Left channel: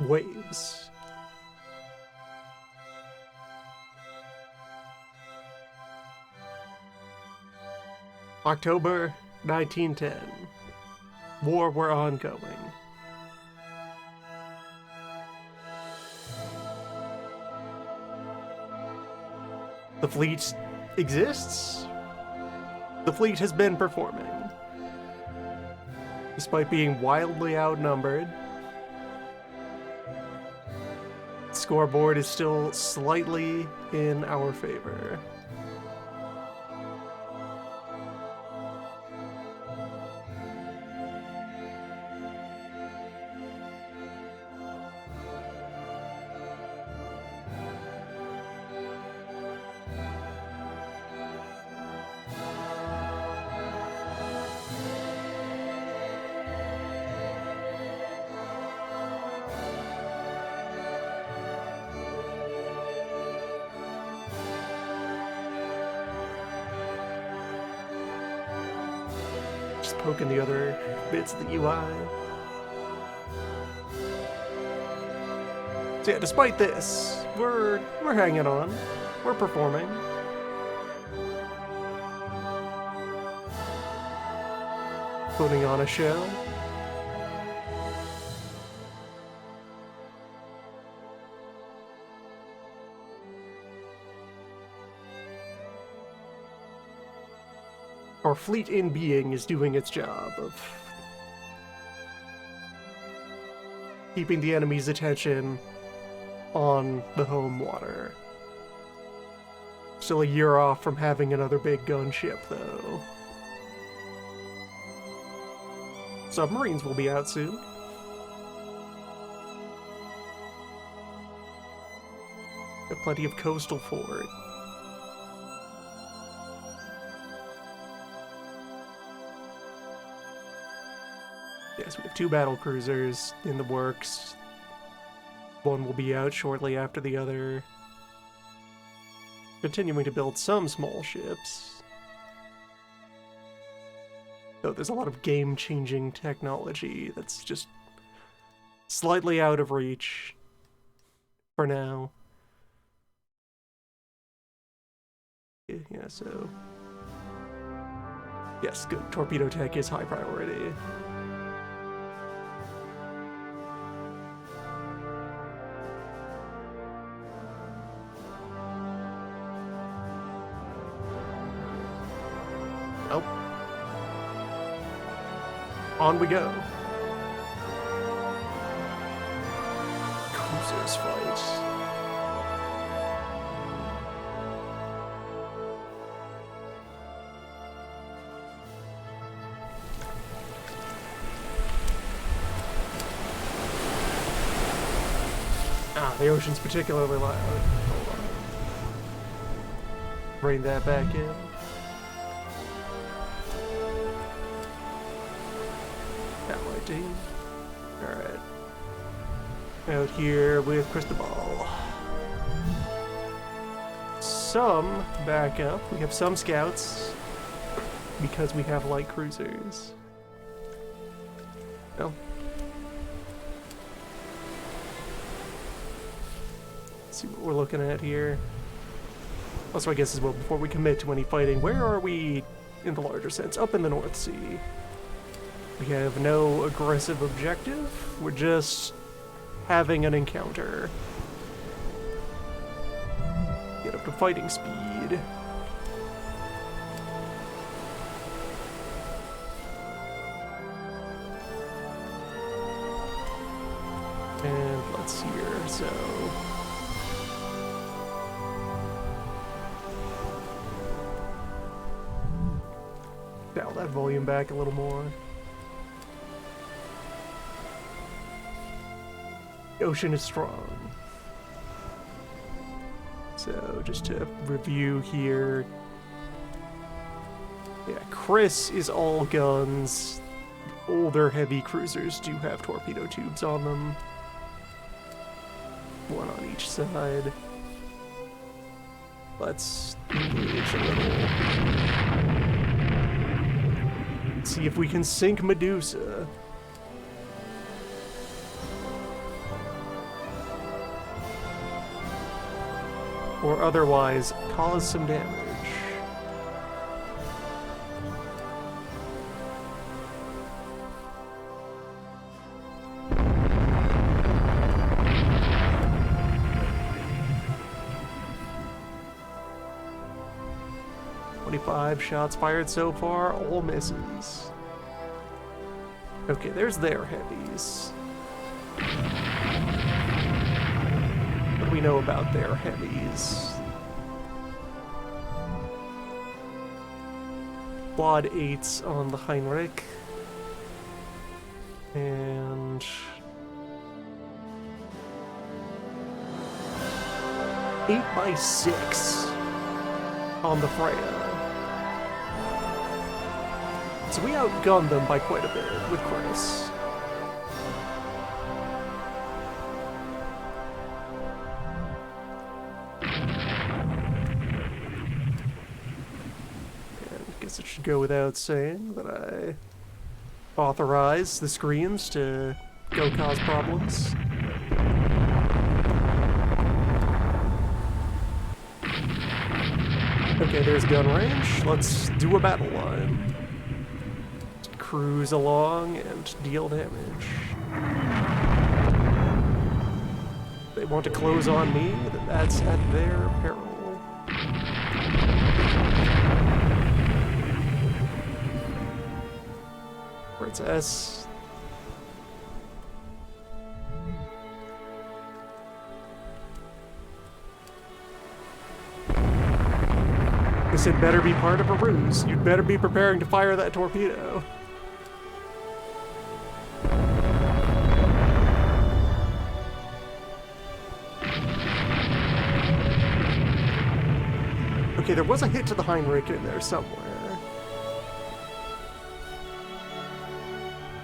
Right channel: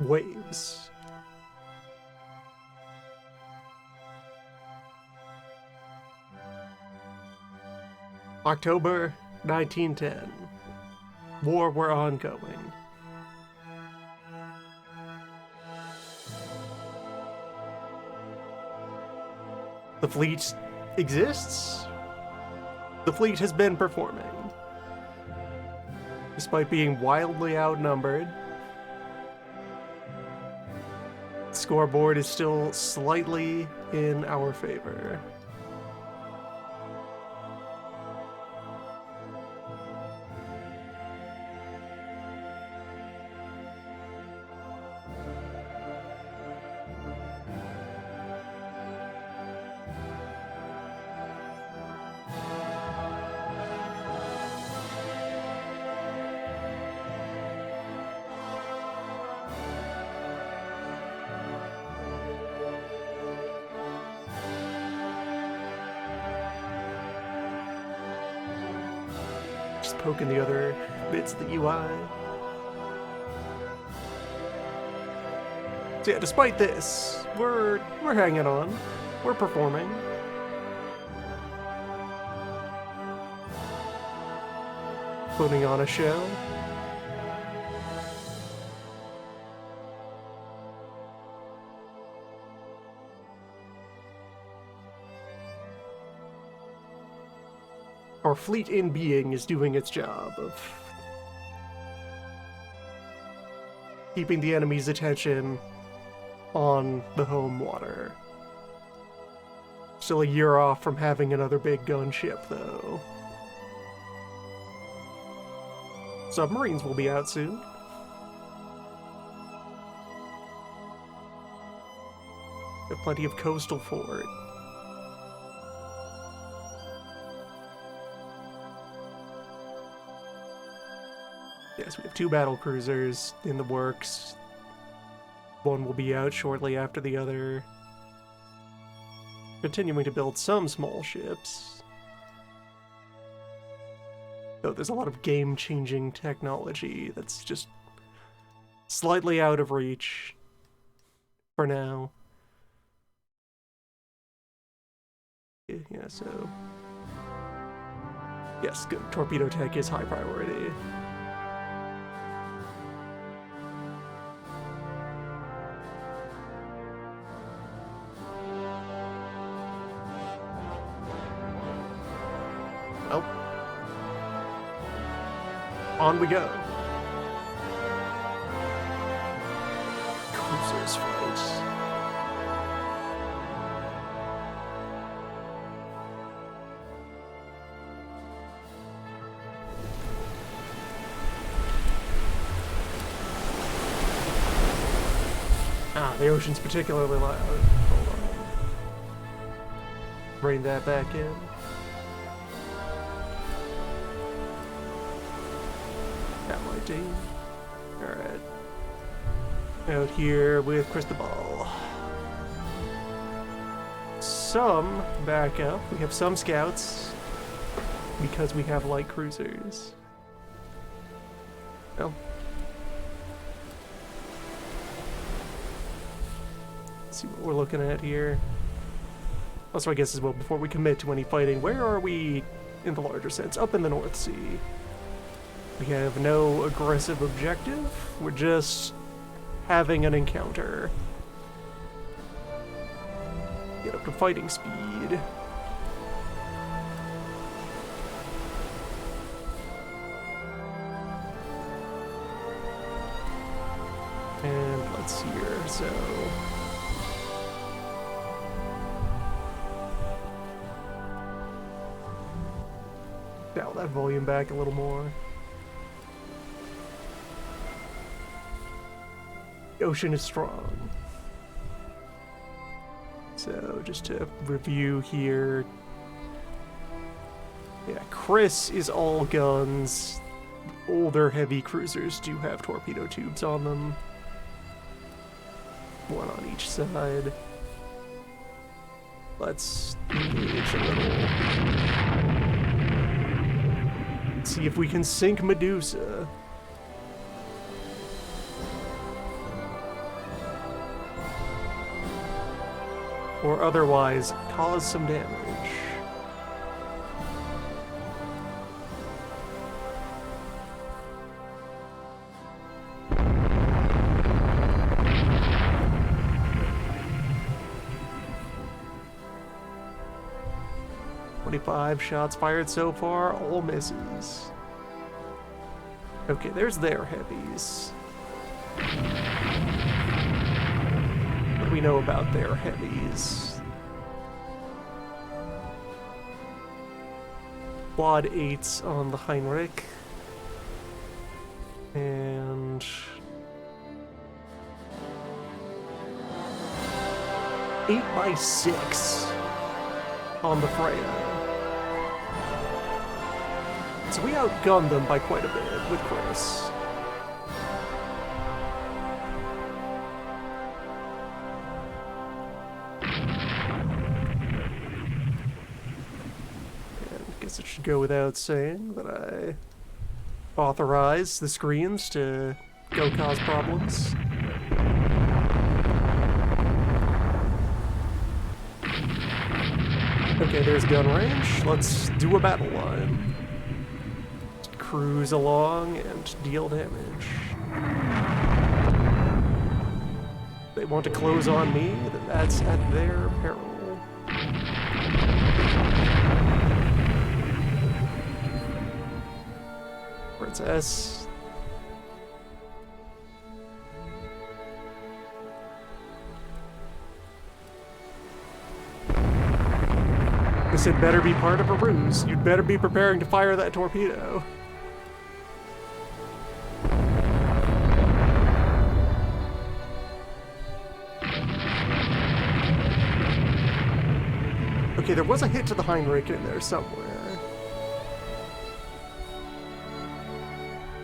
waves. October 1910. War were ongoing. The fleet exists. The fleet has been performing. Despite being wildly outnumbered, the scoreboard is still slightly in our favor. Just poking the other bits of the UI. So yeah, despite this, we're hanging on. We're performing. Putting on a show. Our fleet in being is doing its job of keeping the enemy's attention on the home water. Still a year off from having another big gunship, though. Submarines will be out soon. Have plenty of coastal fort. Yes, we have 2 battle cruisers in the works. One will be out shortly after the other. Continuing to build some small ships. Though there's a lot of game-changing technology that's just slightly out of reach for now. Yeah, so... yes, good. Torpedo tech is high priority. Well, on we go. Cruisers fight. The ocean's particularly loud. Hold on. Bring that back in. That might do. Alright. Out here with Cristobal. Some backup. We have some scouts because we have light cruisers. Well. See what we're looking at here. Also, I guess as well, before we commit to any fighting, where are we in the larger sense? Up in the North Sea. We have no aggressive objective. We're just having an encounter. Get up to fighting speed. And let's see here, so... dial that volume back a little more. The ocean is strong. So, just to review here. Yeah, Chris is all guns. The older heavy cruisers do have torpedo tubes on them. One on each side. Let's engage a little. See if we can sink Medusa. or otherwise cause some damage. "25 shots fired so far, all misses." Okay, there's their heavies. What do we know about their heavies? Quad 8s on the Heinrich. And 8x6 on the Freya. So we outgunned them by quite a bit with Chris. And I guess it should go without saying that I authorize the screens to go cause problems. Okay, there's gun range. Let's do a battle line. Cruise along and deal damage. If they want to close on me, then that's at their peril. Princess. This had better be part of a ruse. You'd better be preparing to fire that torpedo. Okay, there was a hit to the Heinrich in there somewhere.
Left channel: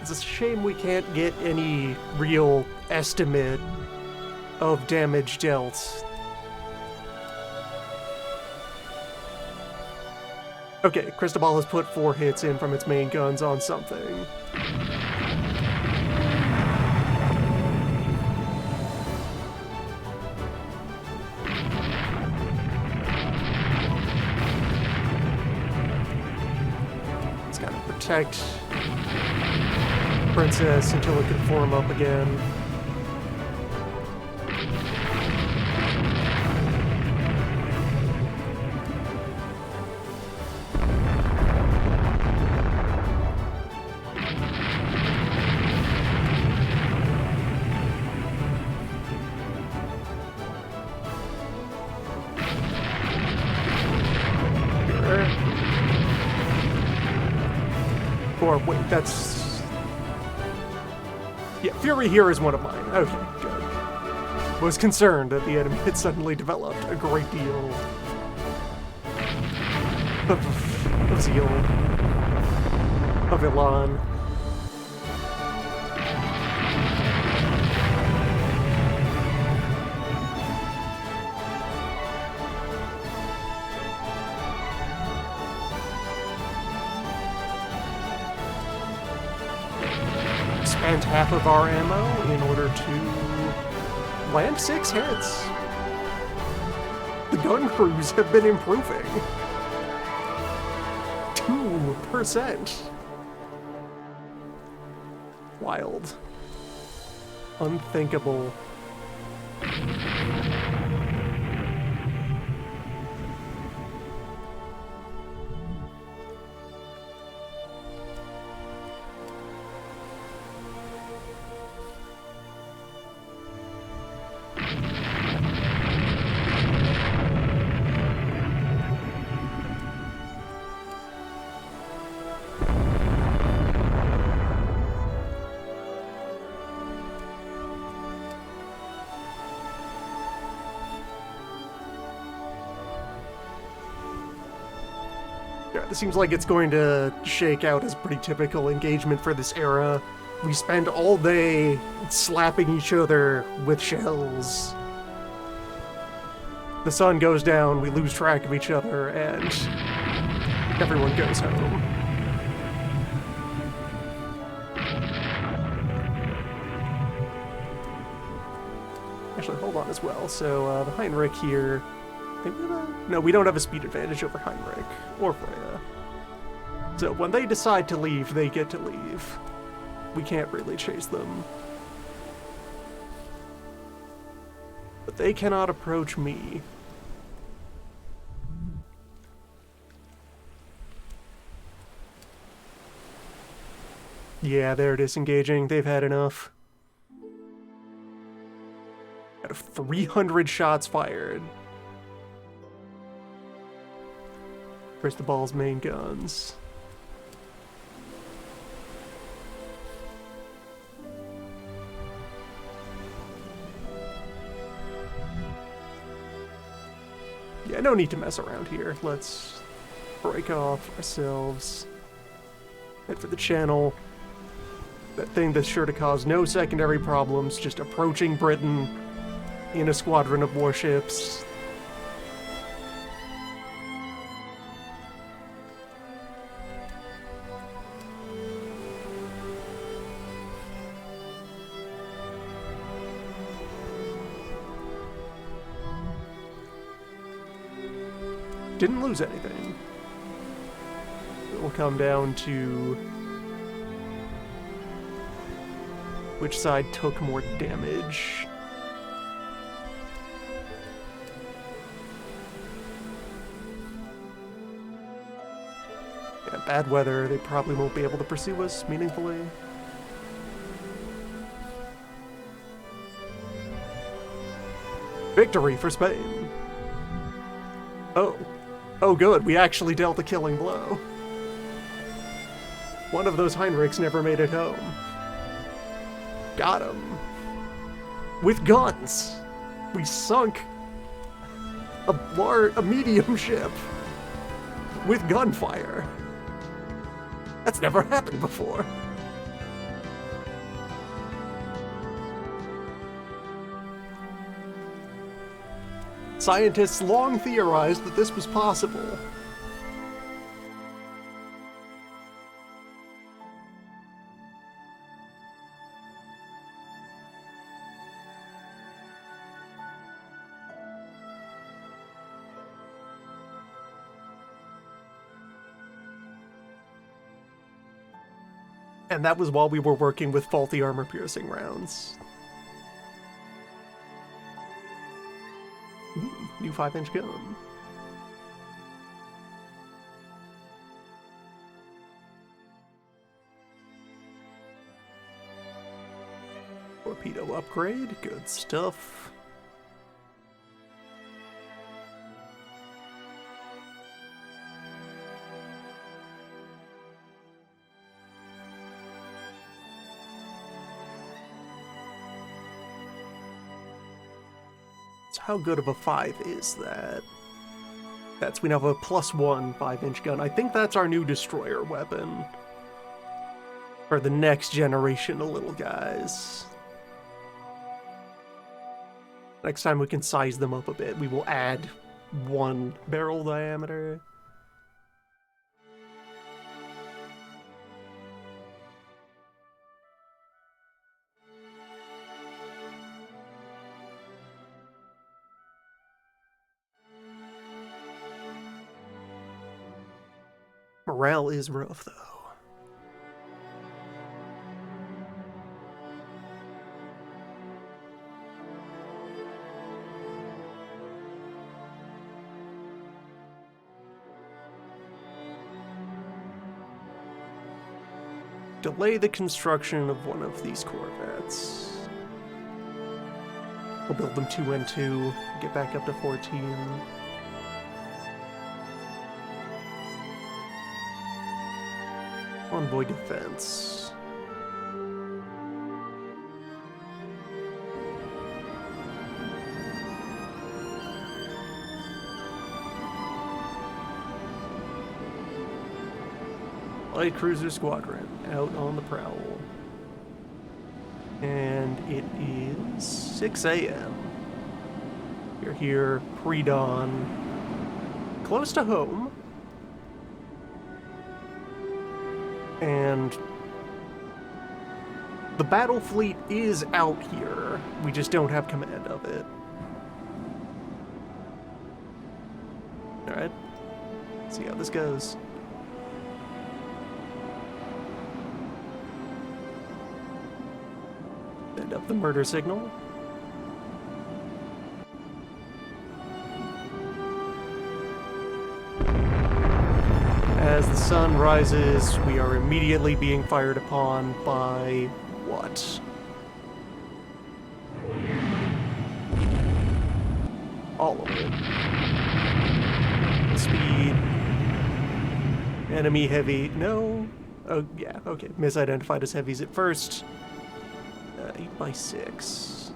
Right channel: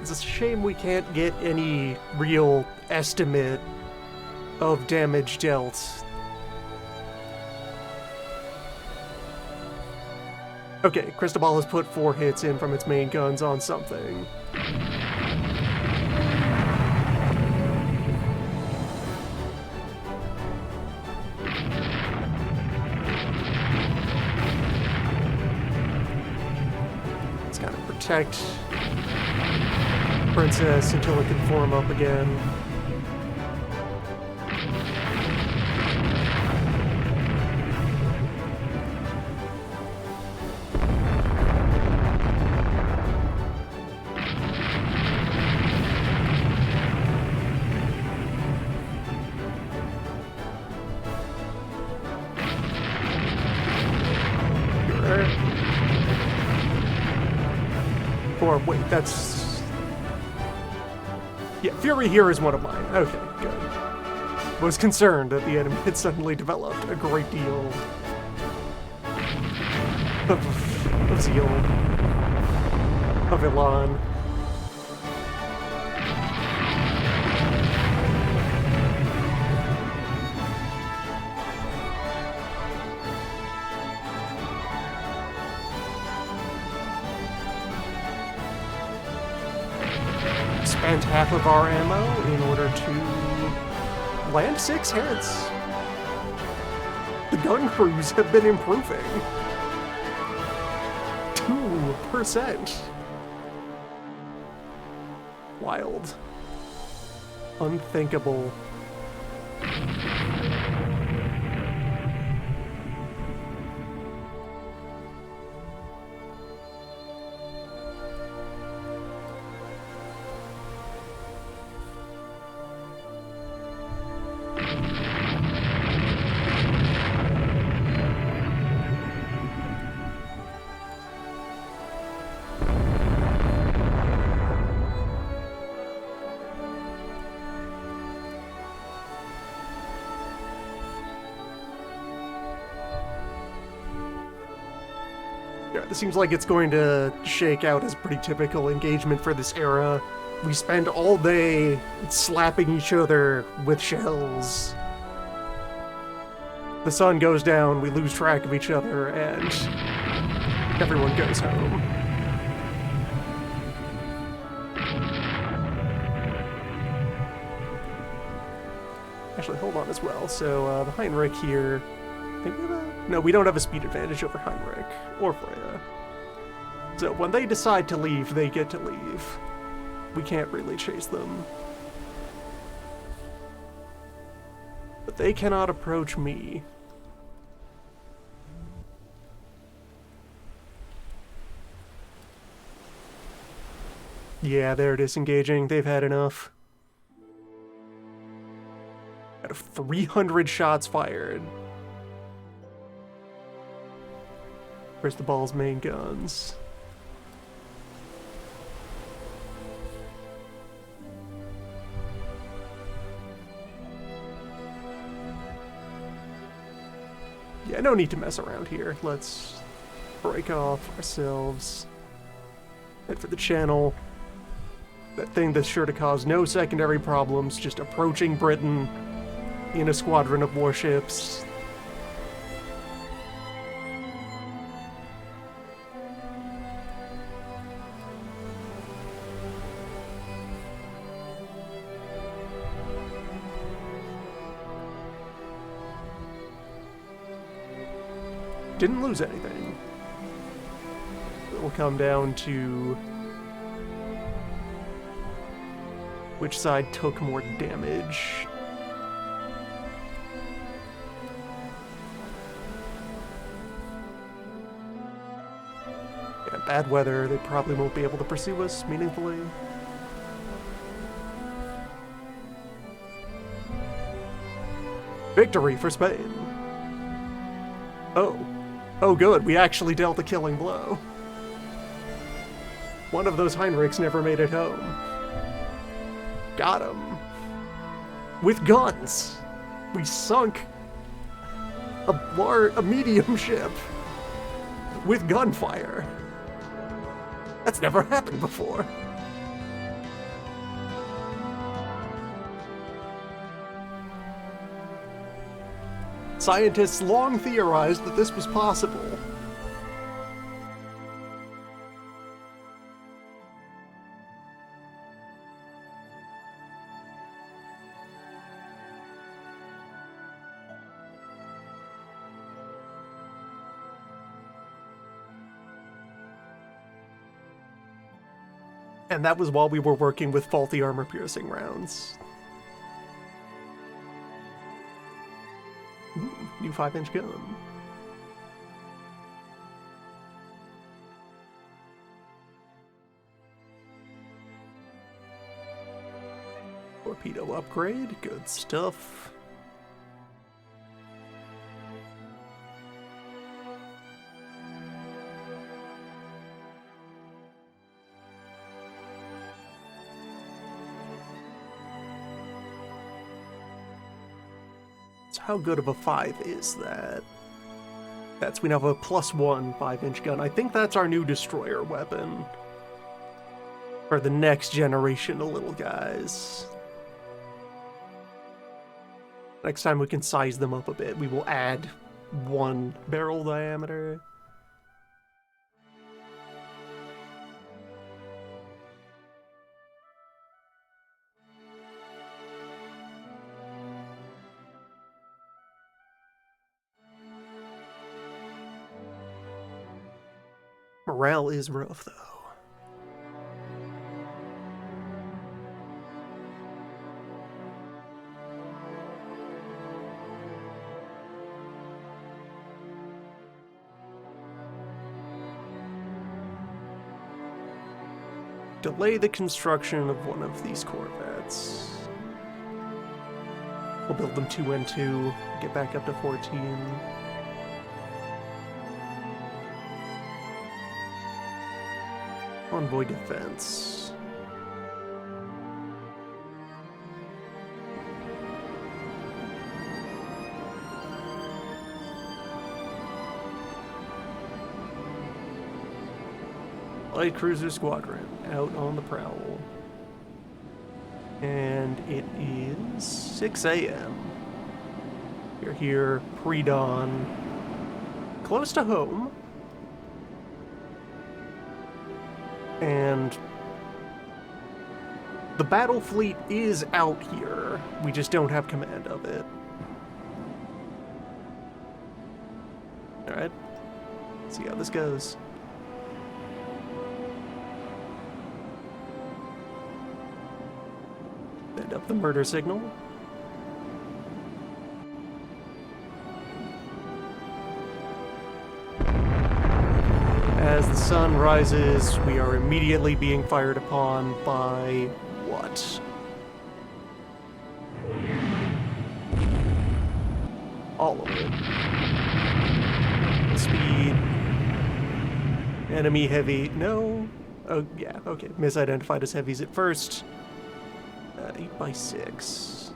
It's a shame we can't get any real estimate of damage dealt. Okay, Cristobal has put 4 hits in from its main guns on something. Let's kind of protect Princess until it can form up again. Or wait, that's... Yeah, Fury here is one of mine. Okay, good. Was concerned that the enemy had suddenly developed a great deal of zeal, of elan. Spent half of our ammo in order to land 6 hits. The gun crews have been improving. 2%. Wild. Unthinkable. Yeah, it seems like it's going to shake out as pretty typical engagement for this era. We spend all day slapping each other with shells. The sun goes down, we lose track of each other, and everyone goes home. Actually, hold on as well. So, the Heinrich here Think we have a... No, we don't have a speed advantage over Heinrich or Freya. So when they decide to leave, they get to leave. We can't really chase them. But they cannot approach me. Yeah, they're disengaging. They've had enough. Out of 300 shots fired. Where's the ball's main guns? Yeah, no need to mess around here. Let's break off ourselves. Head for the channel. That thing that's sure to cause no secondary problems, just approaching Britain in a squadron of warships. Didn't lose anything. It will come down to which side took more damage. Yeah, bad weather, they probably won't be able to pursue us meaningfully. Victory for Spain! Oh. Oh good, we actually dealt a killing blow. One of those Heinrichs never made it home. Got him. With guns. We sunk a medium ship with gunfire. That's never happened before. Scientists long theorized that this was possible. And that was while we were working with faulty armor-piercing rounds. Ooh, new 5-inch gun. Torpedo upgrade, good stuff. How good of a 5 is that? We now have a +1 5-inch gun. I think that's our new destroyer weapon. For the next generation of little guys. Next time we can size them up a bit, we will add 1 barrel diameter. Morale is rough, though. Delay the construction of one of these corvettes. We'll build them 2 and 2, get back up to 14. Convoy defense. Light cruiser squadron out on the prowl. And it is 6 a.m. We're here pre-dawn, close to home. And the battle fleet is out here. We just don't have command of it. See how this goes. Send up the murder signal. As the sun rises, we are immediately being fired upon by what? All of it. Speed. Enemy heavy. No. Oh, yeah, okay. Misidentified as heavies at first. 8x6.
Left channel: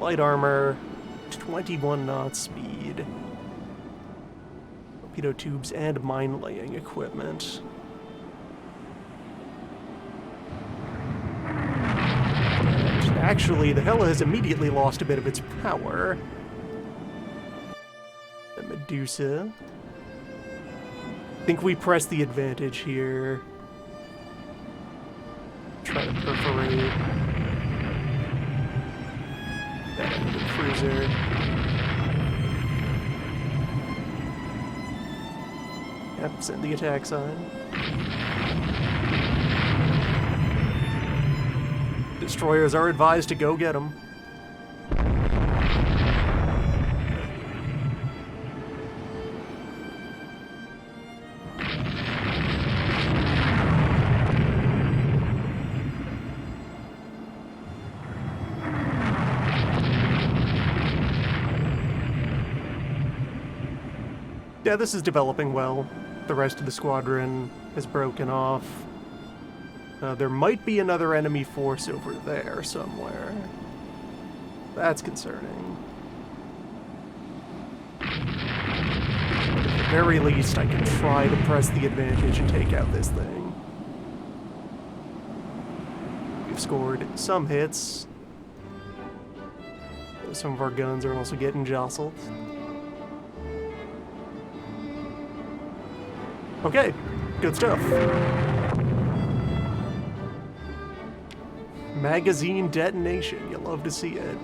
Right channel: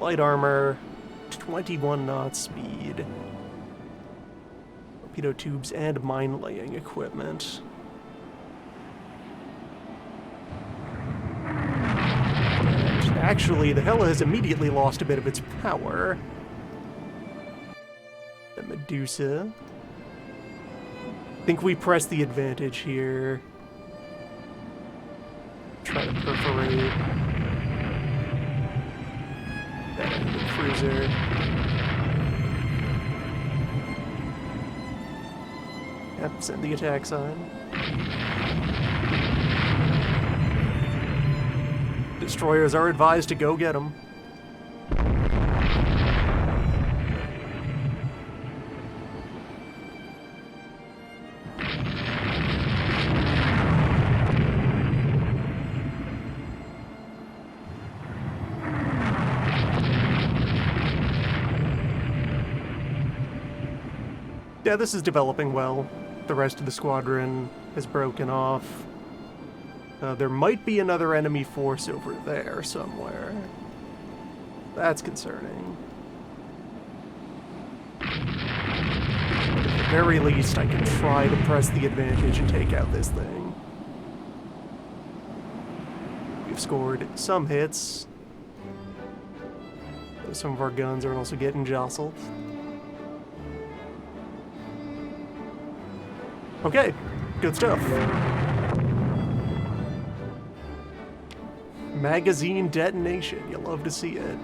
Light armor. 21 knots speed. Torpedo tubes and mine-laying equipment. And actually, the Hela has immediately lost a bit of its power. The Medusa. I think we press the advantage here. Try to perforate. And the cruiser. Yep, send the attack sign. Destroyers are advised to go get them. Yeah, this is developing well. The rest of the squadron has broken off. There might be another enemy force over there somewhere. That's concerning. At the very least, I can try to press the advantage and take out this thing. We've scored some hits. Some of our guns are also getting jostled. Okay, good stuff. Magazine detonation, you love to see it.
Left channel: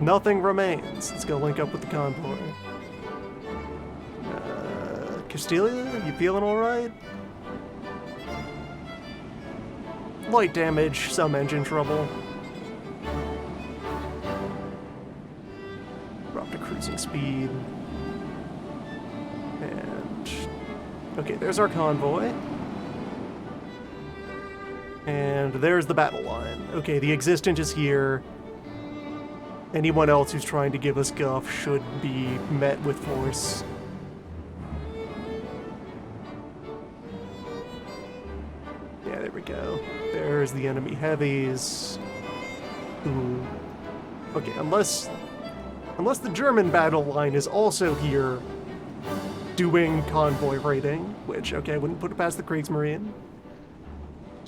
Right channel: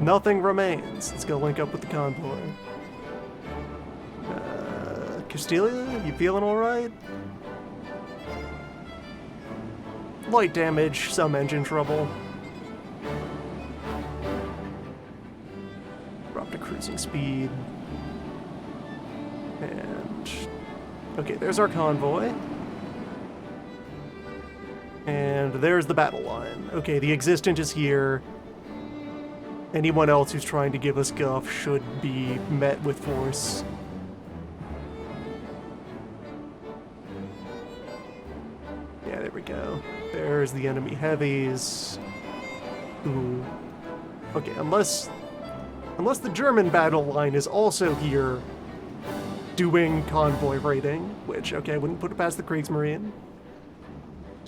Nothing remains. Let's go link up with the convoy. Castilia, you feeling alright? Light damage, some engine trouble. To cruising speed. And okay, there's our convoy. And there's the battle line. Okay, the Existent is here. Anyone else who's trying to give us guff should be met with force. Yeah, there we go. There's the enemy heavies. Ooh. Okay, unless the German battle line is also here doing convoy raiding, which, okay, I wouldn't put it past the Kriegsmarine.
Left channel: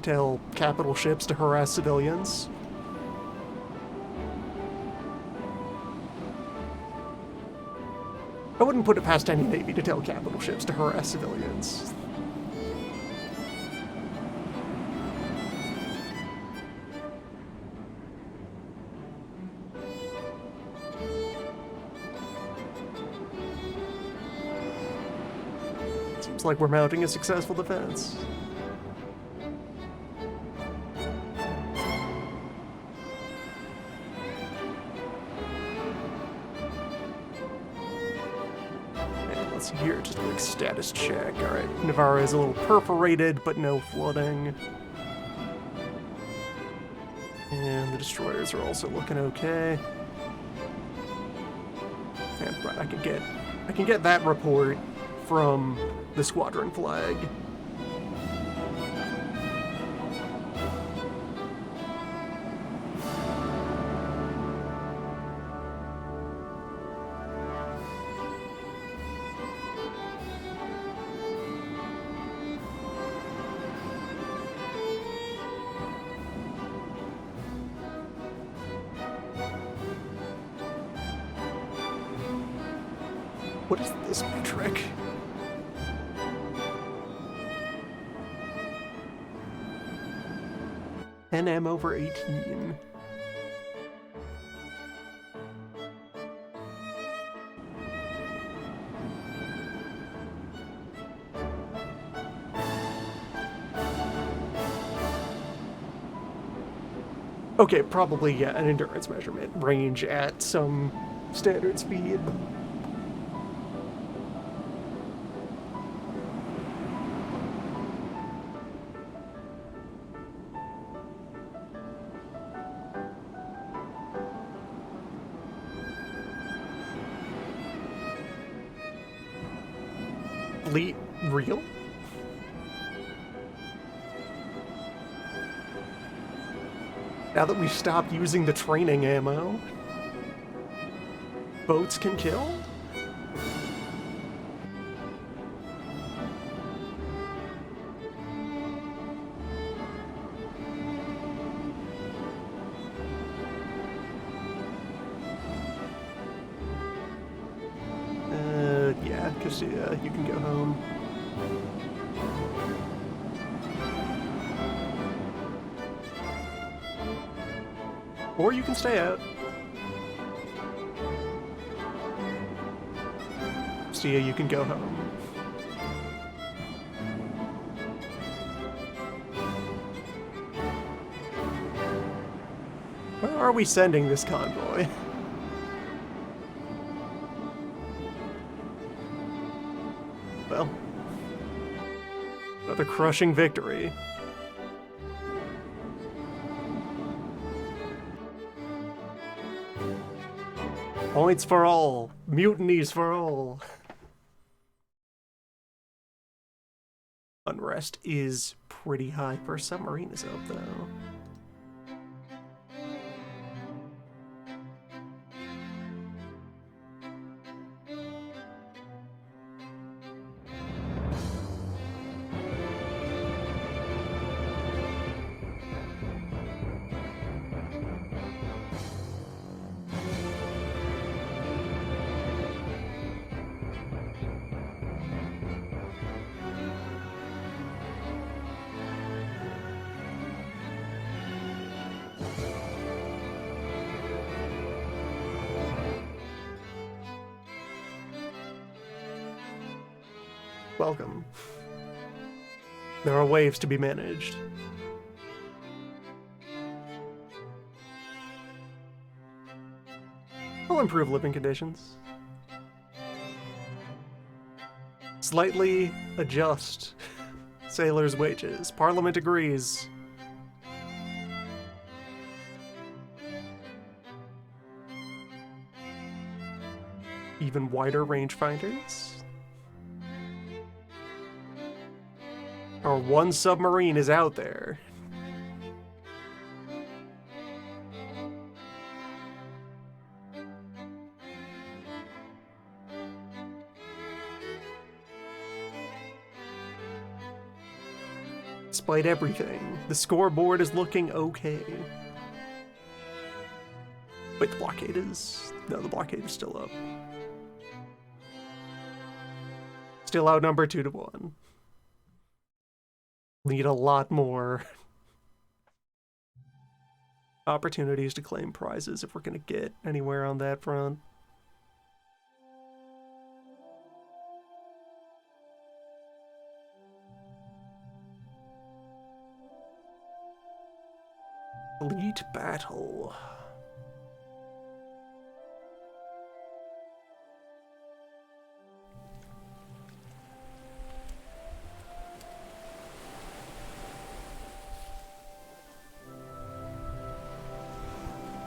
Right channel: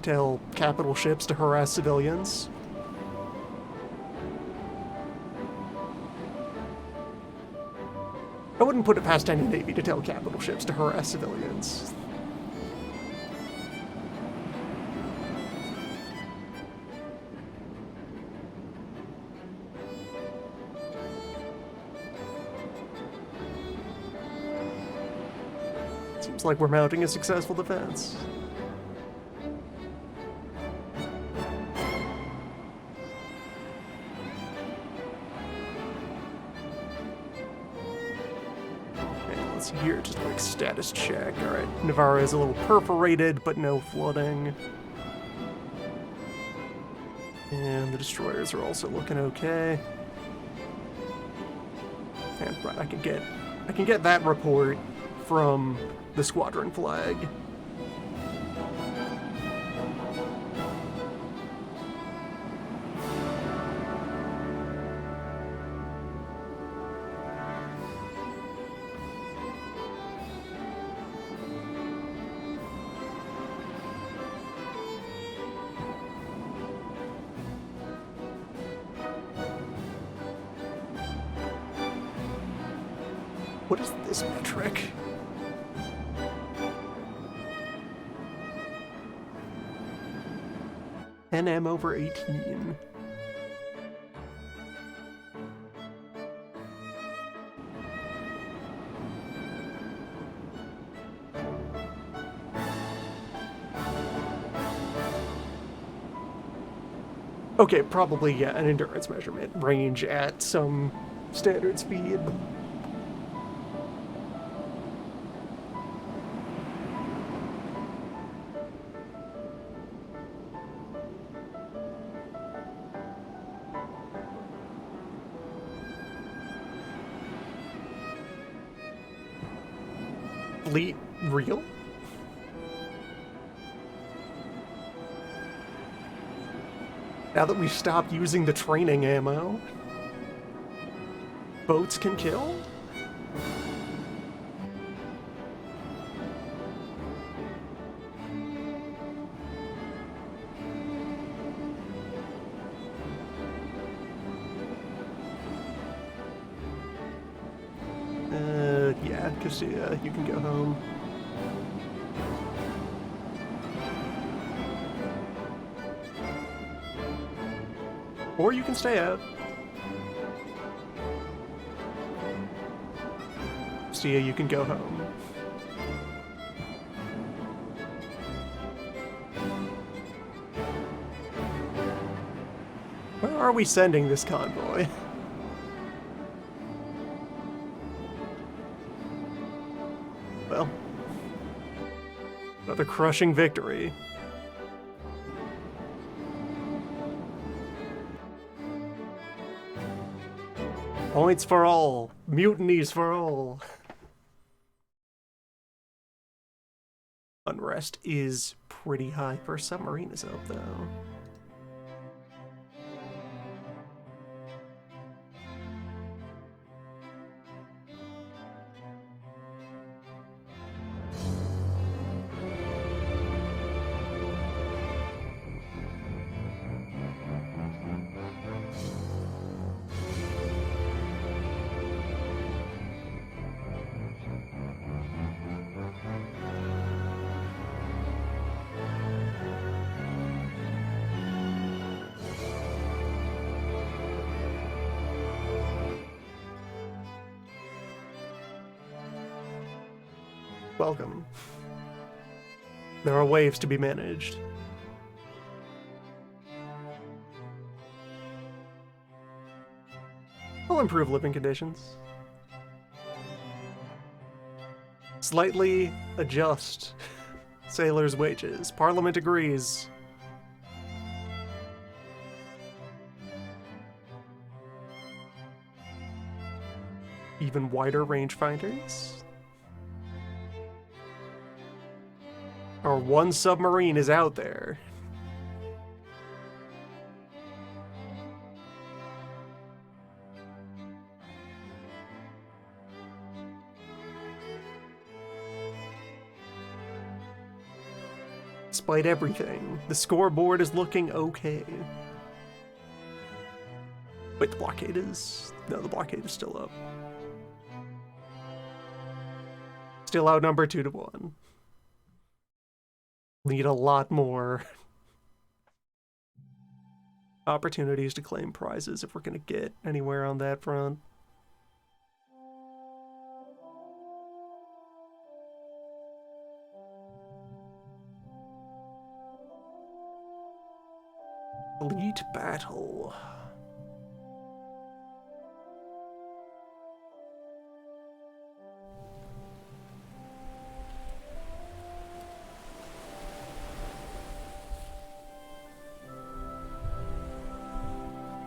Tell capital ships to harass civilians. I wouldn't put it past any navy to tell capital ships to harass civilians. Seems like we're mounting a successful defense. And let's see here, just a quick status check. Alright, Navarra is a little perforated, but no flooding. And the destroyers are also looking okay. And right, I can get that report from the squadron flag. What is this metric? NM over 18. Okay, probably, yeah, an endurance measurement range at some standard speed. Fleet real? Now that we've stopped using the training ammo, boats can kill? Yeah, because you can go home. Or you can stay out. Stia, you can go home. Where are we sending this convoy? Well, another crushing victory. Points for all. Mutinies for all. Unrest is pretty high. First submarine is up, though. Welcome. There are waves to be managed. We'll improve living conditions. Slightly adjust sailors' wages. Parliament agrees. Even wider rangefinders. Our one submarine is out there. Despite everything, the scoreboard is looking okay. Wait, the blockade is... No, the blockade is still up. Still outnumbered 2-1. Need a lot more opportunities to claim prizes if we're going to get anywhere on that front. Elite battle.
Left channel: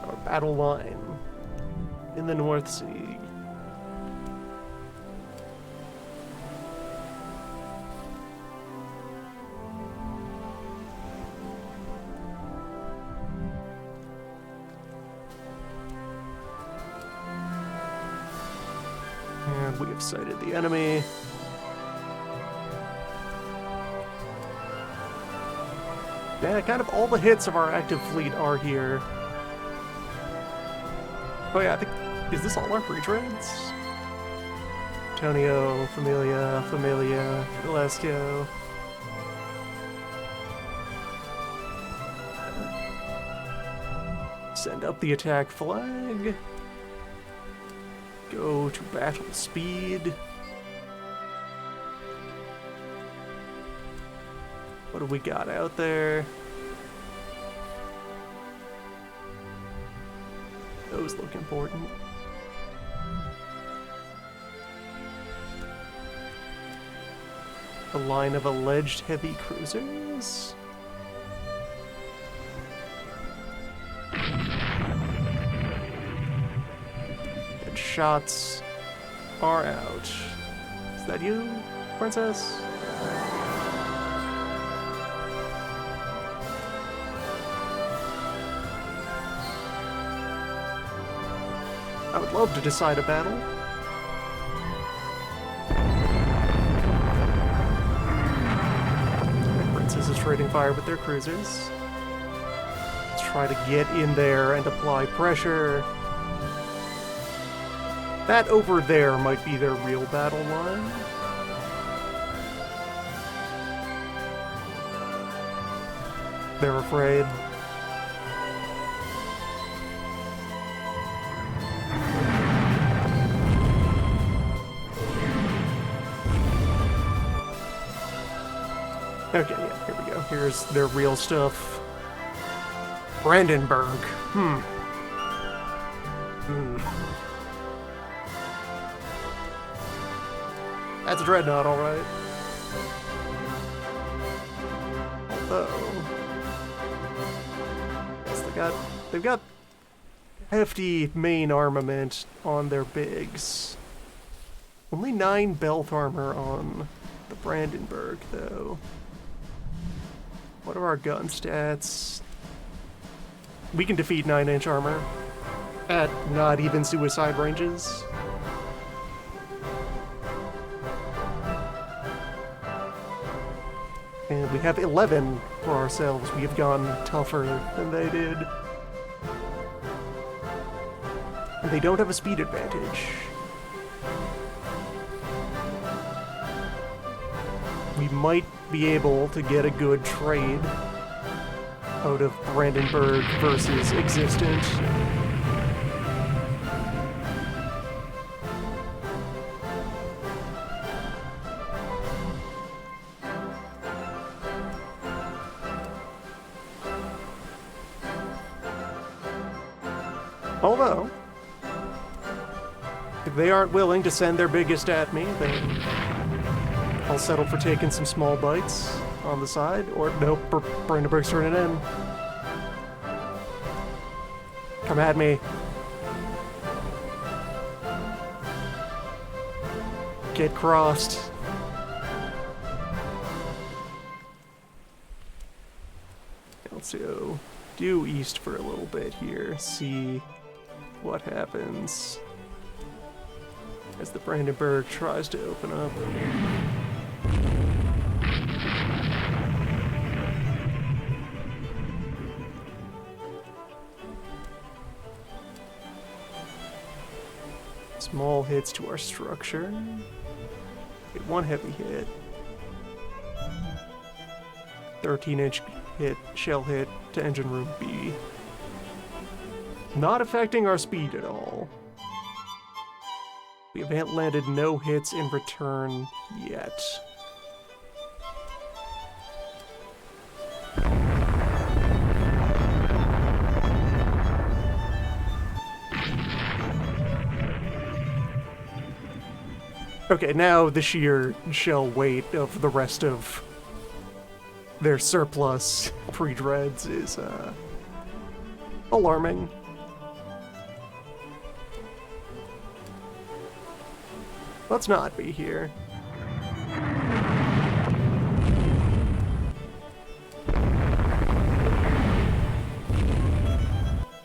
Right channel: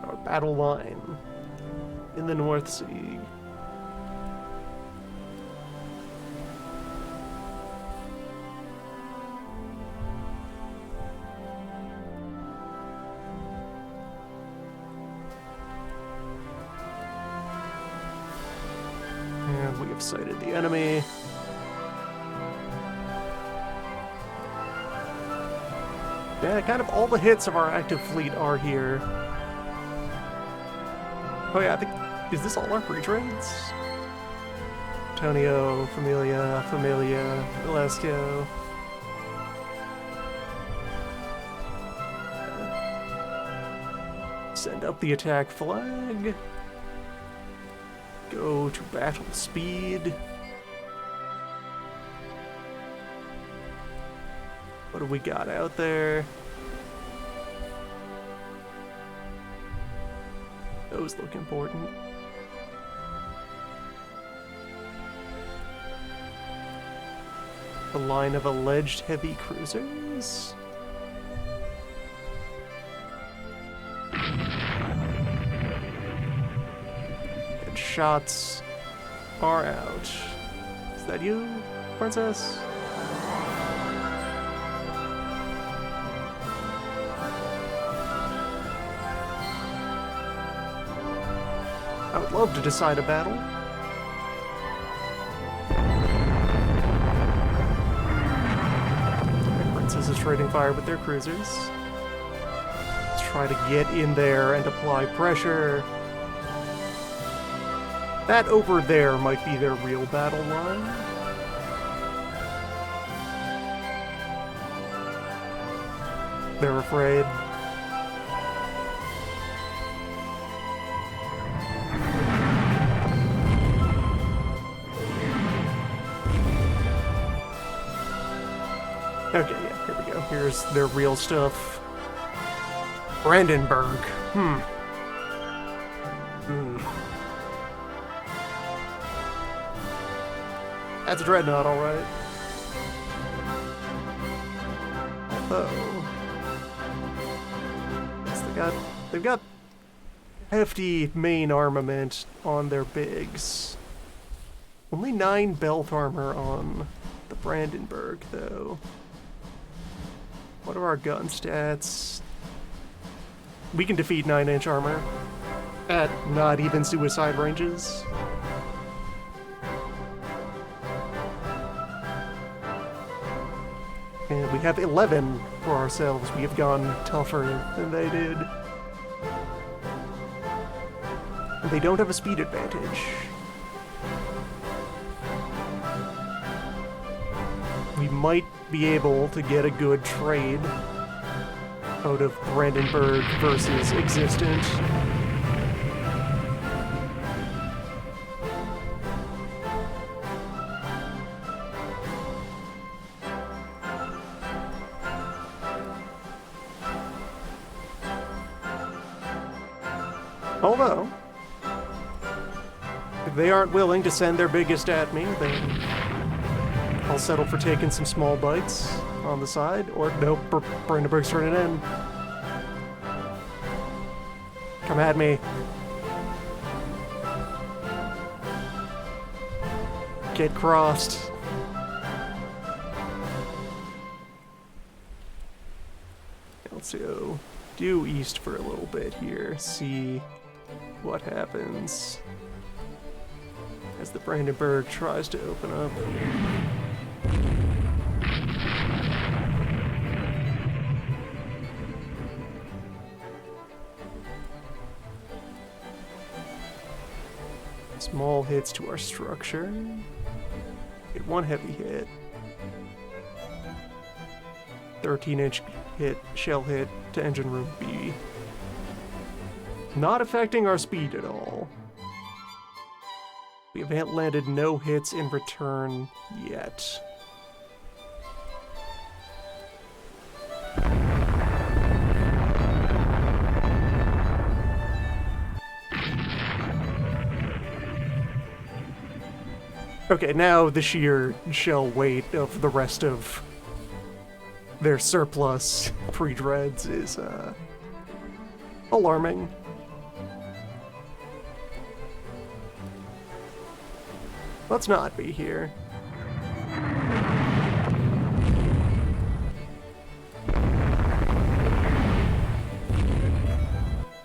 Our battle line in the North Sea. And we have sighted the enemy. Yeah, kind of all the hits of our active fleet are here. Oh yeah, I think... Is this all our breach raids? Antonio, Familia, Valesco. Send up the attack flag. Go to battle speed. What do we got out there? Those look important. A line of alleged heavy cruisers? And shots are out. Is that you, Princess? I would love to decide a battle. Princess is trading fire with their cruisers. Let's try to get in there and apply pressure. That over there might be their real battle line. They're afraid. Okay, yeah, here we go. Here's their real stuff. Brandenburg. That's a dreadnought, alright. Although... yes, they've got hefty main armament on their bigs. Only 9 belt armor on the Brandenburg, though. What are our gun stats? We can defeat 9-inch armor at not even suicide ranges. And we have 11 for ourselves. We have gone tougher than they did. And they don't have a speed advantage. We might be able to get a good trade out of Brandenburg versus Existent. Although, if they aren't willing to send their biggest at me, then I'll settle for taking some small bites on the side, or nope, Brandenburg's turning in. Come at me. Get crossed. Let's go due east for a little bit here, see what happens as the Brandenburg tries to open up. Small hits to our structure. Get 1 heavy hit. 13-inch hit, shell hit to engine room B. Not affecting our speed at all. We have landed no hits in return yet. Okay, now the sheer shell weight of the rest of their surplus pre-dreads is, alarming. Let's not be here.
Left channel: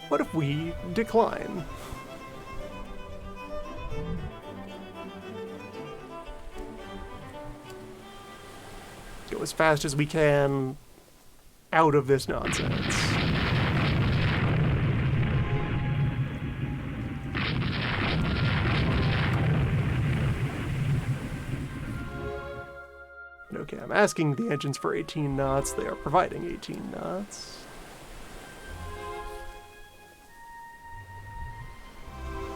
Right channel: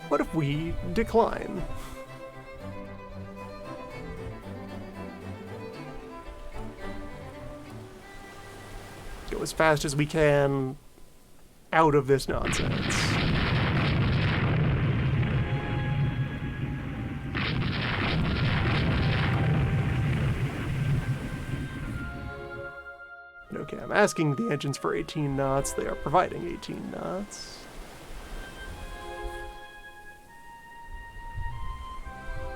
What if we decline? Go as fast as we can out of this nonsense. Okay, I'm asking the engines for 18 knots. They are providing 18 knots.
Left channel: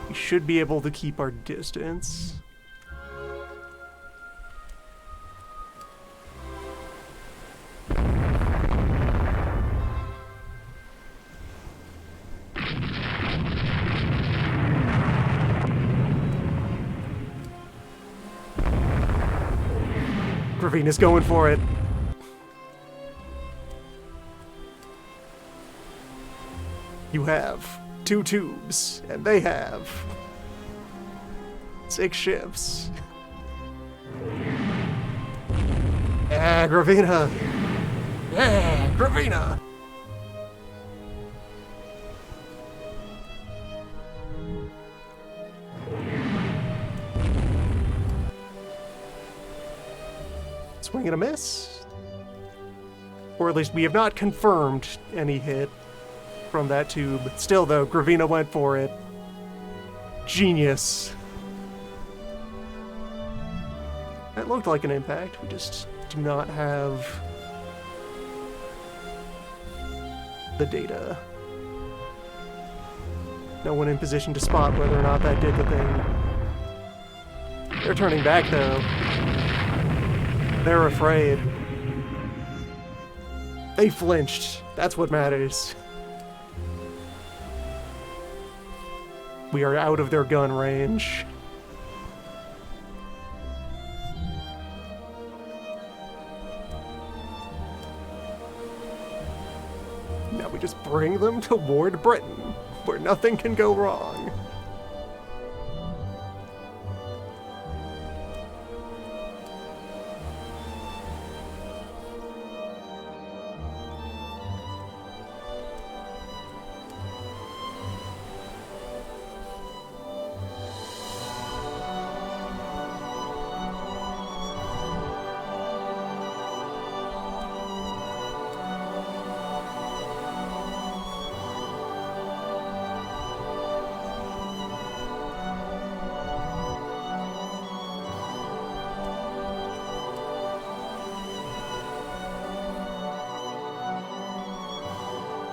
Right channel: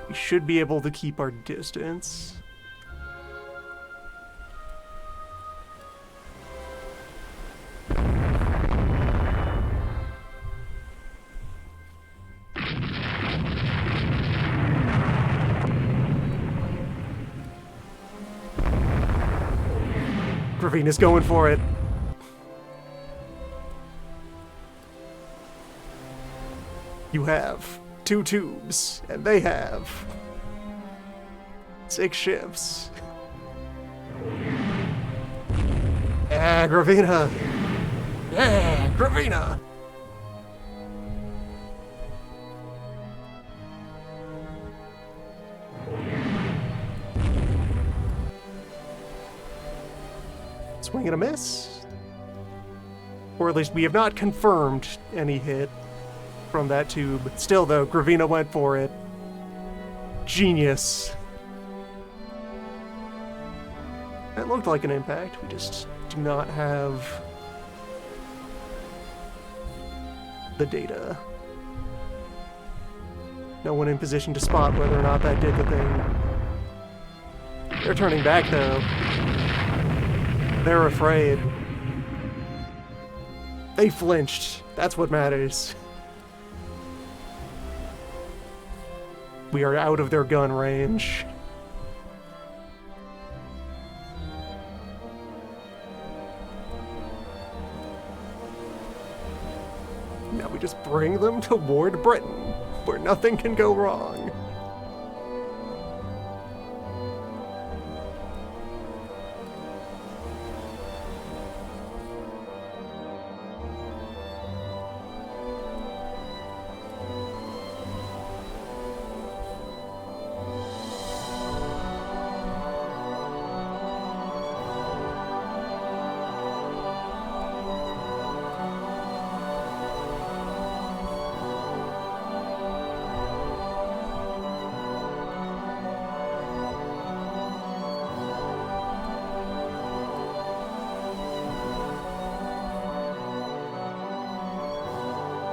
We should be able to keep our distance. Gravina's going for it. You have 2 tubes, and they have 6 ships. Yeah, Gravina! Yeah, Gravina! Swing and a miss. Or at least we have not confirmed any hit from that tube. Still though, Gravina went for it. Genius. That looked like an impact. We just do not have the data. No one in position to spot whether or not that did the thing. They're turning back though. They're afraid. They flinched. That's what matters. We are out of their gun range. Now we just bring them toward Britain, where nothing can go wrong.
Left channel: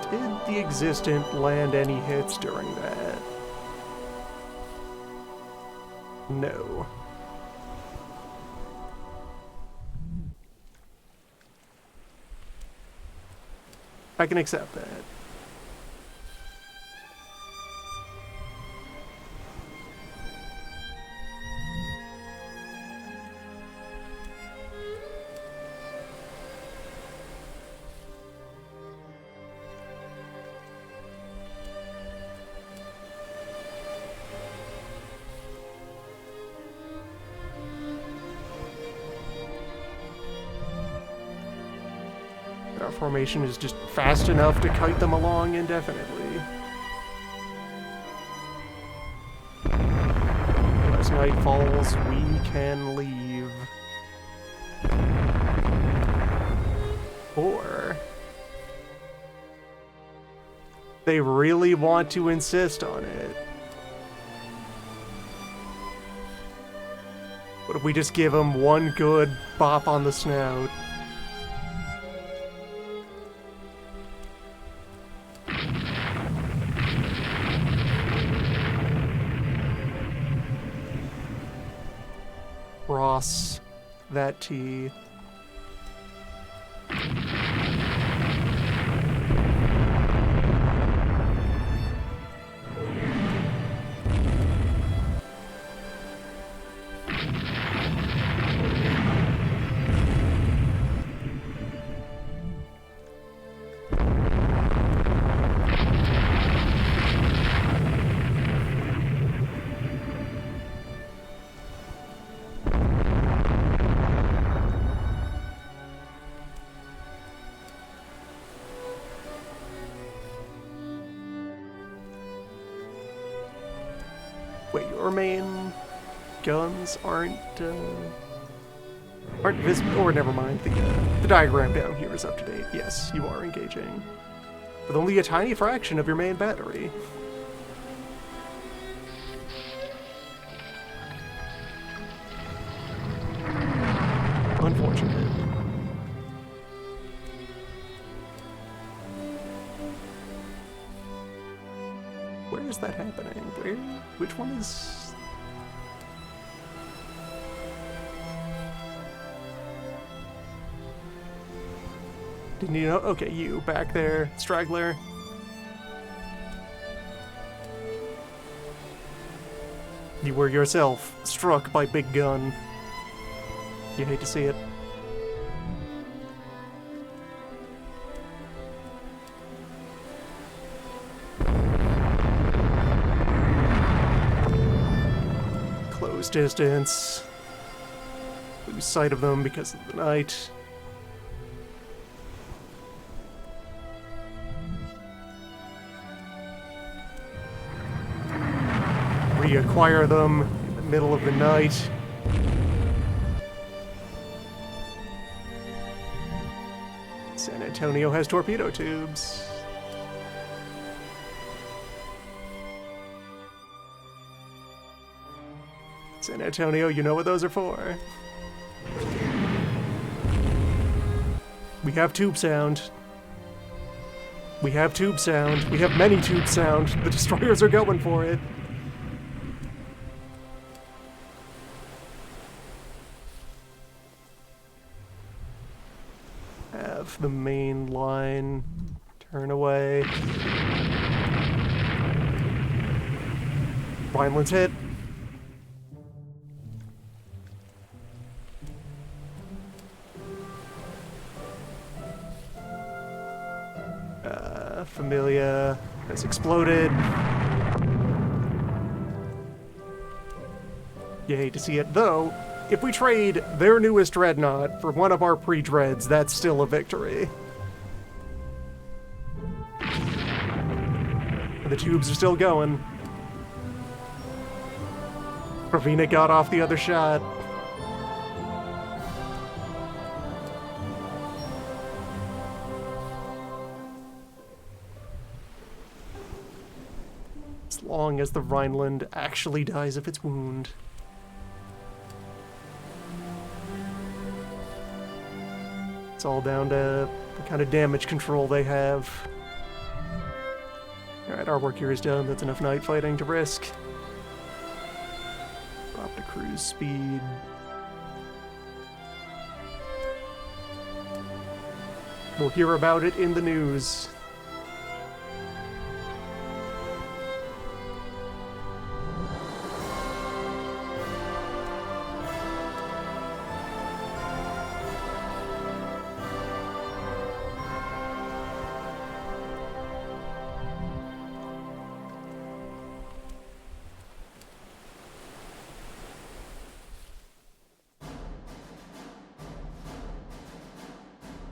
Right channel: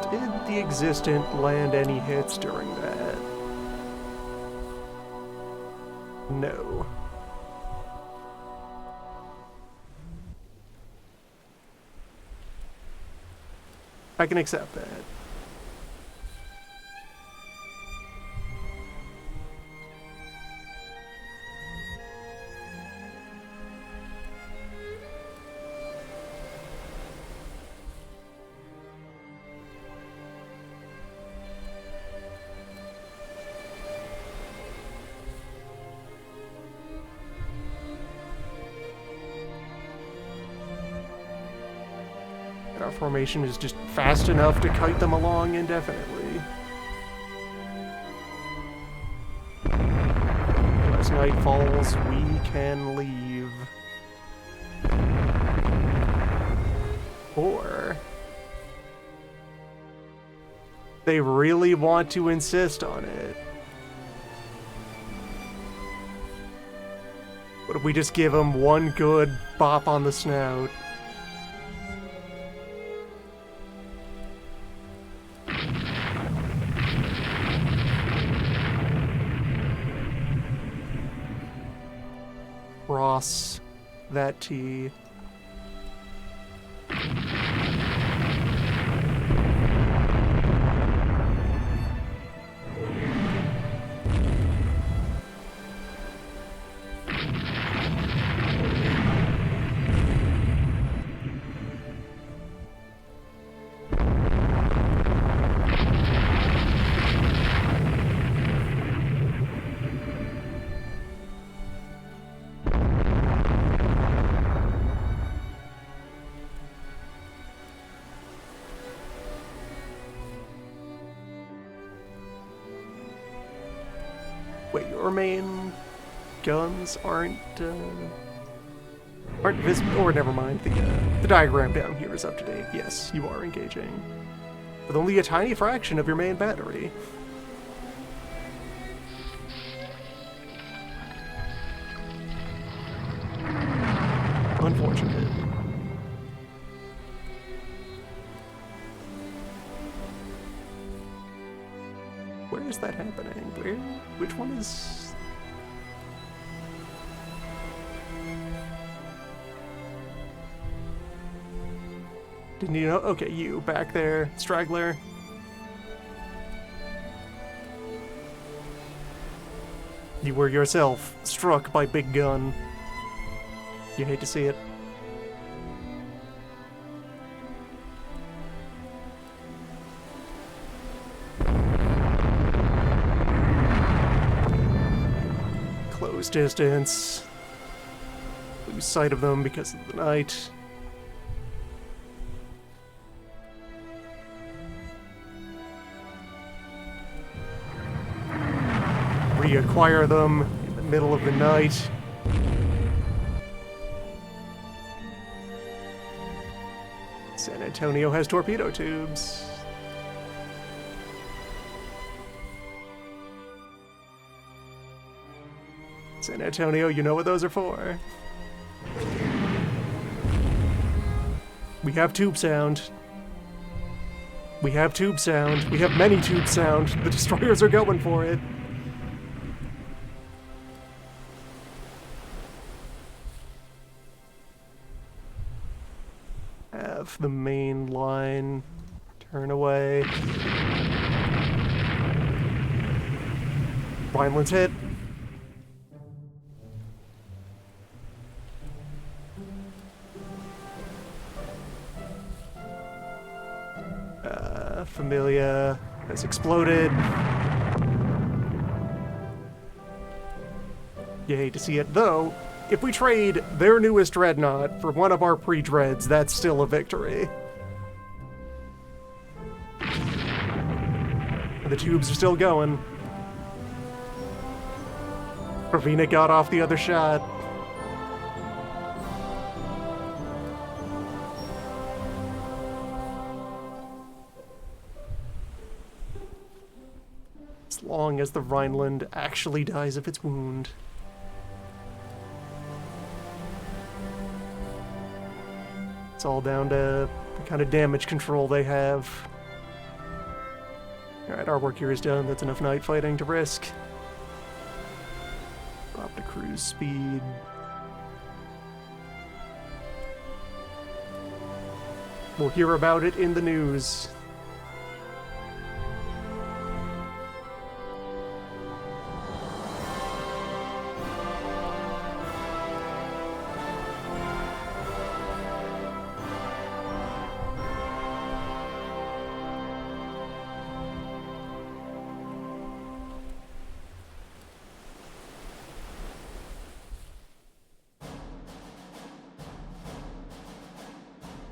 Did the Existent land any hits during that? No. I can accept that. Our formation is just fast enough to kite them along indefinitely. As night falls, we can leave. Or they really want to insist on it. What if we just give them one good bop on the snout? Ross, that T. Wait, your main guns aren't visible? Or never mind, the diagram down here is up to date. Yes, you are engaging. With only a tiny fraction of your main battery. Unfortunate. Where is that happening? Where? Which one is... Didn't you know? Okay, you, back there, straggler. You were yourself struck by Big Gun. You hate to see it. lose distance, lose sight of them because of the night. Reacquire them in the middle of the night. San Antonio has torpedo tubes. San Antonio, you know what those are for. We have tube sound. We have tube sound. We have many tube sound. The destroyers are going for it. Have the main line turn away. Rhineland's hit. Familia has exploded. You hate to see it, though. If we trade their newest dreadnought for one of our pre-dreads, that's still a victory. The tubes are still going. Ravina got off the other shot. As long as the Rhineland actually dies of its wound. It's all down to the kind of damage control they have. Alright, our work here is done. That's enough night fighting to risk. Drop to cruise speed. We'll hear about it in the news.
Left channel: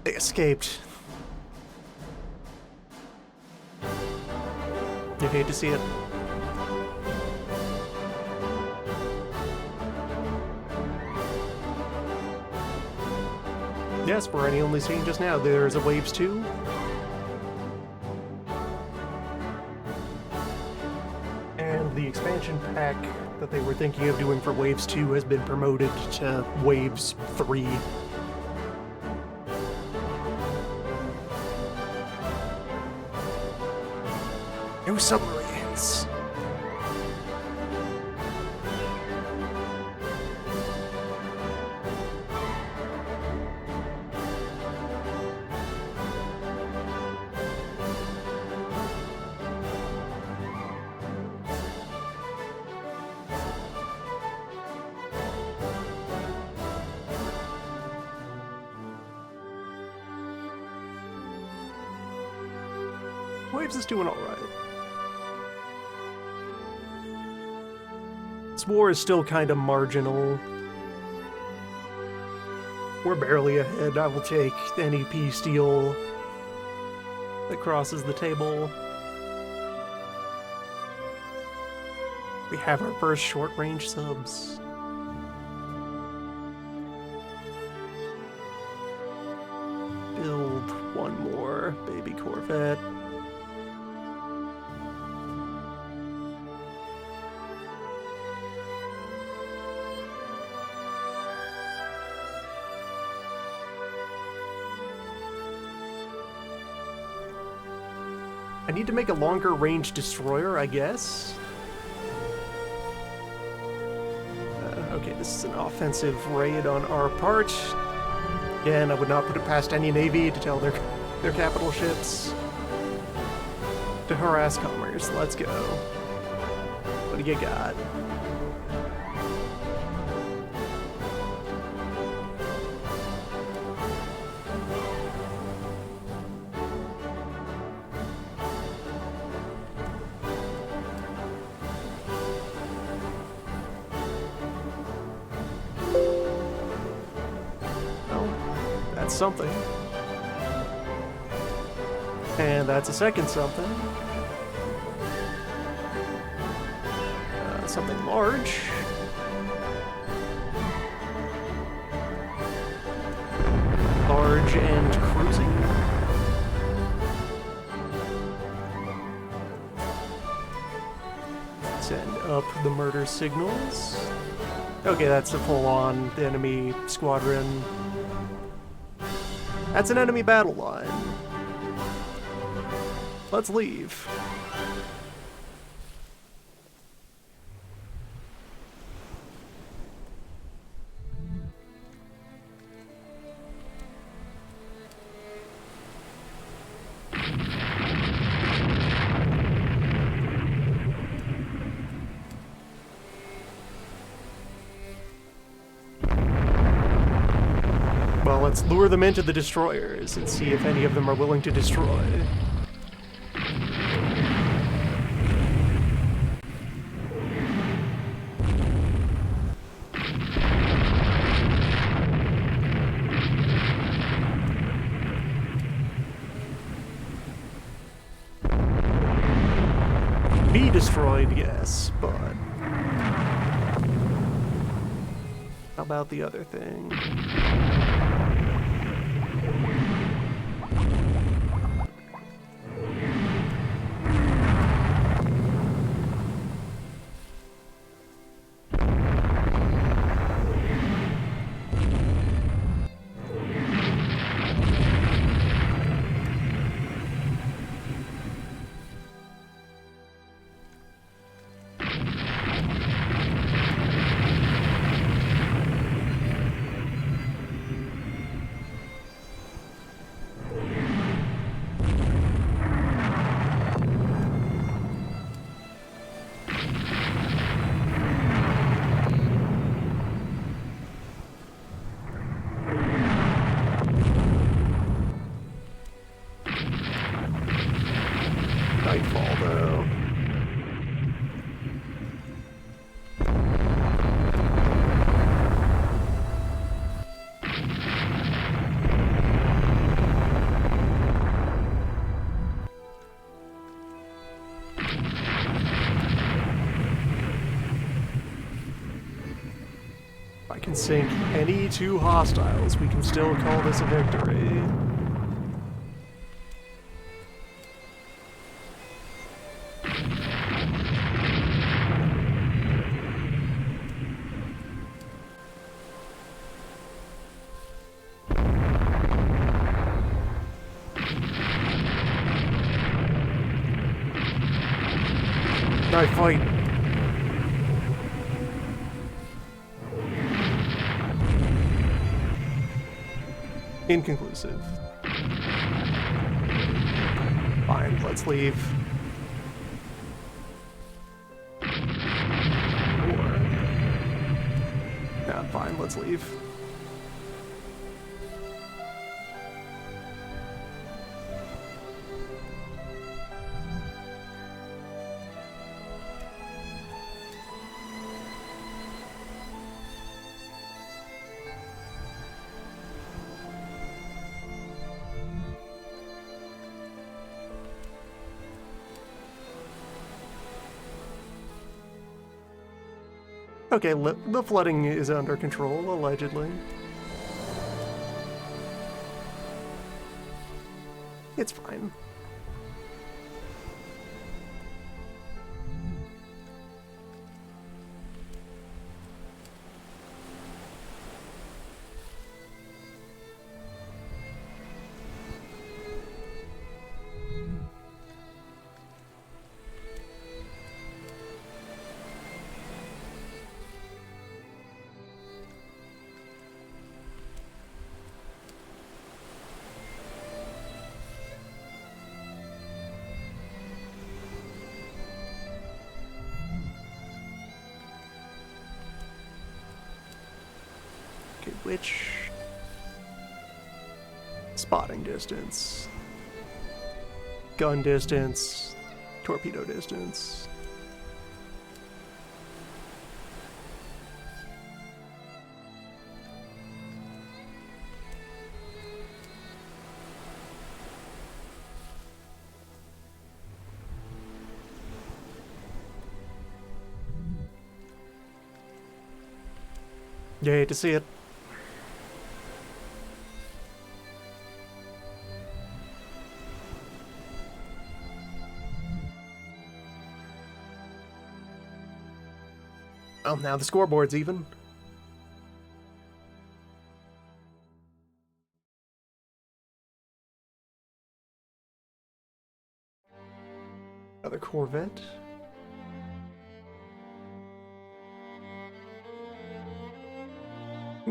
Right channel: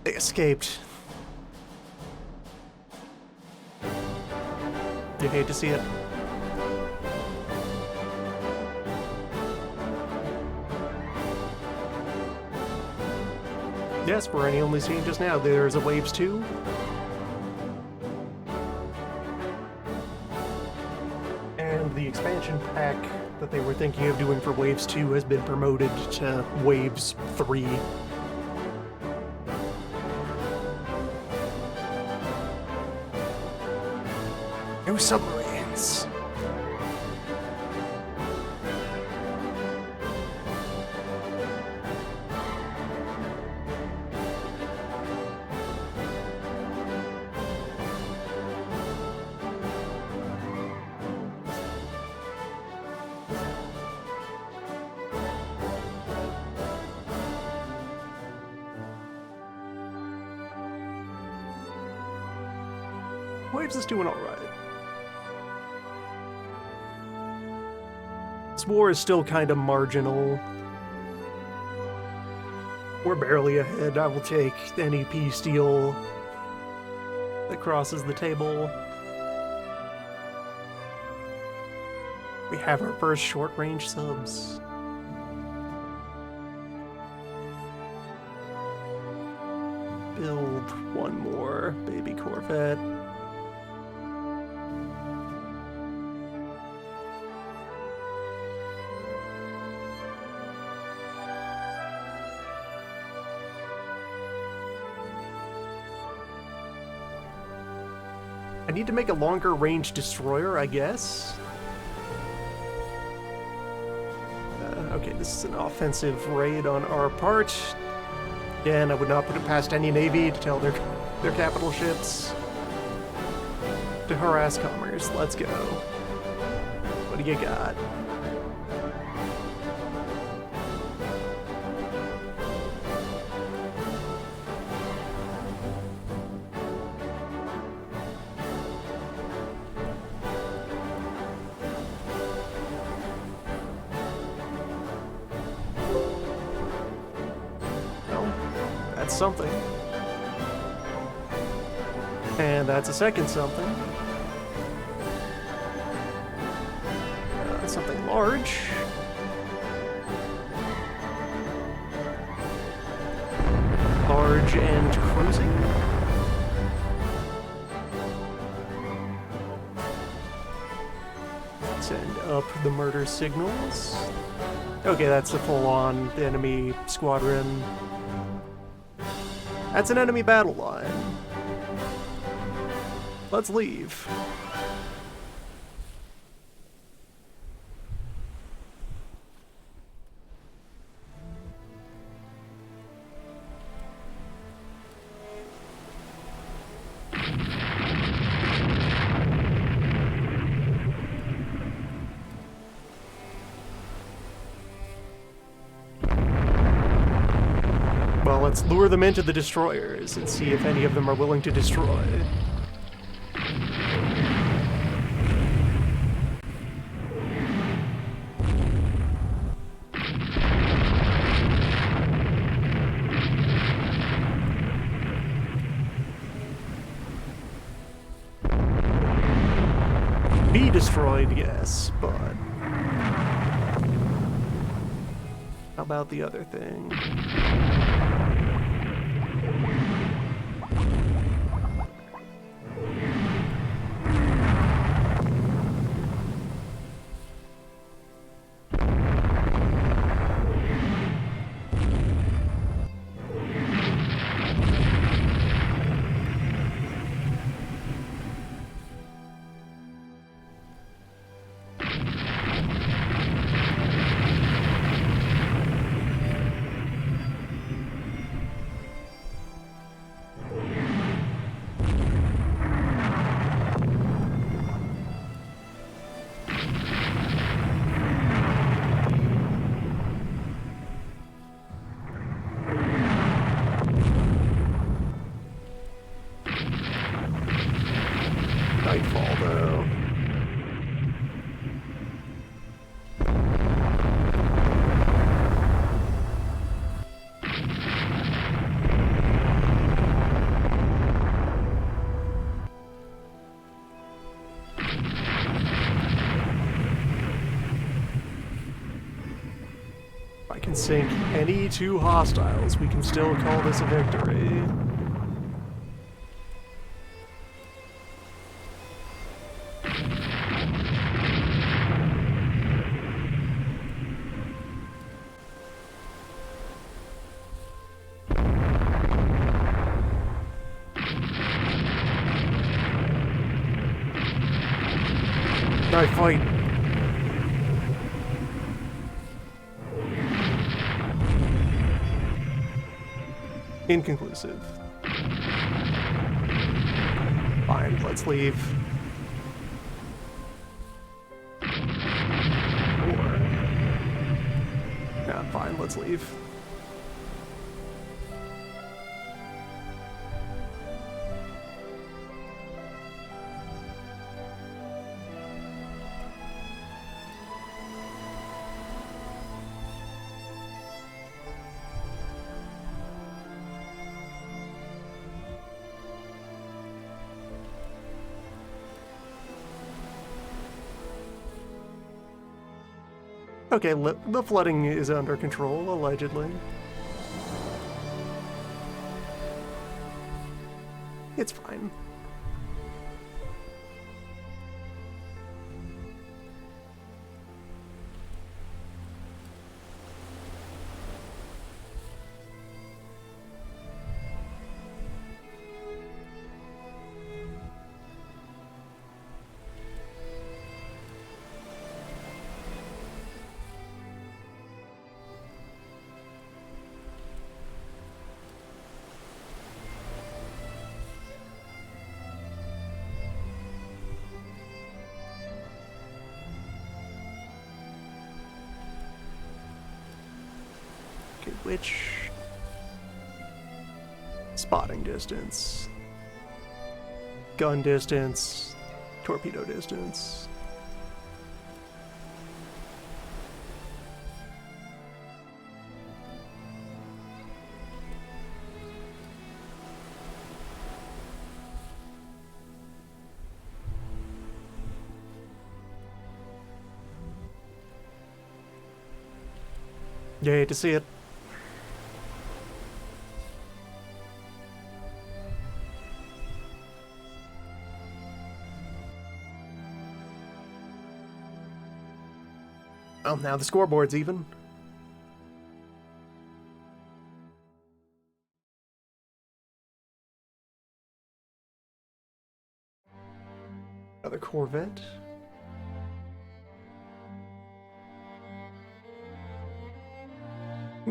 They escaped. You hate to see it. Yes, we're only seeing just now. There's a Waves 2. And the expansion pack that they were thinking of doing for Waves 2 has been promoted to Waves 3. New submarines. Waves is doing all right. This war is still kind of marginal. We're barely ahead. I will take any peace deal that crosses the table. We have our first short-range subs. Build one more baby Corvette. I need to make a longer range destroyer, I guess. Okay, this is an offensive raid on our part. Again, I would not put it past any navy to tell their capital ships to harass commerce. Let's go. What do you got? That's something. And that's a second something. Something large. Large and cruising. Send up the murder signals. Okay, that's a full-on enemy squadron. That's an enemy battle line. Let's leave. Well, let's lure them into the destroyers and see if any of them are willing to destroy. Be destroyed, yes, but how about the other thing? Nightfall, though. If I can sink any two hostiles, we can still call this a victory. Alright, fight. Inconclusive. Fine, let's leave. Or... yeah, fine, let's leave. Okay, the flooding is under control, allegedly. It's fine. Okay, which... spotting distance, gun distance, torpedo distance. You hate to see it. Well, now the scoreboard's even. Another Corvette.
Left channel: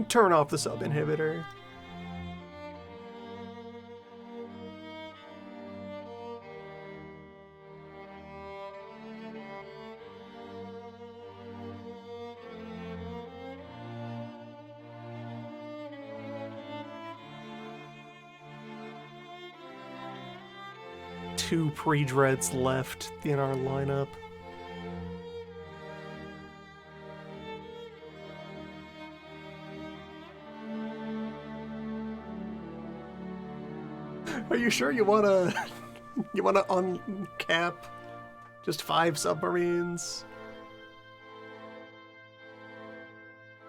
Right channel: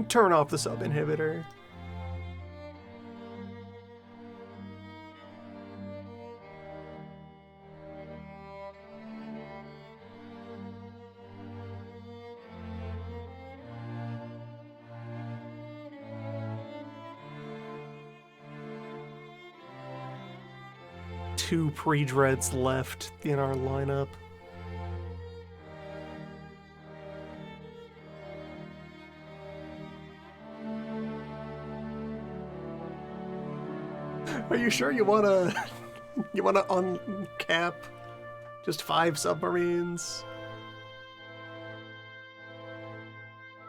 Turn off the sub-inhibitor. Two pre-dreads left in our lineup. Are you sure you wanna uncap just 5 submarines?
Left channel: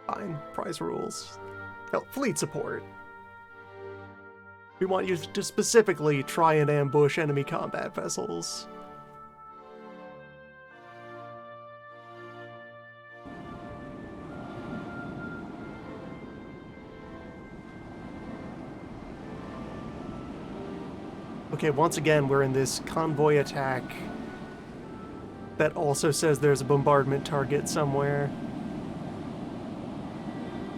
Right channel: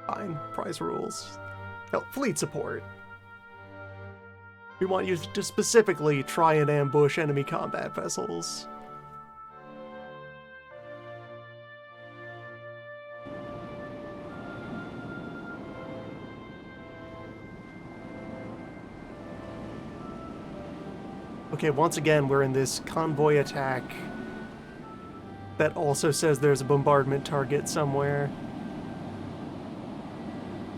Fine, prize rules. Hell, fleet support. We want you to specifically try and ambush enemy combat vessels. Okay, once again, we're in this convoy attack that also says there's a bombardment target somewhere.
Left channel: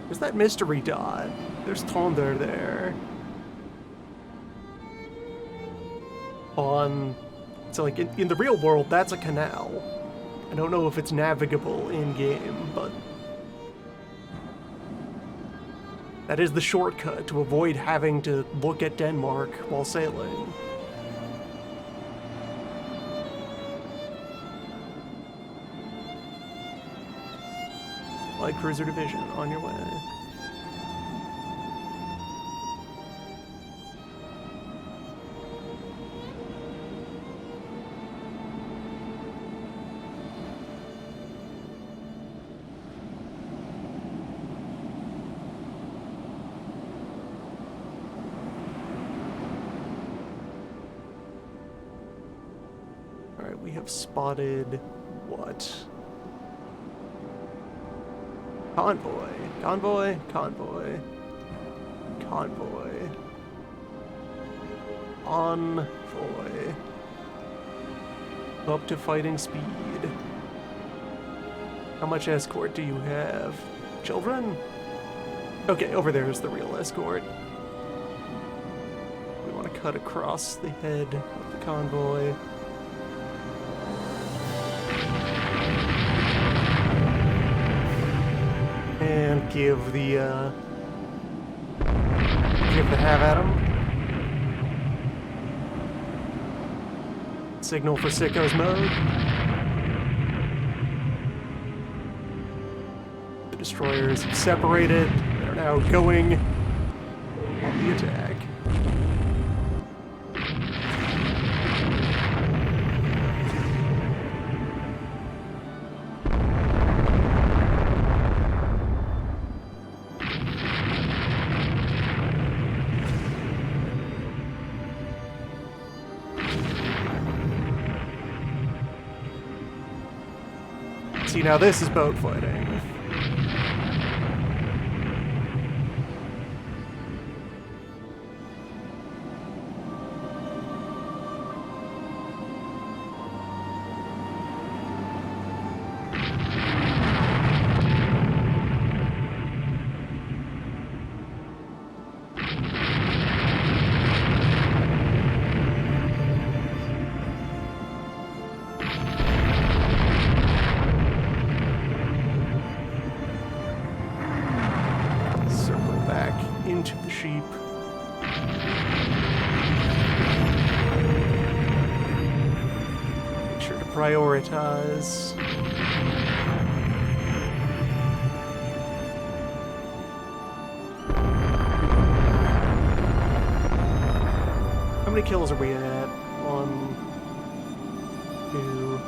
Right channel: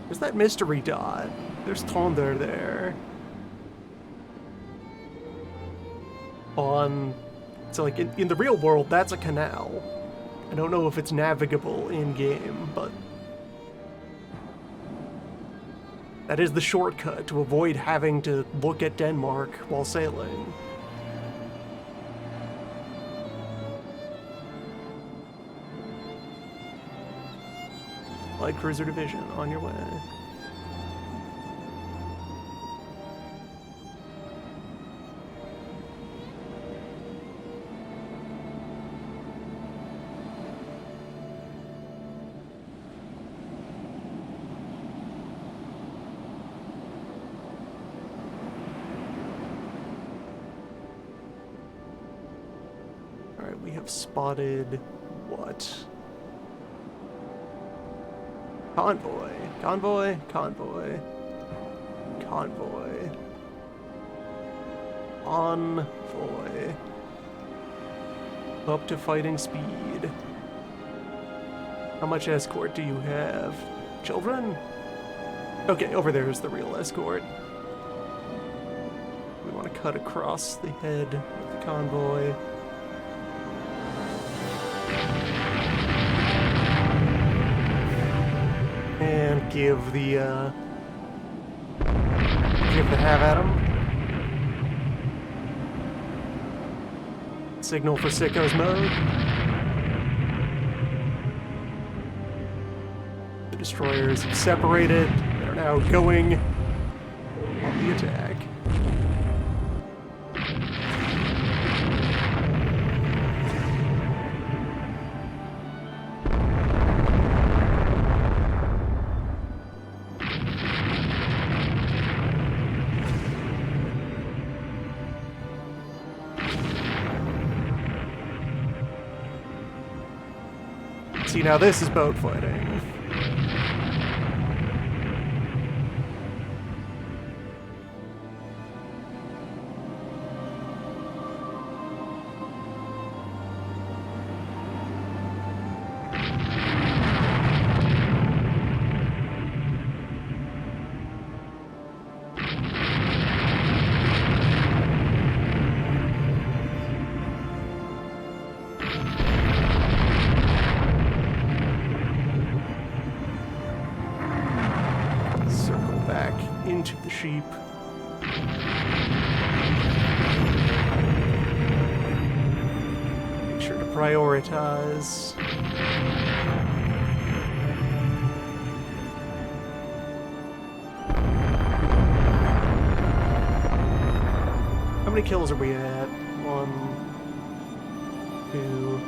There's that mystery dot. There's Thunder there. So like in the real world, that's a canal. I don't know if it's navigable in-game, but that is the shortcut to avoid having to look at Denmark while sailing. Light Cruiser Division, on your way. Alright, we have spotted what? Convoy, convoy, convoy, convoy, envoy, up to fighting speed. How much escort do you have? Children? Okay, over there is the real escort. We want to cut across the head of the convoy. And give the have at him. Signal for sickos mode. The destroyers have separated. They're now going on the attack. See, now this is boat fighting. Into the sheep. Make sure to prioritize. How many kills are we at? 1, 2.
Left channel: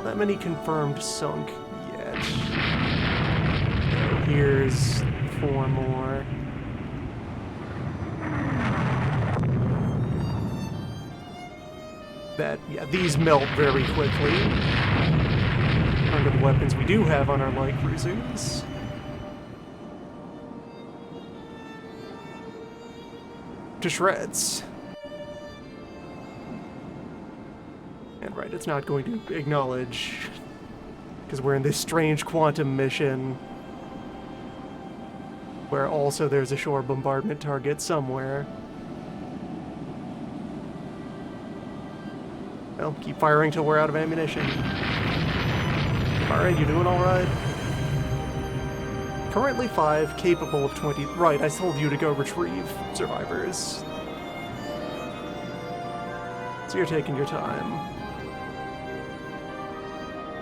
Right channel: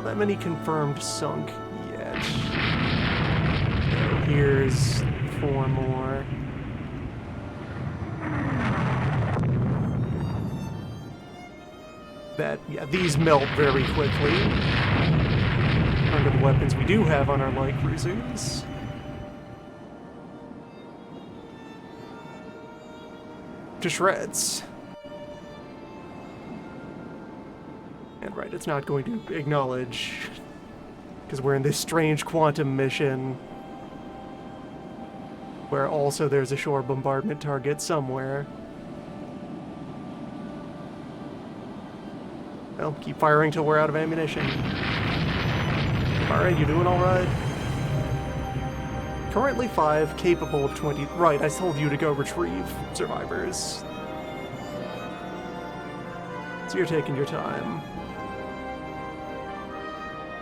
Not that many confirmed sunk yet. Here's 4 more. Yeah, these melt very quickly under the weapons we do have on our light cruisers. To shreds. And right, it's not going to acknowledge, because we're in this strange quantum mission where also there's a shore bombardment target somewhere. Well, keep firing till we're out of ammunition. Alright, you doing alright? Currently 5, capable of 20. Right, I told you to go retrieve survivors. So you're taking your time.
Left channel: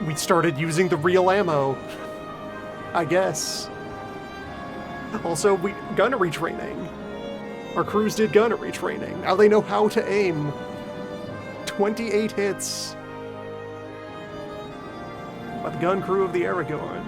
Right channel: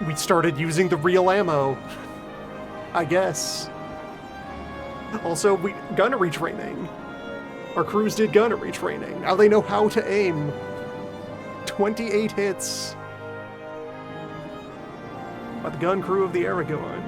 We started using the real ammo, I guess. Also, gunnery training. Our crews did gunnery training. Now they know how to aim. 28 hits by the gun crew of the Aragorn.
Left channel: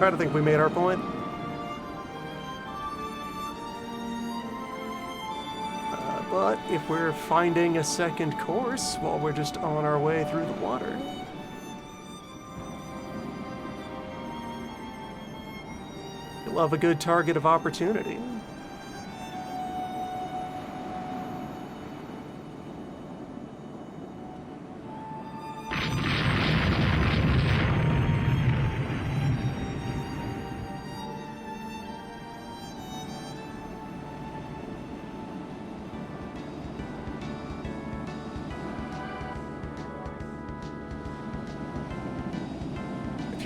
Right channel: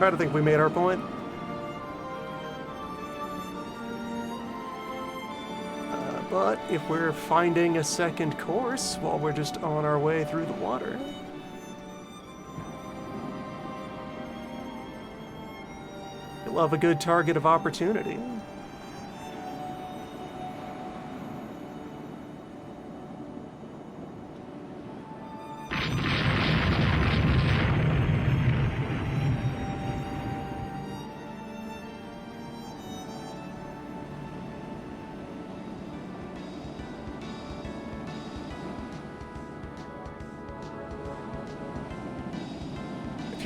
I don't think we made our point. But if we're finding a second course while we're just on our way through the water, you'll have a good target of opportunity.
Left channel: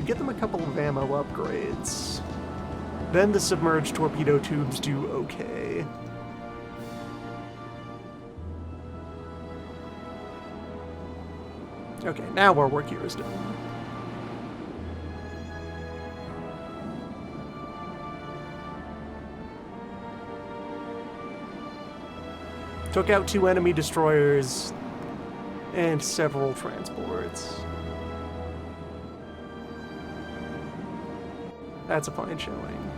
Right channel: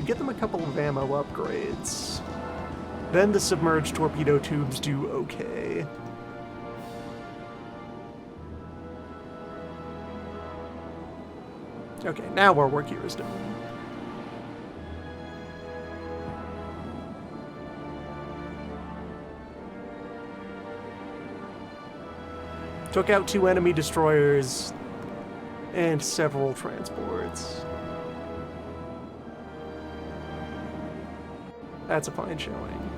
Get them a couple of ammo upgrades. Then the submerged torpedo tubes do okay. Okay, now our work here is done. Took out 2 enemy destroyers and several transports. That's a fine showing.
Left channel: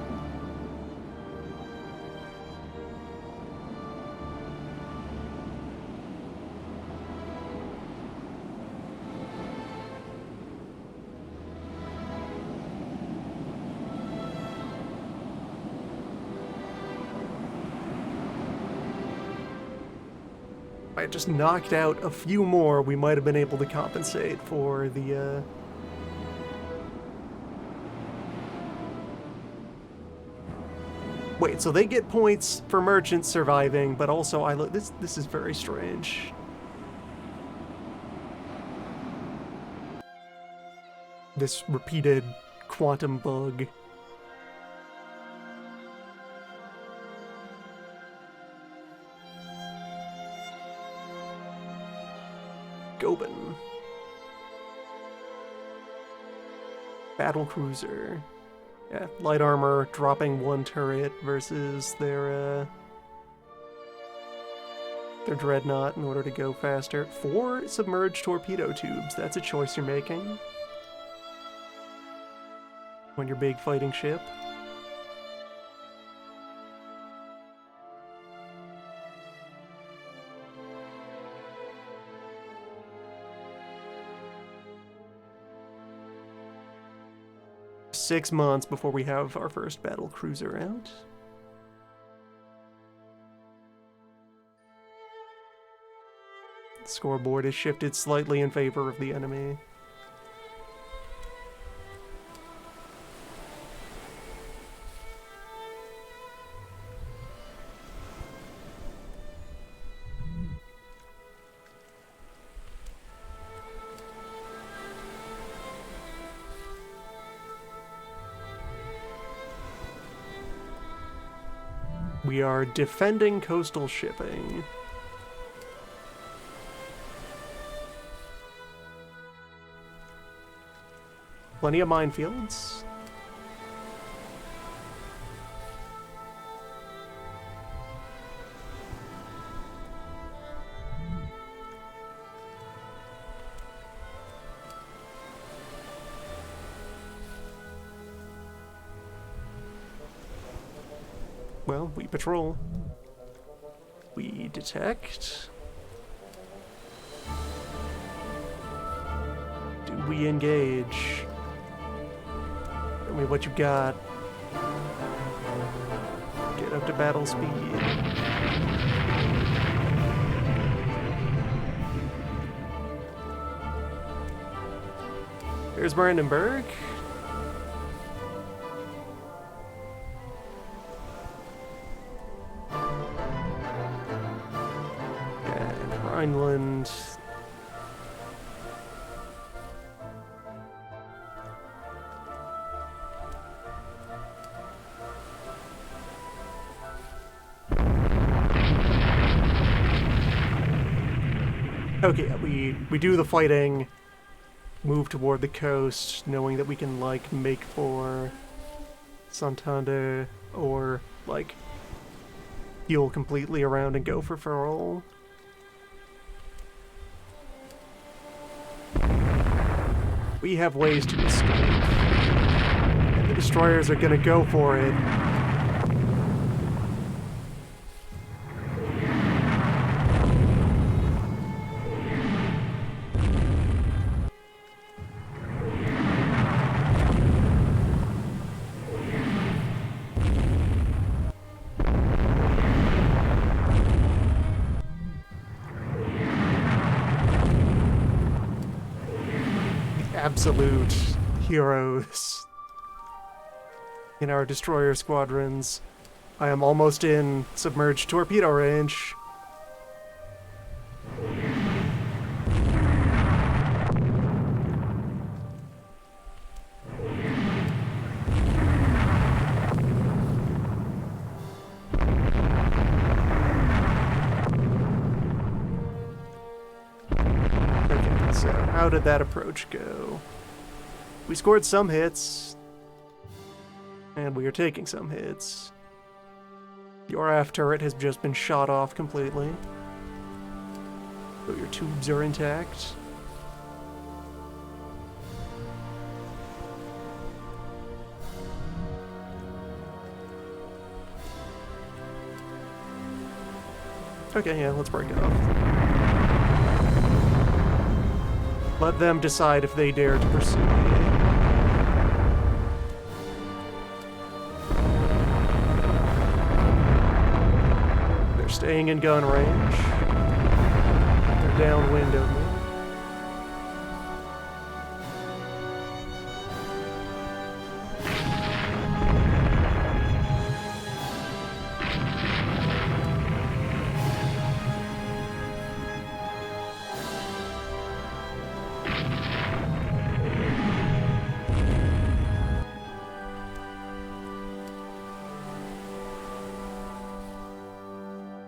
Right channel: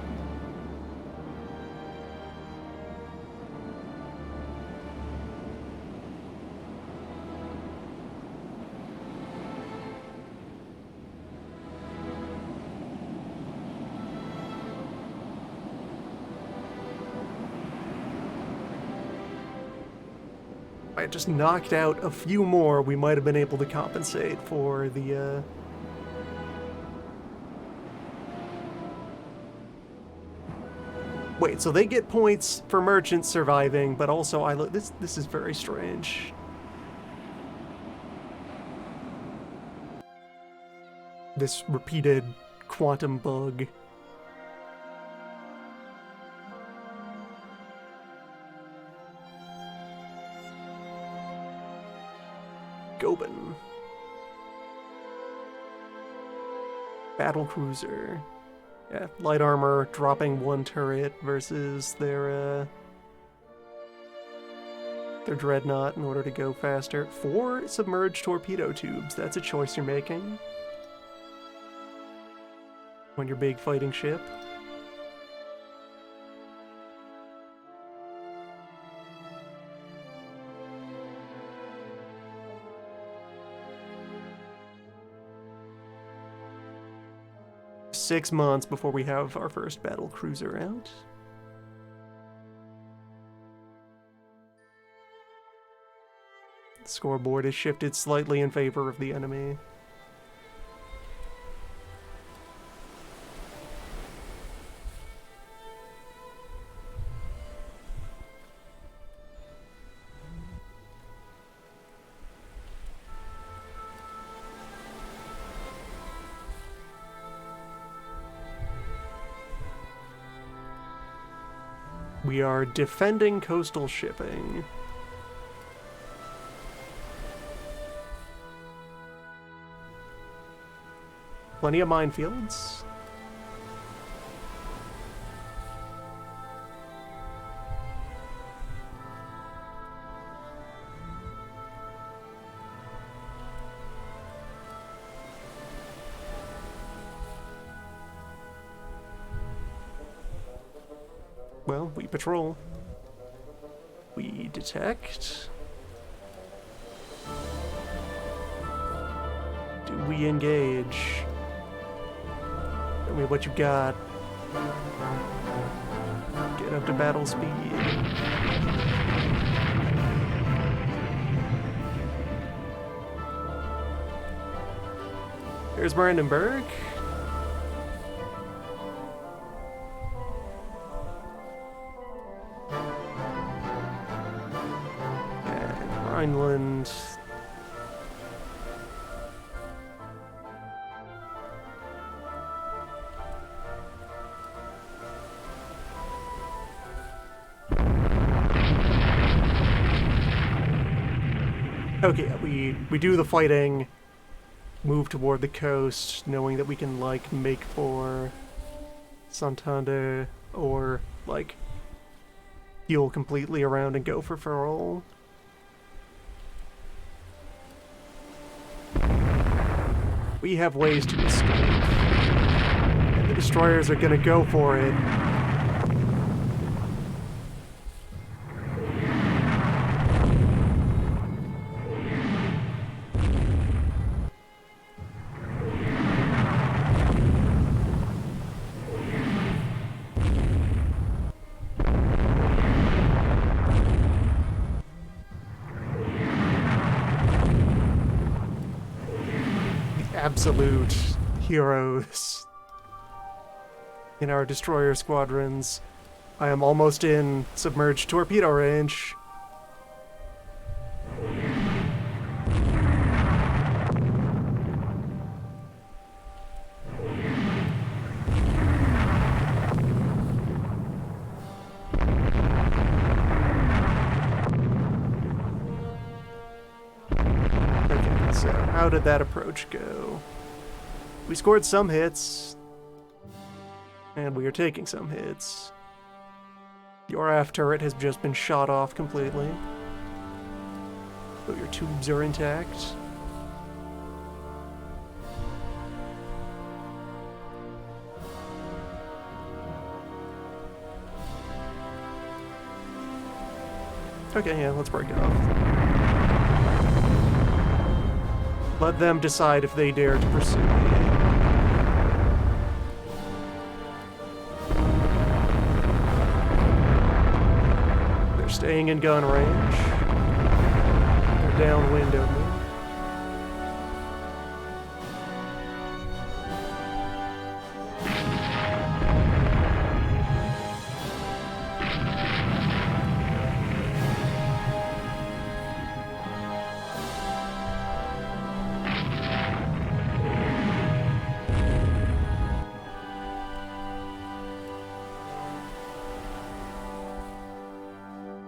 If I had just knocked out a few more, we might have been able to compensate for the, Wait, so they get points for merchants surviving, but also this is very strange. This repeated quantum bug. Gobin. Battle cruiser. Yeah, light armor dropping 1 turret versus their dreadnought in order to go faster. 4 submerged torpedo tubes. That's a choice you're making on your big fighting ship. Six months before we have our first battle cruiser out. The scoreboard is shifted slightly in favor of the enemy. We are defending coastal shipping. Plenty of minefields. Well, we patrol. We detect. Do we engage? Tell me what you got. Get up to battle speed. Here's Brandenburg. And Rhineland. Okay, we do the fighting, move toward the coast, knowing that we can, like, make for Santander, or, like, heal completely around and go for Ferrol. We have ways to escape, and the destroyers are gonna go for it. Absolute heroes in our destroyer squadrons. I am almost in submerged torpedo range. Okay, so how did that approach go? We scored some hits, and we are taking some hits. Your aft turret has just been shot off completely, but your tubes are intact. Okay, yeah, let's break it off. Let them decide if they dare to pursue me. They're staying in gun range. They're downwind of me.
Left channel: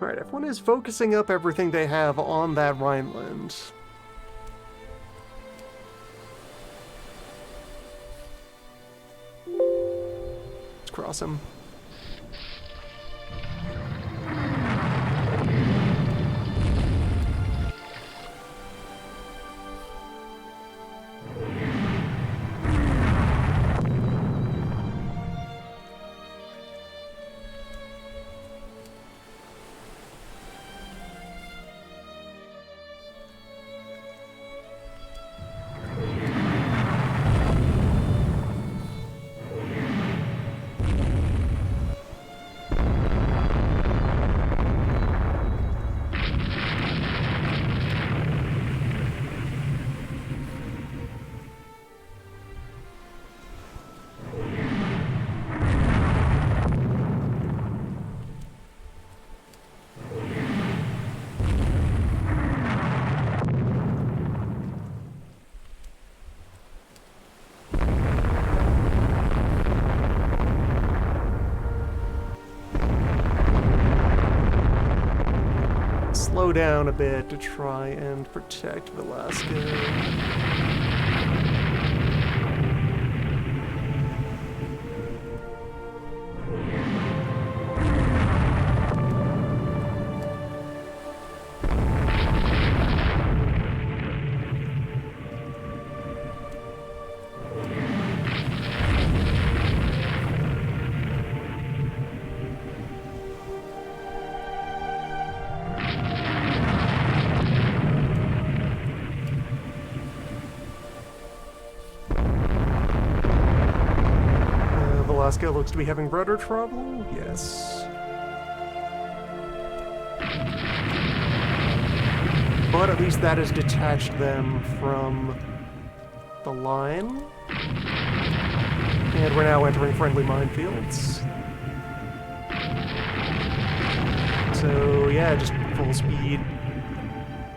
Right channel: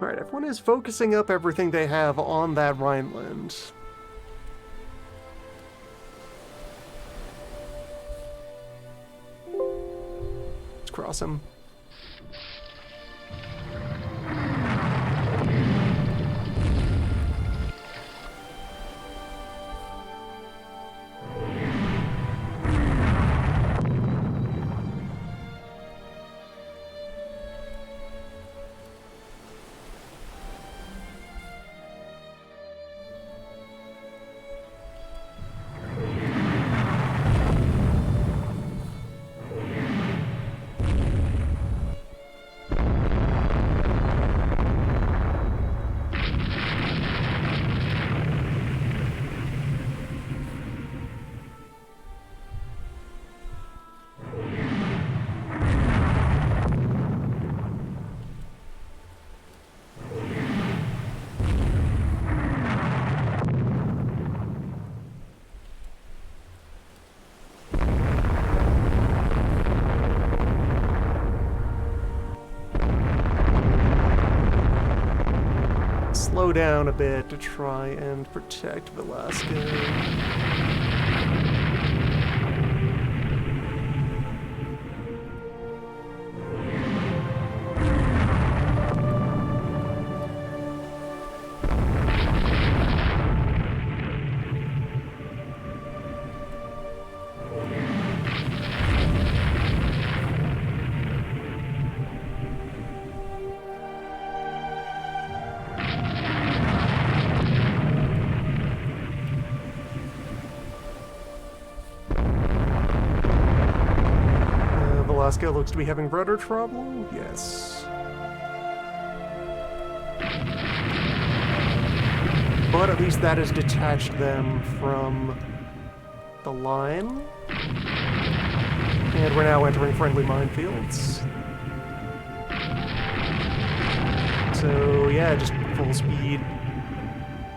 Alright, everyone is focusing up everything they have on that Rhineland. Let's cross them. Slow down a bit to try and protect Velasco. Alaska looks to be having rudder trouble. Yes. But at least that has detached them from the line. And we're now entering friendly minefields. So yeah, just full speed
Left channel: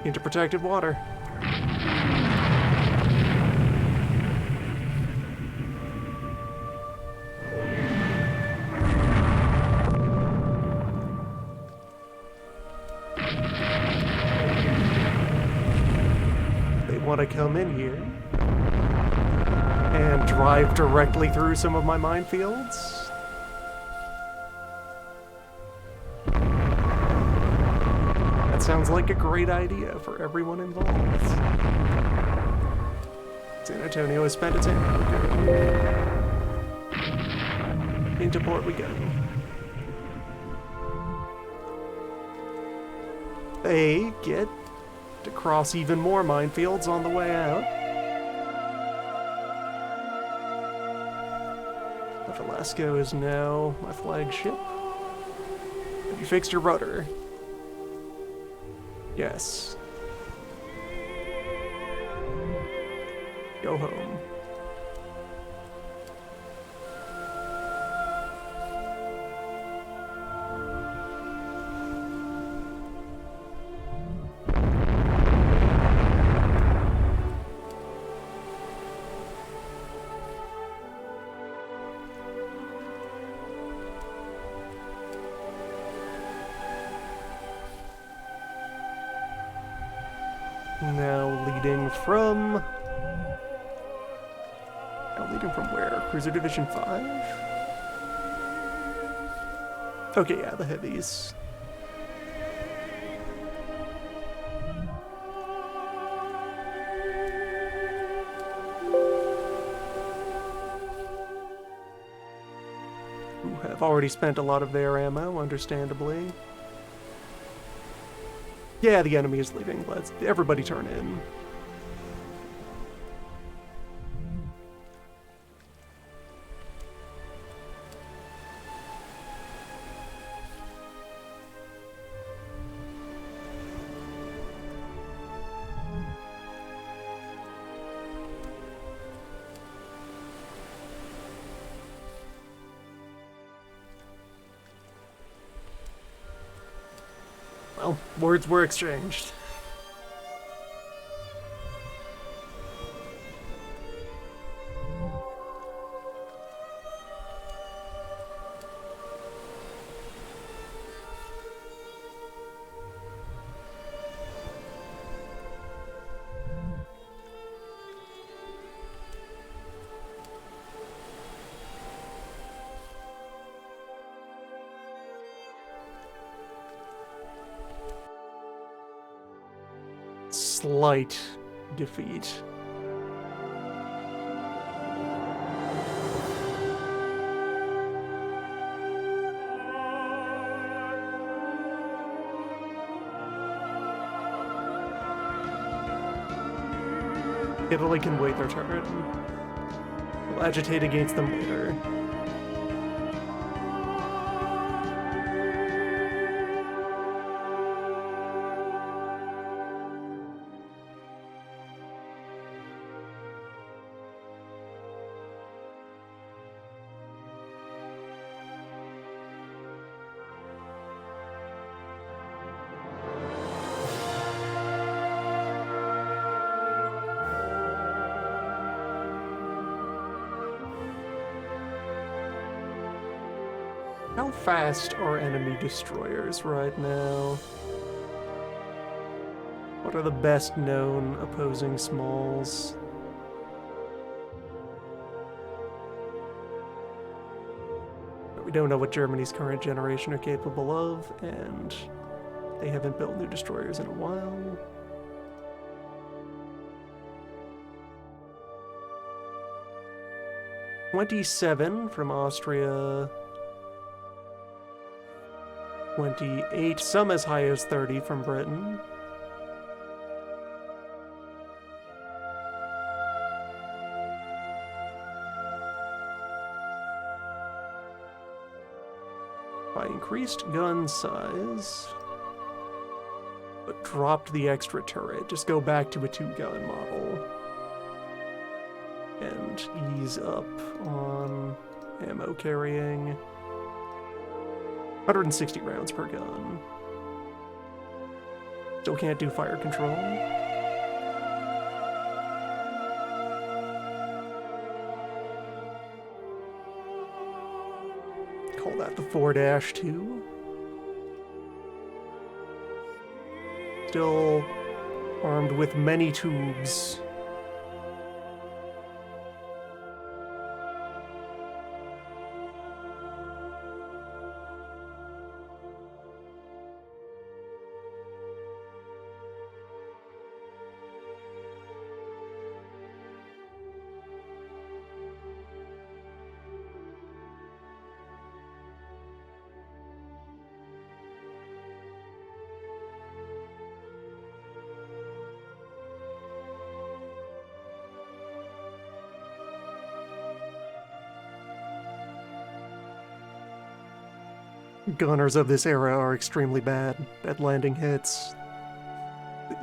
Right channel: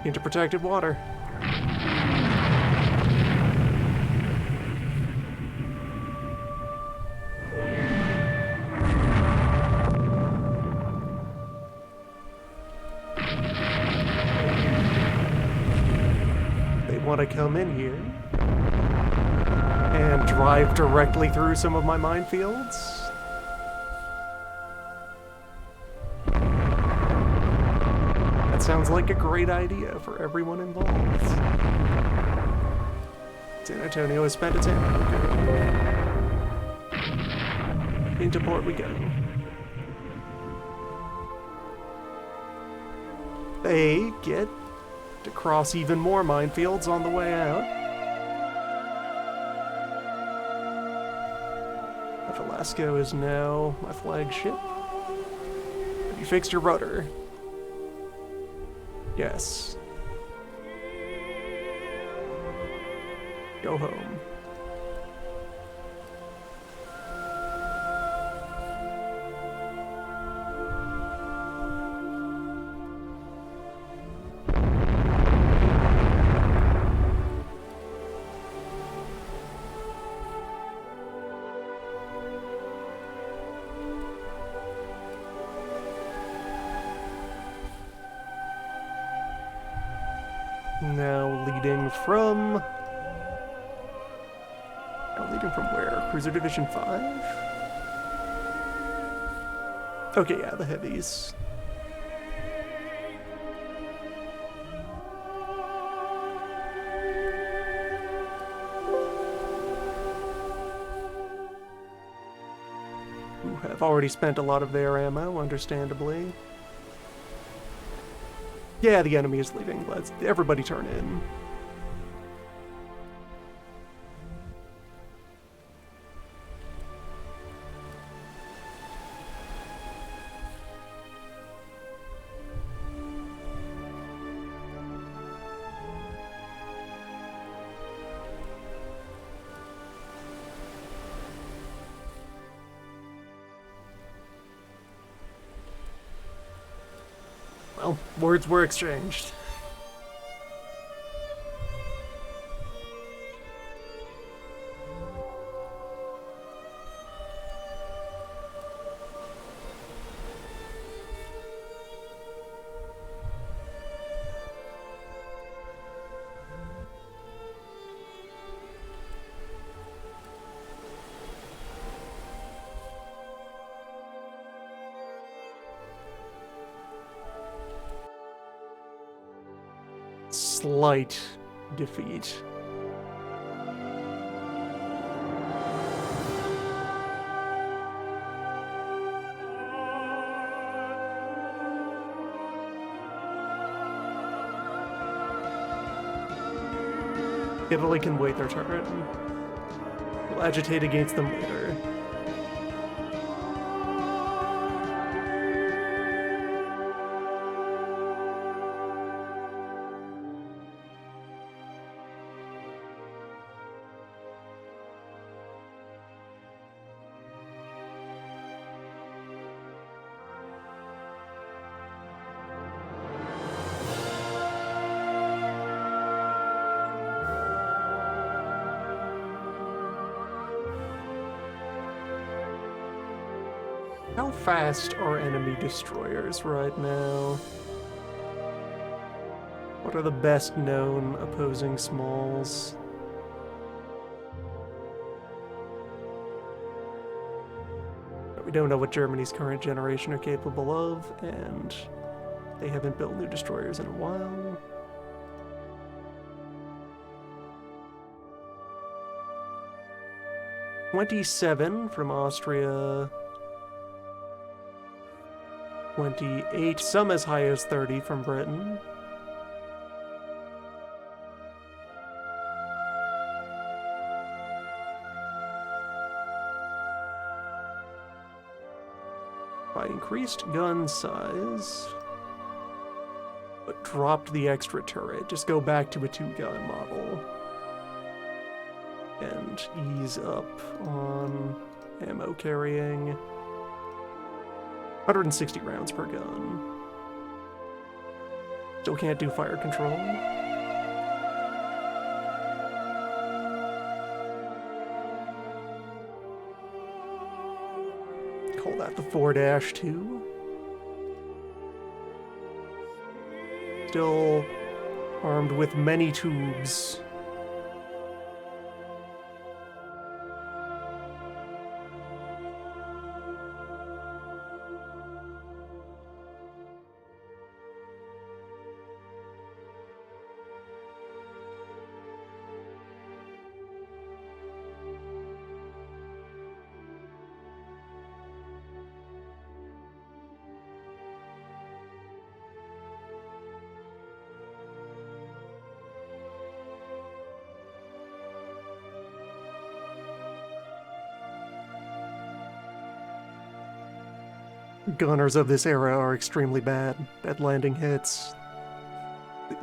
into protected water. They want to come in here and drive directly through some of my minefields. That sounds like a great idea for everyone involved. San Antonio has spent its ammo. Good. Into port we go. They get to cross even more minefields on the way out. Velasco is now my flagship. Have you fixed your rudder? Yes. Go home. Now leading from where? Cruiser Division 5? Okay, yeah, the heavies. Who have already spent a lot of their ammo, understandably. Yeah, the enemy is leaving. Let's everybody turn in. Well, words were exchanged. Slight defeat. Italy can wait their turn. We'll agitate against them later. How fast are enemy destroyers right now? What are the best known opposing smalls? But we don't know what Germany's current generation are capable of, and they haven't built new destroyers in a while. "27 from Austria. 28, some as high as 30 from Britain. I increased gun size, but dropped the extra turret. Just go back to a 2-gun model. And ease up on ammo carrying. 160 rounds per gun. Still can't do fire control. Call that the 4-2. Still armed with many tubes. Gunners of this era are extremely bad at landing hits.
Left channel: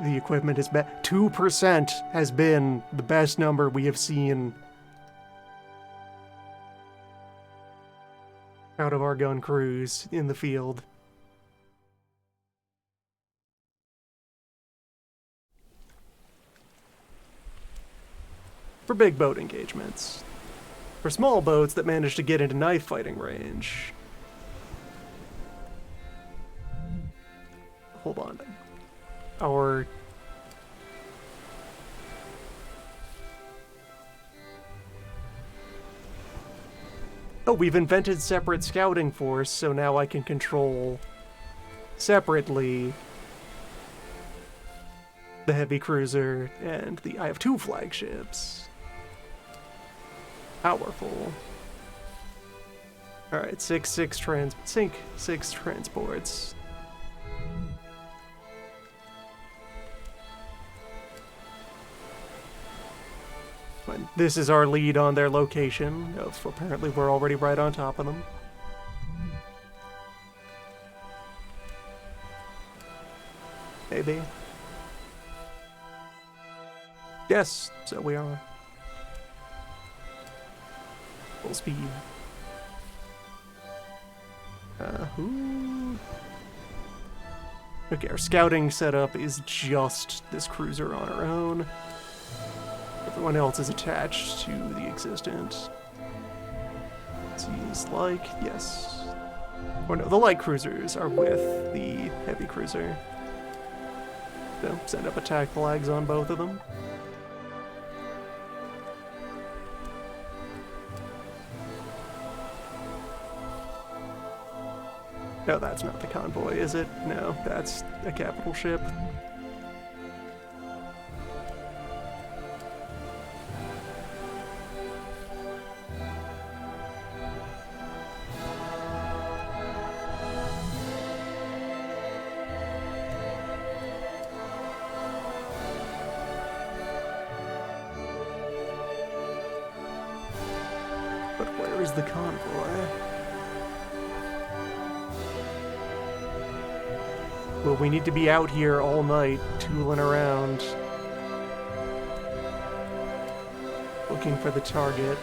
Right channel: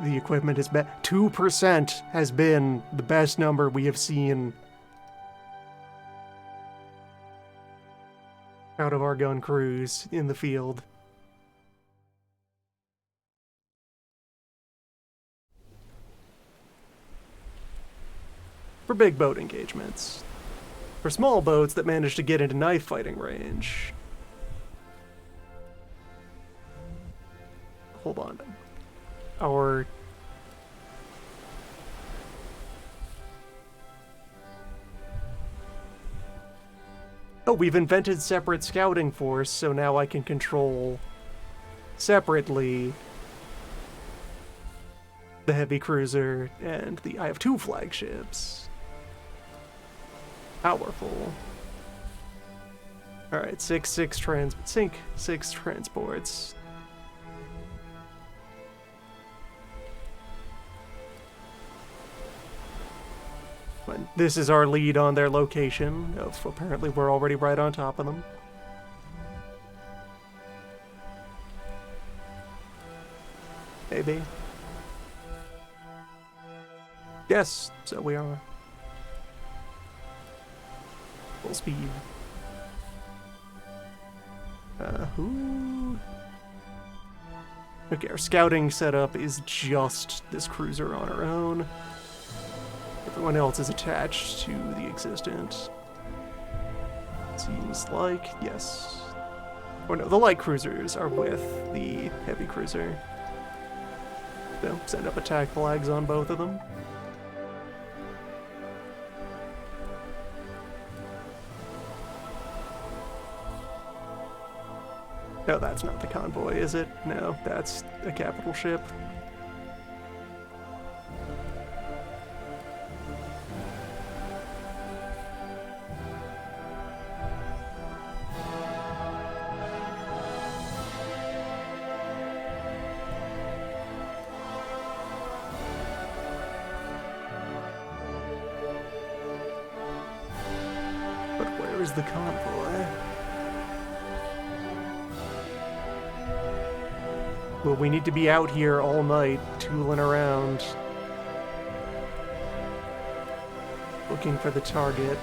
The equipment is bad. 2% has been the best number we have seen out of our gun crews in the field. For big boat engagements. For small boats that manage to get into knife fighting range. Hold on. Oh, we've invented separate scouting force, so now I can control separately the heavy cruiser and I have 2 flagships. Powerful. Alright, six transports. But this is our lead on their location. Apparently we're already right on top of them. Maybe. Yes, so we are. Full speed. Who? Okay, our scouting setup is just this cruiser on her own. Everyone else is attached to the existent. Seems like, yes. Or no, the light cruisers are with the heavy cruiser. So, send up attack flags on both of them. No, that's not the convoy, is it? No, that's a capital ship. But where is the convoy? Well, we need to be out here all night, tooling around, looking for the target.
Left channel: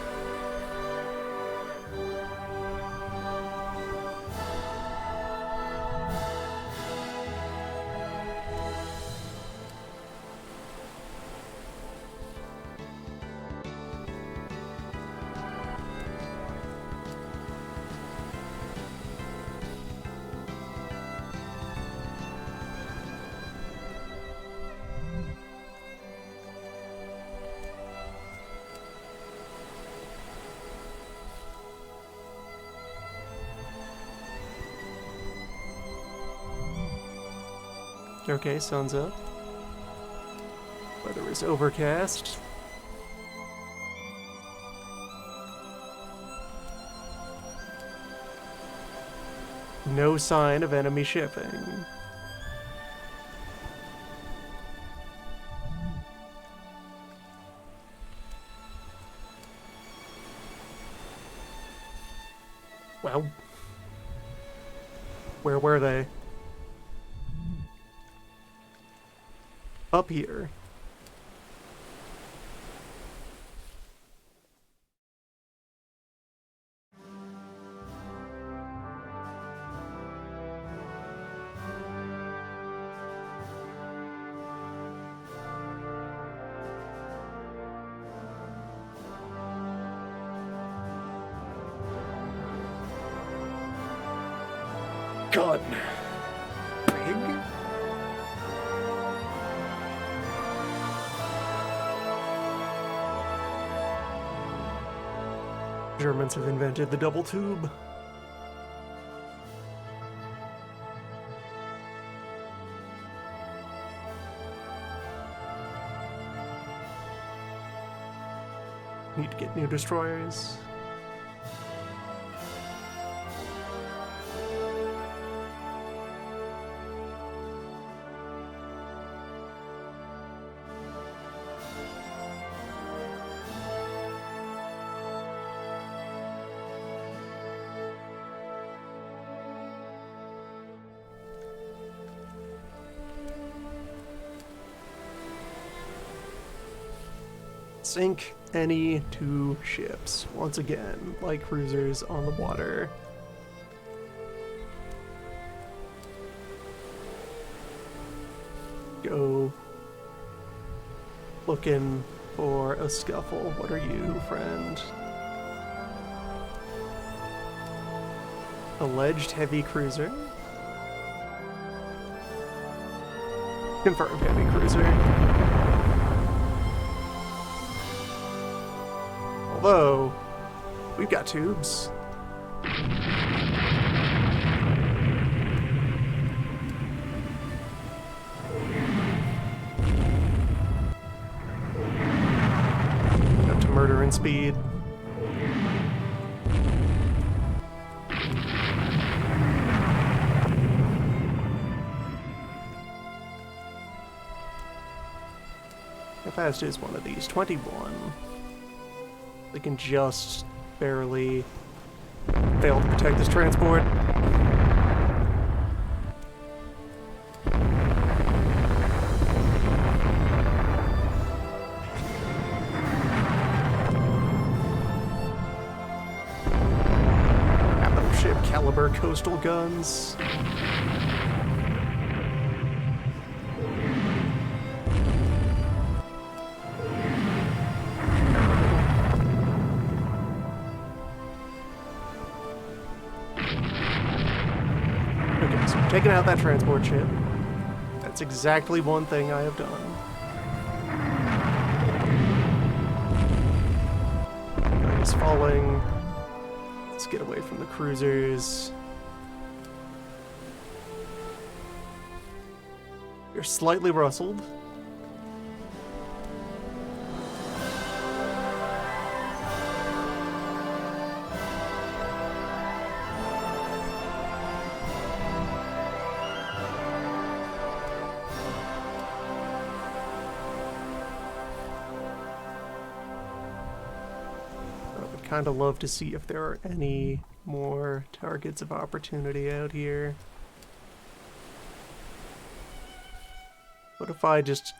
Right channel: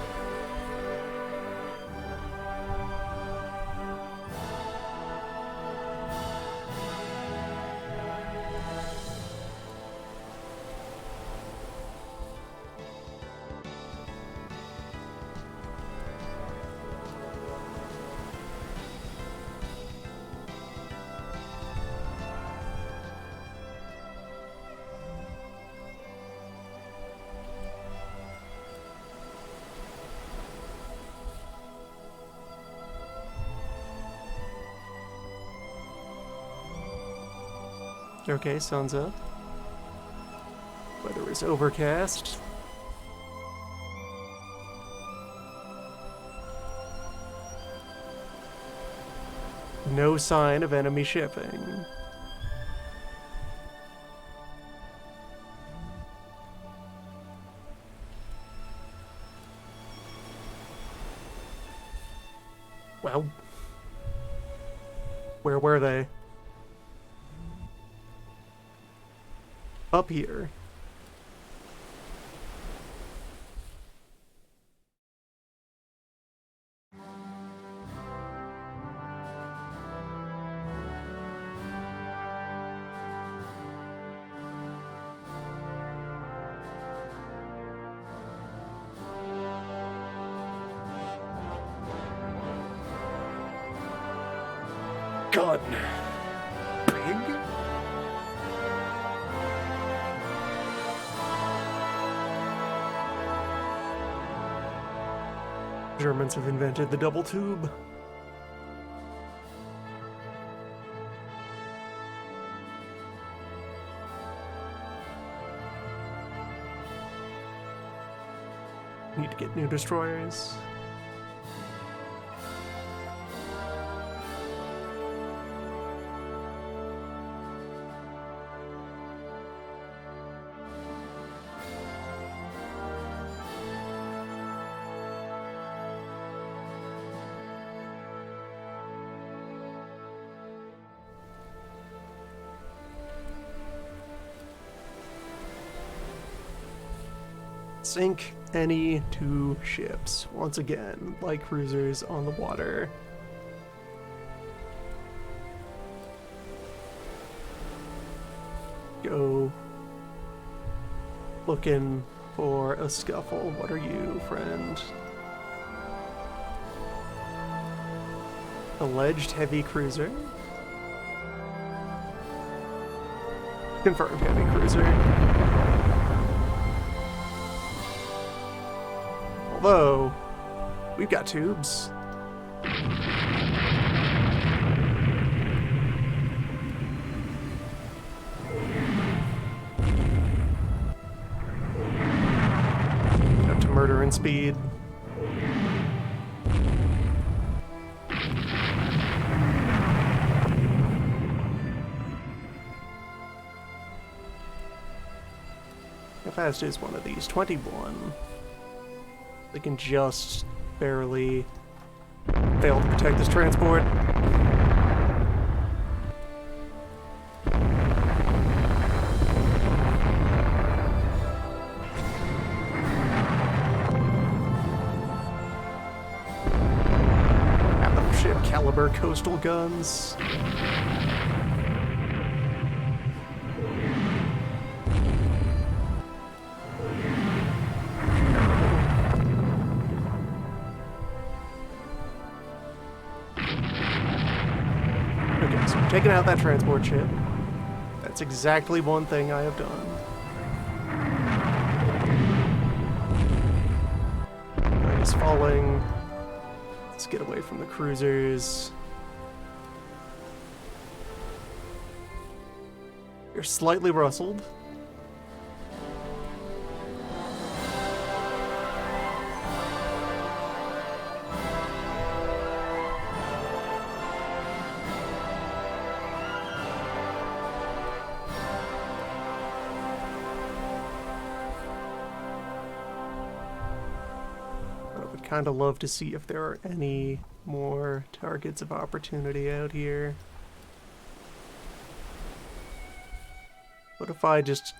Okay, sun's up. Weather is overcast. No sign of enemy shipping. Well, Where were they? Up here. Gun. Big? Germans have invented the double tube. Need to get new destroyers. Sink any two ships, once again, like cruisers on the water. Go looking for a scuffle. What are you, friend? Alleged heavy cruiser. Confirmed heavy cruiser. Although, we've got tubes. Up to murder and speed. How fast is one of these? 21. They can just barely fail to protect this transport. Battleship caliber coastal guns. Taking out that transport ship. That's exactly one thing I have done. It's falling. Let's get away from the cruisers. You're slightly rustled. Kind of love to see if there are any more targets of opportunity out here. What if I just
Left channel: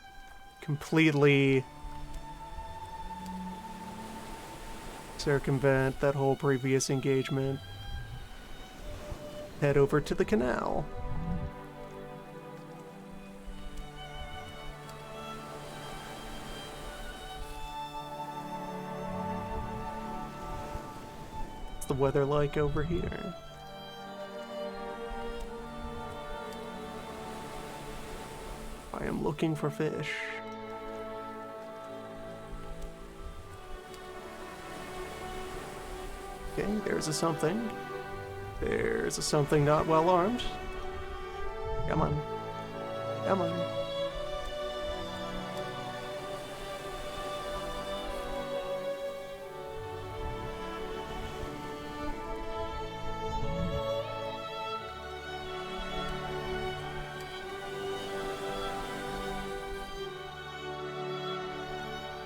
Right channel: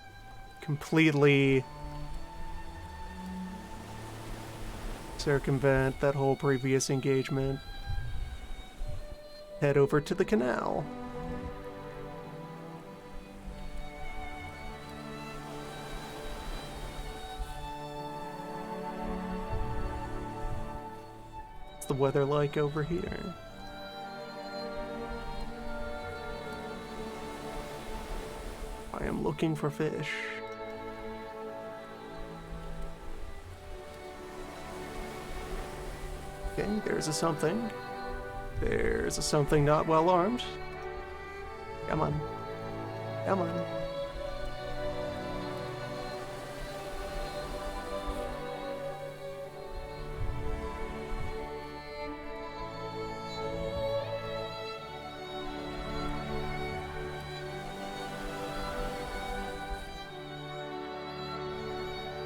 completely circumvent that whole previous engagement? Head over to the canal. The weather like over here? I am looking for fish. Okay, there's a something. There's a something not well armed. Come on. Come on.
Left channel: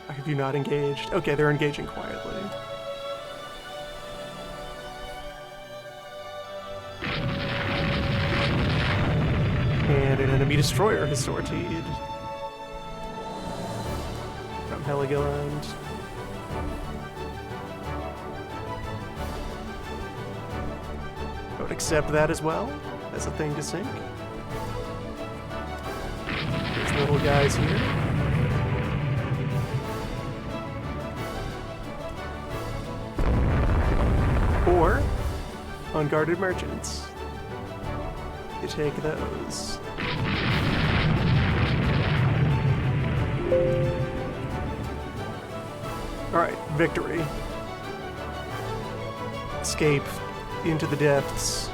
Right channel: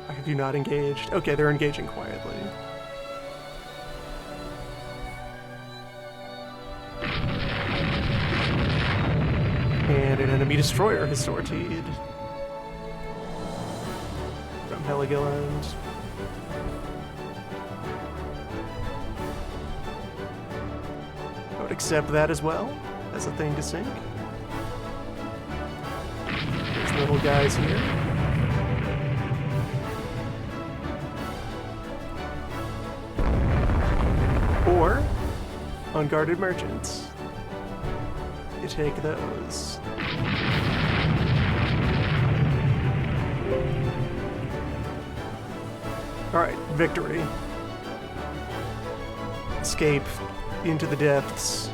Have you not engaged? Okay, they're engaging quietly. An enemy destroyer has sortied from Heligoland. I would accept that as well as a thing to sink. There's little guys here. Or unguarded merchants. You take those. Alright, victory. Escape into the depths.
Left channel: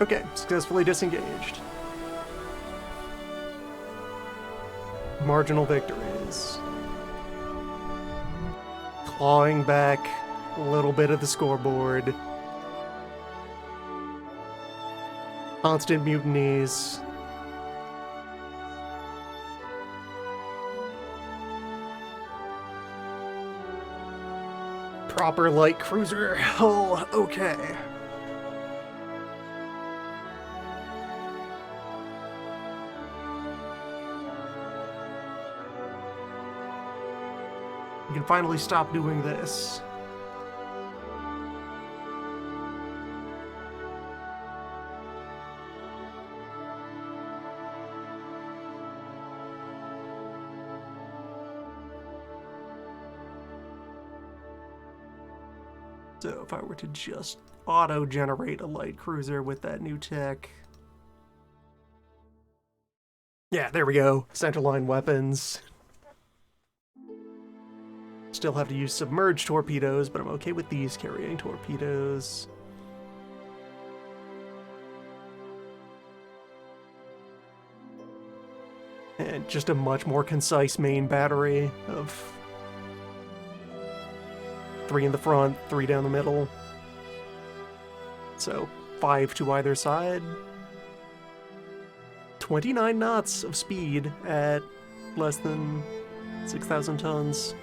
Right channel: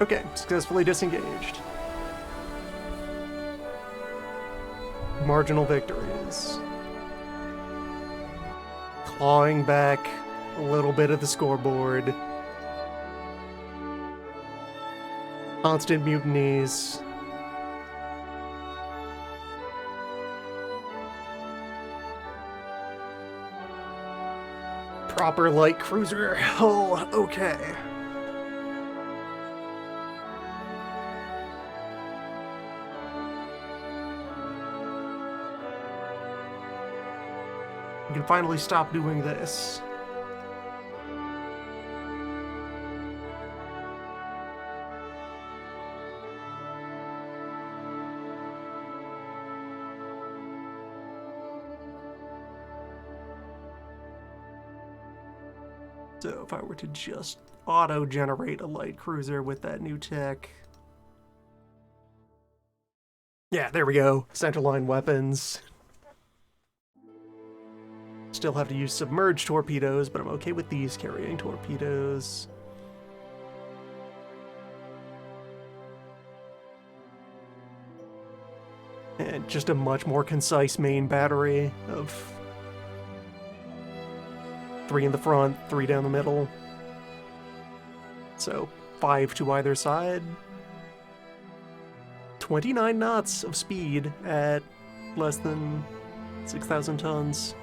Okay, successfully disengaged. Marginal victories. Clawing back a little bit of the scoreboard. Constant mutinies. Proper light cruiser hull, okay. We can finally stop doing this. So if I were to just auto-generate a light cruiser with that new tech... Yeah, there we go. Centerline weapons. Still have to use submerged torpedoes, but I'm okay with these carrying torpedoes. And just a much more concise main battery of 3 in the front, 3 down the middle. So 5 to either side. 29 knots of speed at less than 6,000 tons.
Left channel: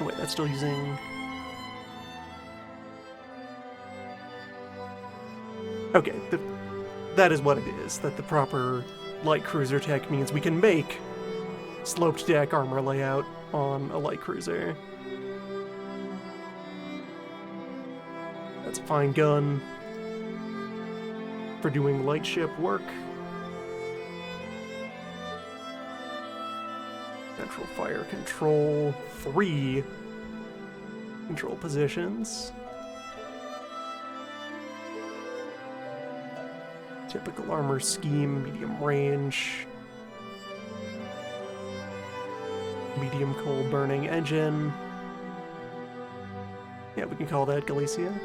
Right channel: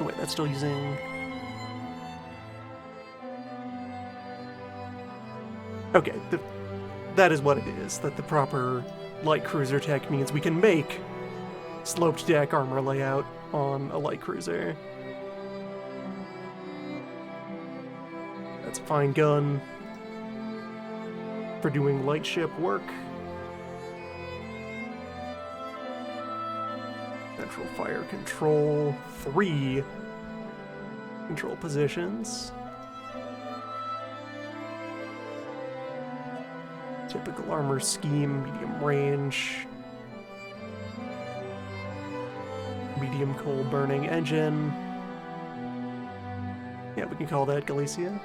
Oh wait, that's still using... Okay, that is what it is. That the proper light cruiser tech means we can make sloped deck armor layout on a light cruiser. That's a fine gun for doing light ship work. Central fire control, 3 control positions. Typical armor scheme, medium range. Medium coal burning engine. Yeah, we can call that Galicia.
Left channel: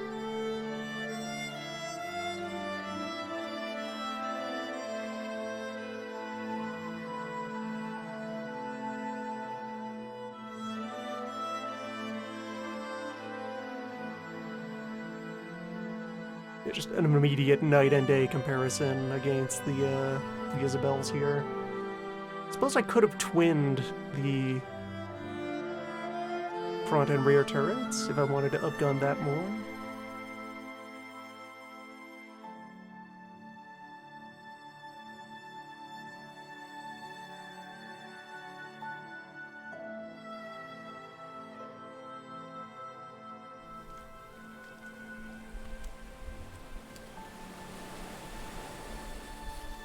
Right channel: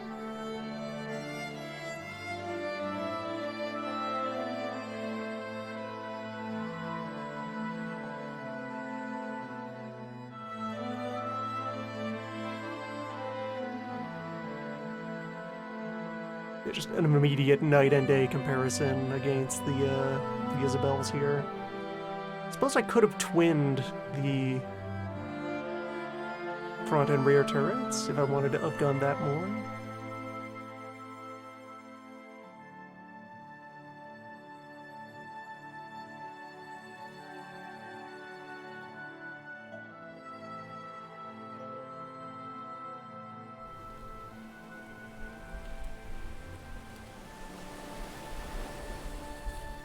Yeah, just an immediate night and day comparison against the Isabels here. I suppose I could have twinned the front and rear turrets if I wanted to upgun that more.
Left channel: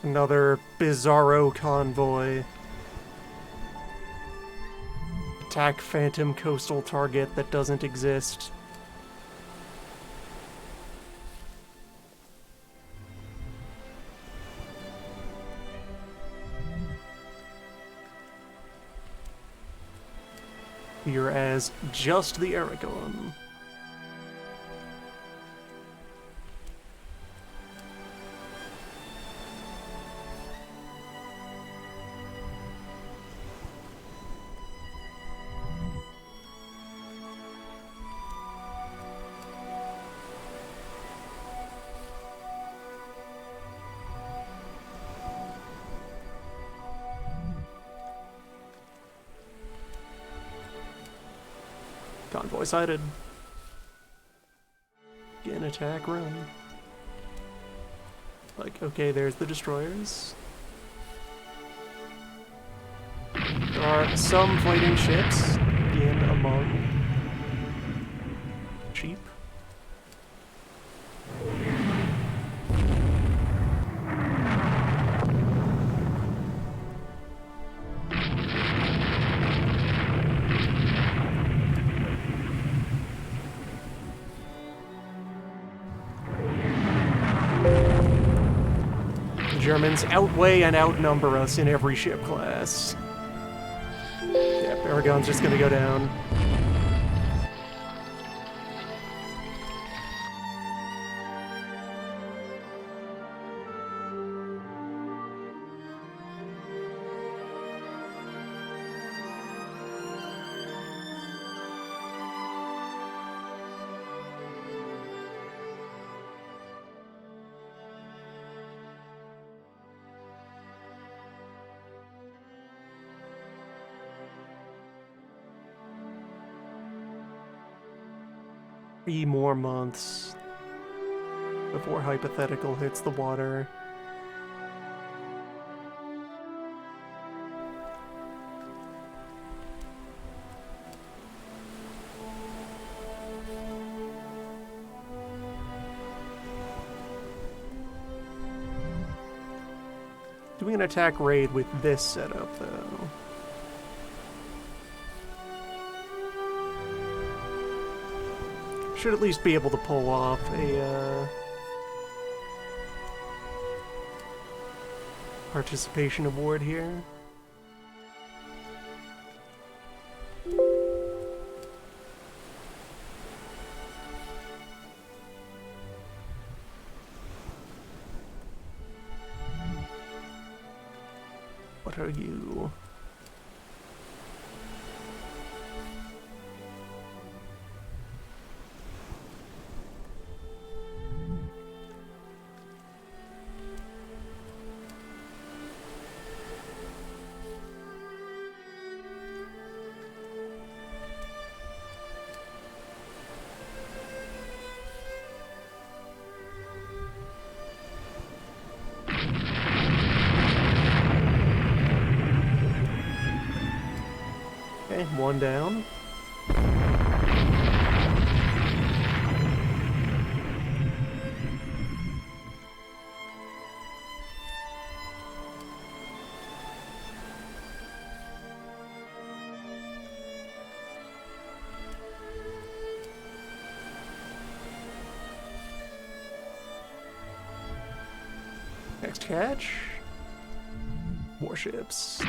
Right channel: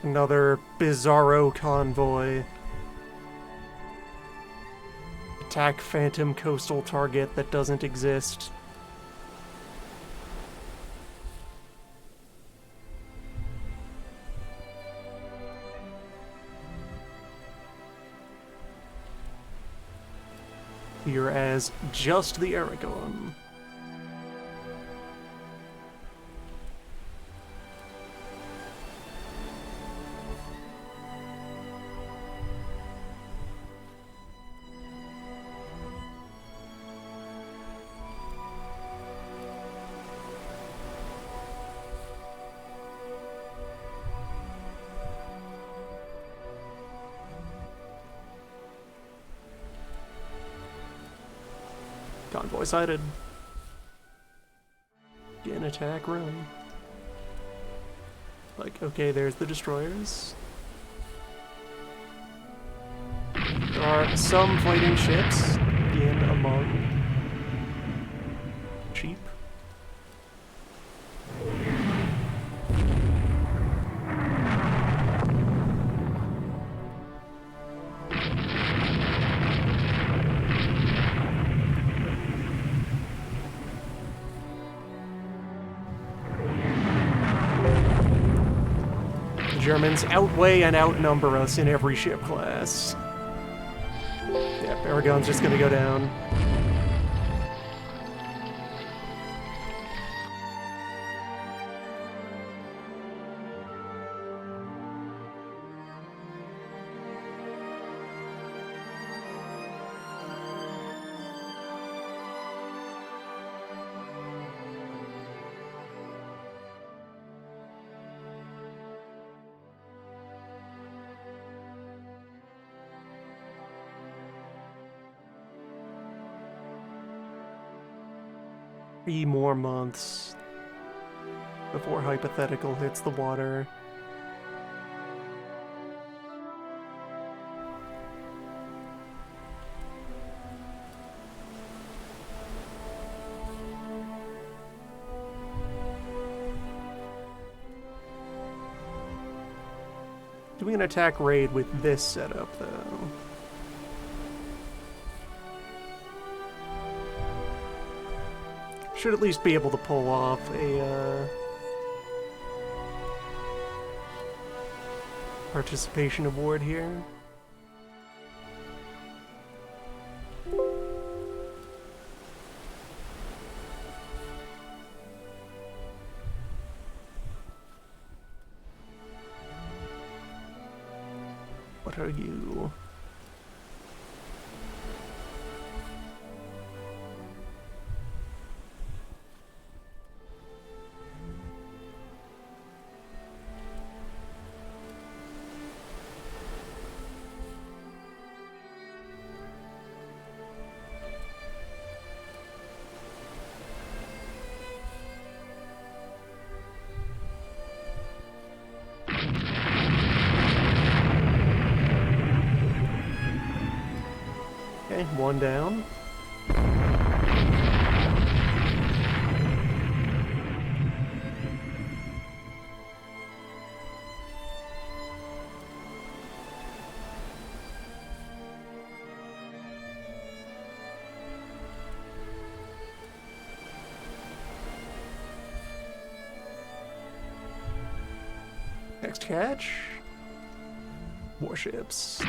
Another bizarro convoy. Attack phantom coastal target that doesn't exist. Here as just the Aragon. Convoy sighted. Again, attack, run. Like, okay, there's the destroyers. There are some fighting ships in among sheep. Germans outweigh and outnumber us in every ship class. Yep, Aragon's just gonna go down. Three more months before Hypothetical hits the water. Doing an attack raid with this setup, though. Should at least be able to pull off a participation award here. What are you? Okay, one down. Next catch. Warships.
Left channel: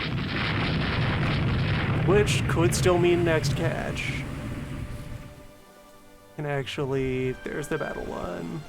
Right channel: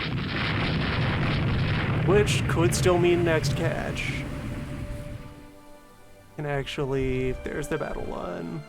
Which could still mean next catch. And actually, there's the battle line.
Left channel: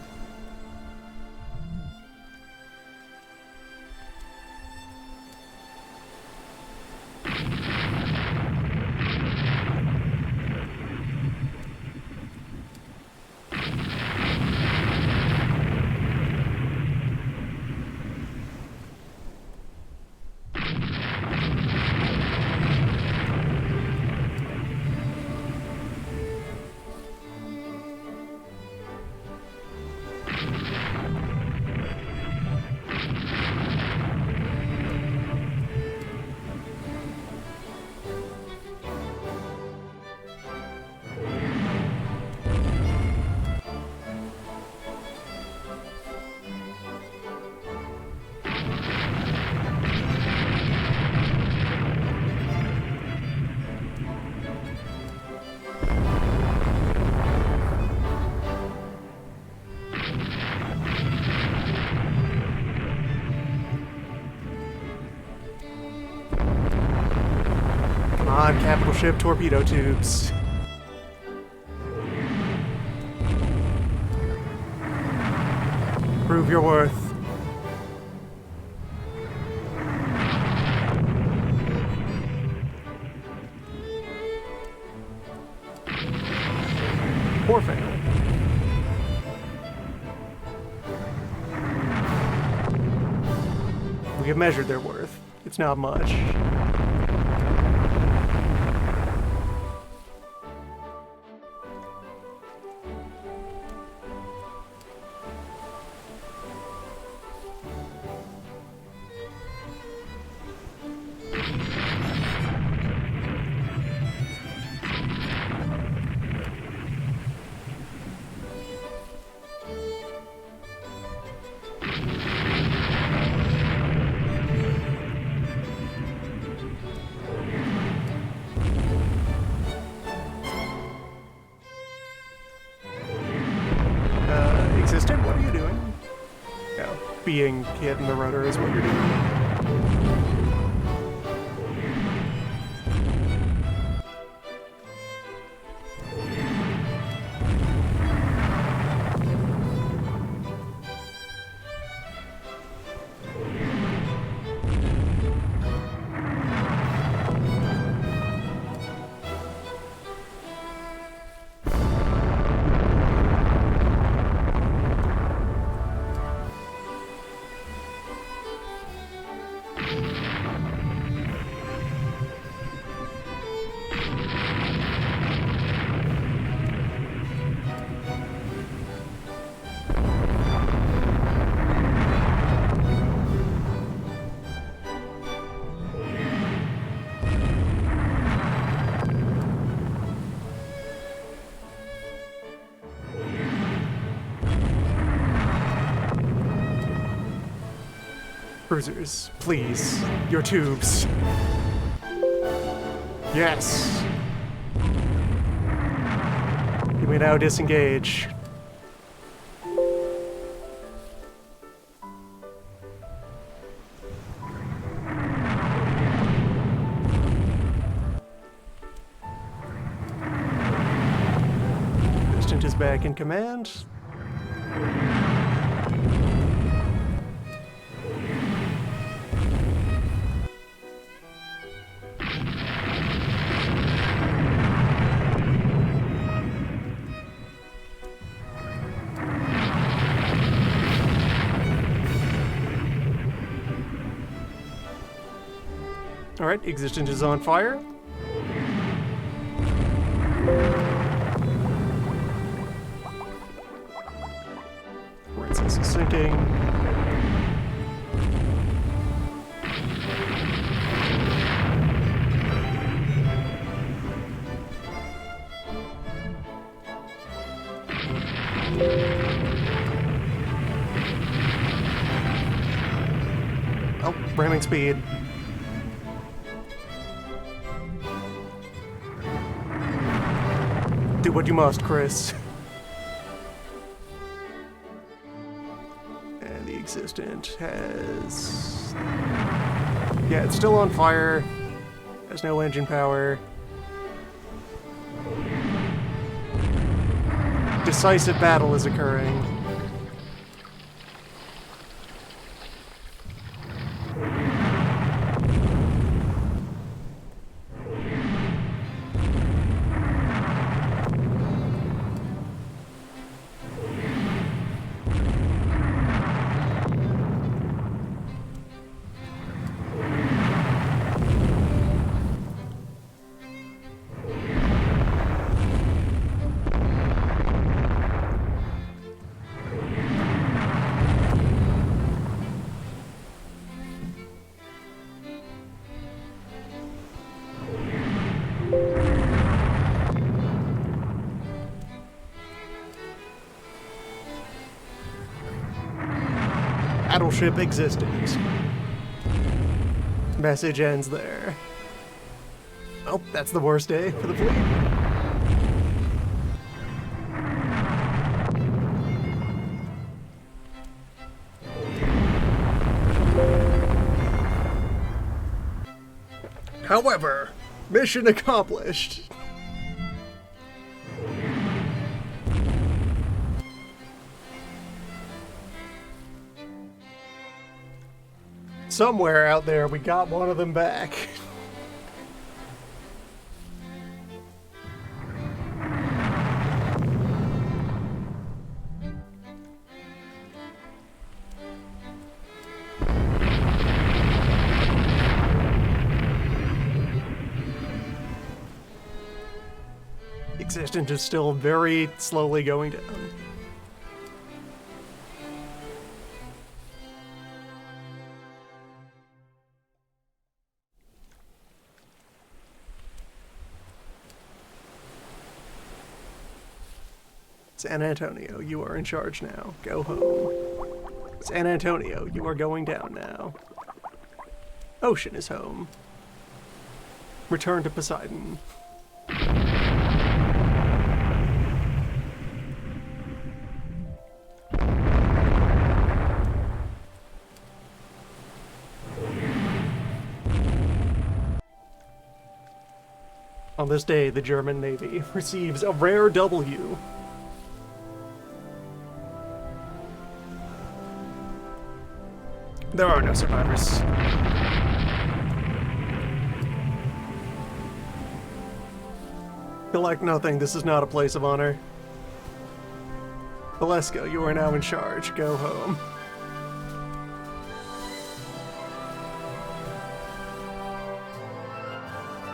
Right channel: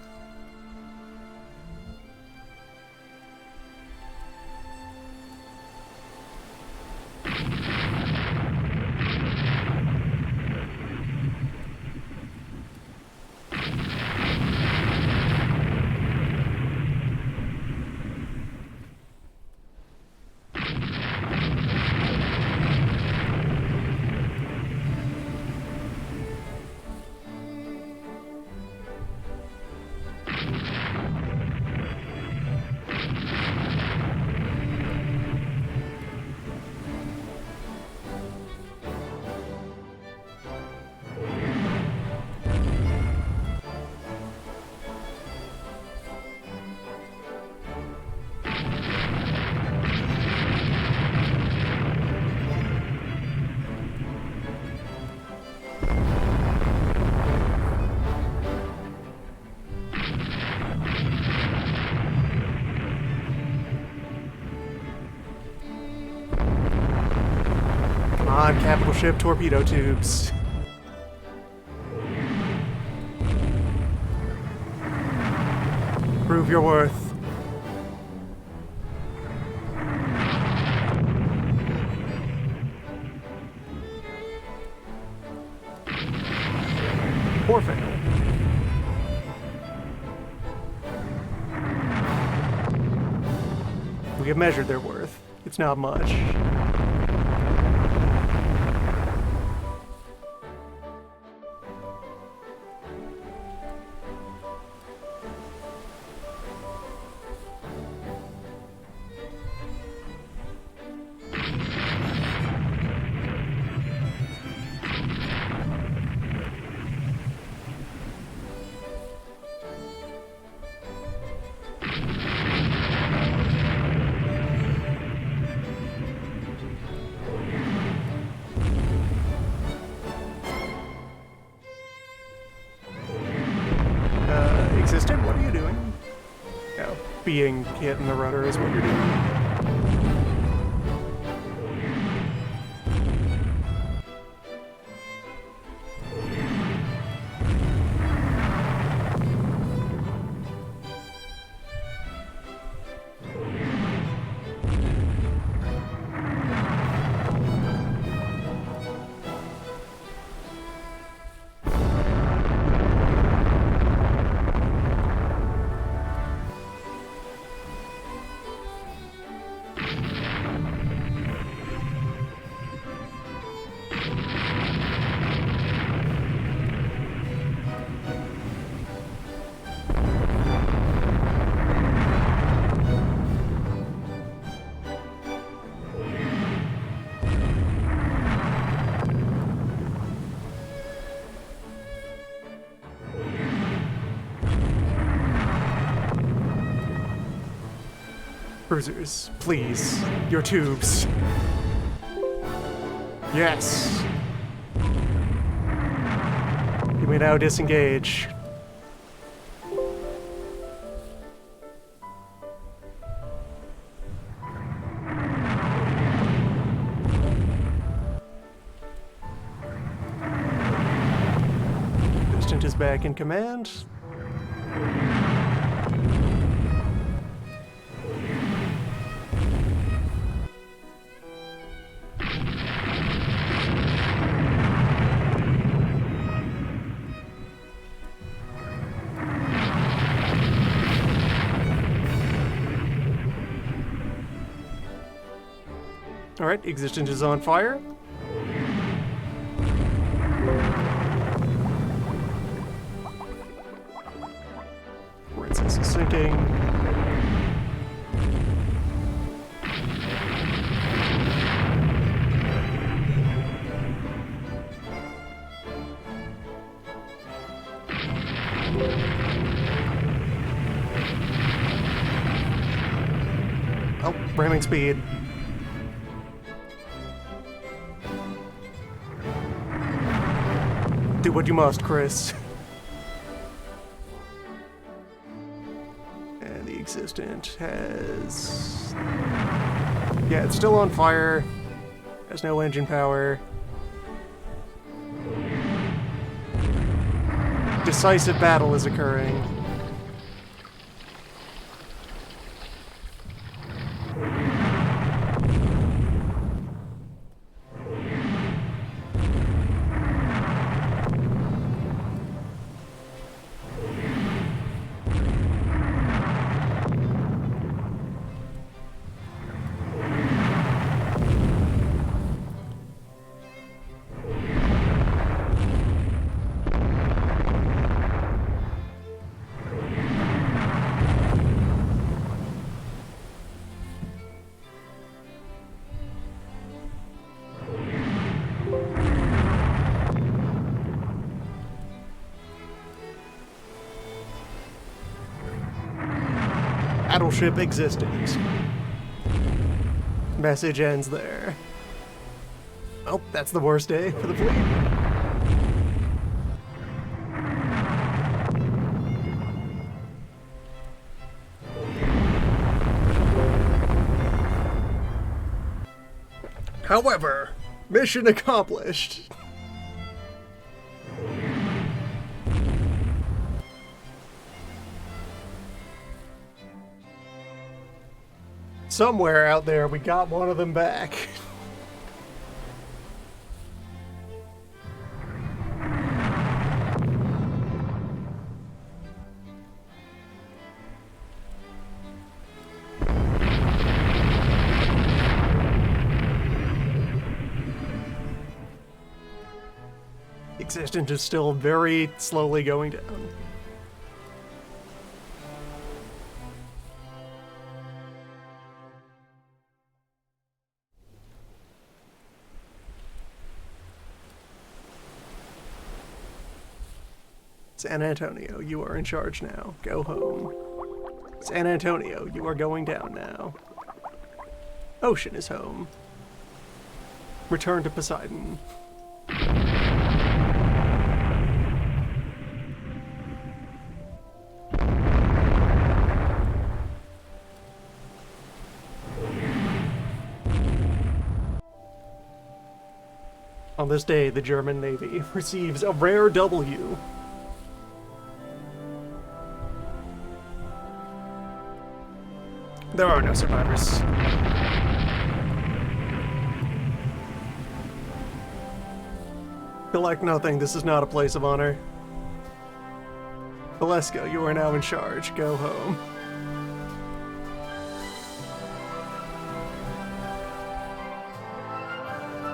on, capital ship torpedo tubes. Prove your worth. Poor fail. We have measured their worth. It's not much. Existent, what are you doing? No, being hit in the rudder is what you're doing. Cruisers, please, your tubes. Yes. You may now disengage. Distant is back in command. Alright, Existence is on fire. Princess is sinking. Oh, ramming speed. Do what you must, Chris. And the Existent has... Yeah, it's still on fire. Has no engine power. Decisive battle is occurring. Battleship Existent. Message ends there. Oh, that's the worst day for the fleet. However, Mission accomplished. Somewhere out there, we got one of them back. Existence is still very slowly going down. San Antonio, you are in charge now. Go home. San Antonio, you are going down now. Ocean is home. Return to Poseidon. On this day, the German Navy receives a rare W. There are no survivors. Collect nothing, this is not a place of honor. Valesko, you are now in charge. Go home.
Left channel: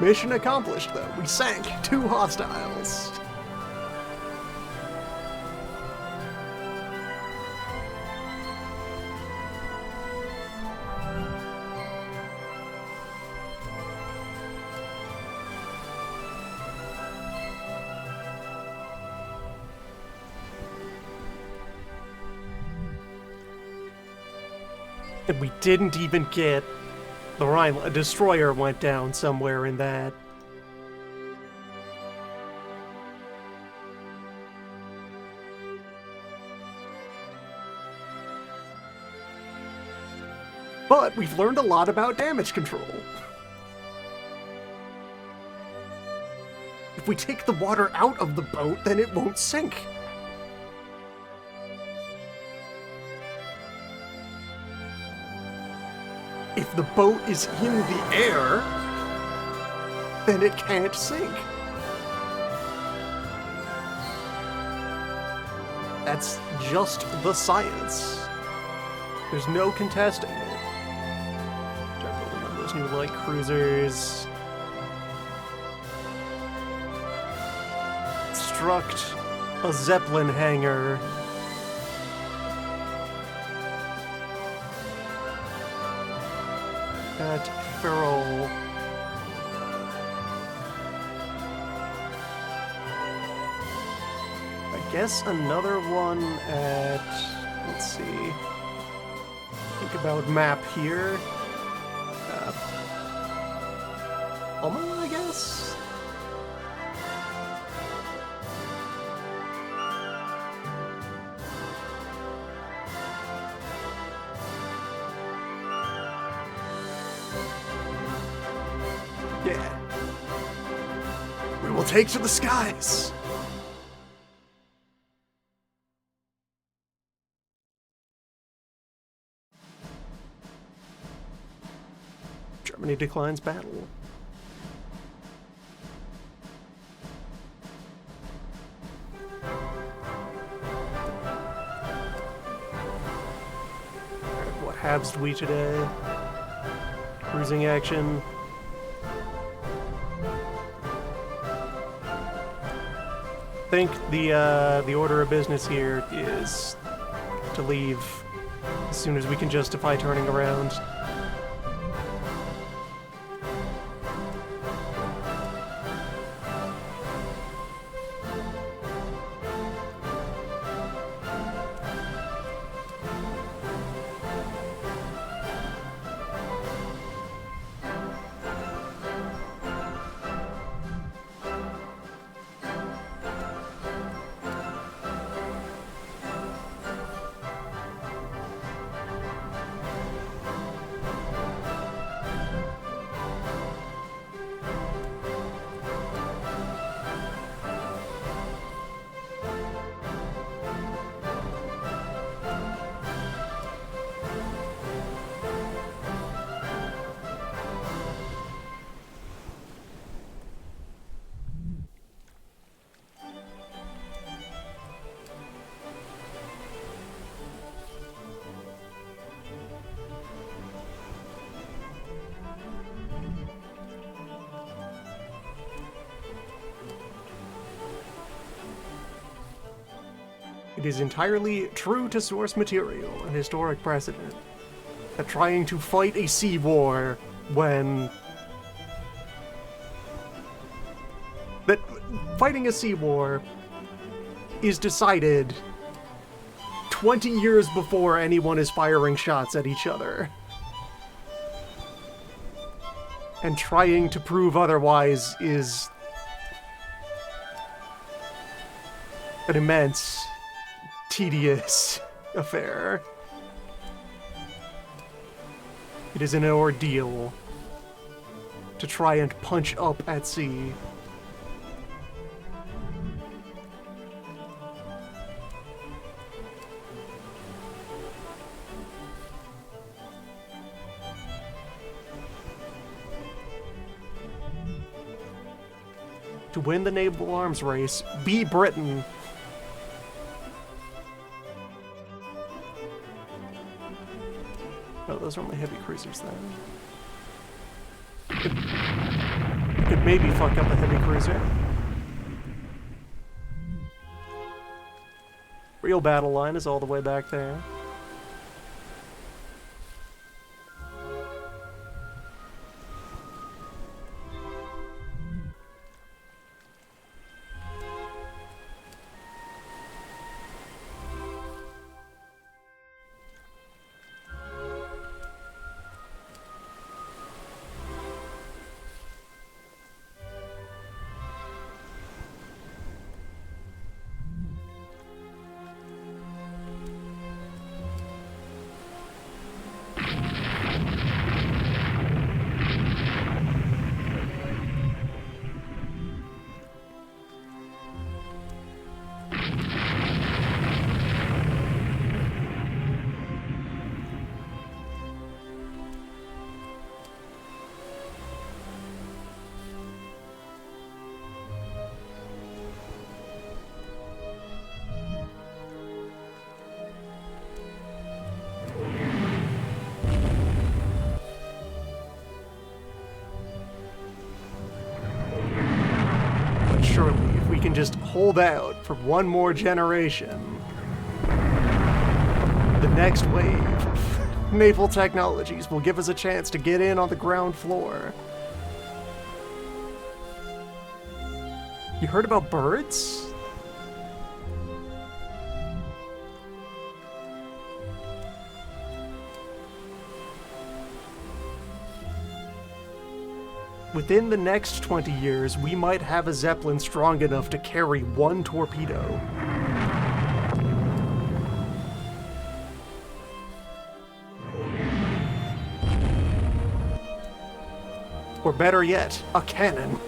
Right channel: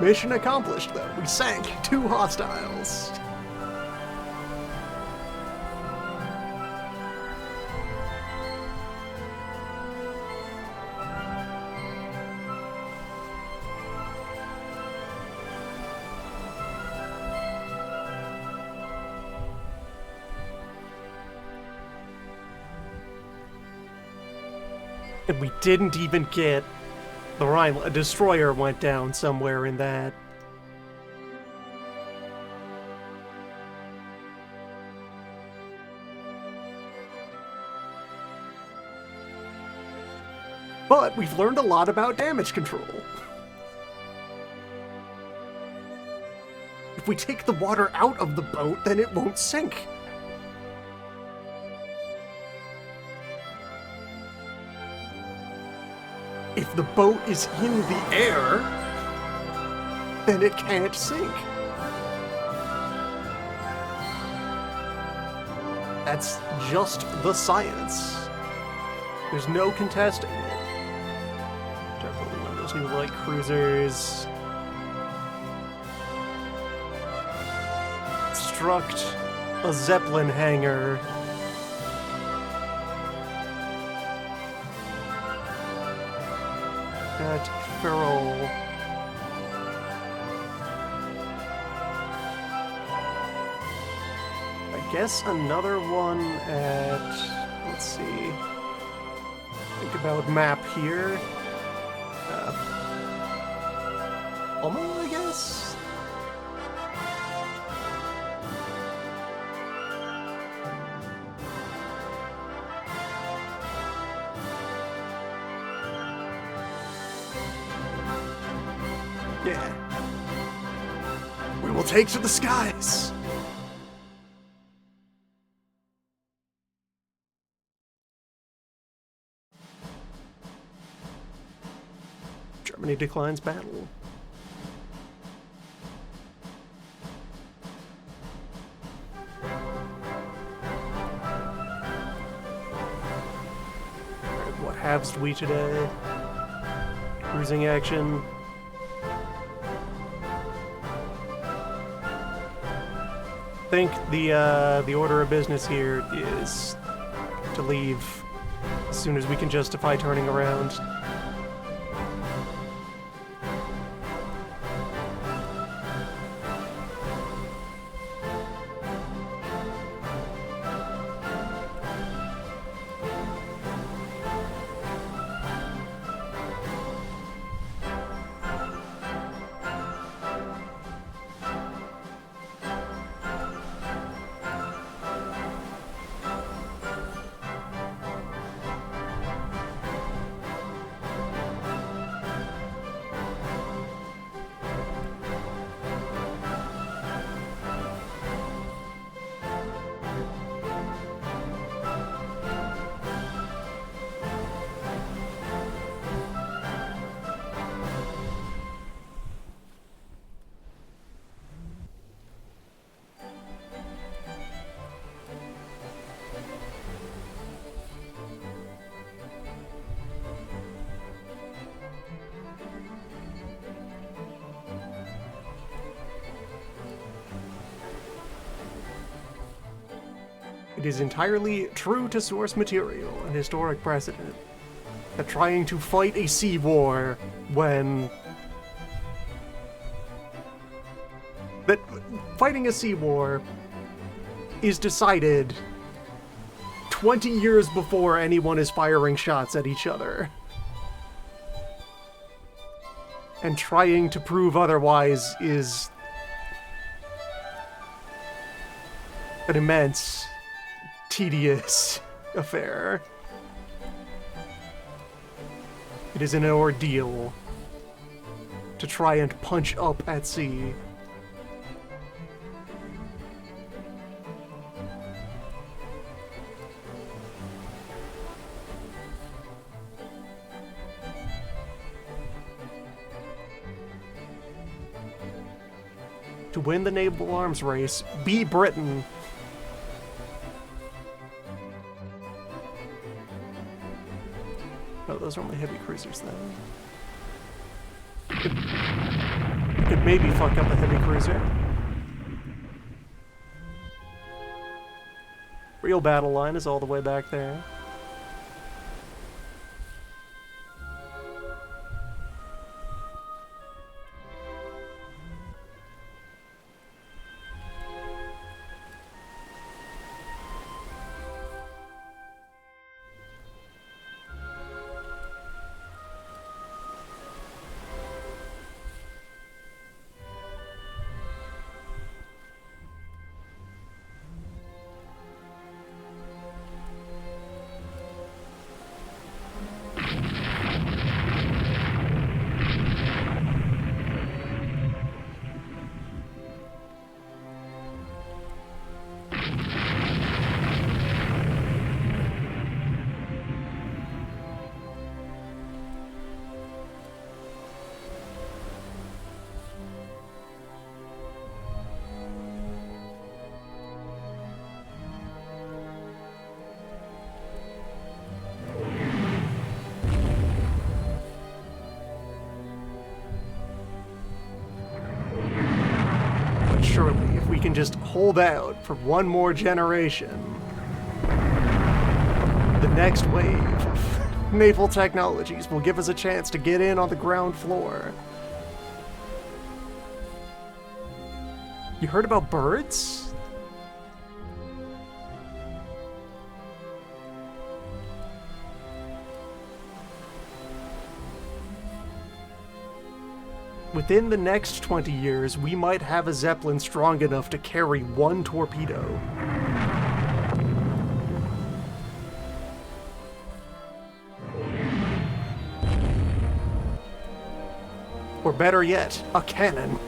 Mission accomplished, though. We sank 2 hostiles. And we didn't even get the Rhineland. A destroyer went down somewhere in that. But we've learned a lot about damage control. If we take the water out of the boat, then it won't sink. If the boat is in the air, then it can't sink. That's just the science. There's no contesting it. Start building one of those new light cruisers. Construct a Zeppelin hangar. At Ferrol. I guess another one at, let's see, think about map here. Alma, I guess? Yeah. We will take to the skies! Germany declines battle. Alright, what halves we today? Cruising action. I think the order of business here is to leave as soon as we can justify turning around. It is entirely true to source material and historic precedent that trying to fight a sea war when... that fighting a sea war is decided 20 years before anyone is firing shots at each other. And trying to prove otherwise is an immense, tedious affair. It is an ordeal to try and punch up at sea. To win the naval arms race, be Britain. Oh, those are only heavy cruisers then. Could maybe fuck up a heavy cruiser. Real battle line is all the way back there. Surely, if we can just hold out for one more generation, the next wave of naval technologies will give us a chance to get in on the ground floor. You heard about birds? Within the next 20 years, we might have a Zeppelin strong enough to carry one torpedo. Or better yet, a cannon.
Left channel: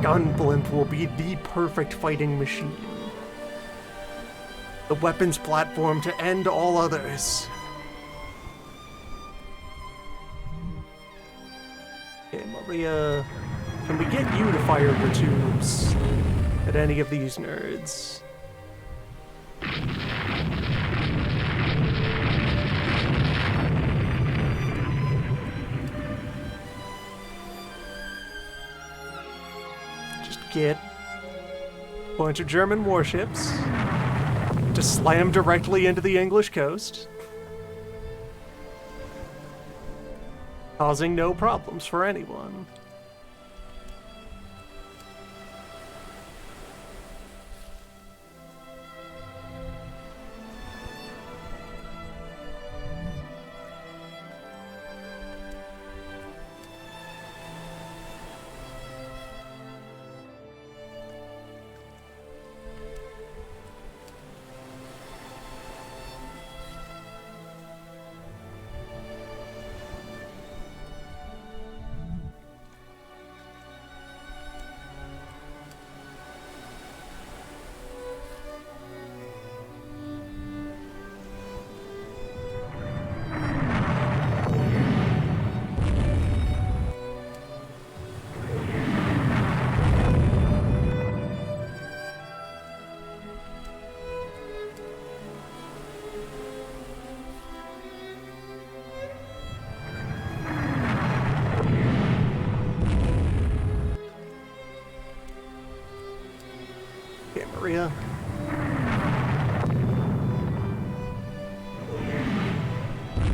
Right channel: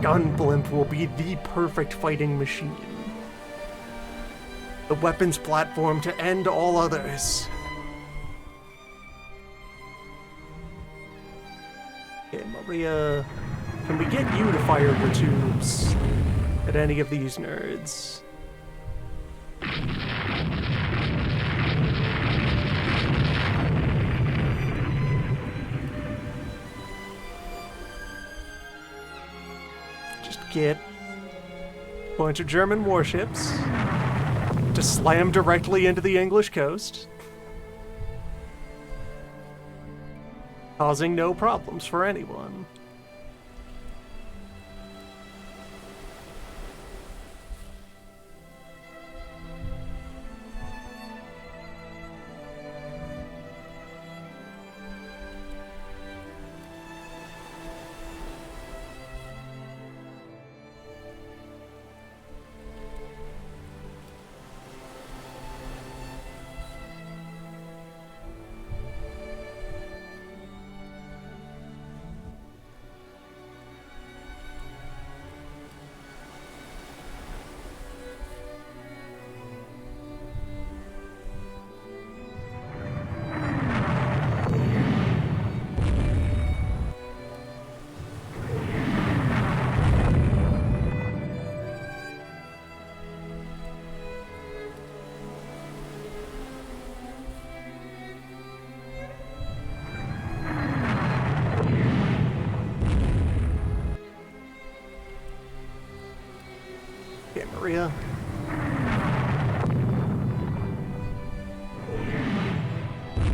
Gunblimp will be the perfect fighting machine. The weapons platform to end all others. Okay, Maria, can we get you to fire your tubes at any of these nerds? get a bunch of German warships to slam directly into the English coast, causing no problems for anyone. Maria.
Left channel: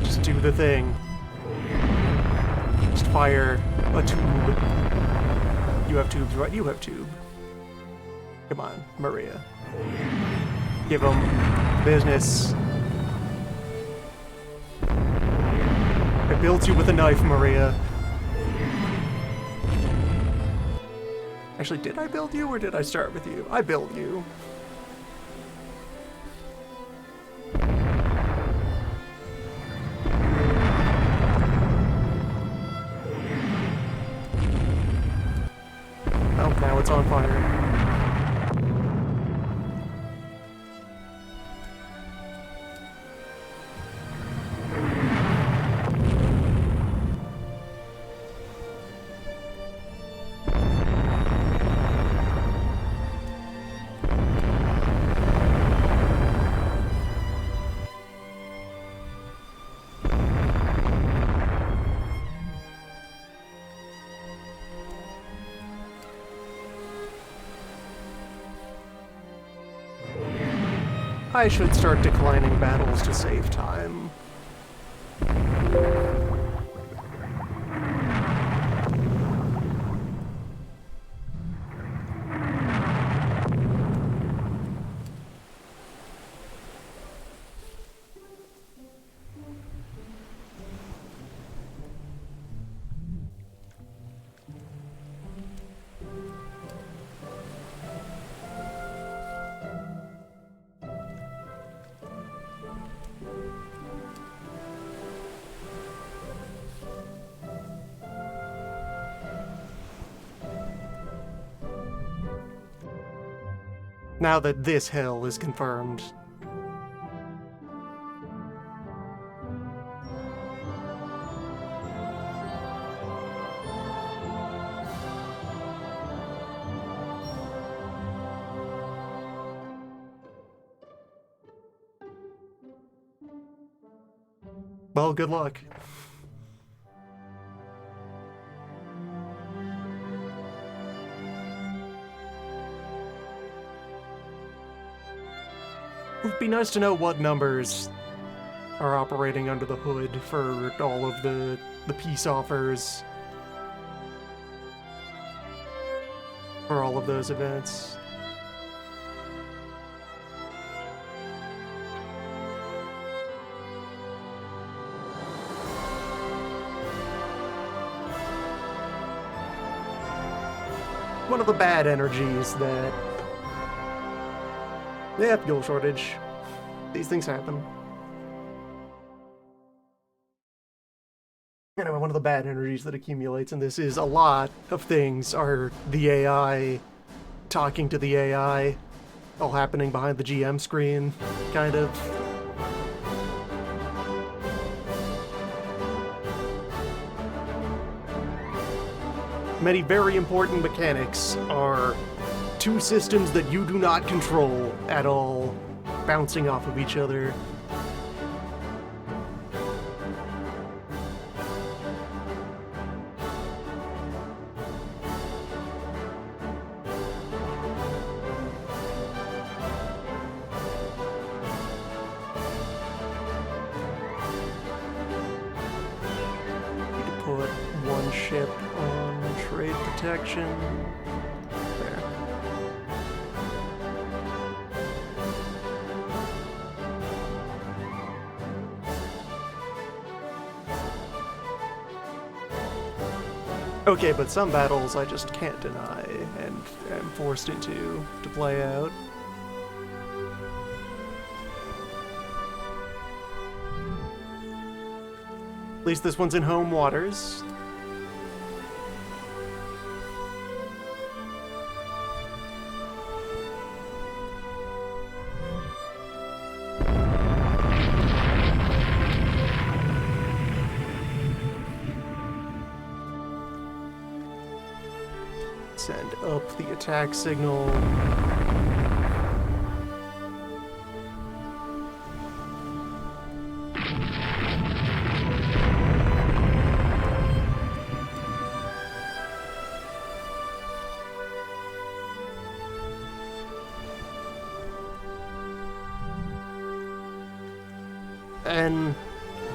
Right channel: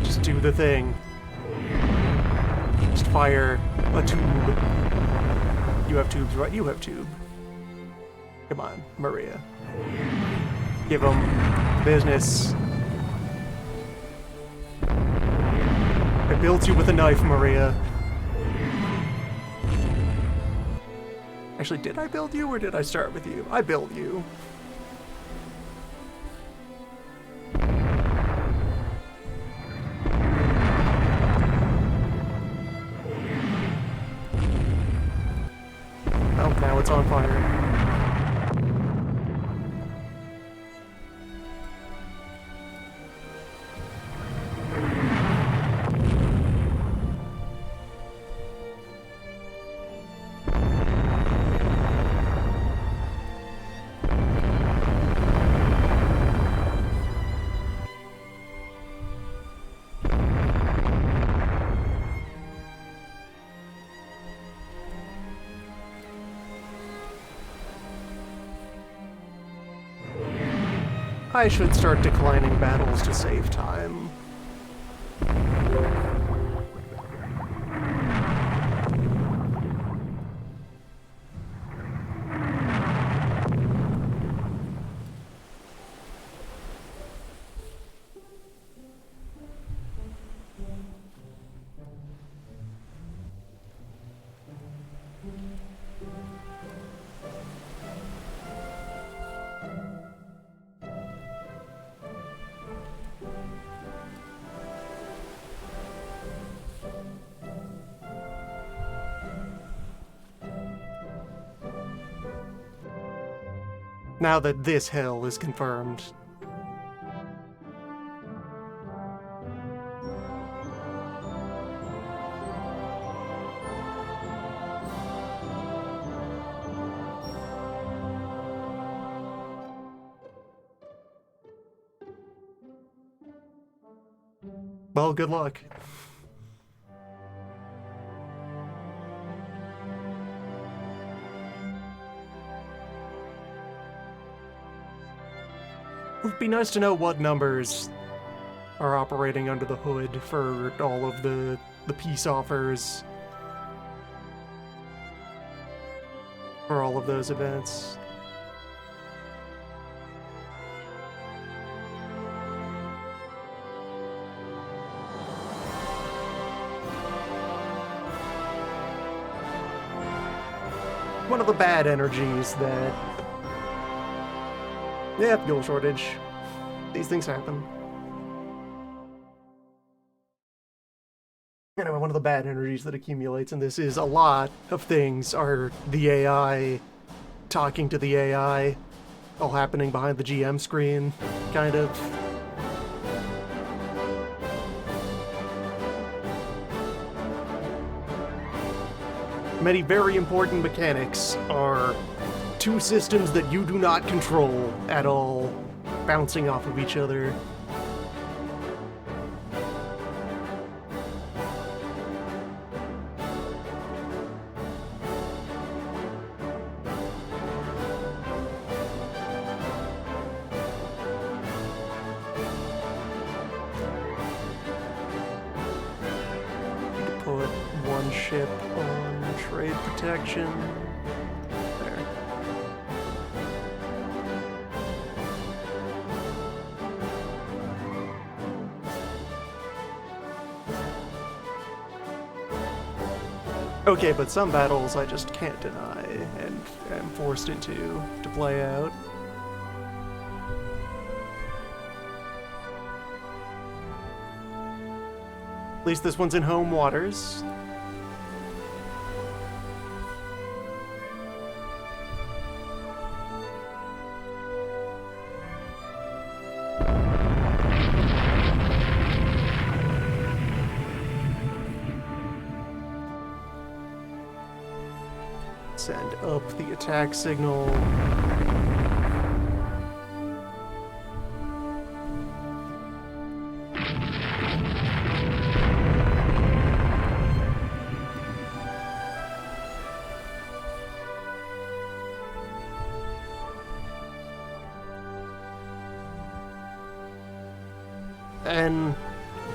Just do the thing. Just fire a tube. You have tubes, right? You have tube. Come on, Maria. Give them business. I built you with a knife, Maria. Actually, did I build you, or did I start with you? I built you. Oh, now it's on fire. I should start declining battles to save time. Now that this hell is confirmed. Well, good luck. It would be nice to know what numbers are operating under the hood for all of the peace offers for all of those events. One of the bad energies that... Yeah, fuel shortage. These things happen. Anyway, one of the bad energies that accumulates in this is a lot of things are the AI talking to the AI, all happening behind the GM screen, kind of. Many very important mechanics are two systems that you do not control at all, bouncing off of each other. put one ship on trade protection. There. Okay, but some battles I just can't deny and am forced into to play out. At least this one's in home waters. Send up the attack signal. And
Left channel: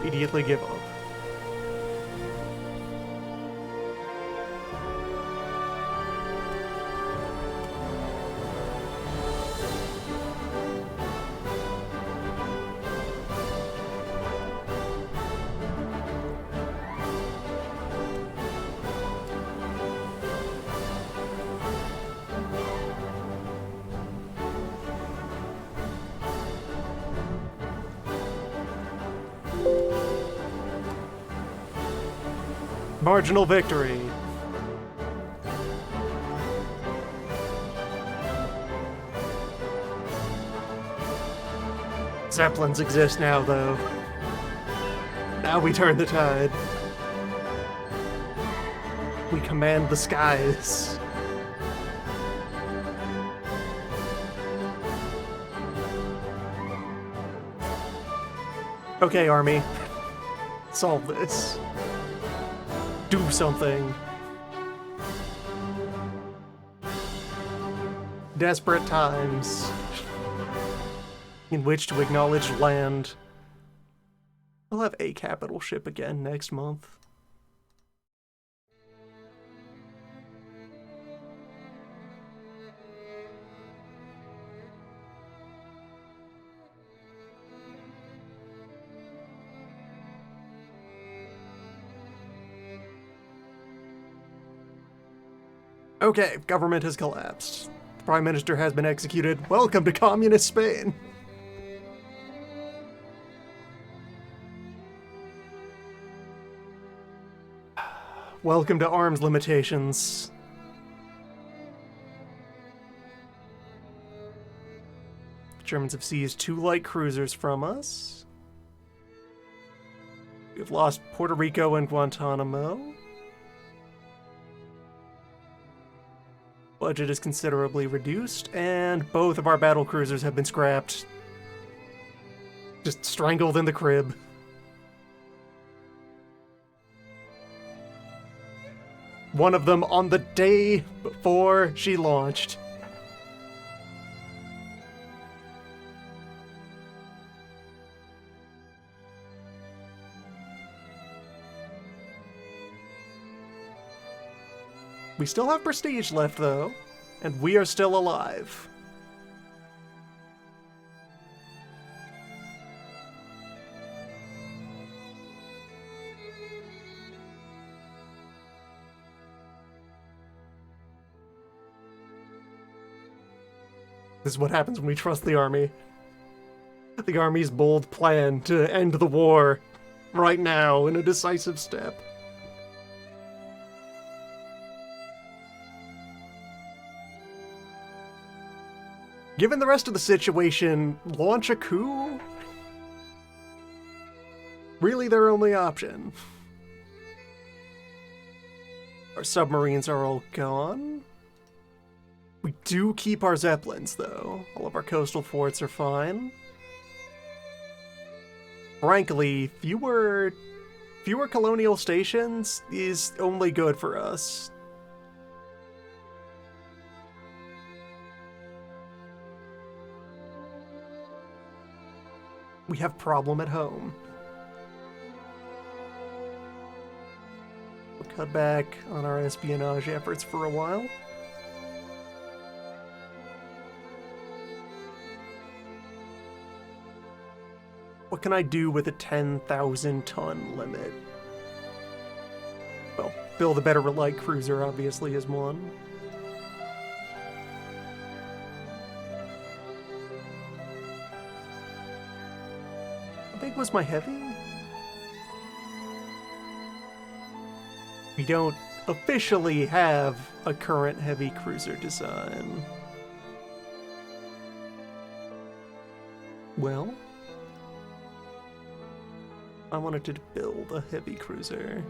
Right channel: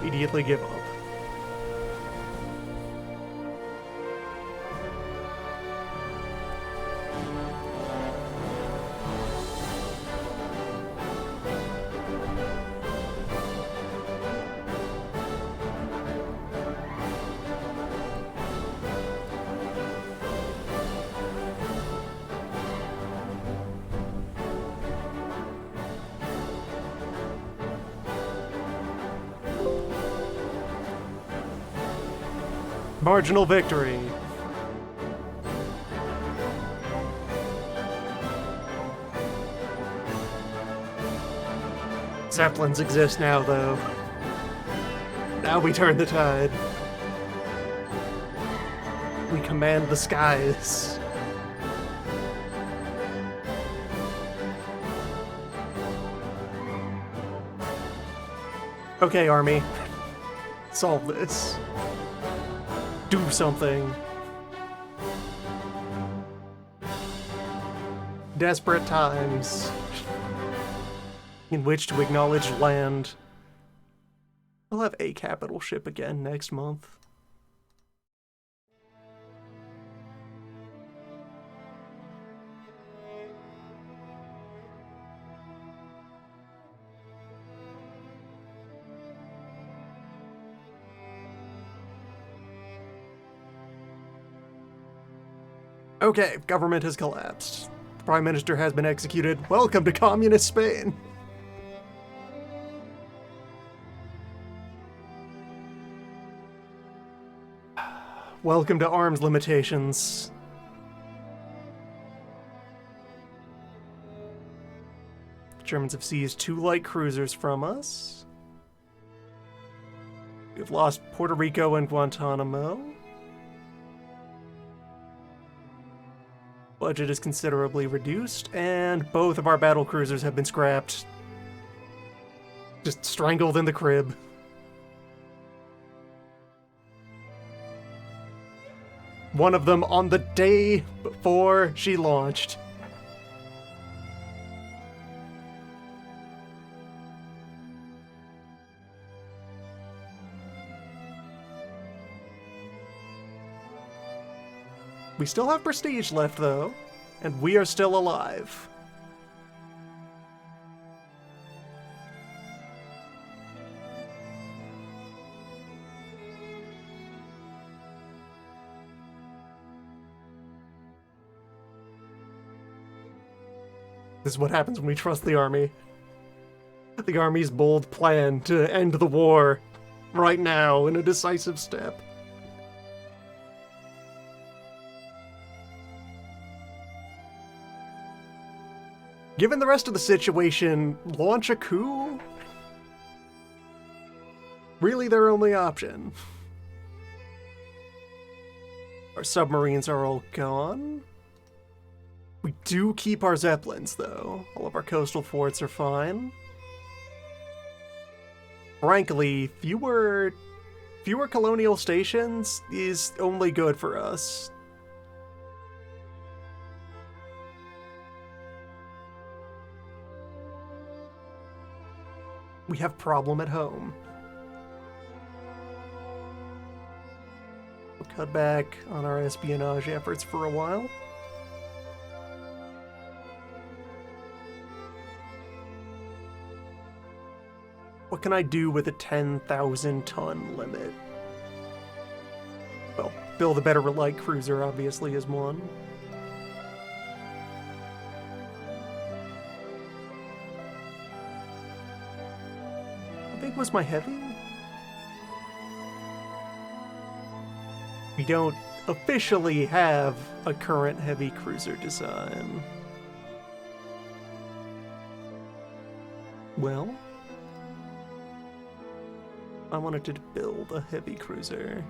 immediately give up. Marginal victory. Zeppelins exist now, though. Now we turn the tide. We command the skies. Okay, Army. Solve this. Do something. Desperate times in which to acknowledge land. We'll have a capital ship again next month. Okay, government has collapsed. The Prime Minister has been executed. Welcome to Communist Spain! Welcome to arms limitations. The Germans have seized 2 light cruisers from us. We've lost Puerto Rico and Guantanamo. Budget is considerably reduced, and both of our battle cruisers have been scrapped. Just strangled in the crib. One of them on the day before she launched. We still have prestige left, though, and we are still alive. This is what happens when we trust the army. The army's bold plan to end the war right now in a decisive step. Given the rest of the situation, launch a coup? Really their only option. Our submarines are all gone. We do keep our Zeppelins, though. All of our coastal forts are fine. Frankly, fewer colonial stations is only good for us. We have problem at home. cut back on our espionage efforts for a while. What can I do with a 10,000 ton limit? Well, build a better light cruiser obviously is one. How big was my heavy? We don't officially have a current heavy cruiser design. Well, I wanted to build a heavy cruiser.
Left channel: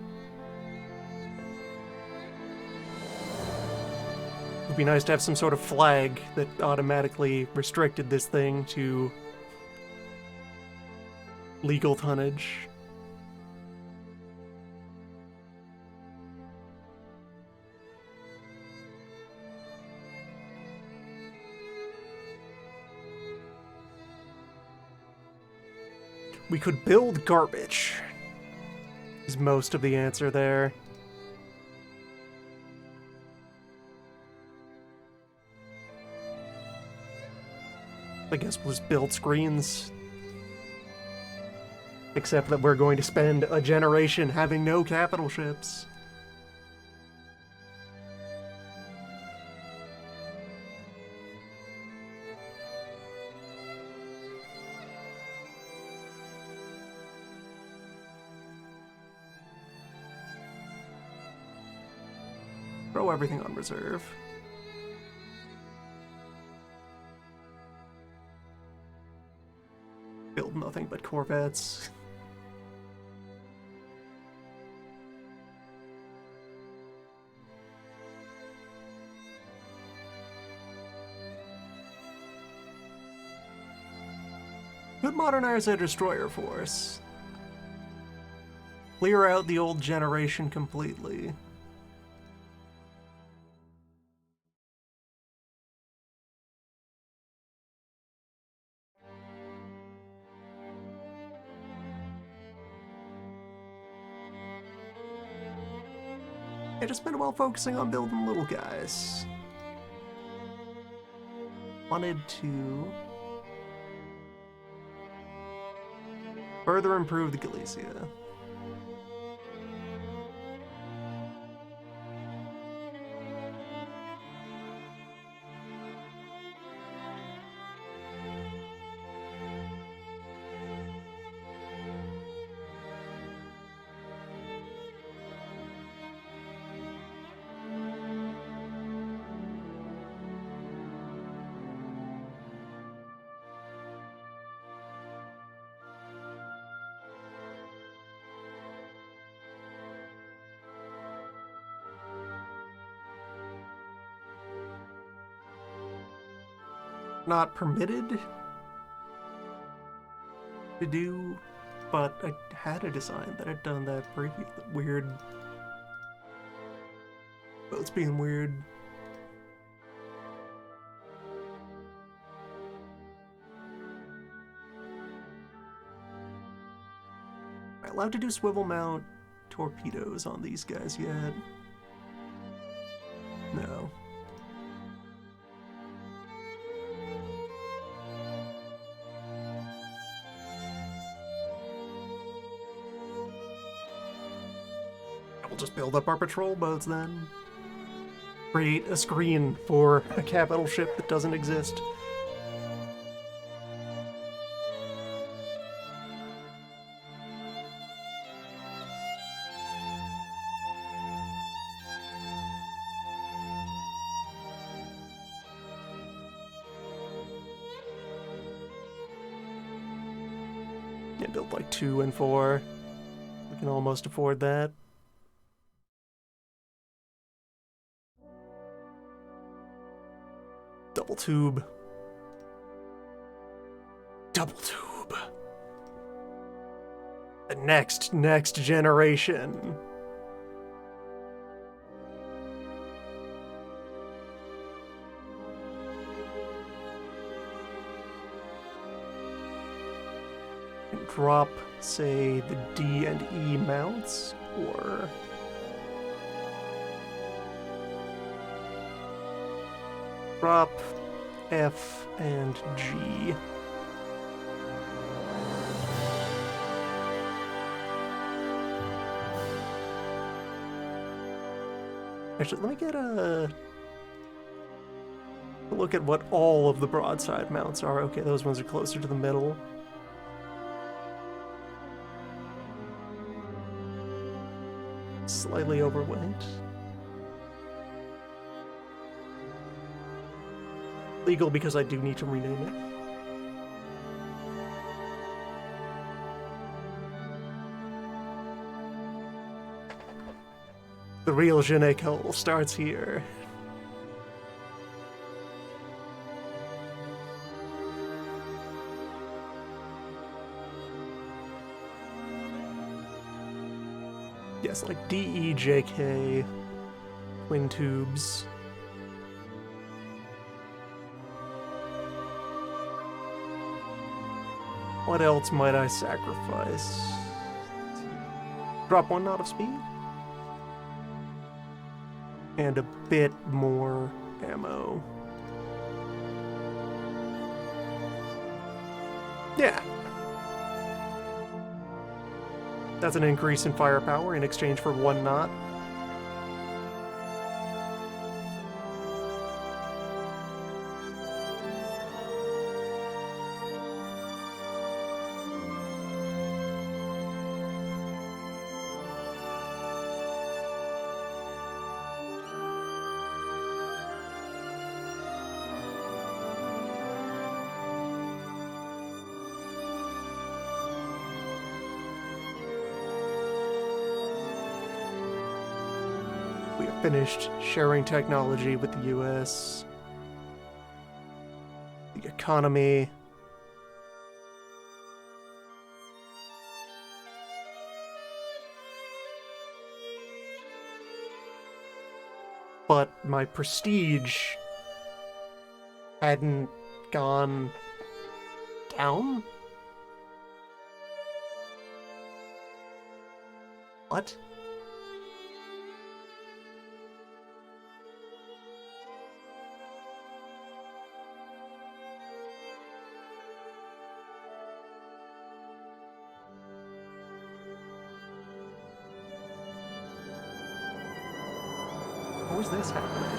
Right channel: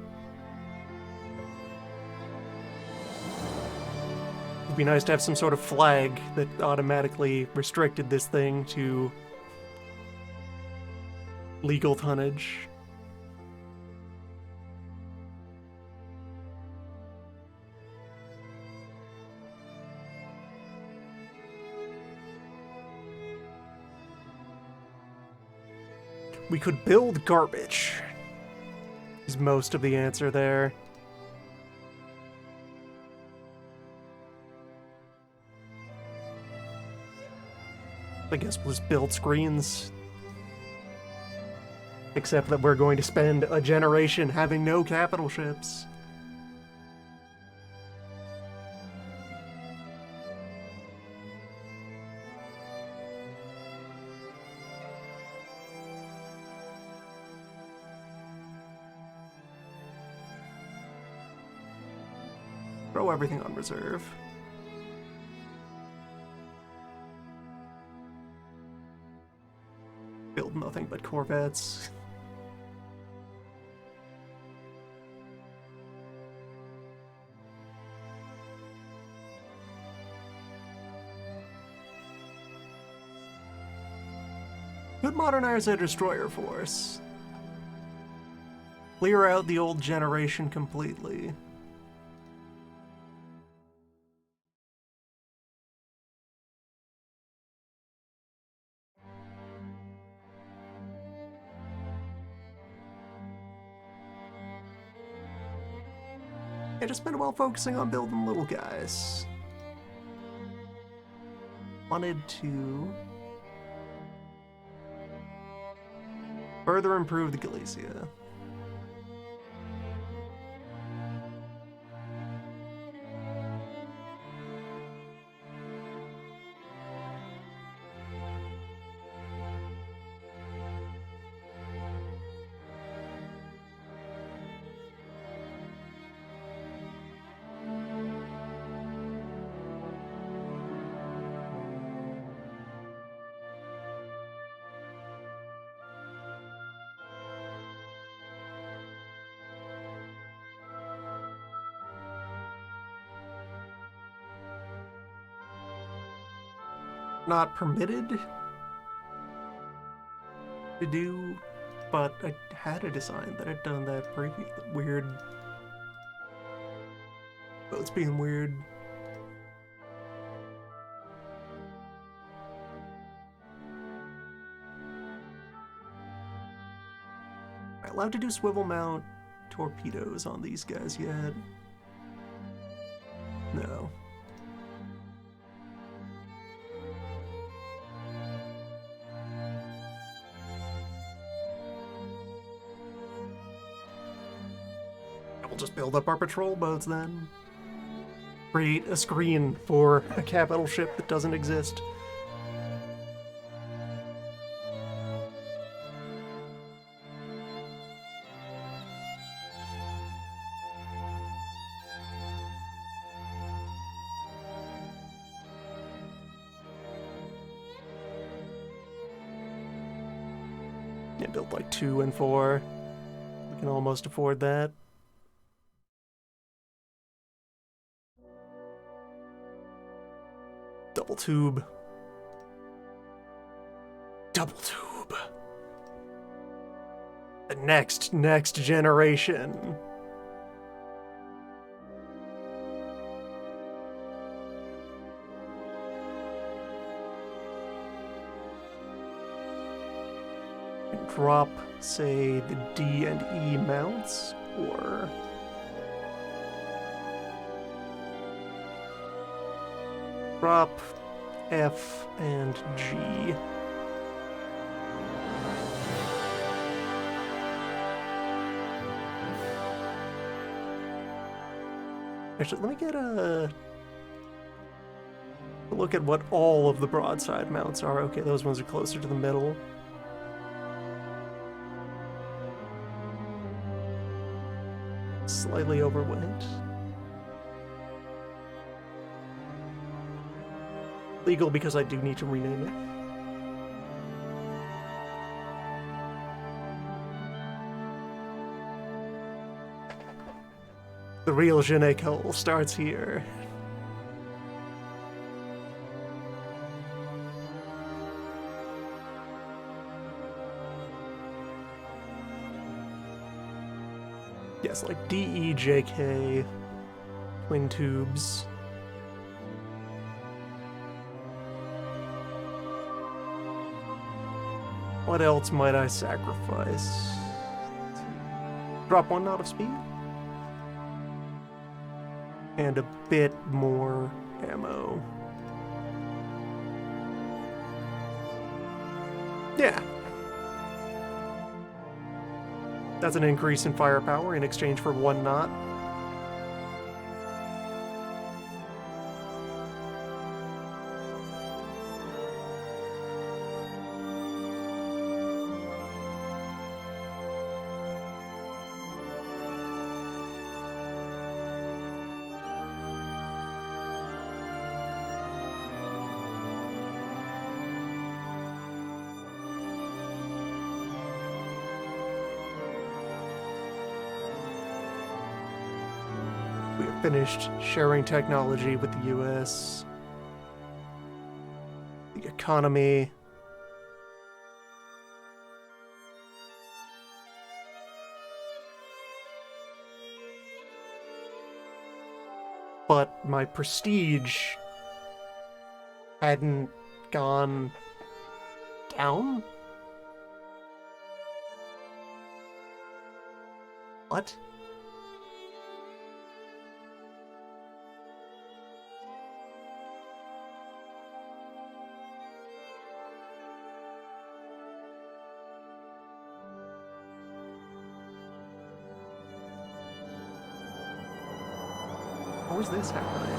It'd be nice to have some sort of flag that automatically restricted this thing to legal tonnage. We could build garbage, is most of the answer there. I guess we'll just build screens. Except that we're going to spend a generation having no capital ships. Throw everything on reserve. Build nothing but corvettes. Could modernize a destroyer force. Clear out the old generation completely. I just been well focusing on building little guys. Wanted to further improve the Galicia. Not permitted to do, but I had a design that had done that previously. Weird. Boats being weird. Am I allowed to do swivel mount torpedoes on these guys yet? No. We'll just build up our patrol boats then. Create a screen for a capital ship that doesn't exist. Yeah, build like 2 and 4. We can almost afford that. Double tube. Double tube. The next generation. Drop, say, the D and E mounts, or Drop F and G. Actually, let me get a look at what all of the broadside mounts are. Okay, those ones are closer to the middle. Slightly overweight. Legal because I do need to rename it. The real je ne sais starts here. Yes, like DEJK, twin tubes. What else might I sacrifice? Drop 1 knot of speed? And a bit more ammo. Yeah. That's an increase in firepower in exchange for 1 knot. We have finished sharing technology with the US. The economy. But my prestige hadn't gone down? What? How is this happening?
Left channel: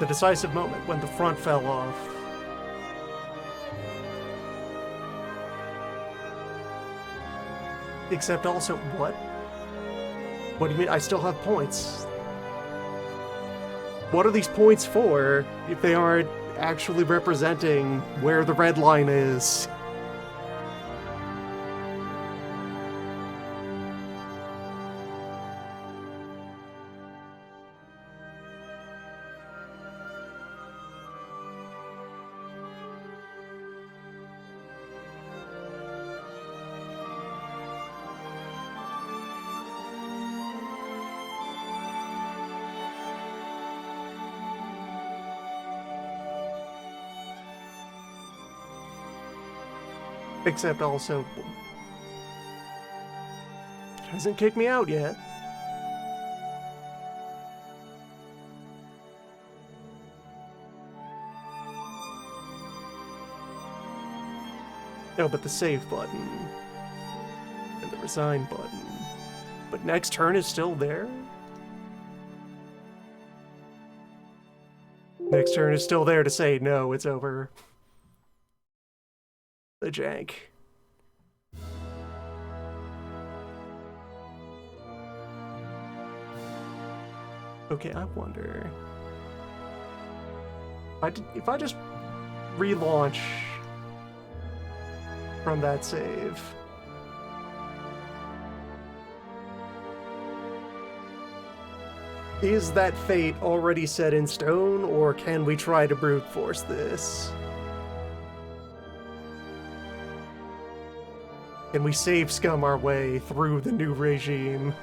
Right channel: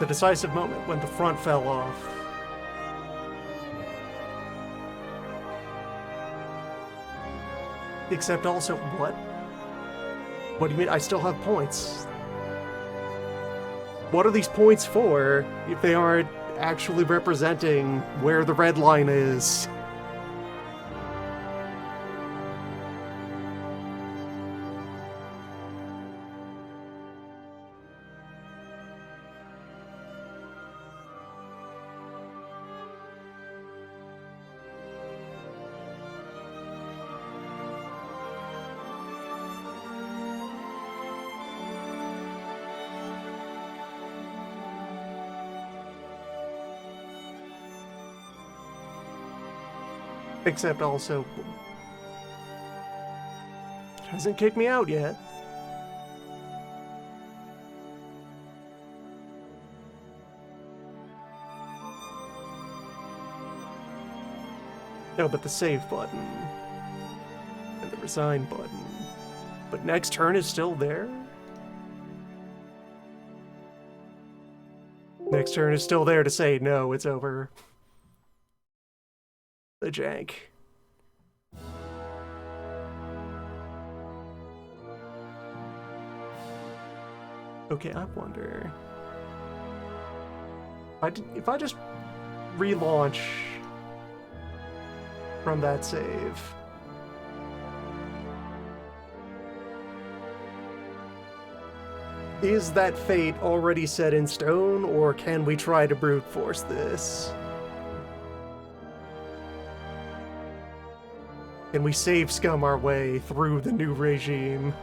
The decisive moment when the front fell off. Except also, what? What do you mean? I still have points. What are these points for if they aren't actually representing where the red line is? Except also, it hasn't kicked me out yet. No, but the save button and the resign button. But next turn is still there? Next turn is still there to say, no, it's over. The jank. Okay, I wonder if I just relaunch from that save. Is that fate already set in stone, or can we try to brute force this? Can we save scum our way through the new regime?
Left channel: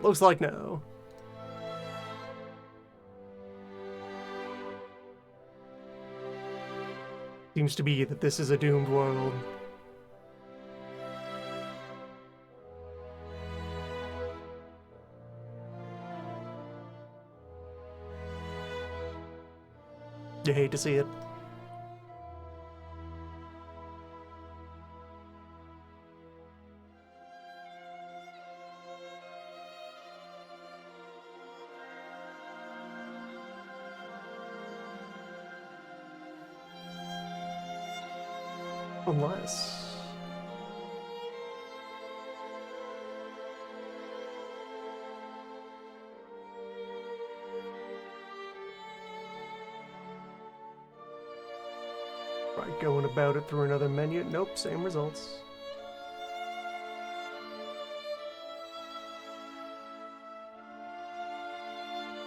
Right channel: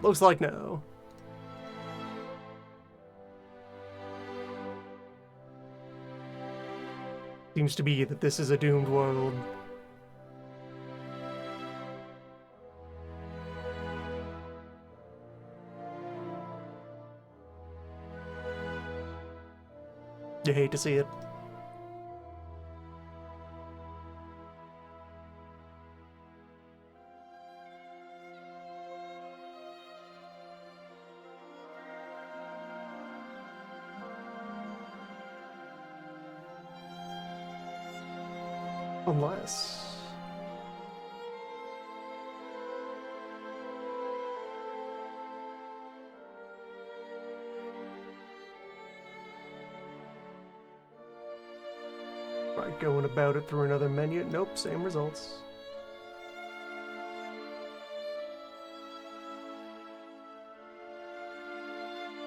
Looks like no. Seems to be that this is a doomed world. You hate to see it. Unless... Right, going about it through another menu. Nope, same results.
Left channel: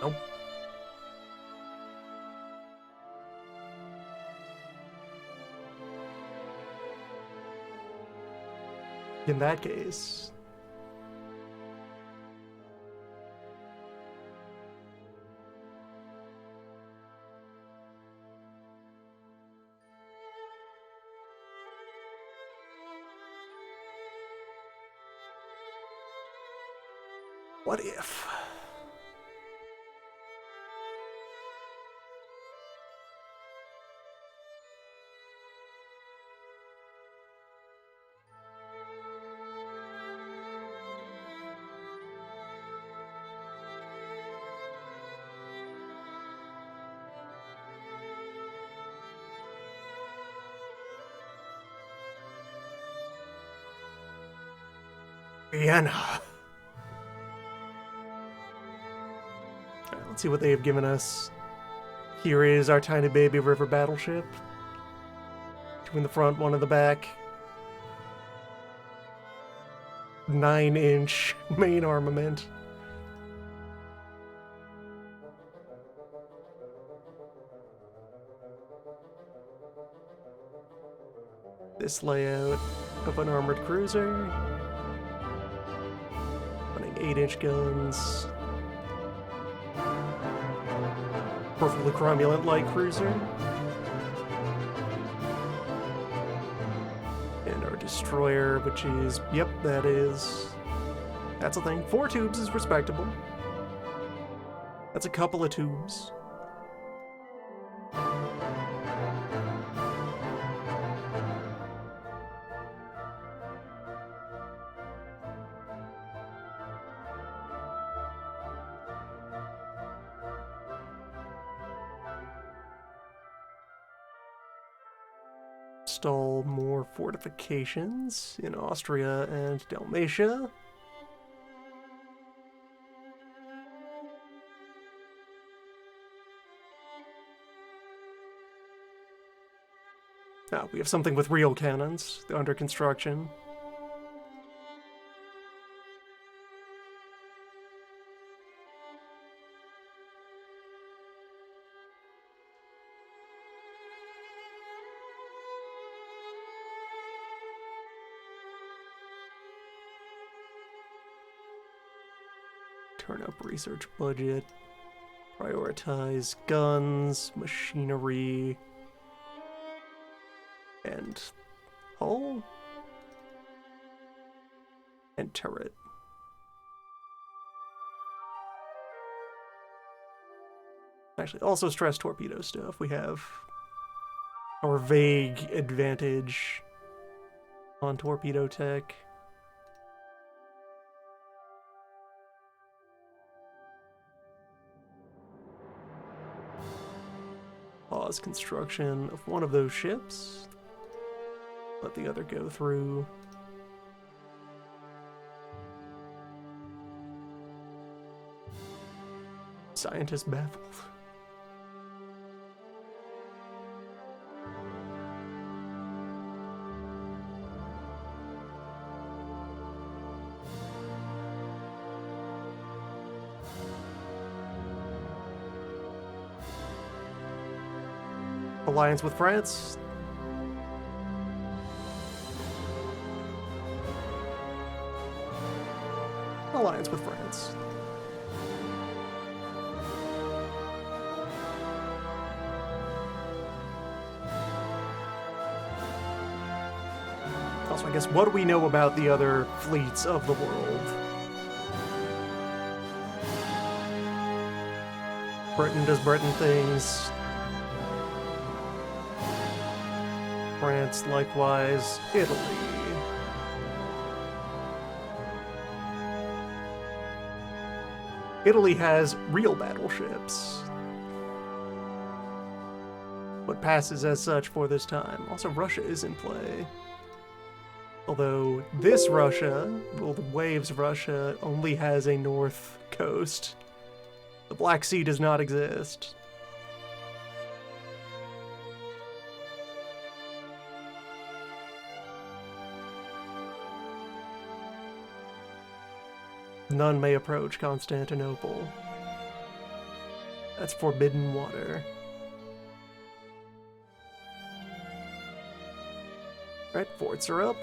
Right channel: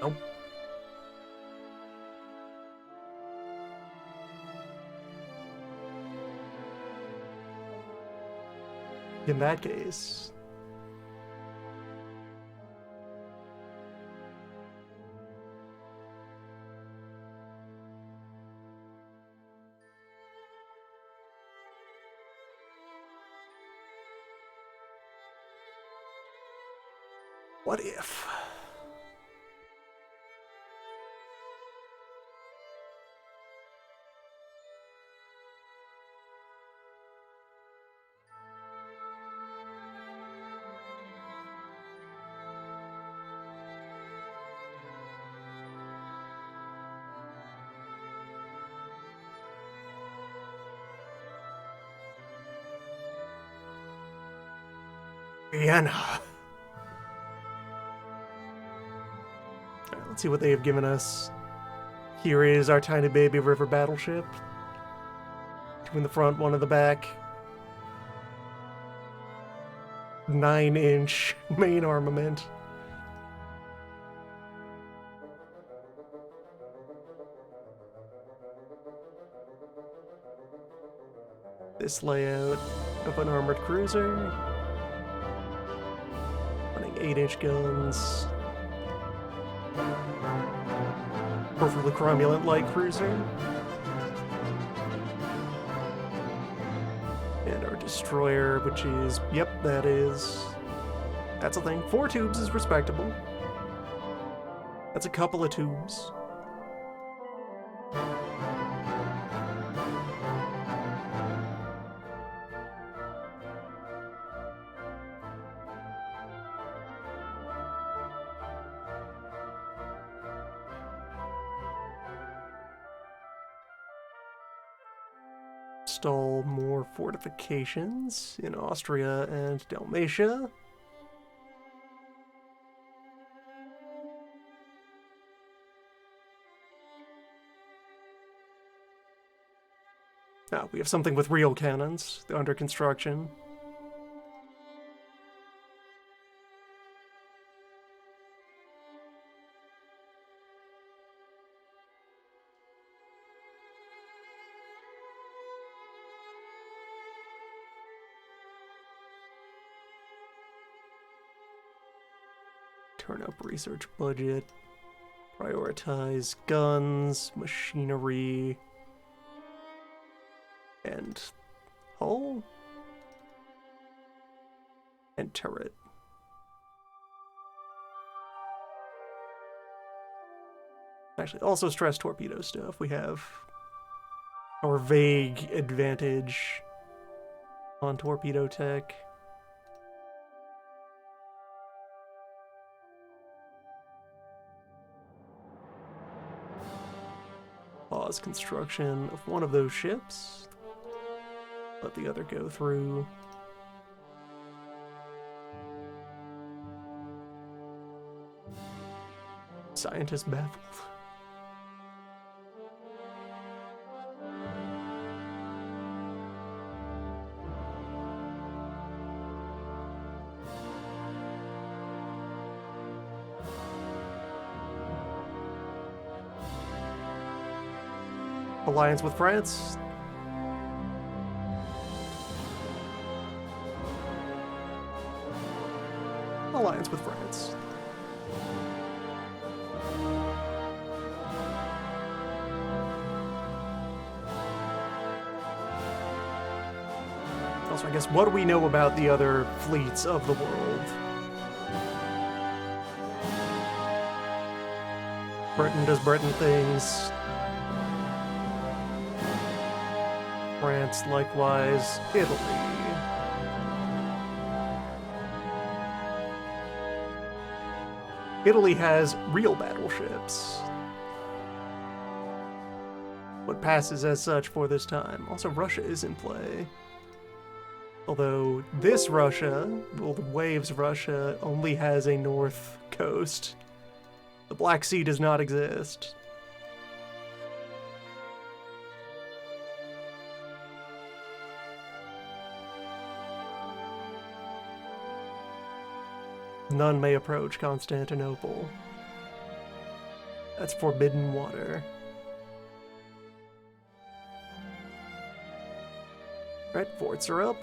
Nope. In that case... What if? Vienna. Alright, let's see what they have given us. Here is our tiny baby river battleship. Two in the front, one in the back. 9-inch main armament. This layout of an armored cruiser. Running 8-inch guns. Perfectly cromulent light cruiser. And our destroyer, which is, yep, that's a thing. 4 tubes is respectable. That's a couple of tubes. Install more fortifications in Austria and Dalmatia. Now, we have something with real cannons under construction. Turn up research budget, prioritize guns, machinery, and hull, and turret. Actually, also stress torpedo stuff. We have our vague advantage on torpedo tech. Pause construction of one of those ships. Let the other go through. Scientist baffled. Alliance with France. Alliance with France. Also, I guess, what do we know about the other fleets of the world? Britain does Britain things. France, likewise. Italy. Italy has real battleships. What passes as such for this time. Also, Russia is in play. Although this Russia, well, the Waves Russia, only has a north coast. The Black Sea does not exist. None may approach Constantinople. That's forbidden water. Right, forts are up.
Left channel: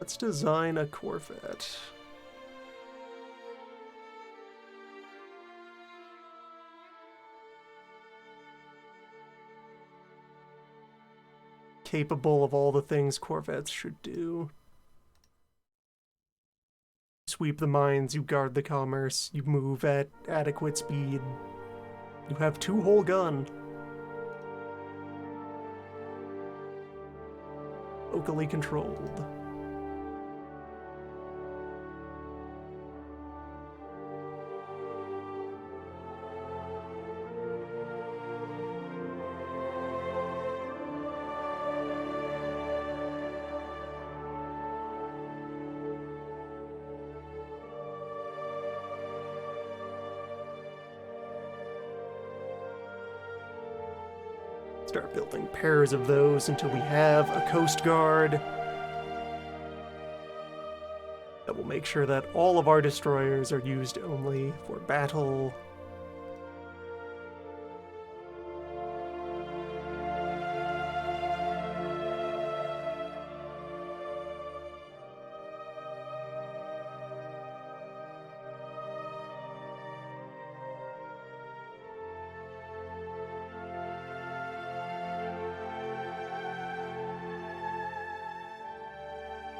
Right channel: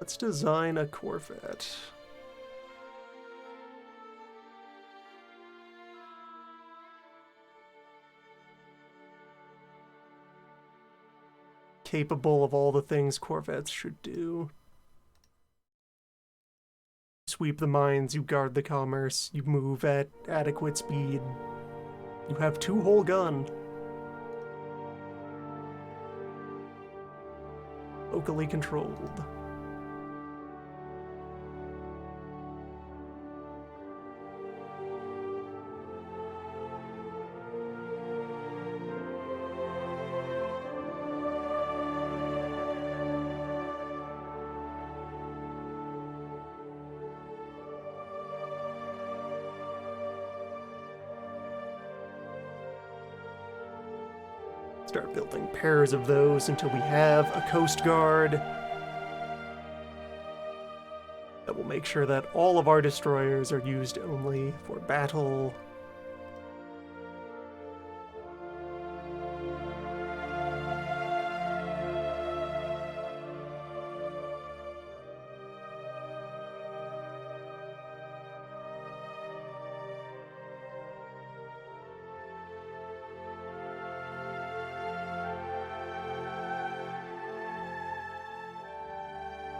Let's design a Corvette. Capable of all the things Corvettes should do. Sweep the mines, you guard the commerce, you move at adequate speed. You have 2 whole gun. Locally controlled. Start building pairs of those until we have a Coast Guard that will make sure that all of our destroyers are used only for battle.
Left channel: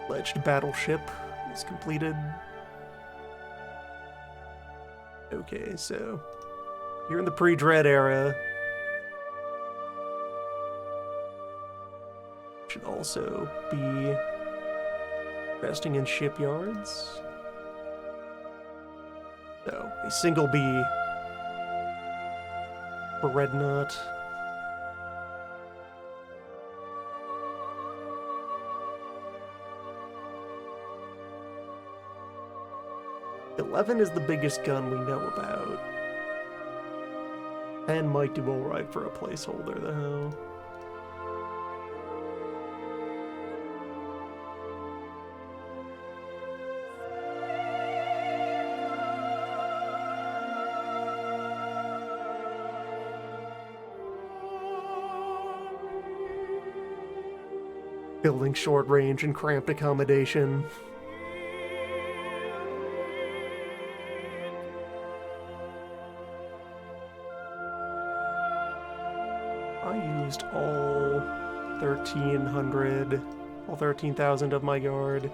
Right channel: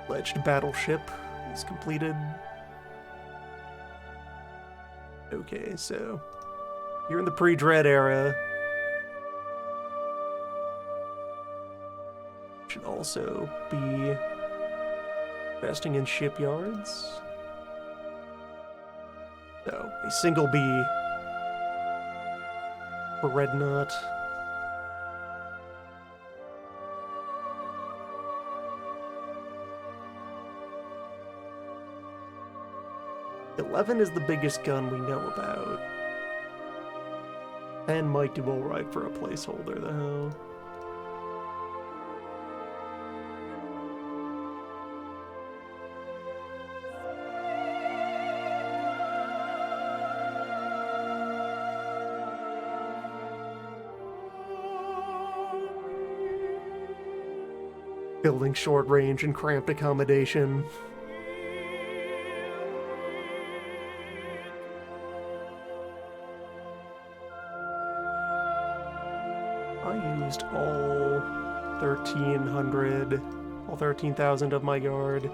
Pledged battleship is completed. Okay, so here in the pre-Dread era, should also be investing in shipyards. So a single B for Redknot. $11 is the biggest gun we know about. And might do alright for a placeholder, though. Building short range and cramped accommodation. I used all 1,300, all 13,000 of my guard.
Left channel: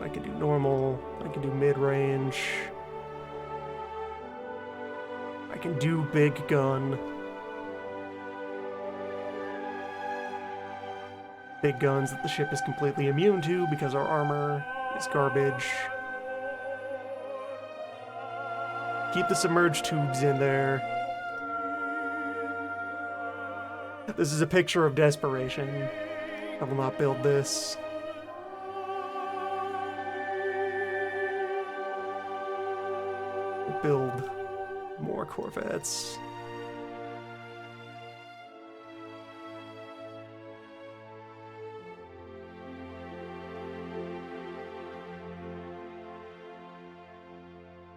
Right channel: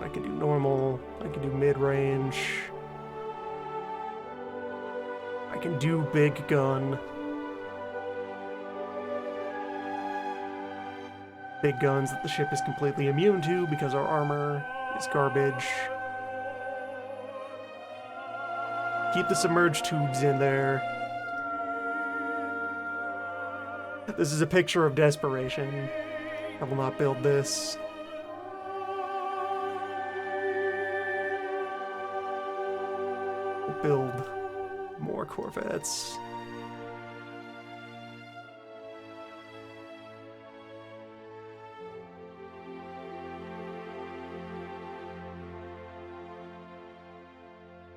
I could do normal, I can do mid-range. I can do big gun. Big guns that the ship is completely immune to because our armor is garbage. Keep the submerged tubes in there. This is a picture of desperation. I will not build this. We'll build more Corvettes.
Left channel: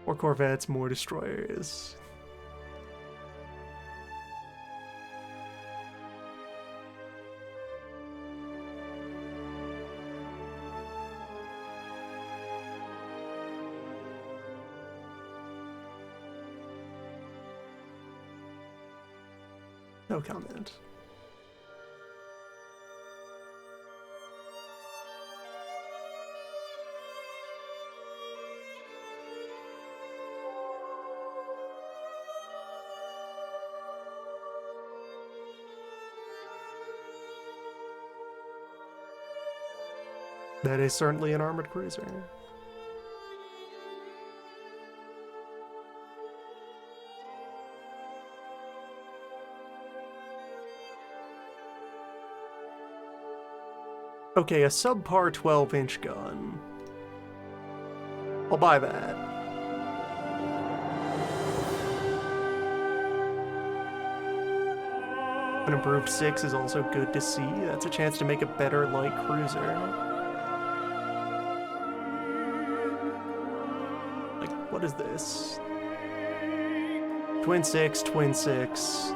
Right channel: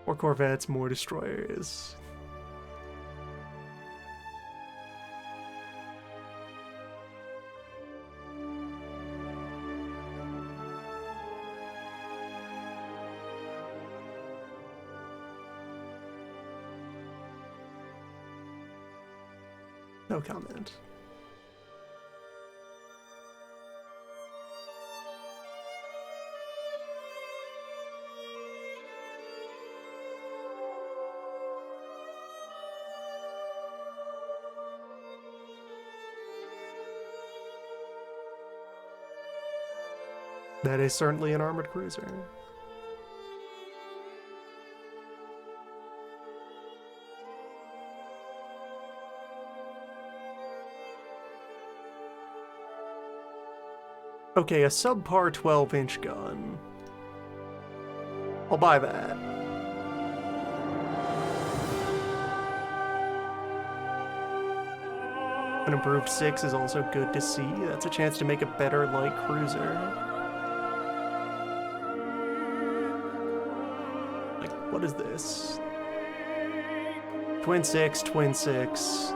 More Corvettes, more destroyers. No comment. That is certainly an armored cruiser. Okay, a subpar 12-inch gun. I'll buy that. An improved 6 is also good to see. That's a chance to make a better light cruiser. Like, what is this? Twin 6, twin 6.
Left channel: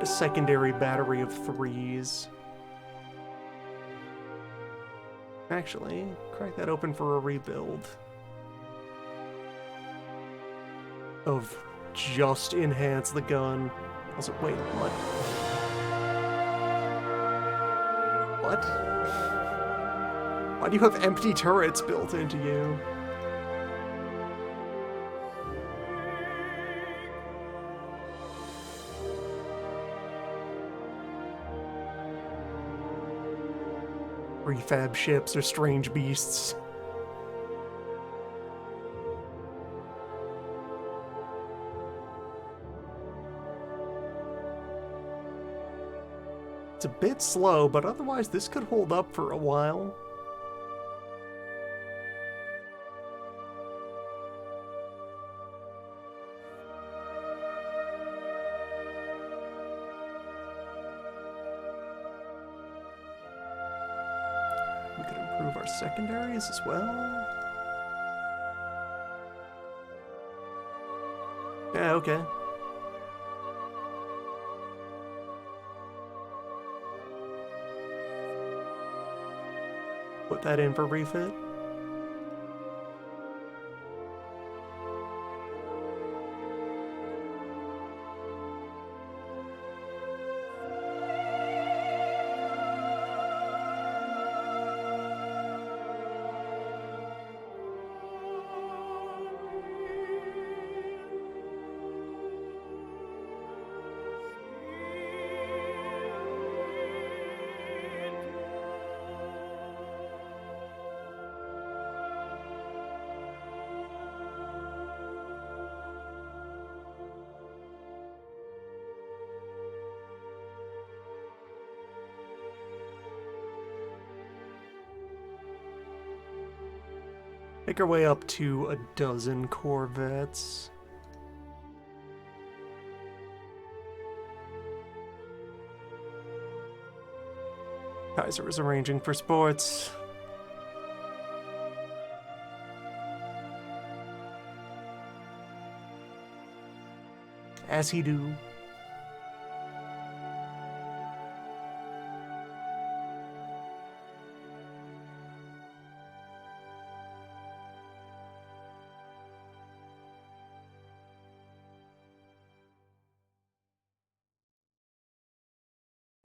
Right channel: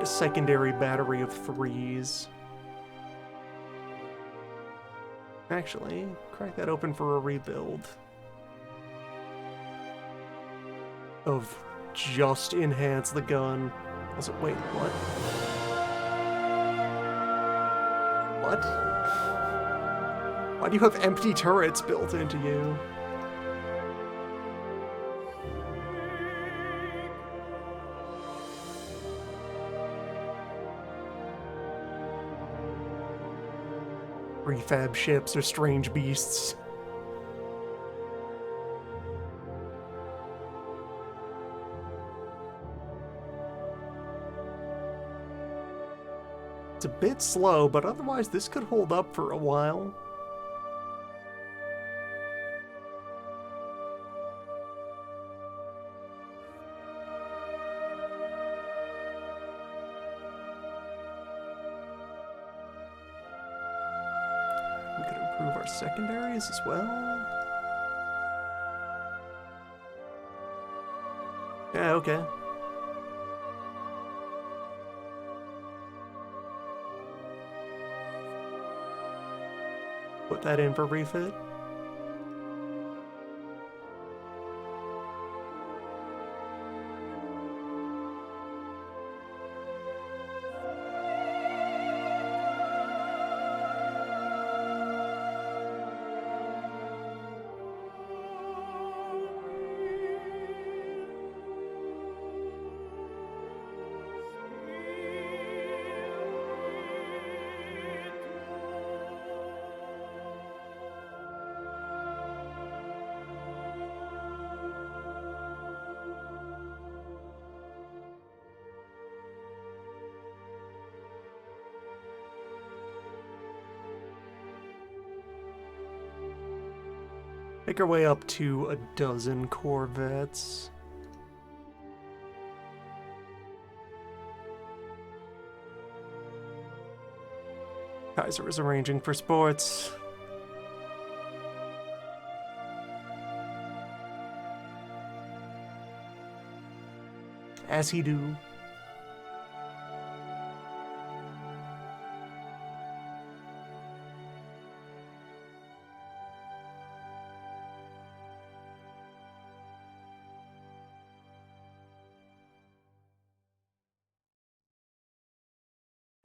A secondary battery of 3s. Actually, crack that open for a rebuild. Of just enhance the gun. Also, wait, what? What? Why do you have empty turrets built into you? Refab ships are strange beasts. It's a bit slow, but otherwise this could hold up for a while. We could improve our secondaries as well. Yeah, okay. Put that in for refit. Make our way up to a dozen corvettes. Kaiser is arranging for sports. As he do.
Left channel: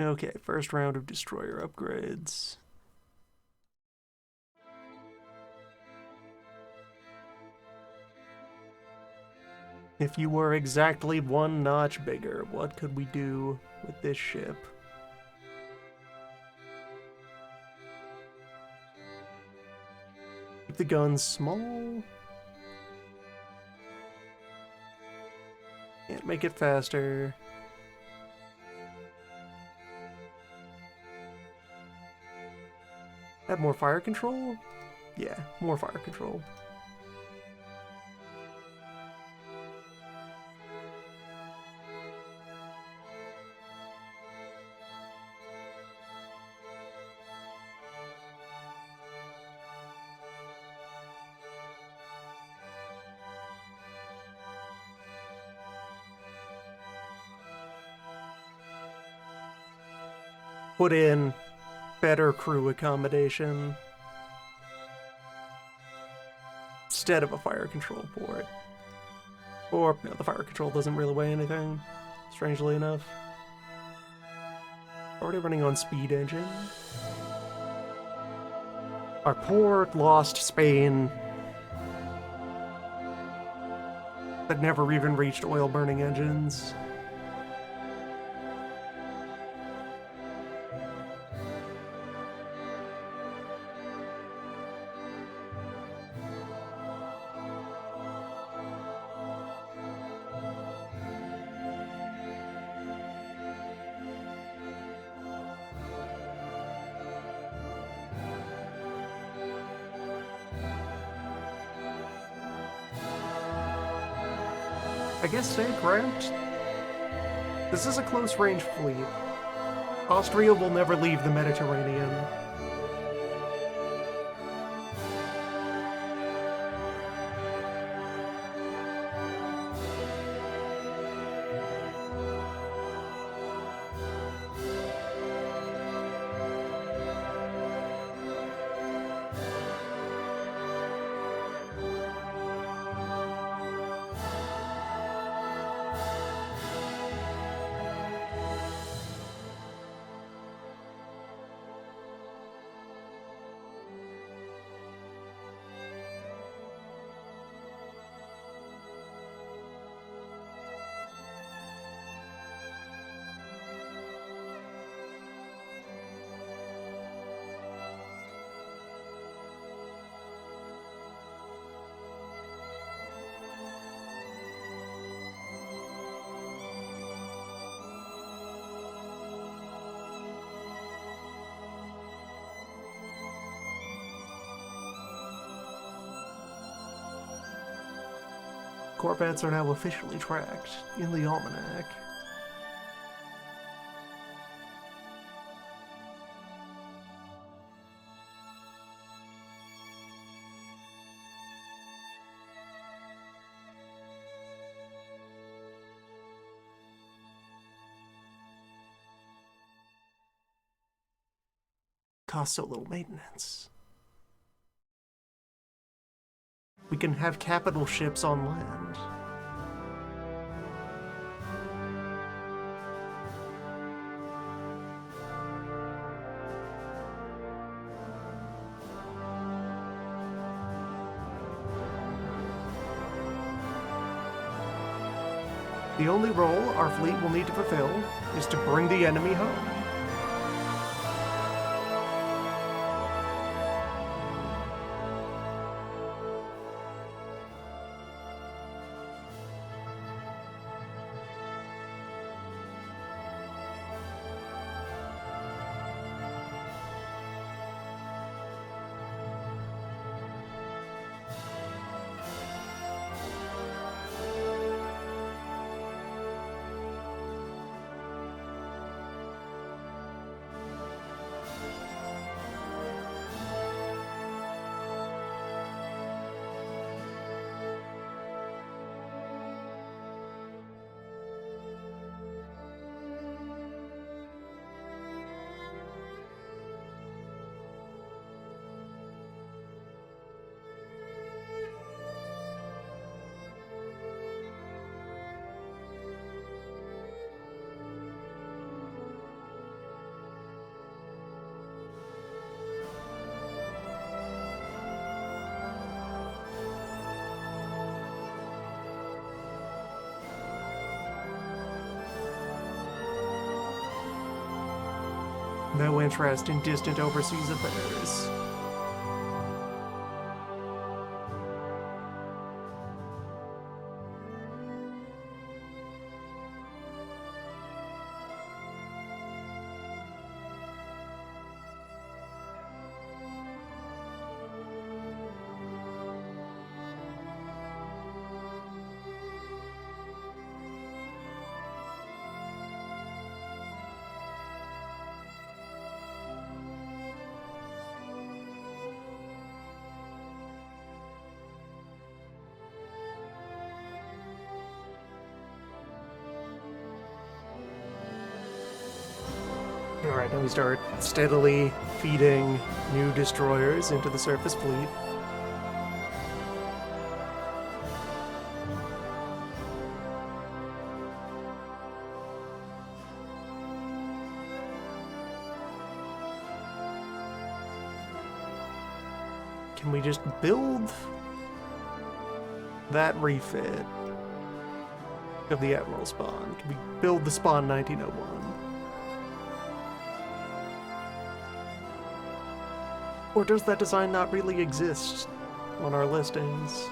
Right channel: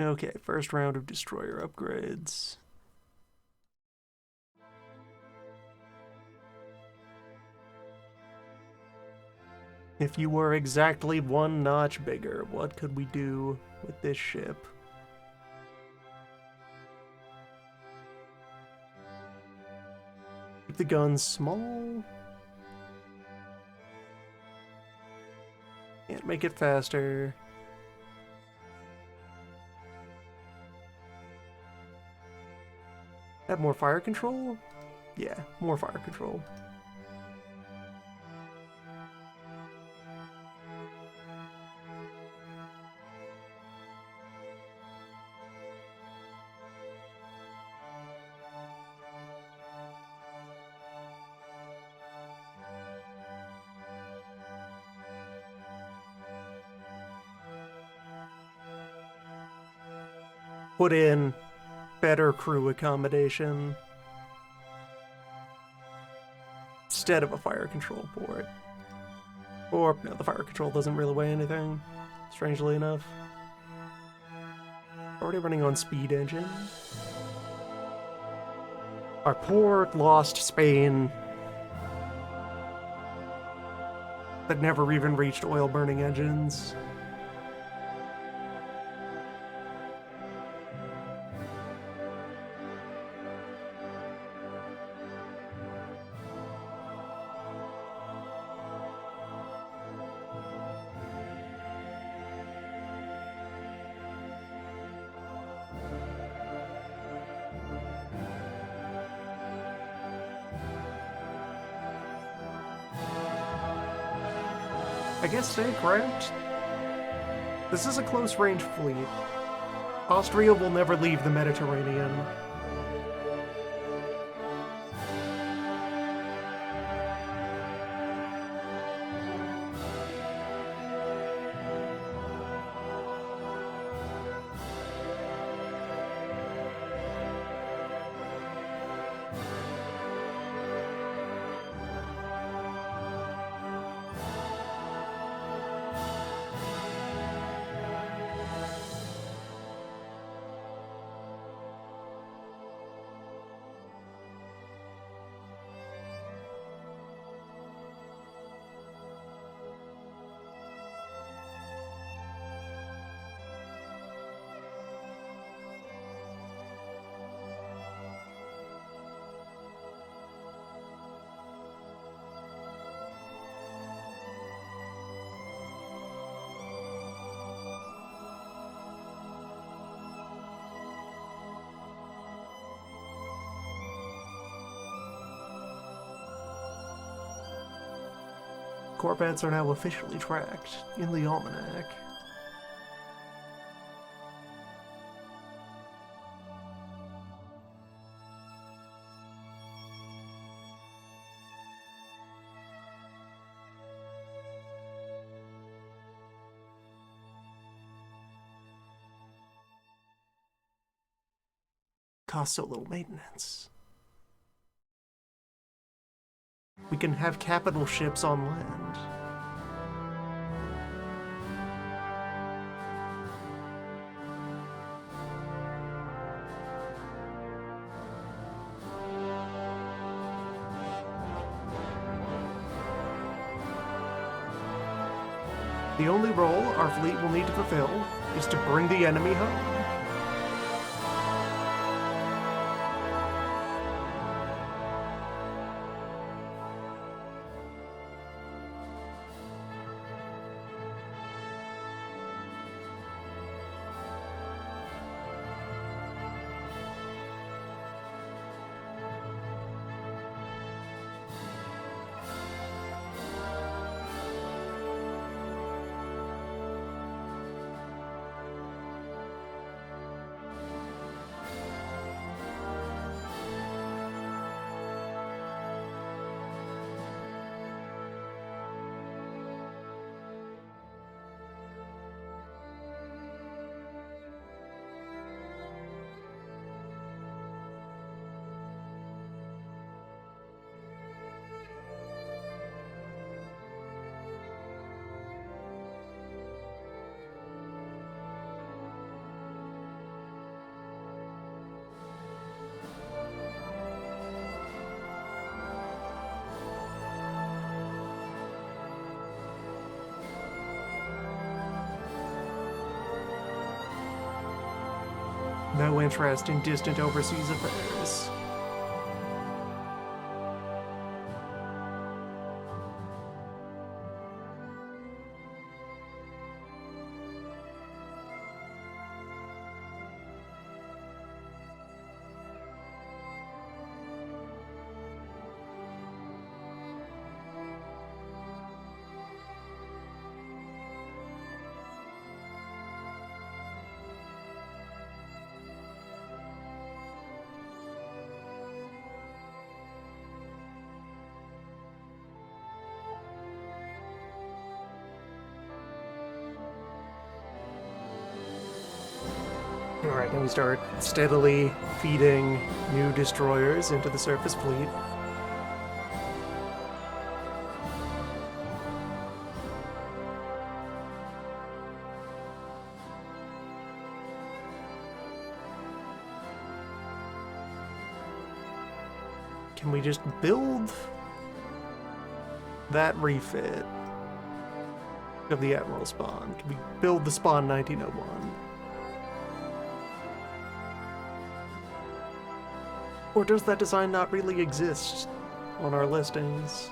Okay, first round of destroyer upgrades. If you were exactly one notch bigger, what could we do with this ship? Keep the guns small. Can't make it faster. Have more fire control? Yeah, more fire control. Put in better crew accommodation instead of a fire control port. Or, no, the fire control doesn't really weigh anything, strangely enough. Already running on speed engine. Our poor, lost Spain that never even reached oil-burning engines. I guess stay cramped. This is a close-range fleet. Austria will never leave the Mediterranean. Corvettes are now officially tracked in the almanac. Costs so little maintenance. We can have capital ships on land. The only role our fleet will need to fulfill is to bring the enemy home. No interest in distant overseas affairs. Alright, now we start steadily feeding new destroyers into the surface fleet. Can we just build that refit of the Admiral spawn? Can we build the spawn 1901? Or does that design not really exist on our listings?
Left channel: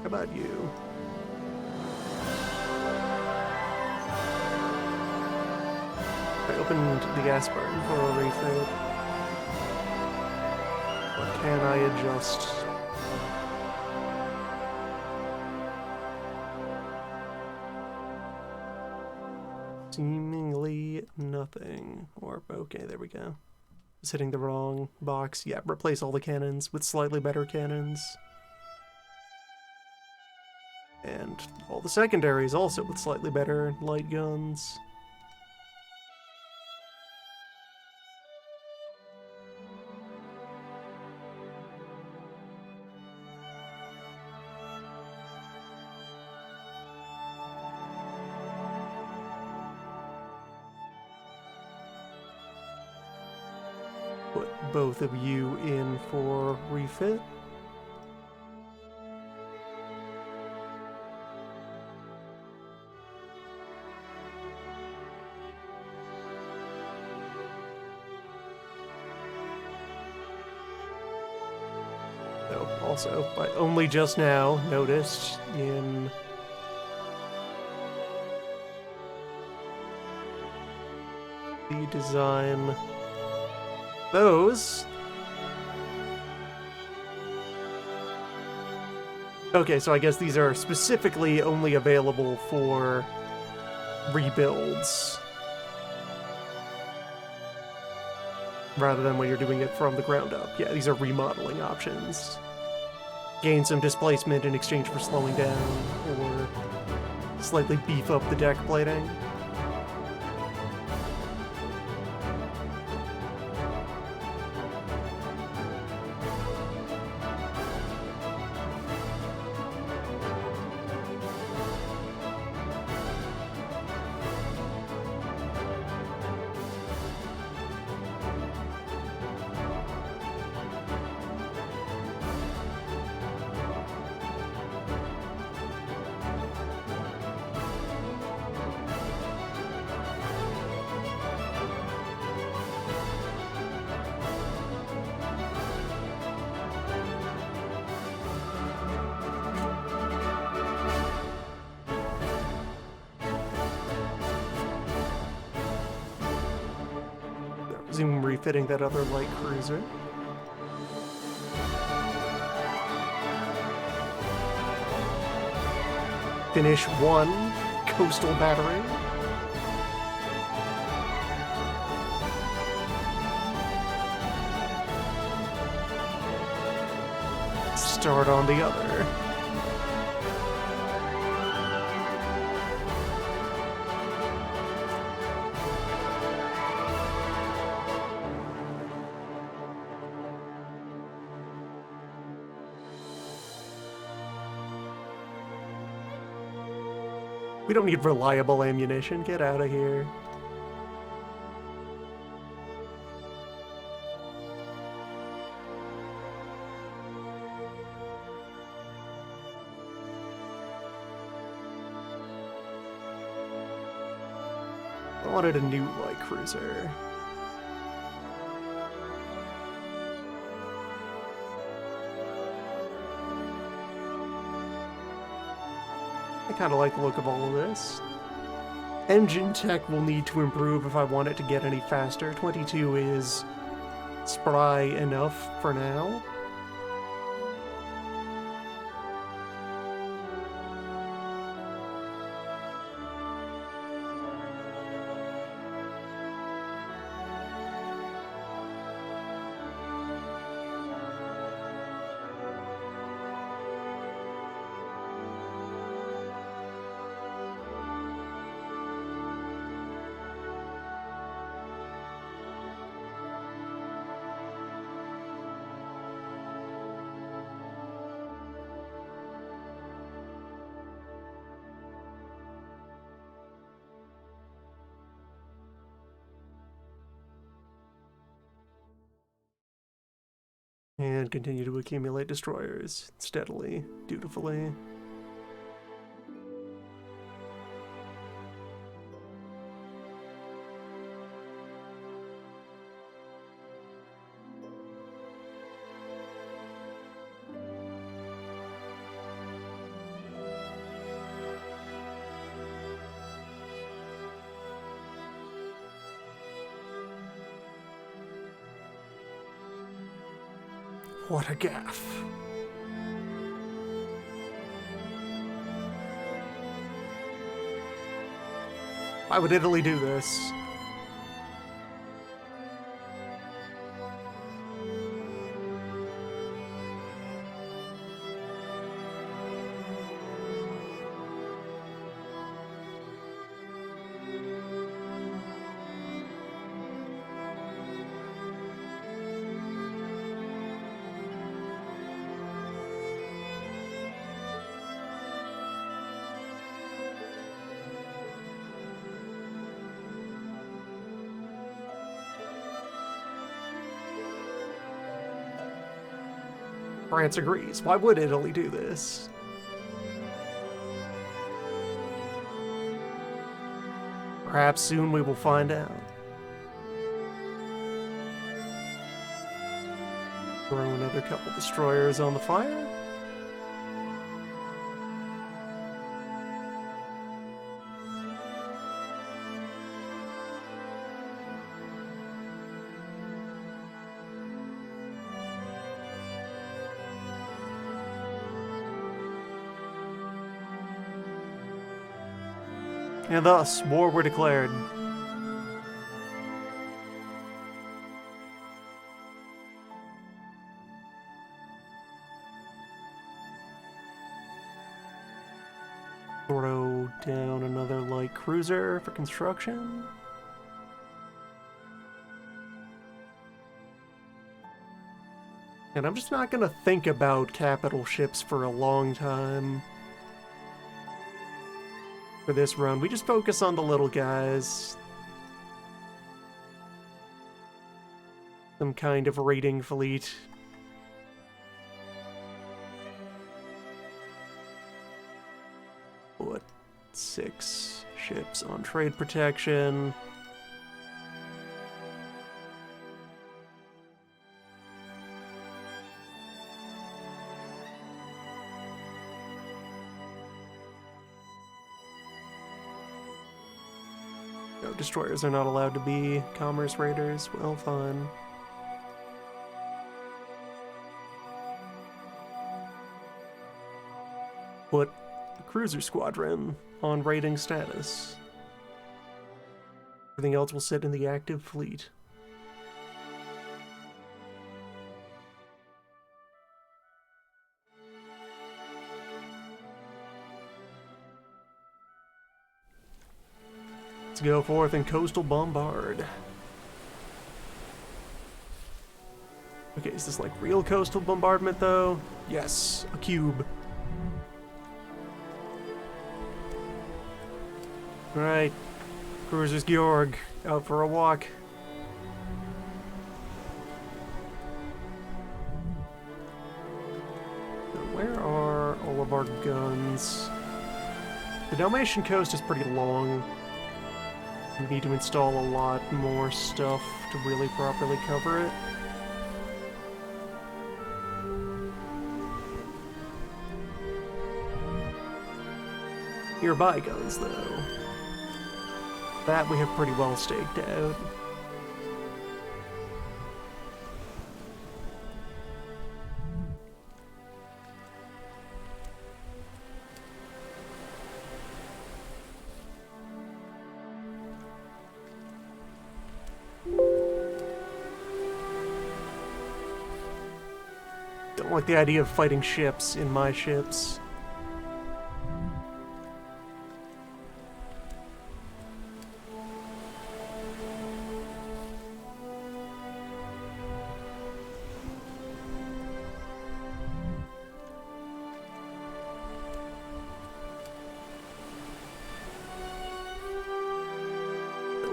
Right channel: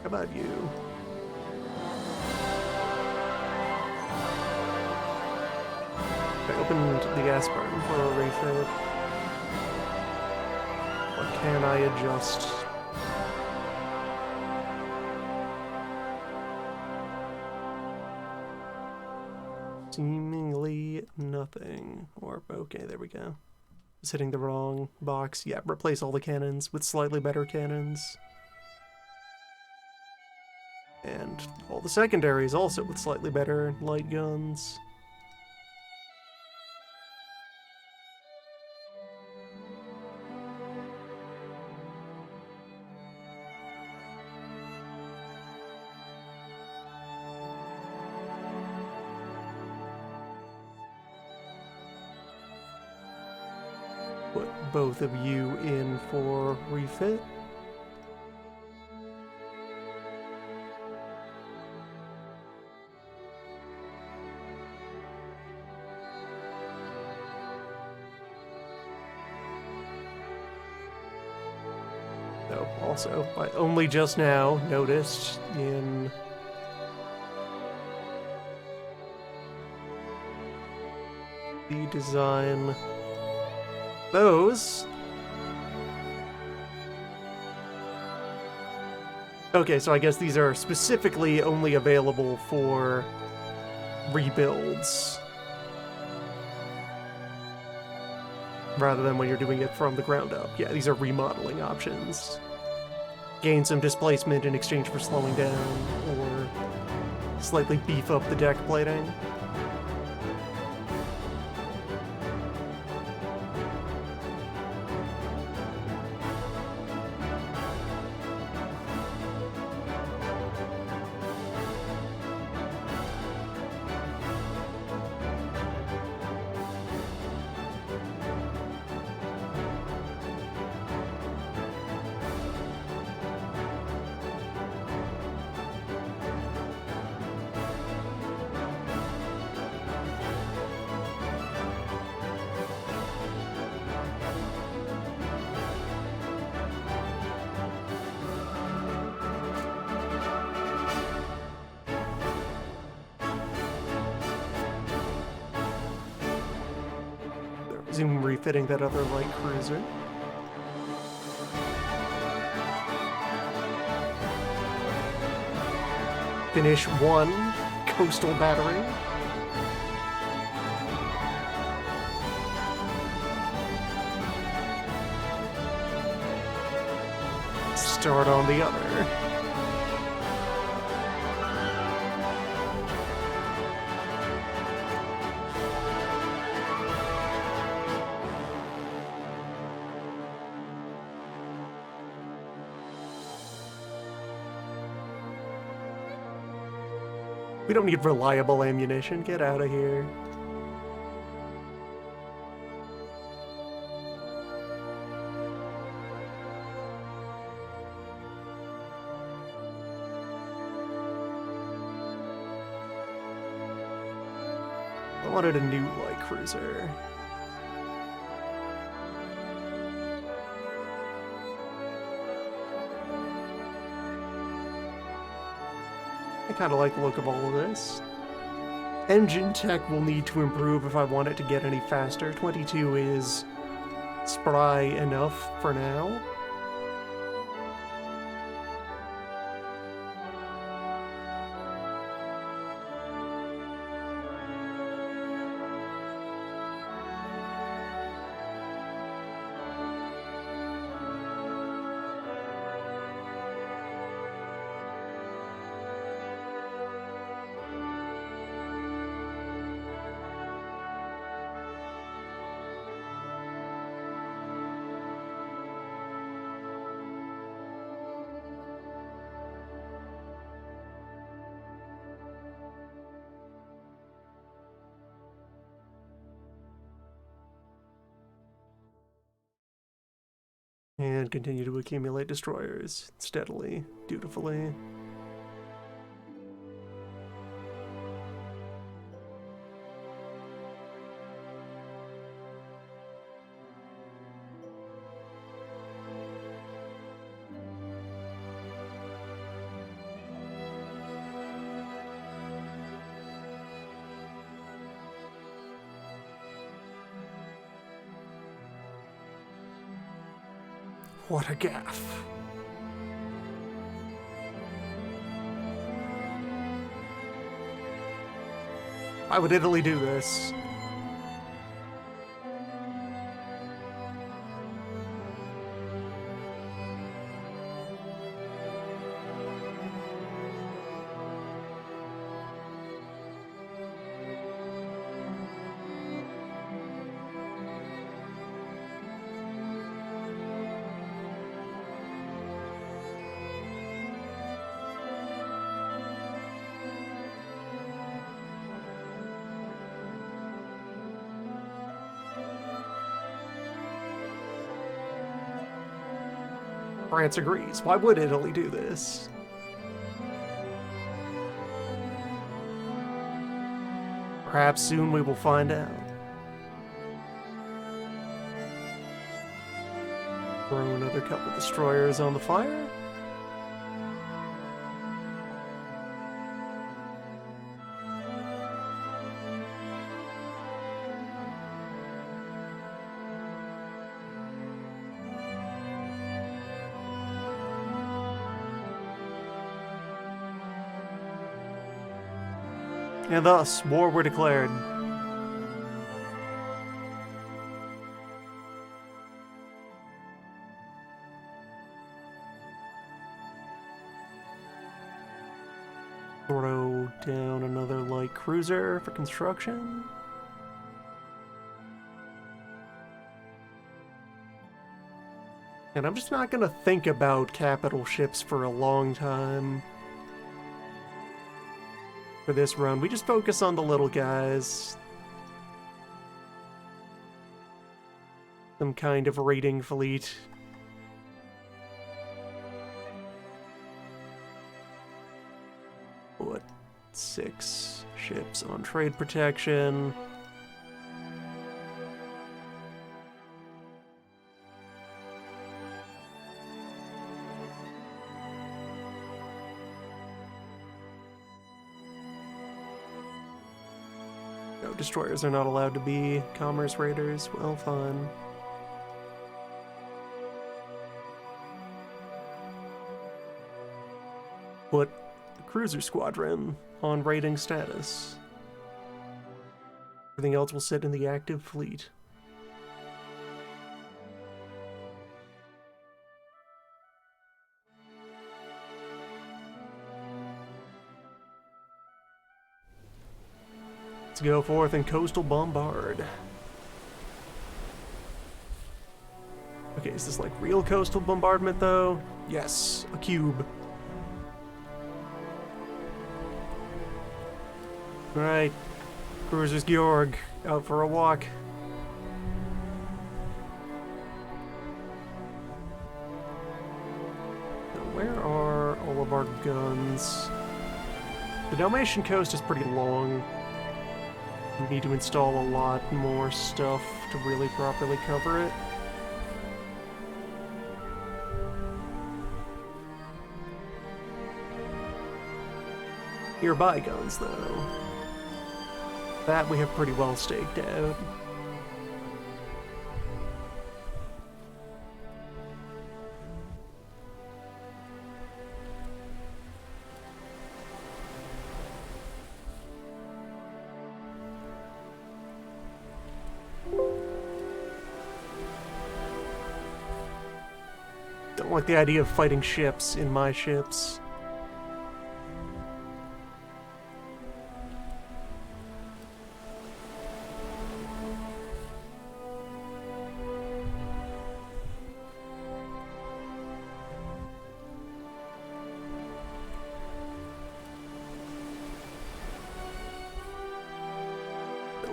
How about you? I opened the Aspern for a refit. What can I adjust? Seemingly nothing. Or, okay, there we go. Just hitting the wrong box. Yeah, replace all the cannons with slightly better cannons. And all the secondaries also with slightly better light guns. Put both of you in for refit. So, also, I only just now noticed in the design those. Okay, so I guess these are specifically only available for rebuilds, rather than when you're doing it from the ground up. Yeah, these are remodeling options. Gain some displacement in exchange for slowing down, or slightly beef up the deck plating. Resume refitting that other light cruiser. Finish one coastal battery. Start on the other. We don't need reliable ammunition. Get out of here. I wanted a new light cruiser. I kind of like the look of all of this. Engine tech will need to improve if I want it to get any faster. 22 is spry enough for now. And continue to accumulate destroyers steadily, dutifully. What a gaffe. Why would Italy do this? France agrees. Why would Italy do this? Perhaps soon we will find out. Throw another couple destroyers on the fire. And thus, war were declared. Throw down another light cruiser for construction. And I'm just not gonna think about capital ships for a long time. For this run, we just focus on the little guys. Some kind of raiding fleet. What? 6 ships on trade protection. No, destroyers are not allowed to be commerce raiders. Well, fine. Put the cruiser squadron on raiding status. Everything else will sit in the active fleet. Let's go forth and coastal bombard. Okay, is this like real coastal bombardment though? Yes, a cube. Alright, Cruisers Georg, out for a walk. Now, where are all of our guns? The Dalmatian coast is pretty long. We need to install a lot more stuff to really properly cover it. Nearby guns, though. That we have pretty well staked out. Don't like the idea of fighting ships in my ships.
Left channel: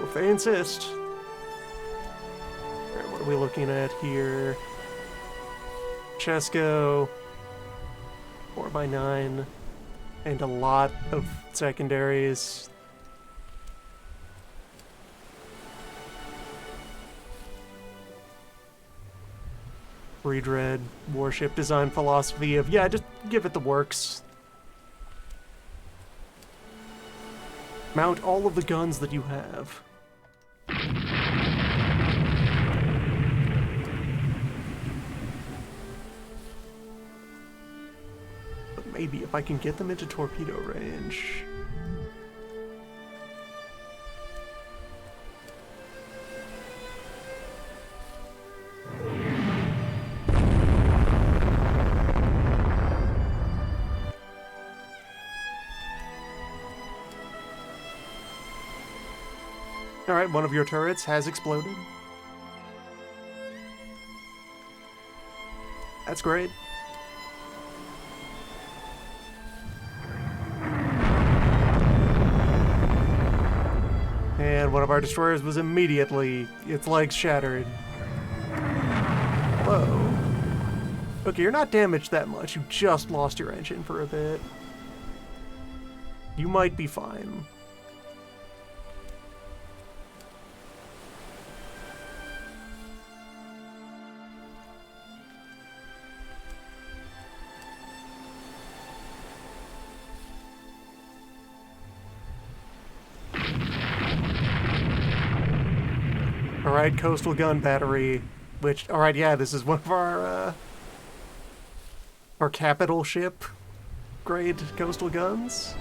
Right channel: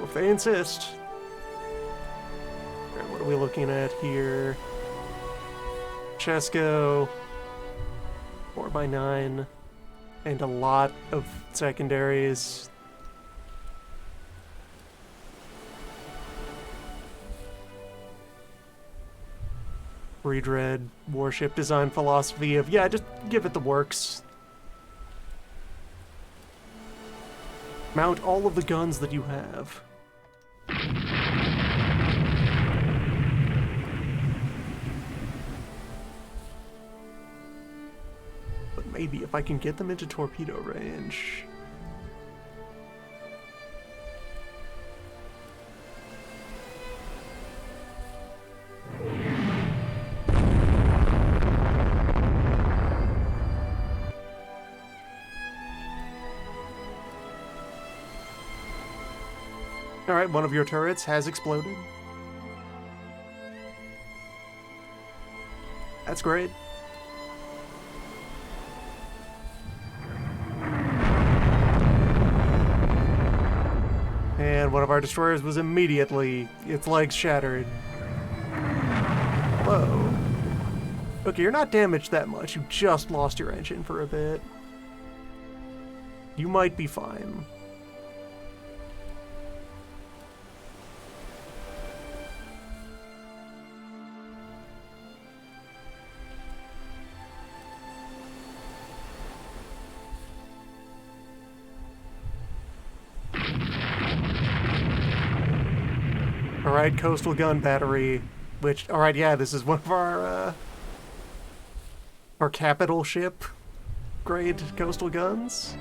If they insist. Alright, what are we looking at here? Chesko, 4x9, and a lot of secondaries. Redread, warship design philosophy of, yeah, just give it the works. Mount all of the guns that you have. But maybe if I can get them into torpedo range. Alright, one of your turrets has exploded. That's great. And one of our destroyers was immediately, its legs shattered. Whoa. Okay, you're not damaged that much. You just lost your engine for a bit. You might be fine. Alright, coastal gun battery, which, alright, yeah, this is one of our capital ship grade coastal guns.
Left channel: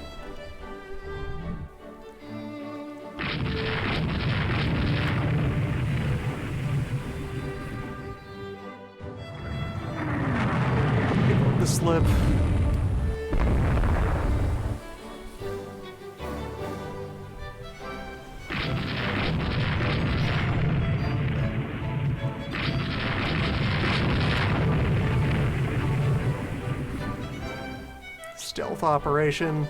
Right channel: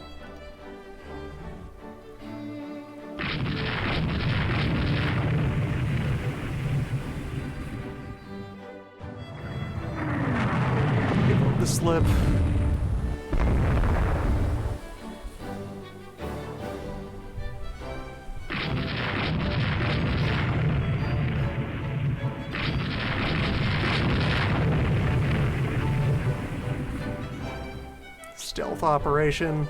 Give up the slip. Stealth operation.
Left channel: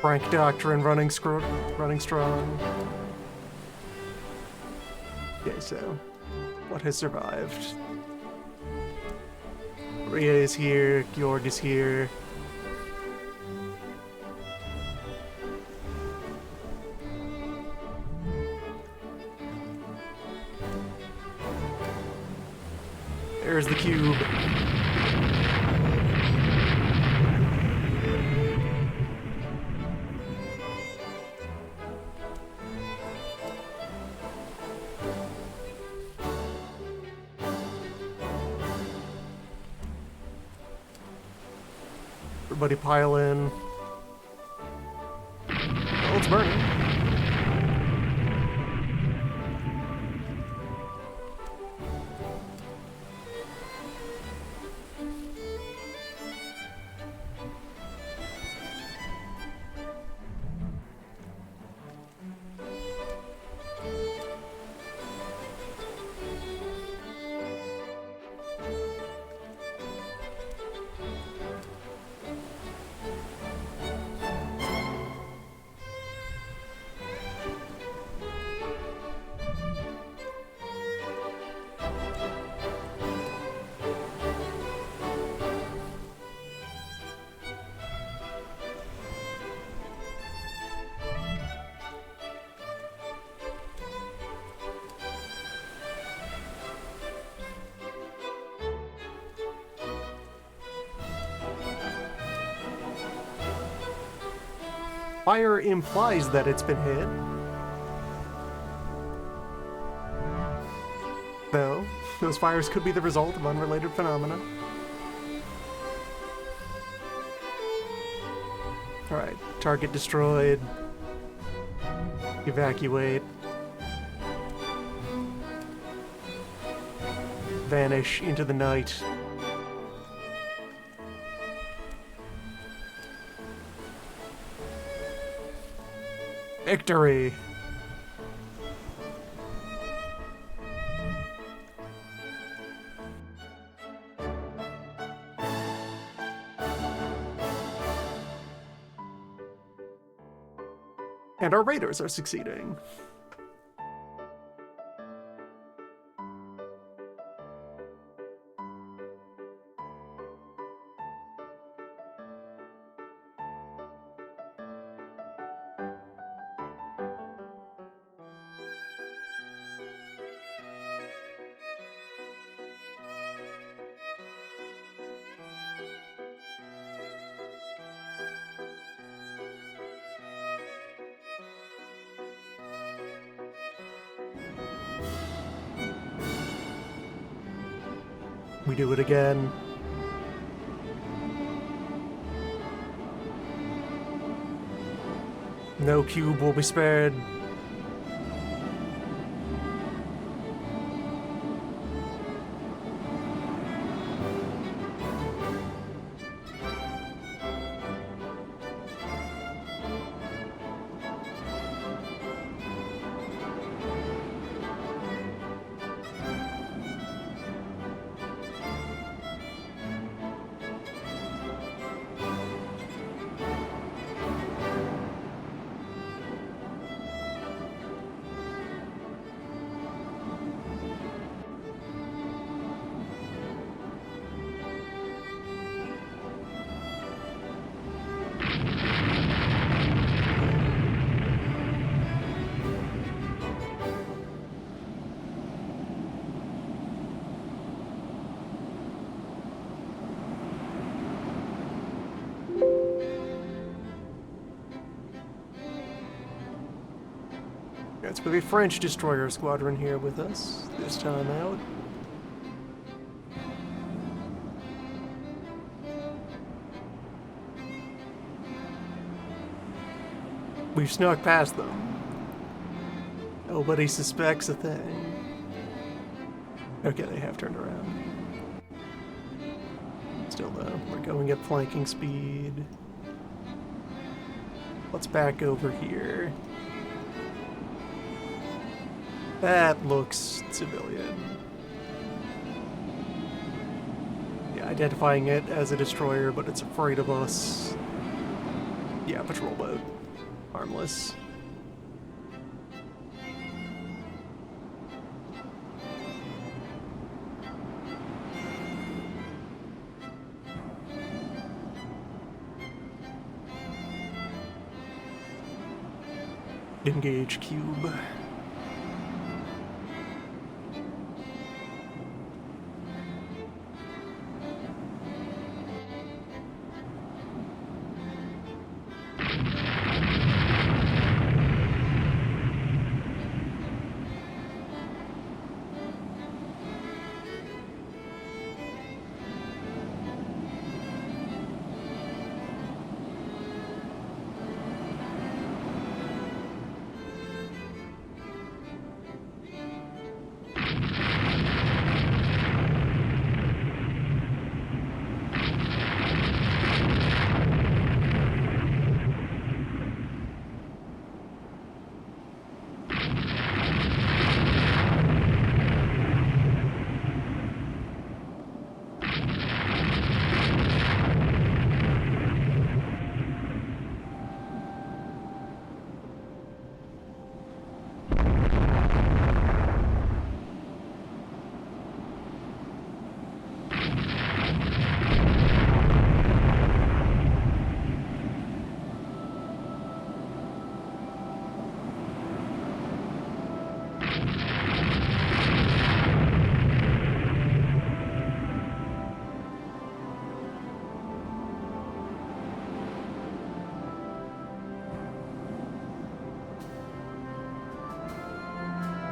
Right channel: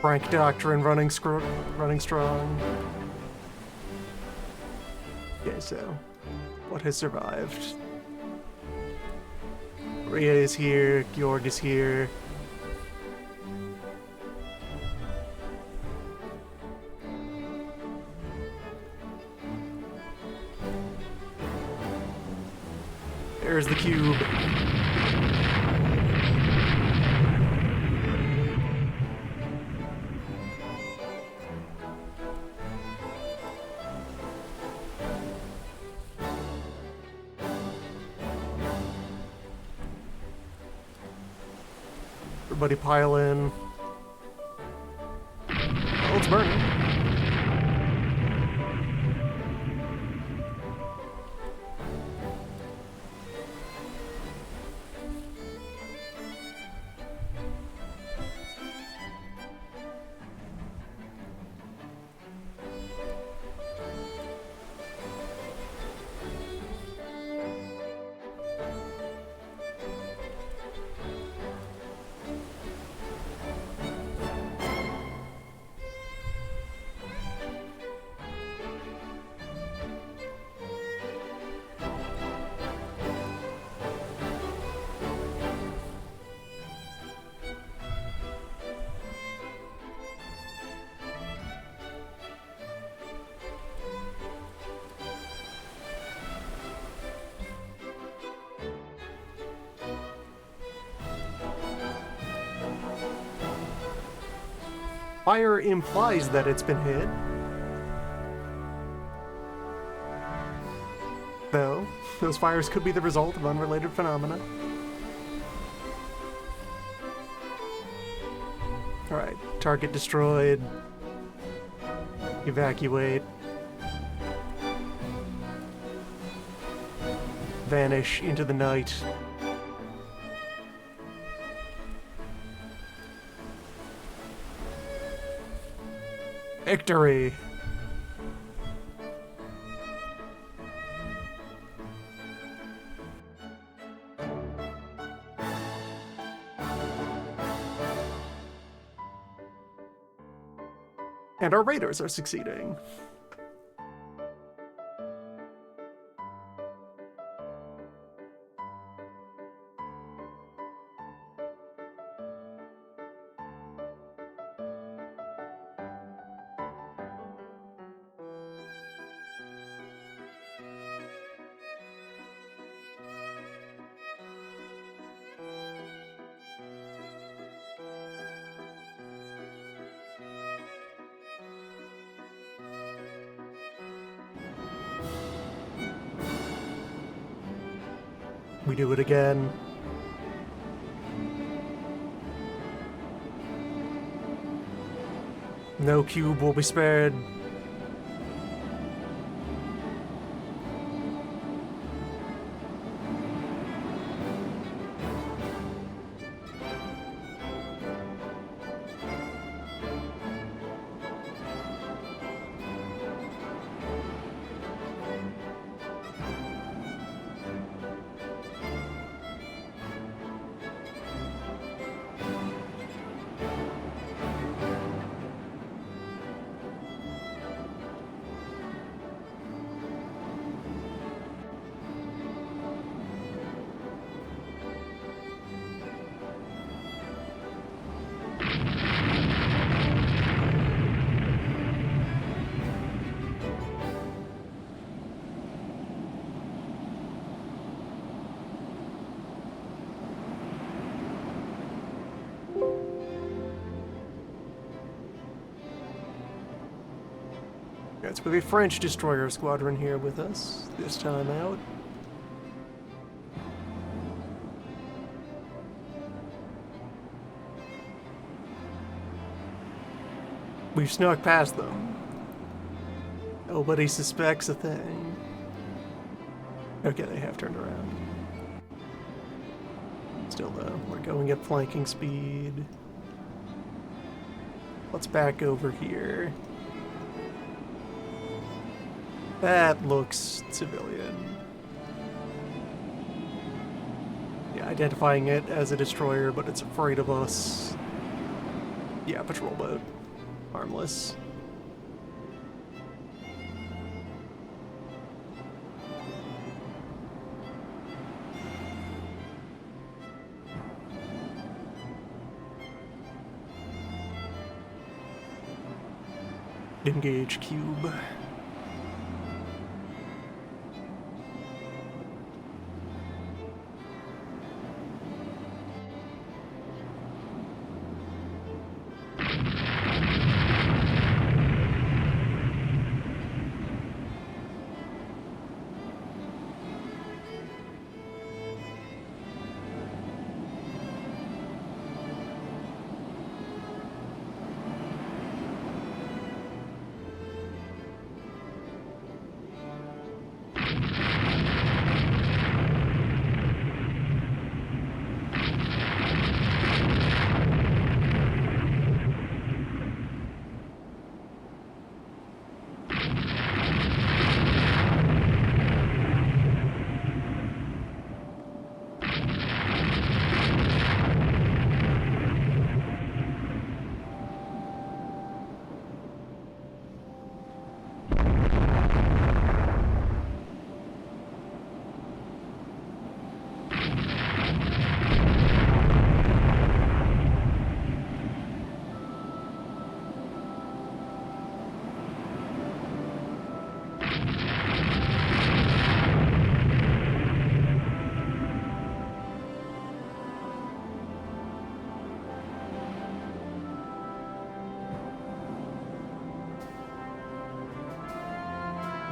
Frank Doctrine running strong. Okay, so what has survived? Rhea is here, Georg is here. There's the cube. Everybody pile in. Oh, it's burning. Fire implies that it's been hit. Though, those fires could be the result of unrelated phenomena. Alright, target destroyed. Evacuate. Vanish into the night. Victory! And our raiders are succeeding. We do it again. No cube will be spared. It's with a French destroyer squadron here with us this time out. We've snuck past them. Nobody suspects a thing. Okay, they have turned around. Still though, we're going at flanking speed. Let's back over here. That looks civilian. Yeah, identifying it as a destroyer, but it's afraid of us. Yeah, patrol boat. Harmless. Engage cube.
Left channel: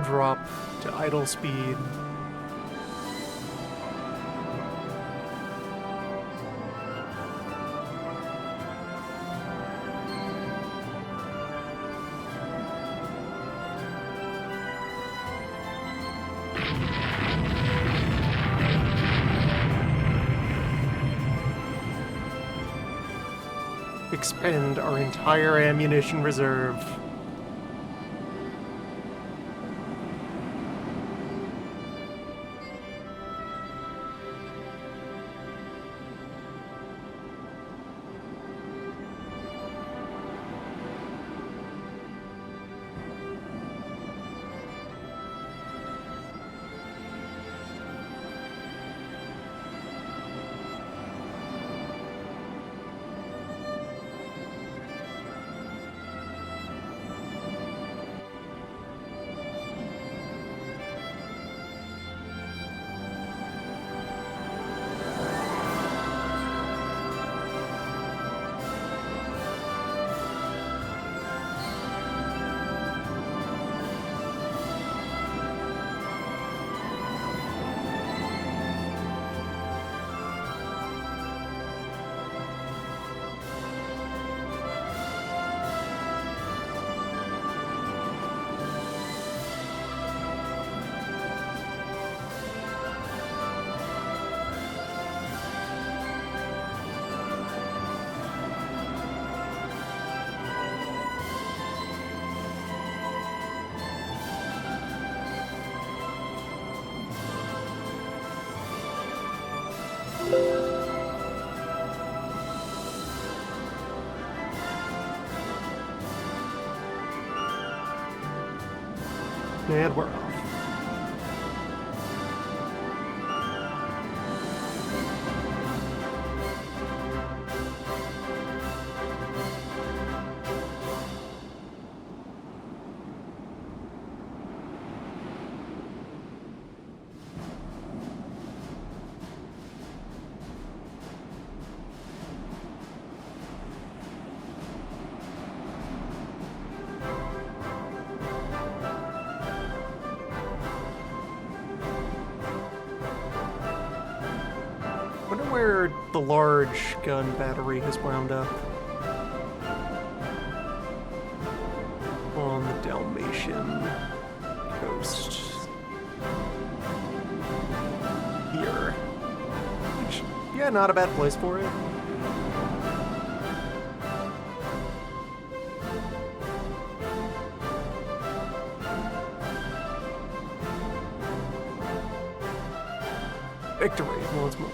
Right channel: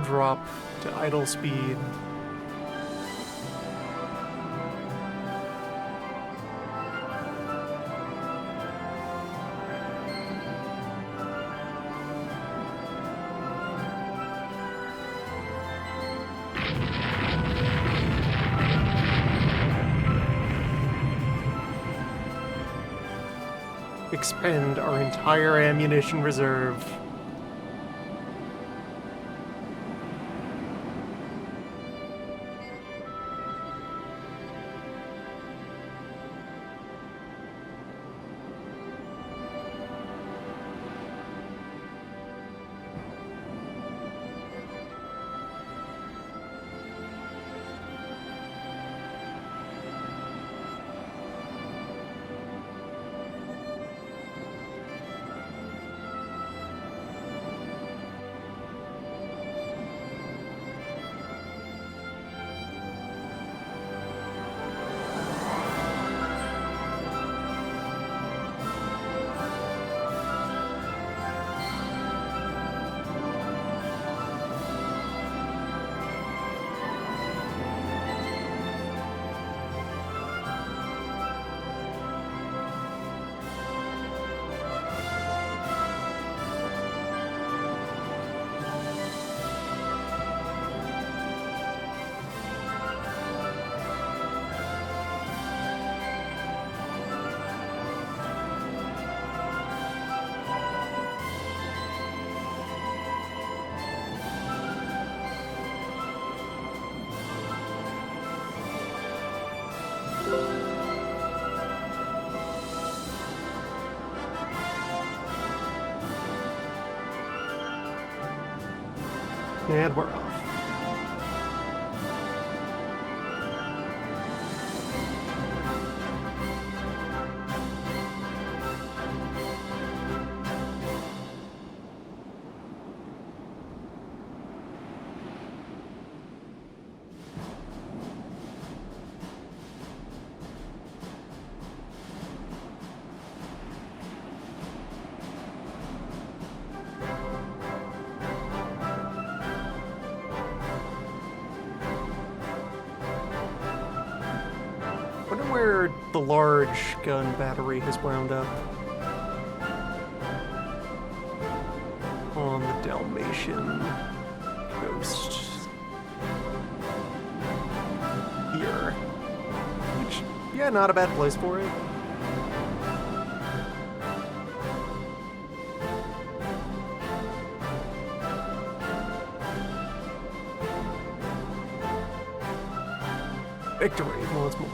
Drop to idle speed. Expend our entire ammunition reserve. And we're off. Wonder where the large gun battery has wound up. On the Dalmatian coast. Here. Which, yeah, not a bad place for it. Victory once more.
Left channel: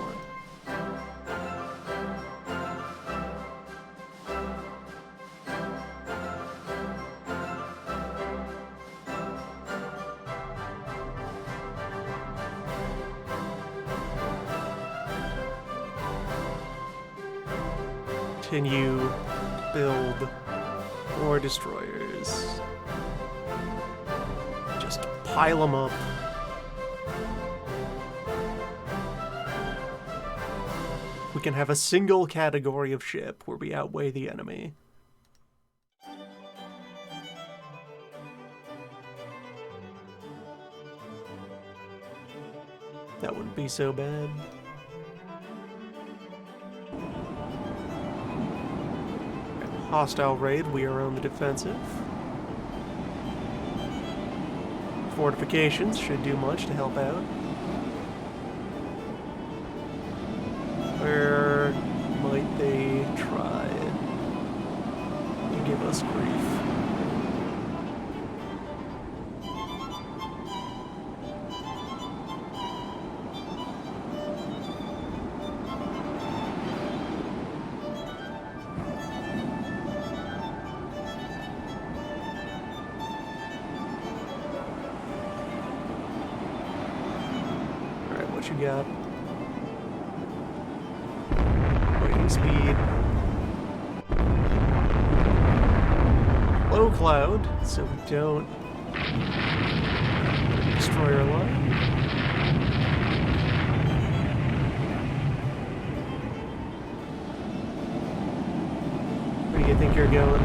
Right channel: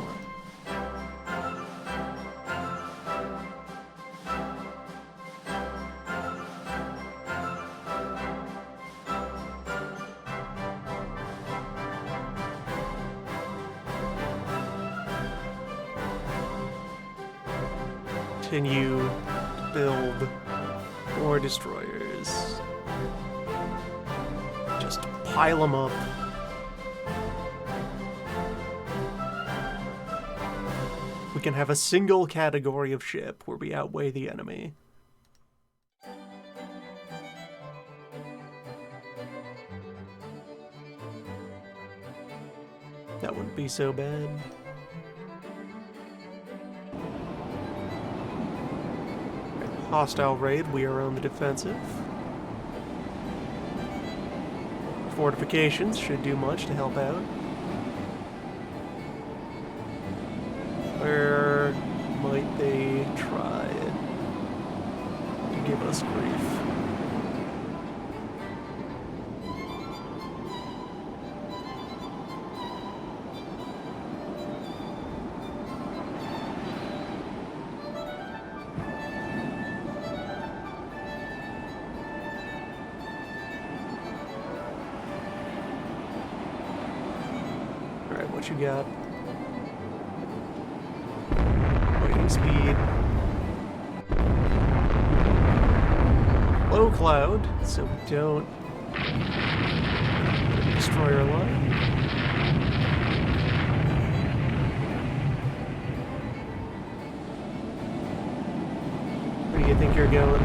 Continue to build more destroyers. Just pile them up. We can have a single category of ship where we outweigh the enemy. That wouldn't be so bad. Hostile raid, we are on the defensive. Fortifications should do much to help out. Where might they try to give us grief? Alright, what you got? Speed. Low cloud, so we don't destroy our line. Where do you think you're going?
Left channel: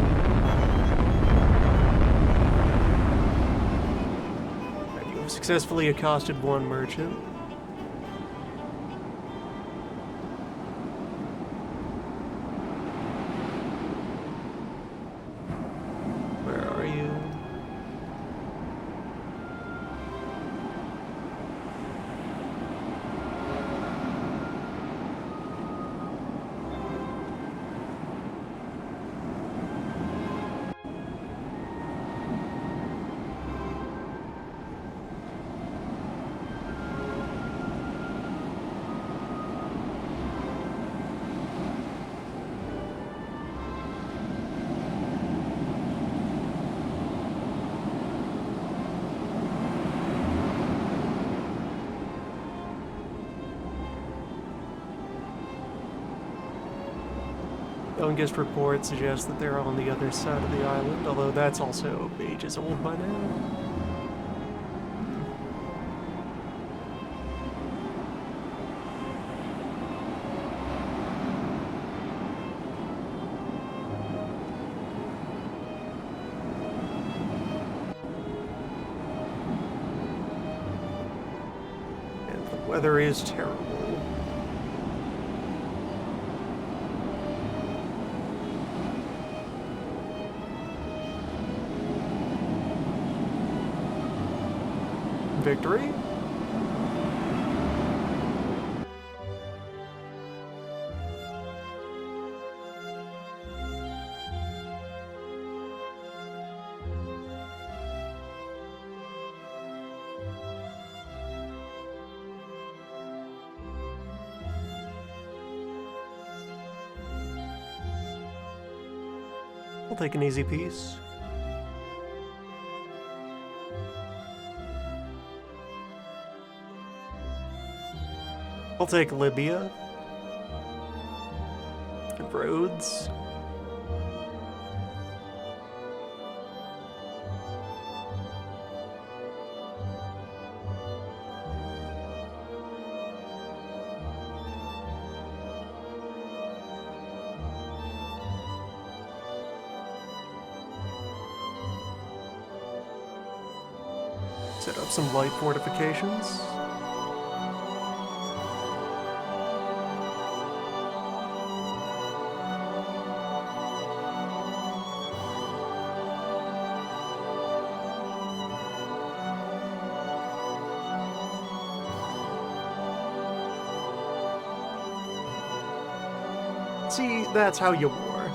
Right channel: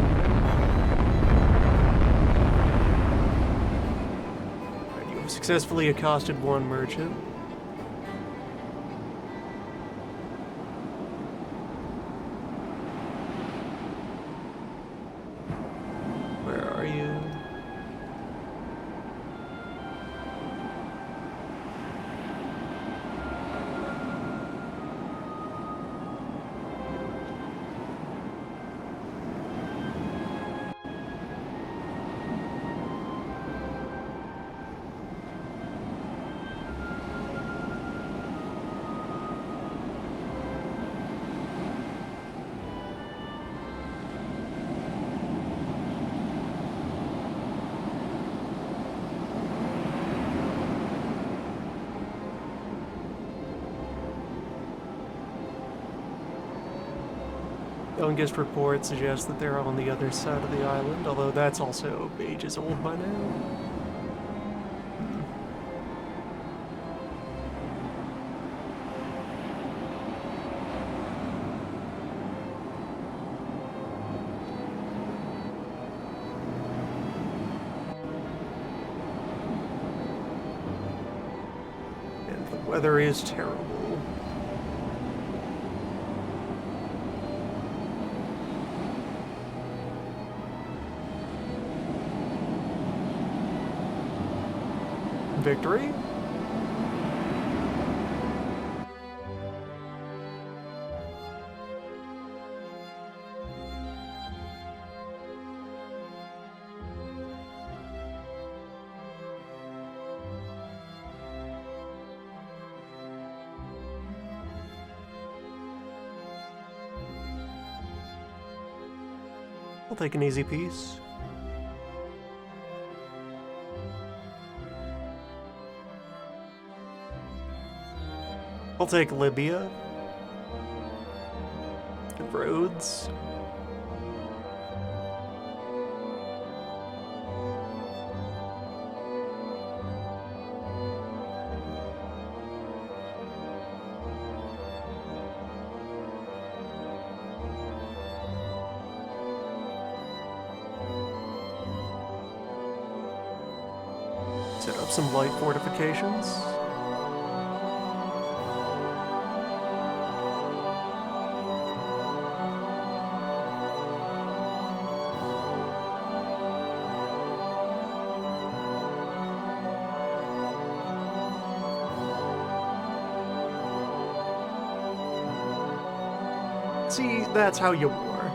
Right, you have successfully accosted one merchant. Youngest report suggests that they're on the other side of the island, although that's also ages old by now. And the weather is terrible. Victory? I'll take an easy piece. I'll take Libya. And Rhodes. Set up some light fortifications. See, that's how you war.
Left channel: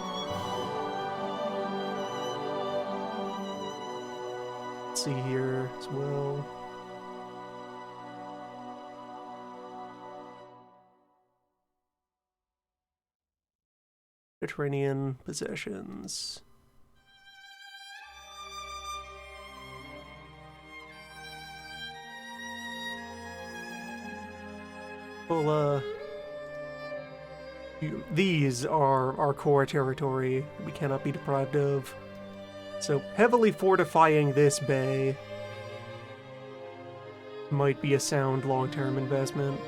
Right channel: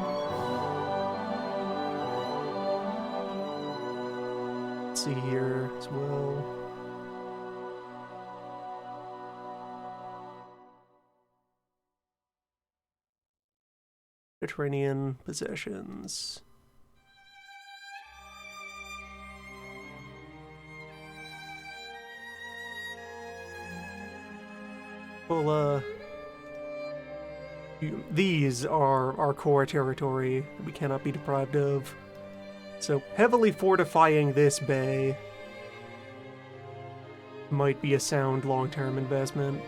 Let's see here as well. Mediterranean possessions. Well, these are our core territory that we cannot be deprived of. So heavily fortifying this bay might be a sound long-term investment.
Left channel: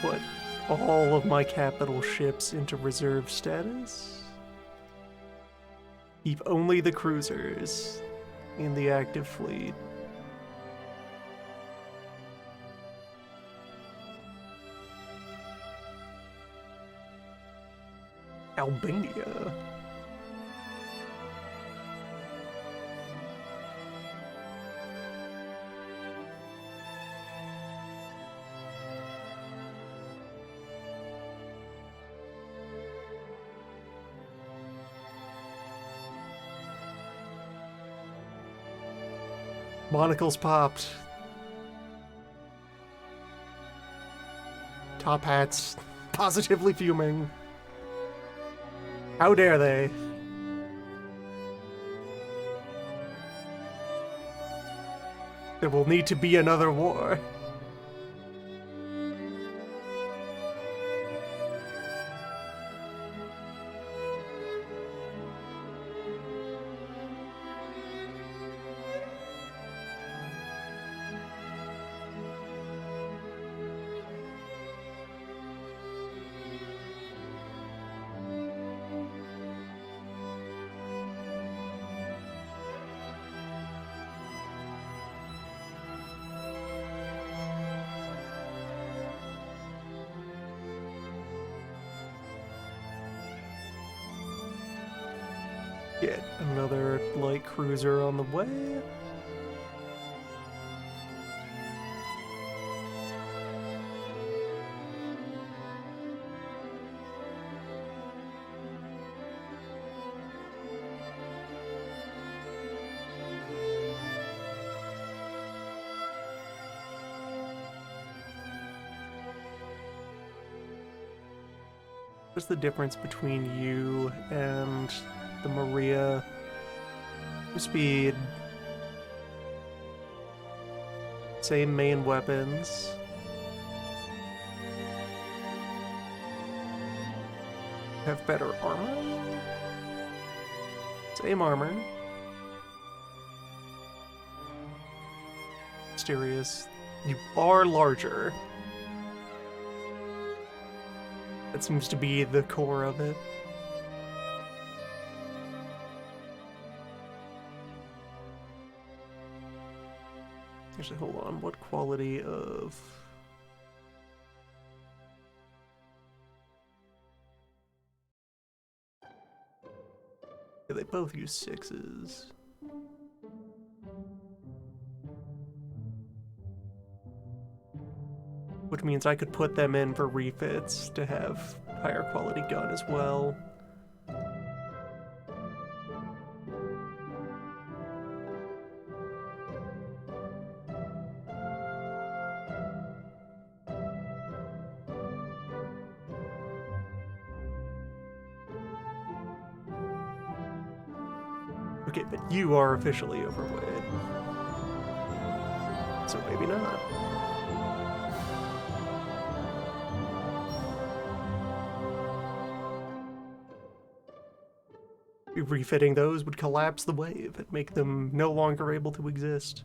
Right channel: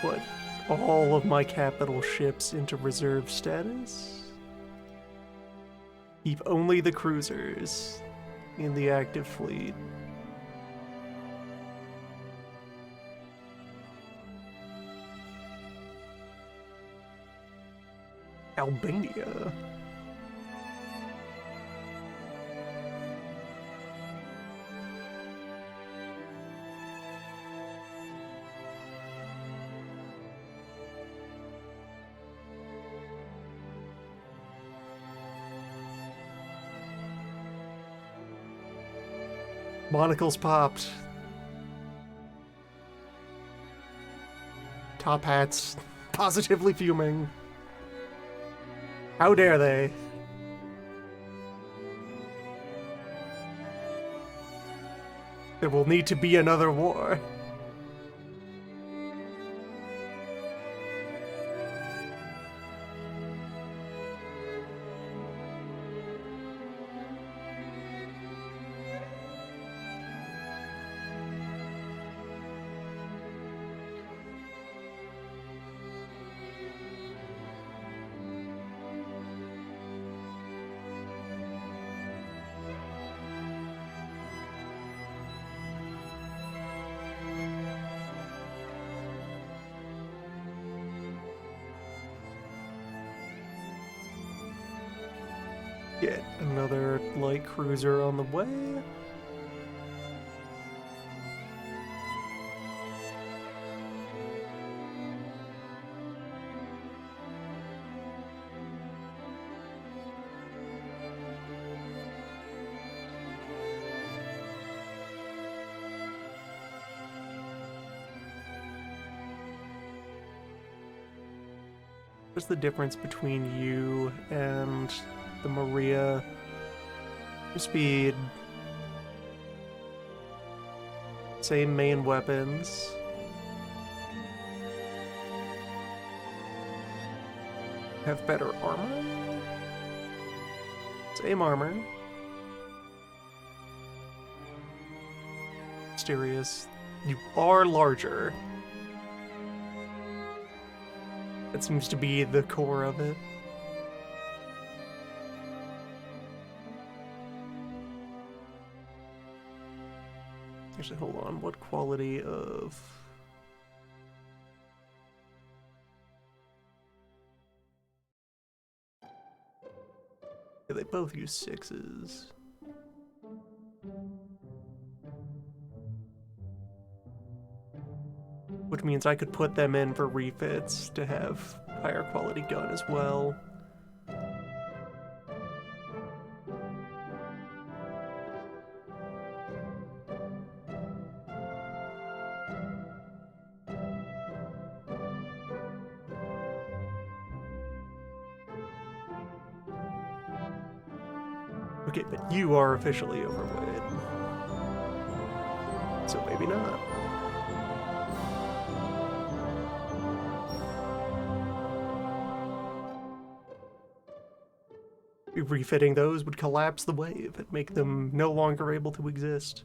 Put all of my capital ships into reserve status. Keep only the cruisers in the active fleet. Albania. Monocles popped. Top hats positively fuming. How dare they? There will need to be another war. Get another light cruiser on the way. What's the difference between you and the Maria? Speed. Same main weapons. Have better armor? Same armor. Mysterious. You are larger. That seems to be the core of it. Actually, hold on. What quality of... Yeah, they both use 6s. which means I could put them in for refits to have higher quality gun as well. Okay, but you are officially overweight. So maybe not. Refitting those would collapse the wave and make them no longer able to exist.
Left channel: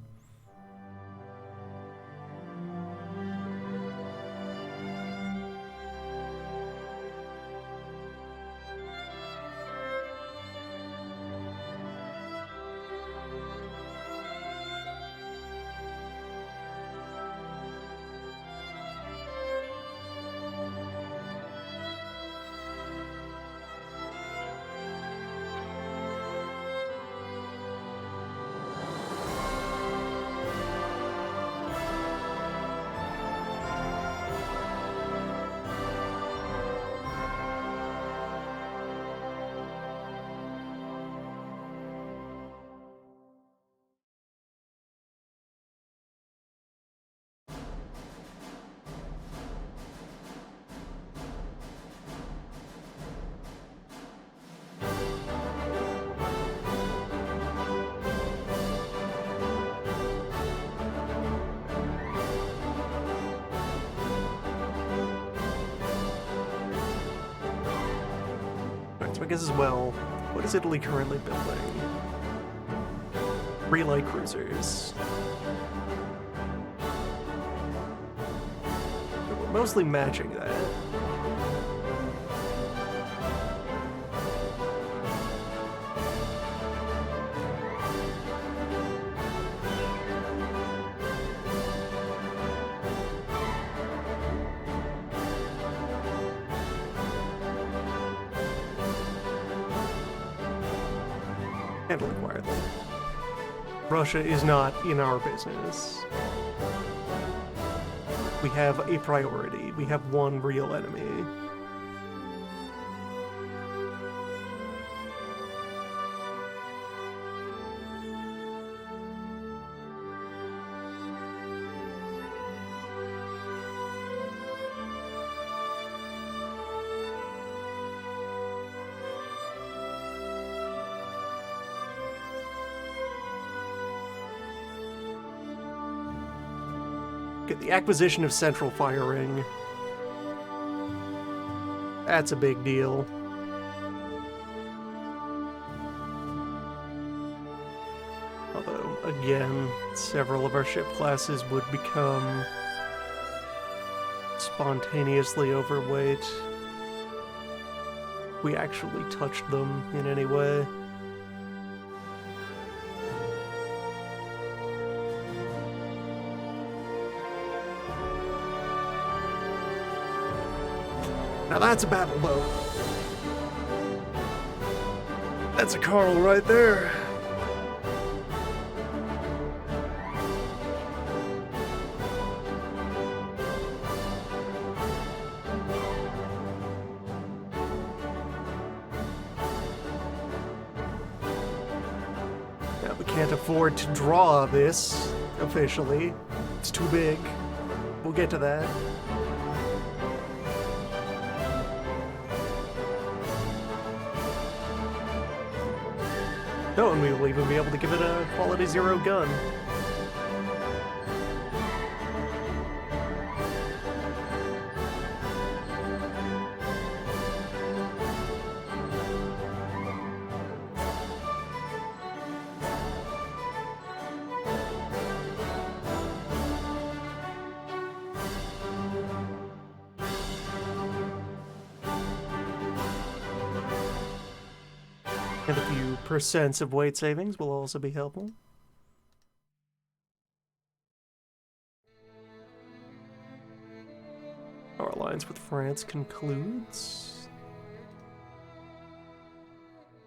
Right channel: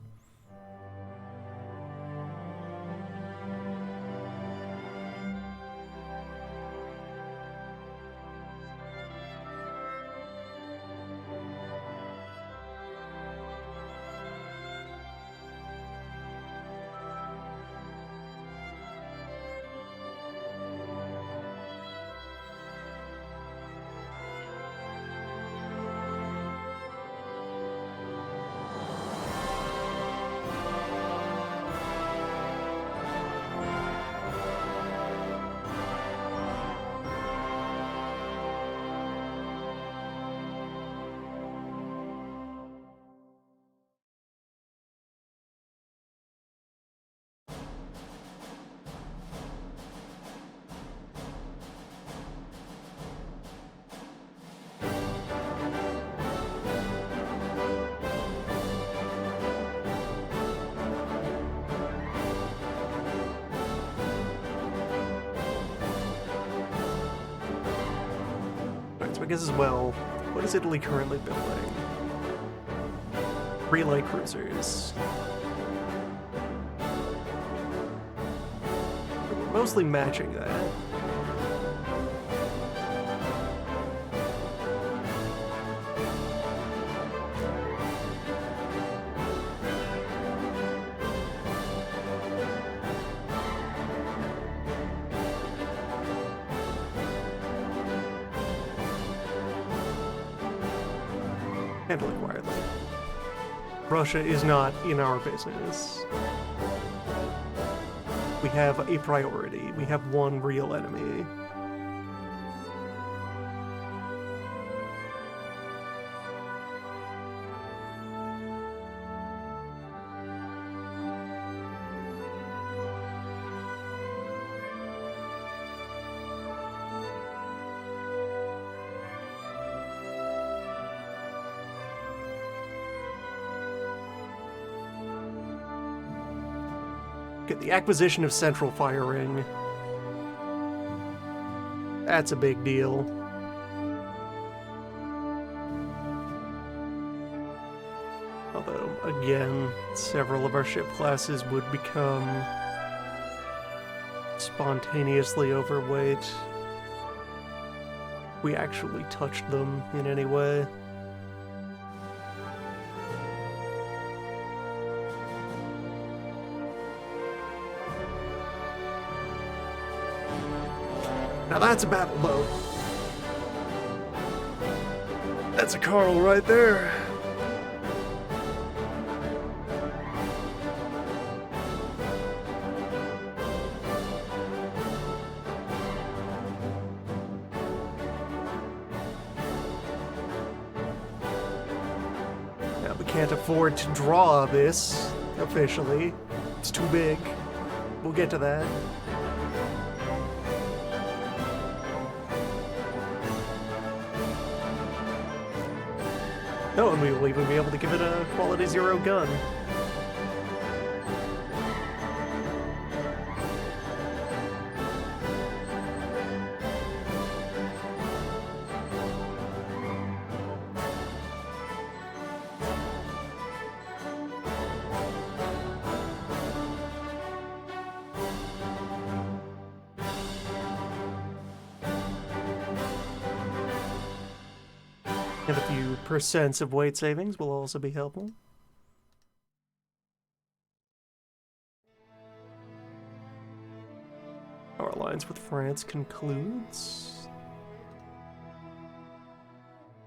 Alright, so I guess as well, what is Italy currently building? 3 light cruisers. But we're mostly matching that. Handle it quietly. Russia is not in our business. We have a priority. We have one real enemy. The acquisition of central firing. That's a big deal. Although, again, several of our ship classes would become spontaneously overweight. We actually touched them in any way. Now that's a battle boat. That's a Carl right there. Now we can't afford to draw this officially. It's too big. We'll get to that. Oh, and we will even be able to give it a quality 0 gun. And a few percents of weight savings will also be helpful. Our alliance with France concludes.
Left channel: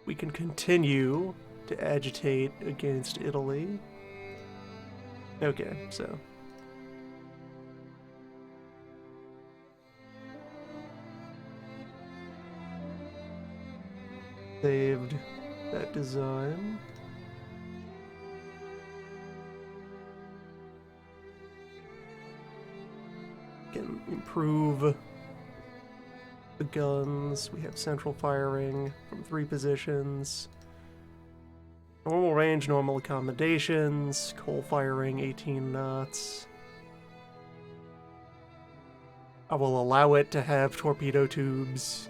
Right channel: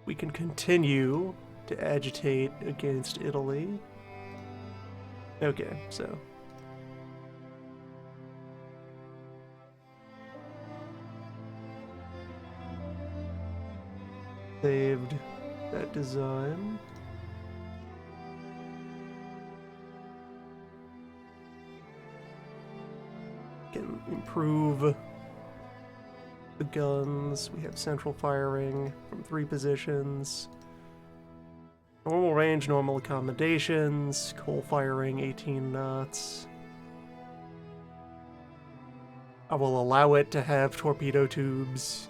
We can continue to agitate against Italy. Okay, so Saved that design. Can improve the guns. We have central firing from 3 positions. Normal range, normal accommodations, coal firing, 18 knots. I will allow it to have torpedo tubes.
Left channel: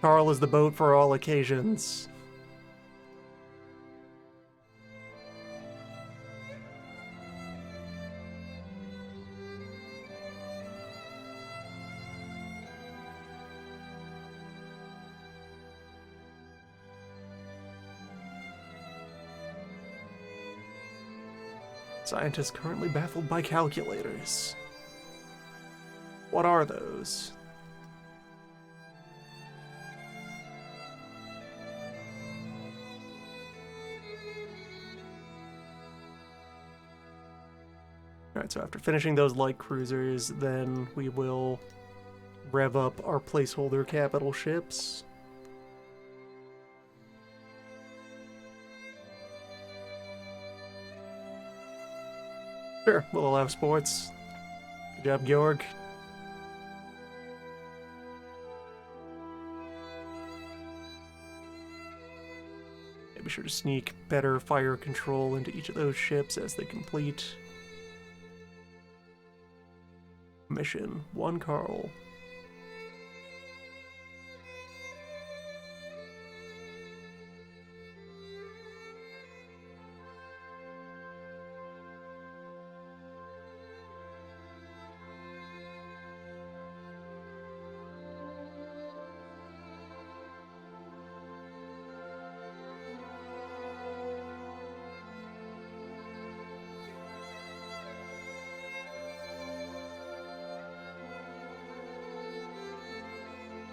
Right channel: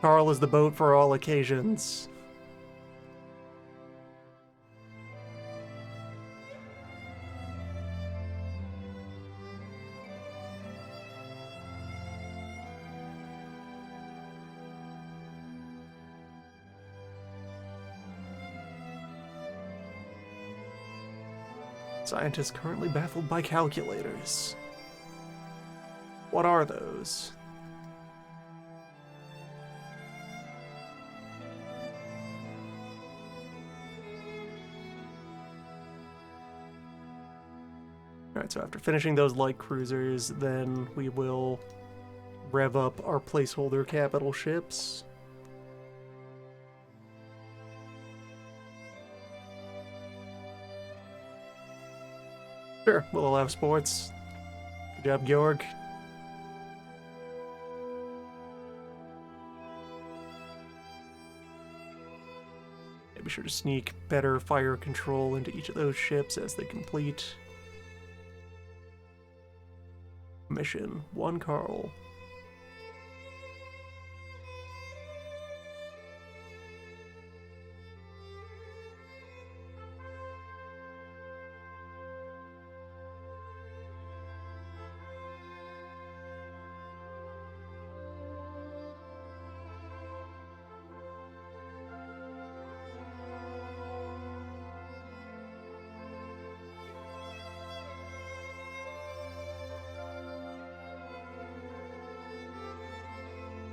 Carl is the boat for all occasions. Scientists currently baffled by calculators. What are those? Alright, so after finishing those light cruisers, then we will rev up our placeholder capital ships. Sure, we'll allow sports. Good job, Georg. Yeah, be sure to sneak better fire control into each of those ships as they complete. Mission 1 Carl.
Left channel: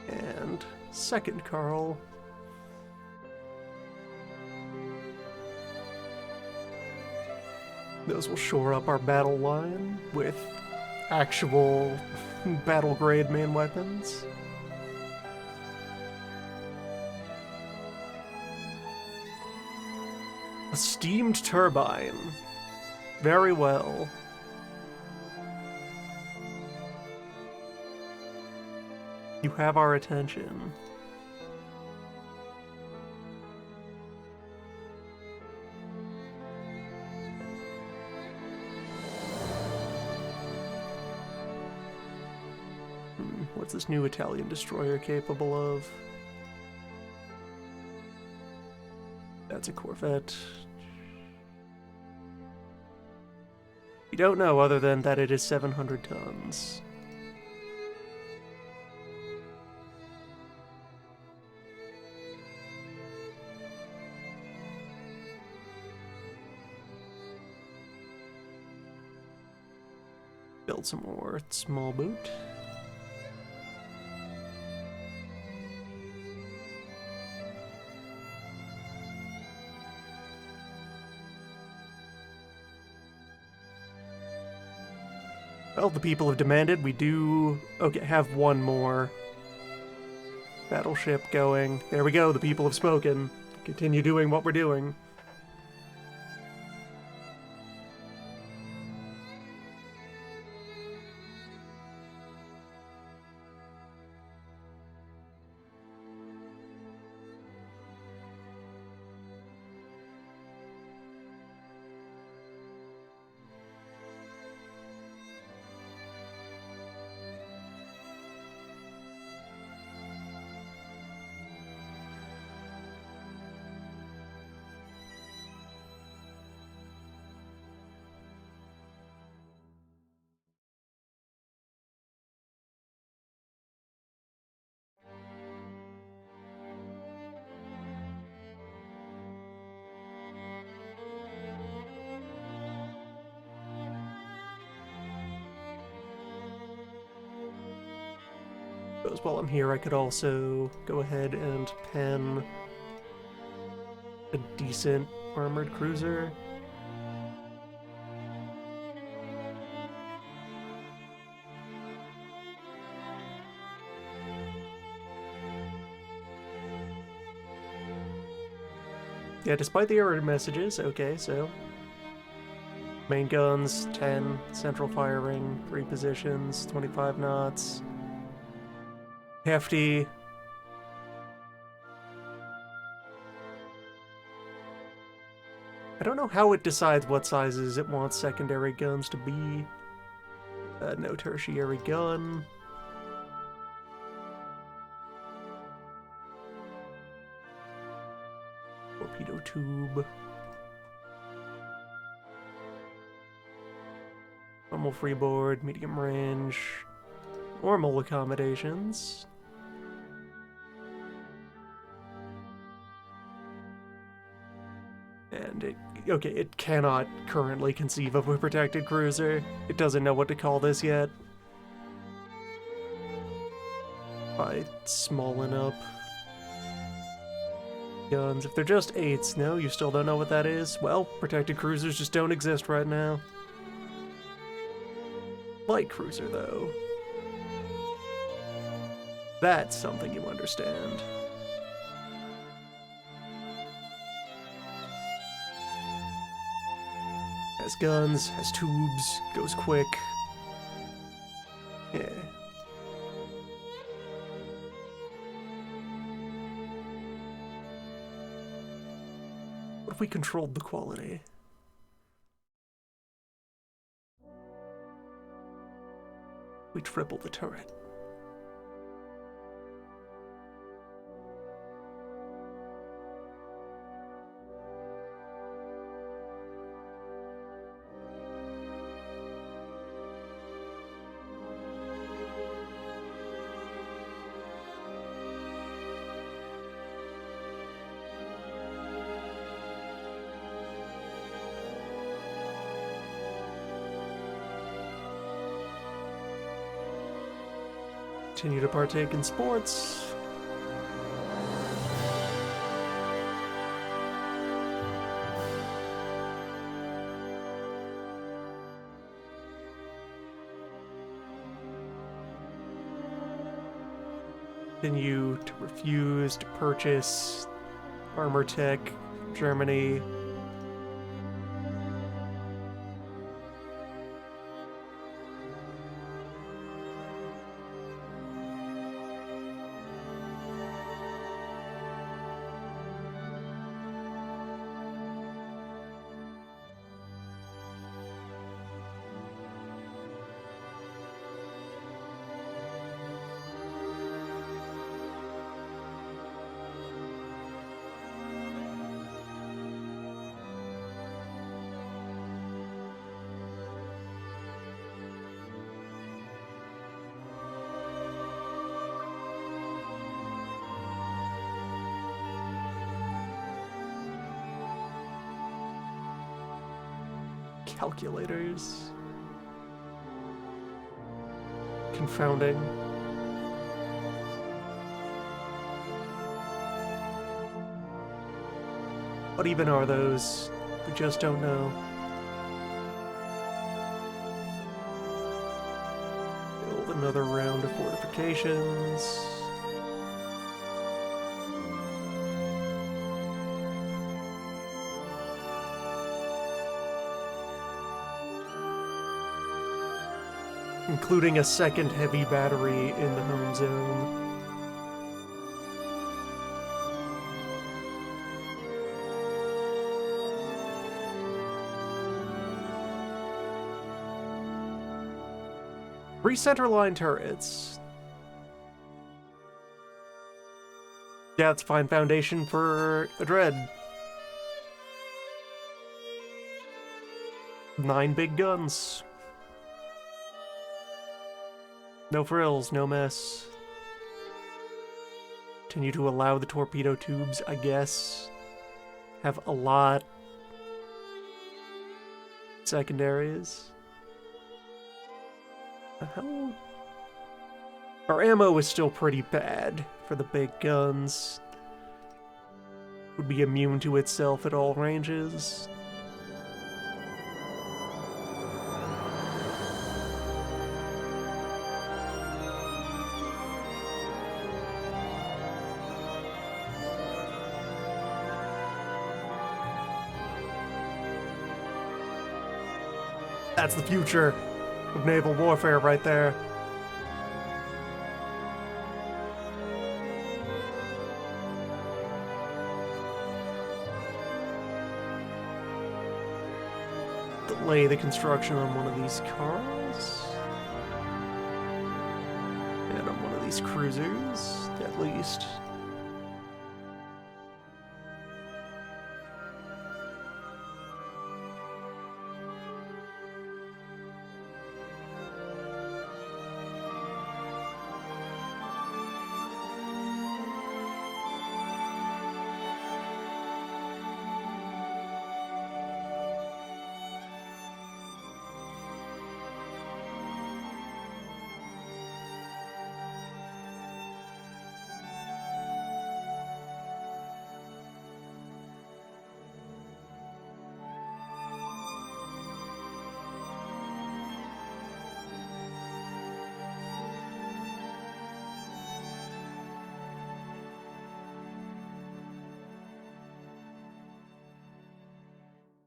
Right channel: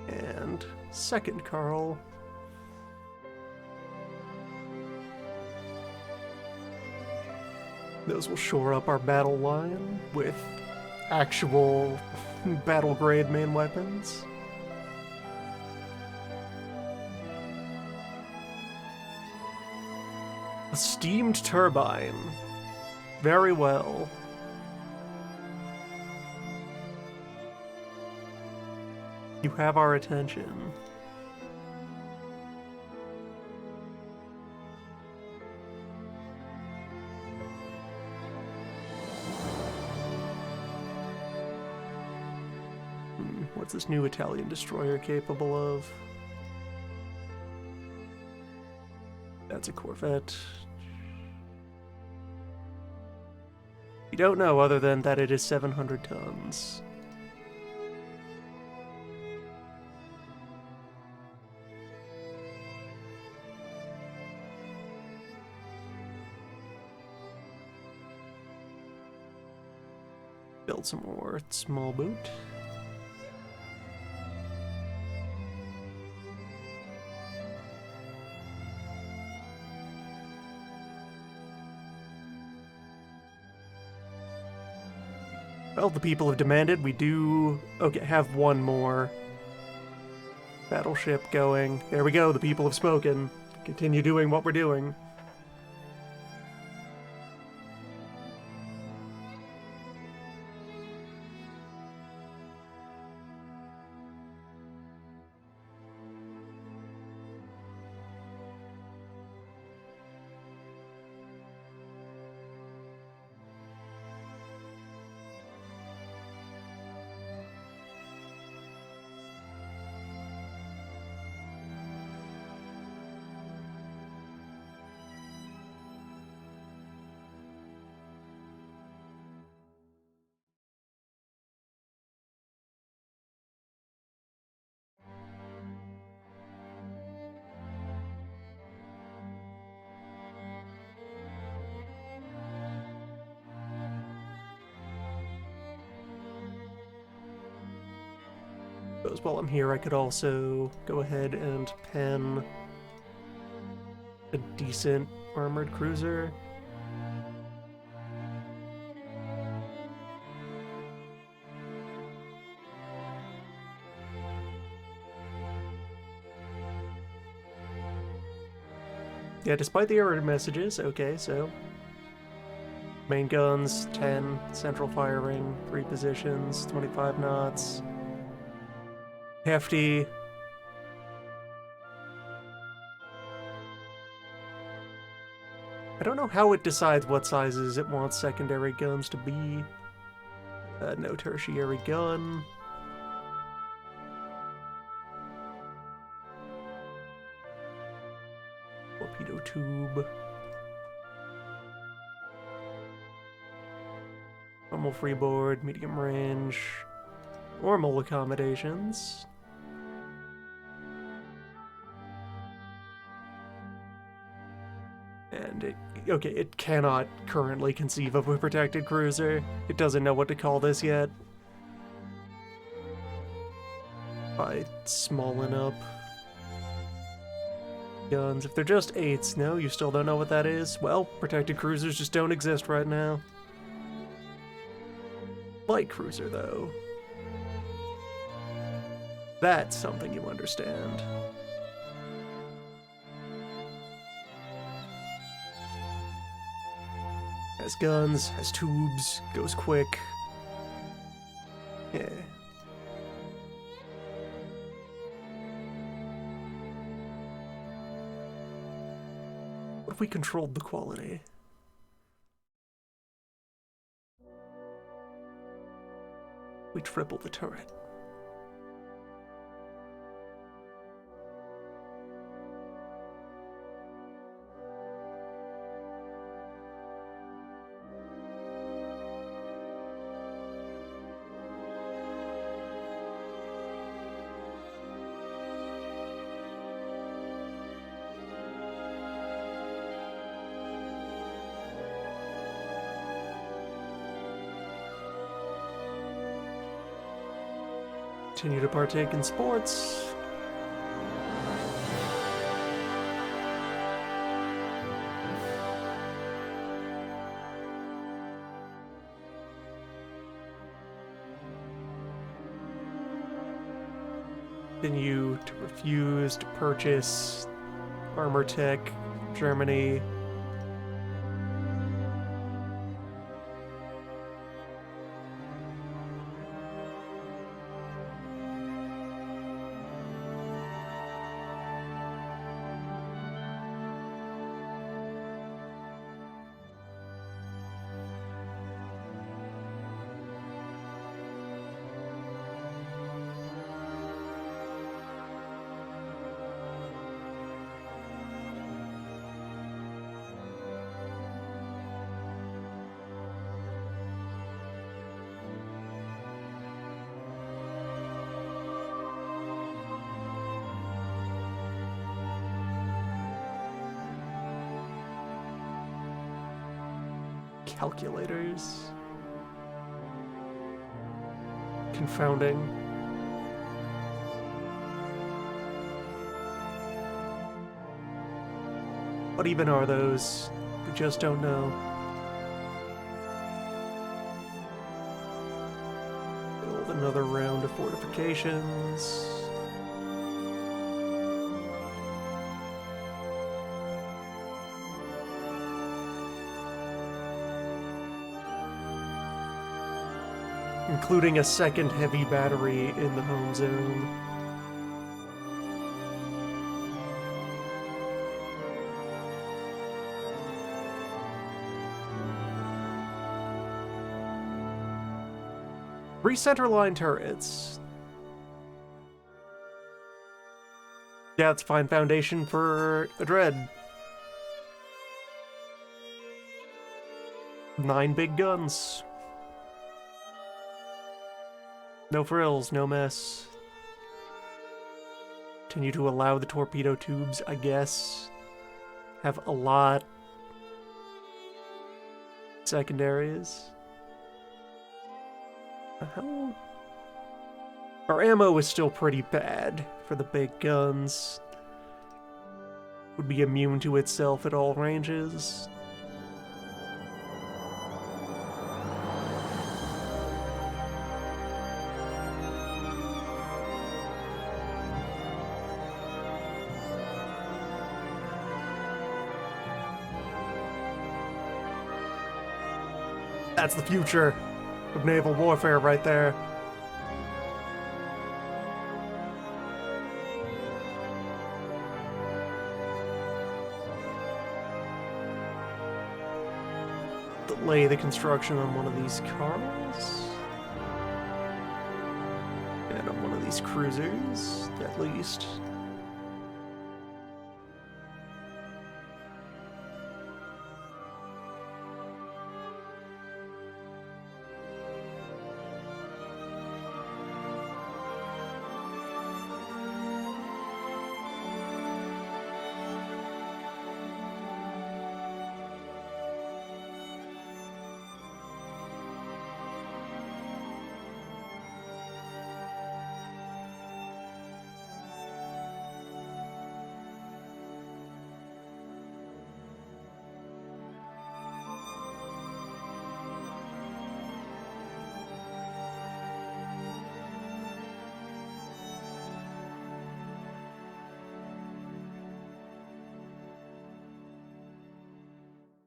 And 2nd Carl. Those will shore up our battle line with actual battle grade main weapons. A steamed turbine. Very well. You have our attention. What's this new Italian destroyer capable of? That's a Corvette. You don't know other than that it is 700 tons. Build some more small boot. Well, the people have demanded we do have one more battleship going. There we go, the people have spoken. Continue doing what we're doing. Suppose while I'm here, I could also go ahead and pen a decent armored cruiser. Yeah, despite the error messages, okay, so. Main guns, 10, central firing, 3 positions, 25 knots. Hefty. I don't know how it decides what sizes it wants secondary guns to be. No tertiary gun. Torpedo tube. Normal freeboard, medium range. Normal accommodations. And it cannot currently conceive of a protected cruiser. It doesn't know what to call this yet. By smalling up guns. If they're just 8s, no, you still don't know what that is? Well, protected cruisers just don't exist right now. Light cruiser, though. That's something you understand. Has guns, has tubes, goes quick. Yeah. What if we controlled the quality? We triple the turret. Continue to partake in sports. Continue to refuse to purchase armor tech, Germany. Calculators. Confounding. What even are those? We just don't know. Build another round of fortifications. Including a second heavy battery in the home zone. Three centerline turrets. Yeah, it's a fine foundation for a dread. 9 big guns. No frills, no mess. Continue to allow the torpedo tubes, I guess. Have a lot. Secondaries. How? Our ammo is still pretty bad for the big guns. Would be immune to itself at all ranges. That's the future of naval warfare right there. Delay the construction on one of these cars. And on one of these cruisers, at least.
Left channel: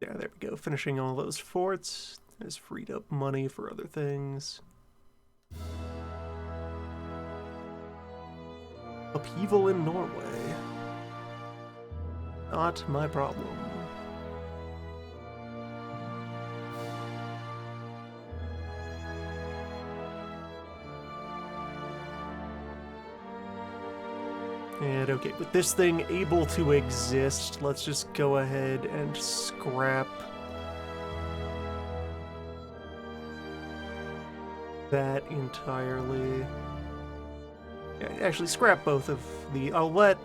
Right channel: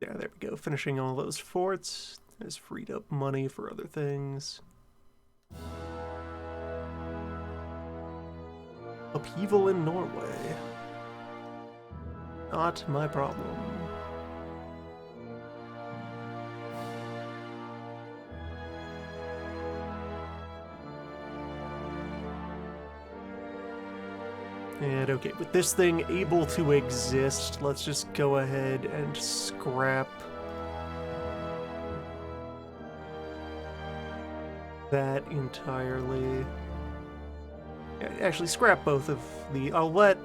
Yeah, there we go. Finishing all those forts has freed up money for other things. Upheaval in Norway. Not my problem. And okay, with this thing able to exist, let's just go ahead and scrap that entirely. Yeah, actually scrap both of the... I'll let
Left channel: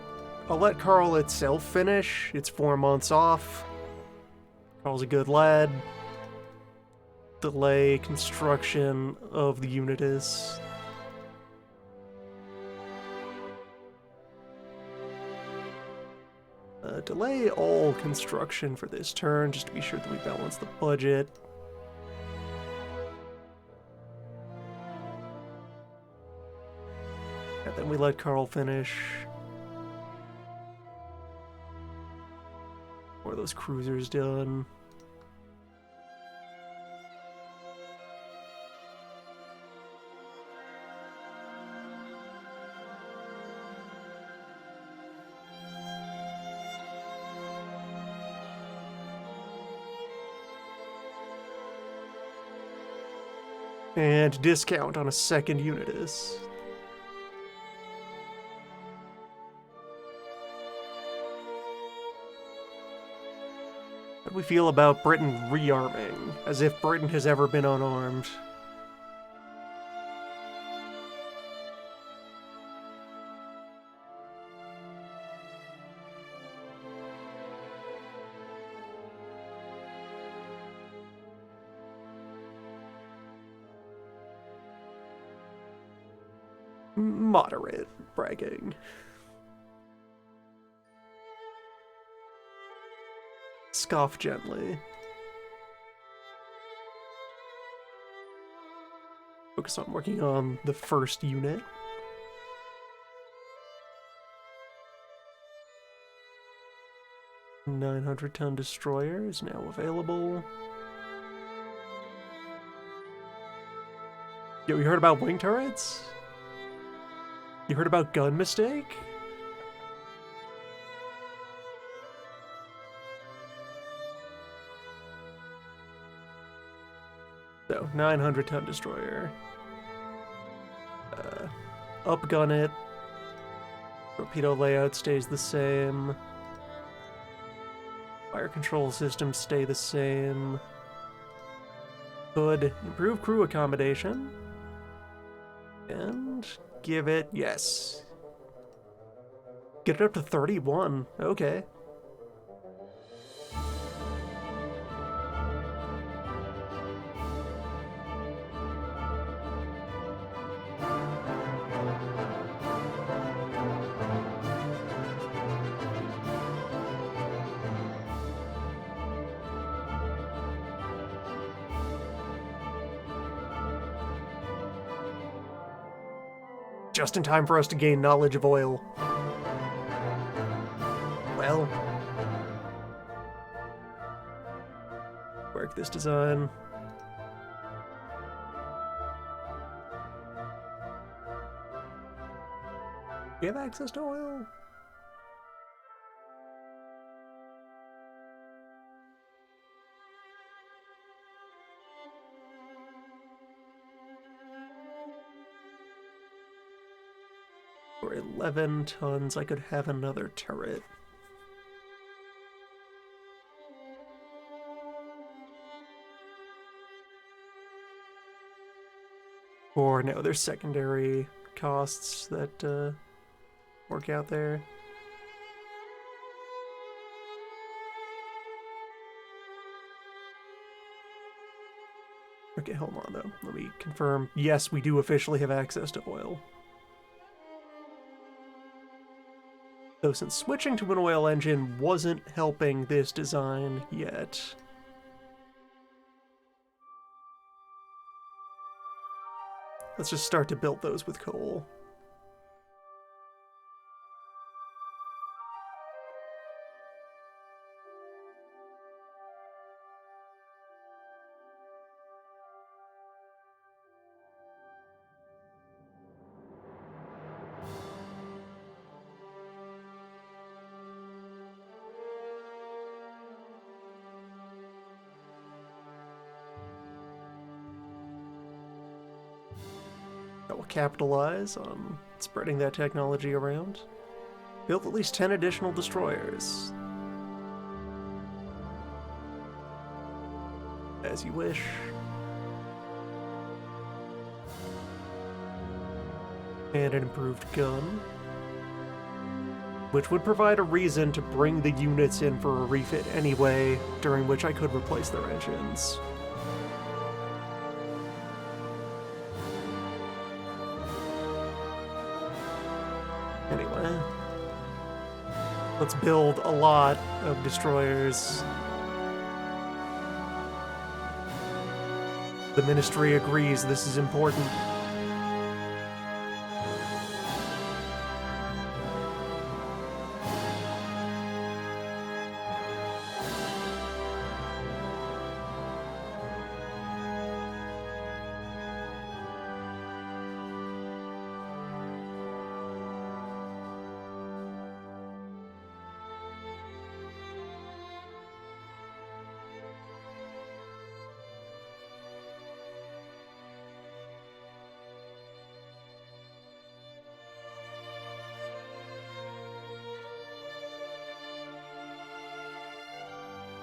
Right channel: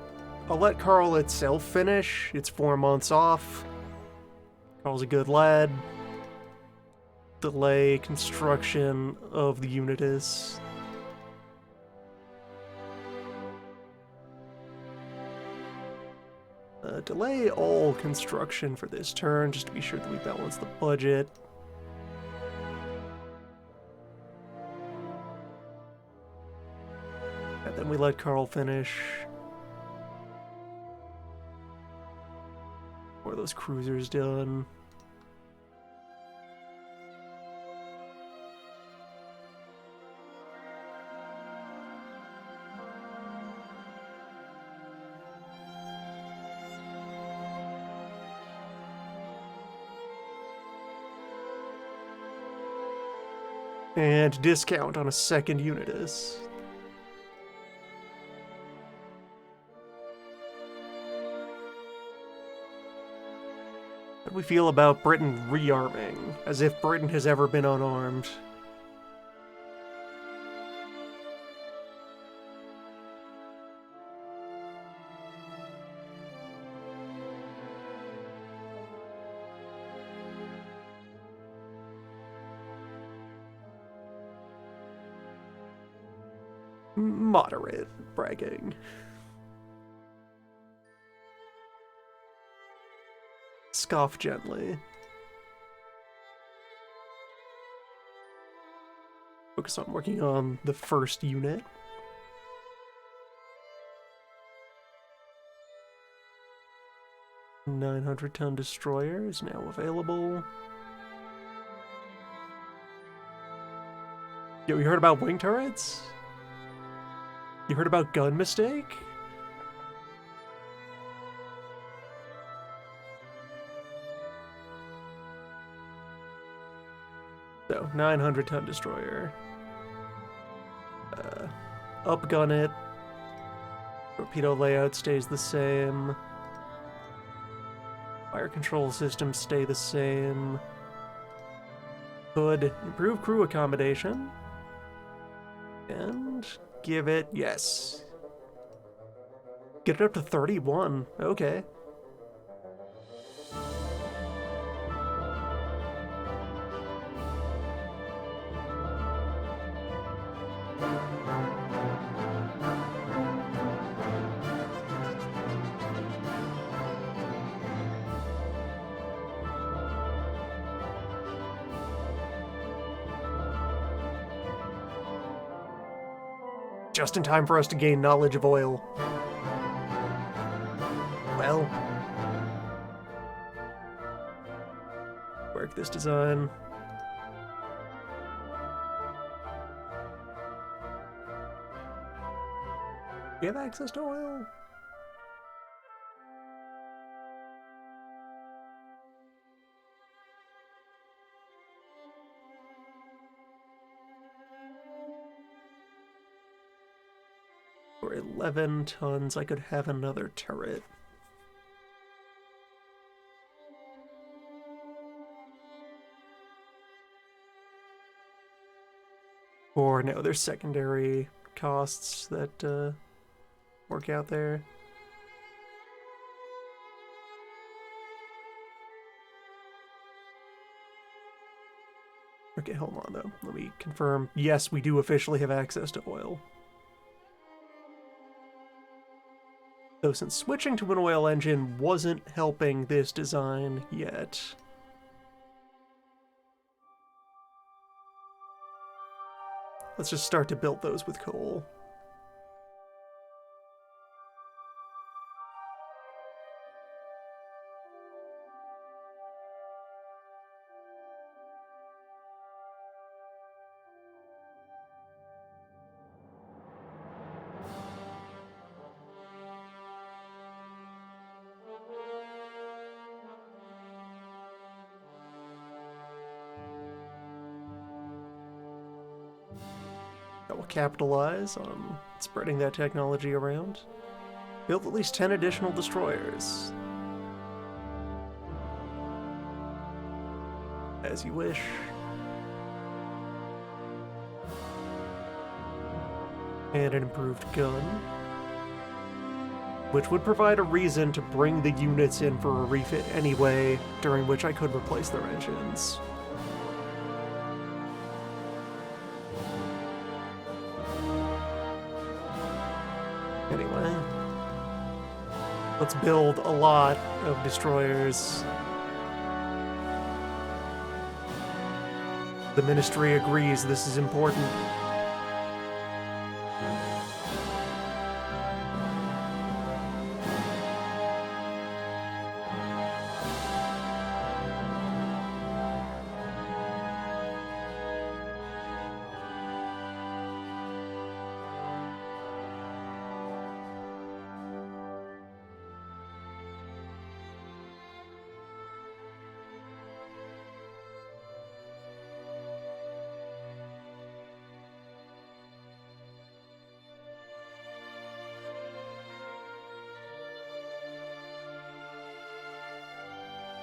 Carl itself finish. It's 4 months off. Carl's a good lad. Delay construction of the Unitas. Delay all construction for this turn, just to be sure that we balance the budget. And then we let Carl finish. Or those cruisers done. And discount on a second Unitas. How do we feel about Britain rearming? As if Britain has ever been unarmed. Moderate bragging. Scoff gently. Focus on working on the first unit. $900-ton destroyer is now available. Yo, you heard about wing turrets? You heard about gun mistake? So, 900-ton destroyer. Upgun it. Torpedo layout stays the same. Fire control systems stay the same. Could improve crew accommodation. And give it, yes. Get it up to 31, okay. Just in time for us to gain knowledge of oil. Well. Work this design. We have access to oil? For 11 tons, I could have another turret. Or no, there's secondary costs that work out there. Okay, hold on though. Let me confirm. Yes, we do officially have access to oil. Though since switching to an oil engine wasn't helping this design yet. Let's just start to build those with coal. I will capitalize on spreading that technology around. Build at least 10 additional destroyers. As you wish. And an improved gun. Which would provide a reason to bring the units in for a refit anyway, during which I could replace their engines. Anyway, let's build a lot of destroyers. The Ministry agrees this is important.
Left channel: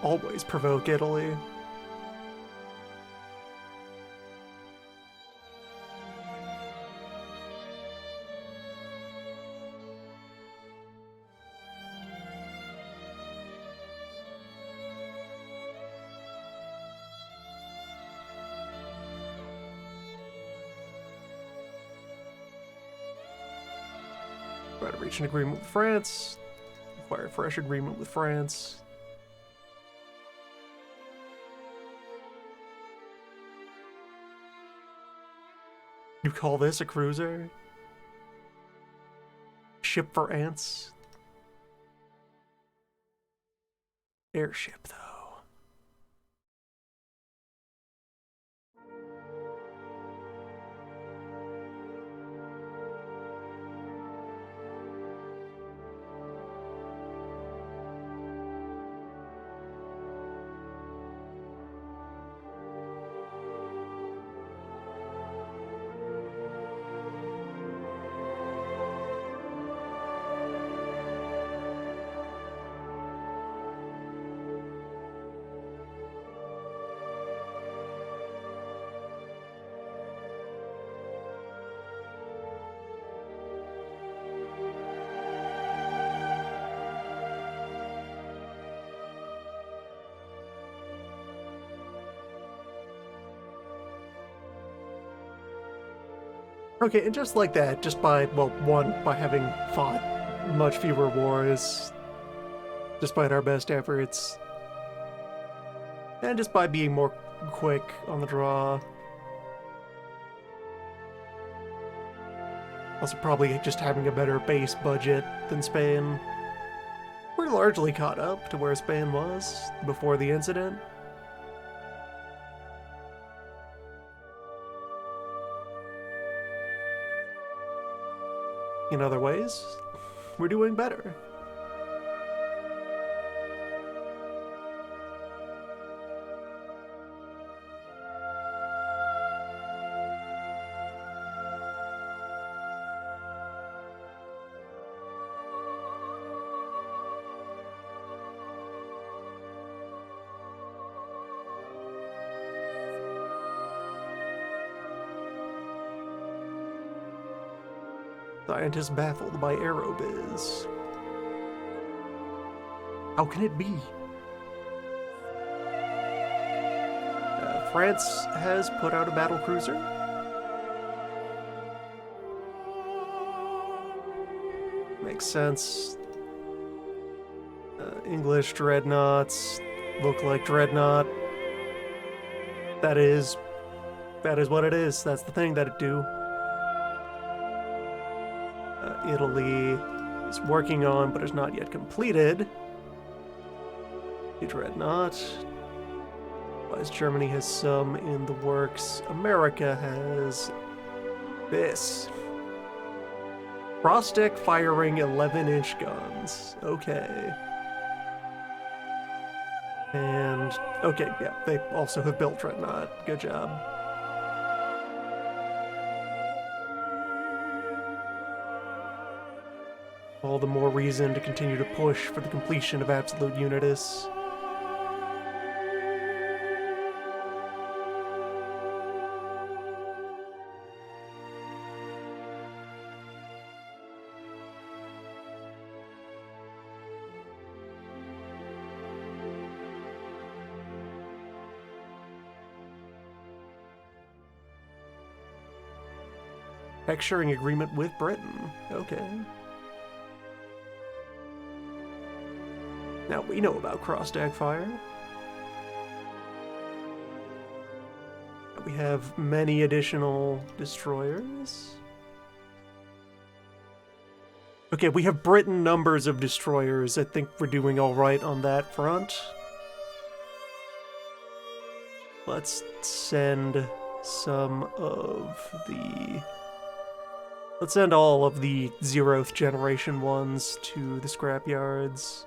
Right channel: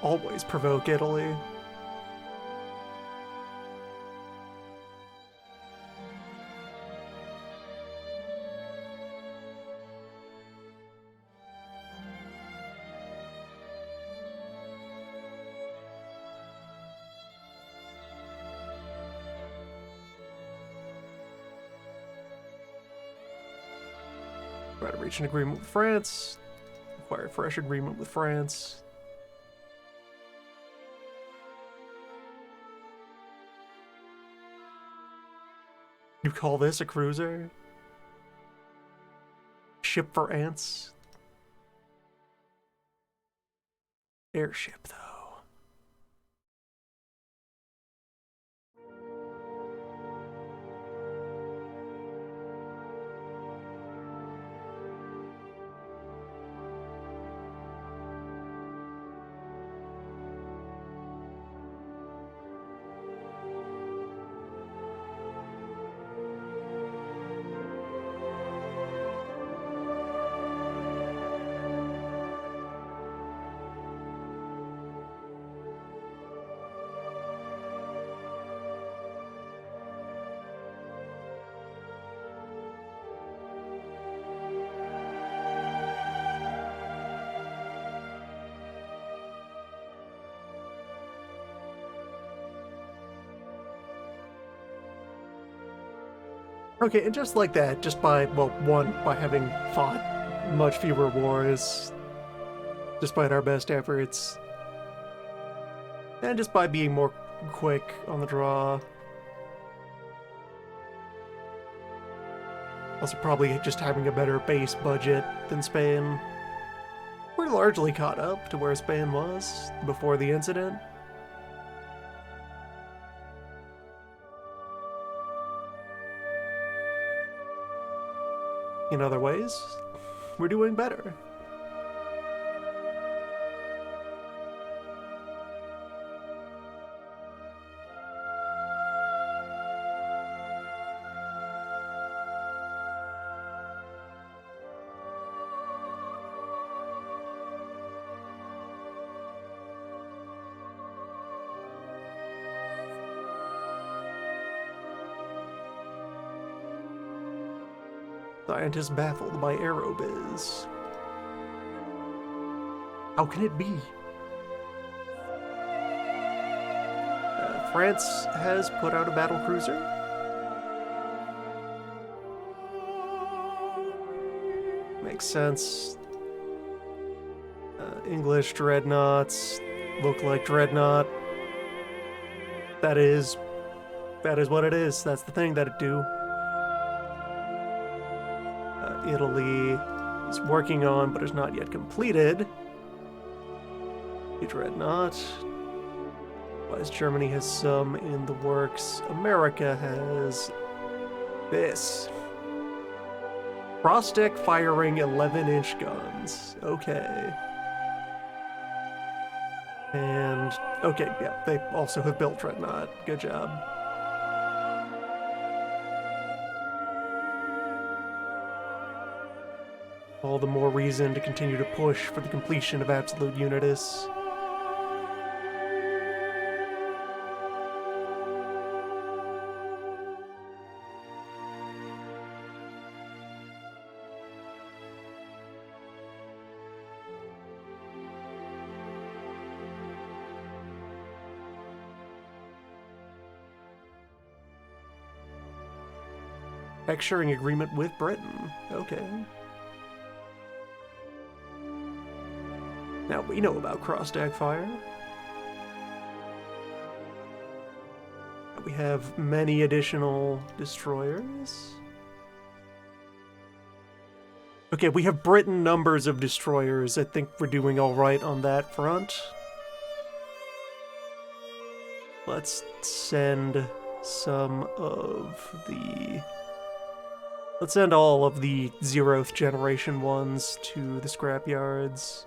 Always provoke Italy. Try to reach an agreement with France. Require a fresh agreement with France. You call this a cruiser? Ship for ants? Airship, though. Okay, and just like that, just by, well, one, by having fought much fewer wars, despite our best efforts, and just by being more quick on the draw. Also probably just having a better base budget than Spain. We're largely caught up to where Spain was before the incident. In other ways, we're doing better. Scientists baffled by Aerobiz. How can it be? France has put out a battle cruiser. Makes sense. English dreadnoughts look like dreadnought. That is what it is. That's the thing that it do. Italy is working on, but is not yet completed. A dreadnought. Whereas Germany has some in the works. America has this. Cross-deck firing 11-inch guns. Okay. And, okay, yeah, they also have built dreadnought. Good job. All the more reason to continue to push for the completion of Absolute Unitus. Sharing agreement with Britain. Okay. Now we know about cross-deck fire. We have many additional destroyers. Okay, we have Britain numbers of destroyers. I think we're doing all right on that front. Let's send some of the... Let's send all of the 0th generation ones to the scrapyards.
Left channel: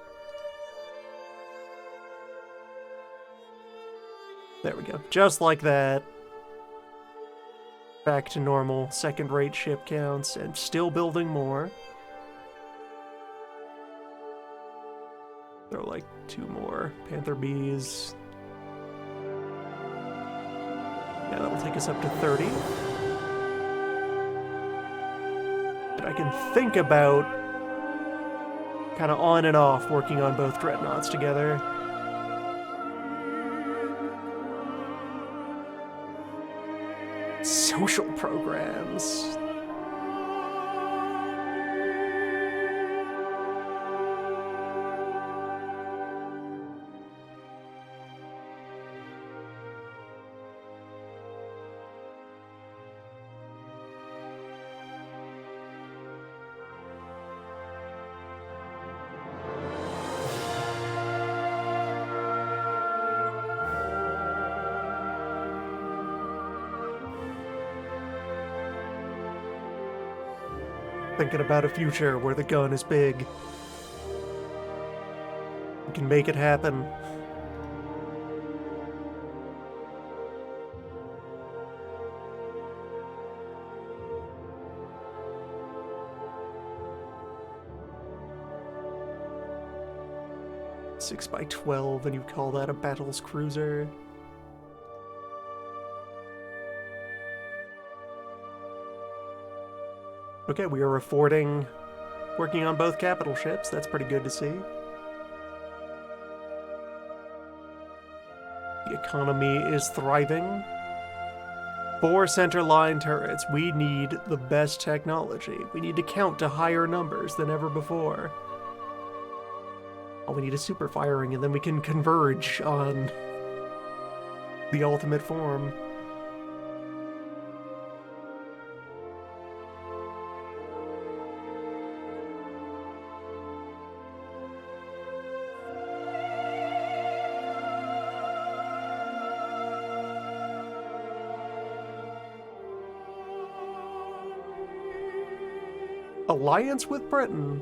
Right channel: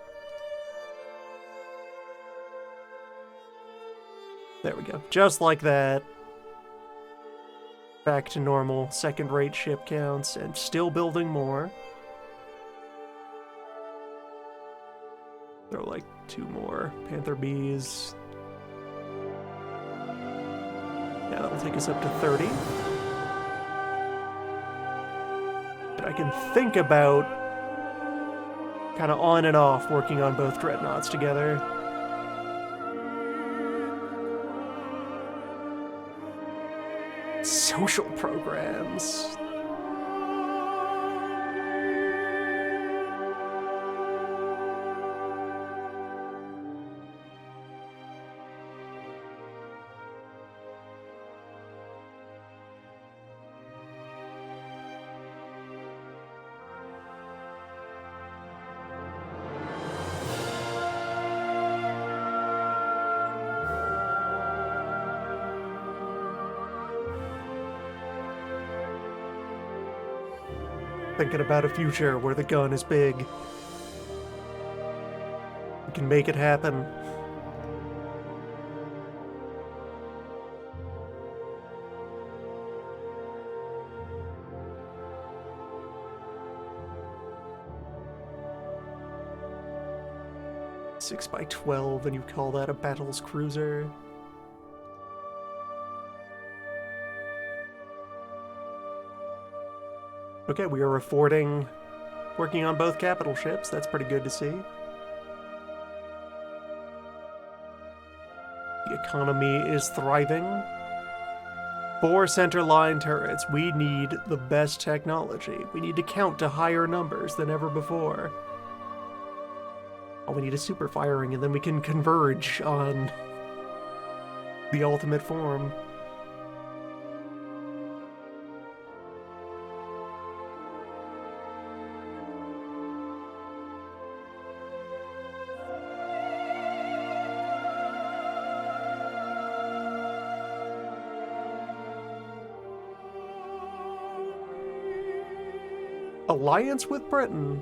There we go. Just like that. Back to normal second-rate ship counts, and still building more. There are like 2 more Panther Bs. Yeah, that'll take us up to 30. And I can think about kind of on and off working on both dreadnoughts together. Social programs. Thinking about a future where the gun is big. We can make it happen. Six by 12, and you call that a battles cruiser? Okay, we are affording working on both capital ships. That's pretty good to see. The economy is thriving. 4 center-line turrets. We need the best technology. We need to count to higher numbers than ever before. All we need is super firing, and then we can converge on the ultimate form. Alliance with Britain.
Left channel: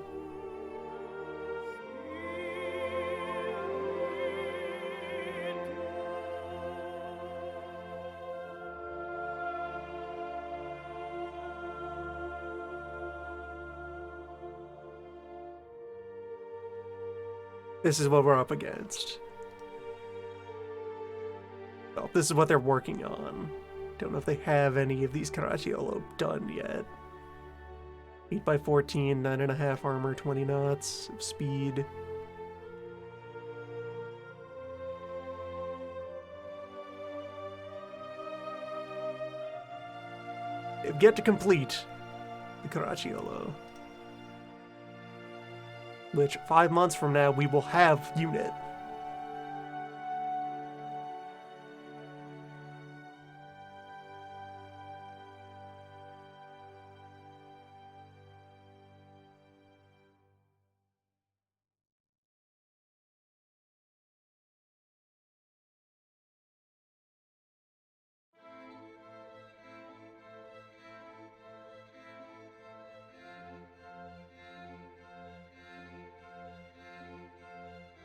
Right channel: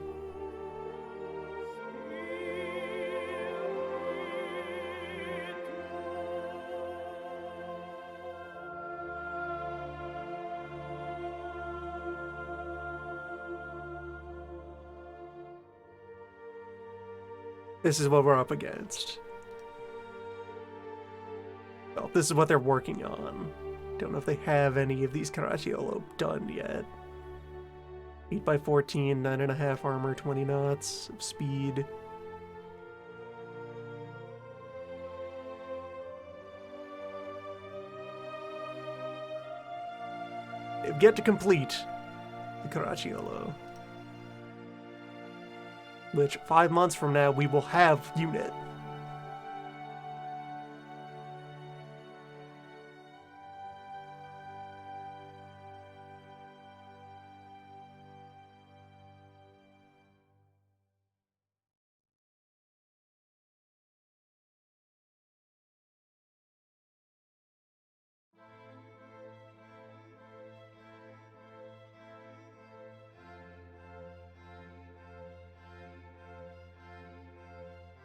This is what we're up against. Well, this is what they're working on. Don't know if they have any of these Caracciolo done yet. 8x14, 9.5 armor, 20 knots of speed. They've yet to complete the Caracciolo. Which, 5 months from now, we will have unit.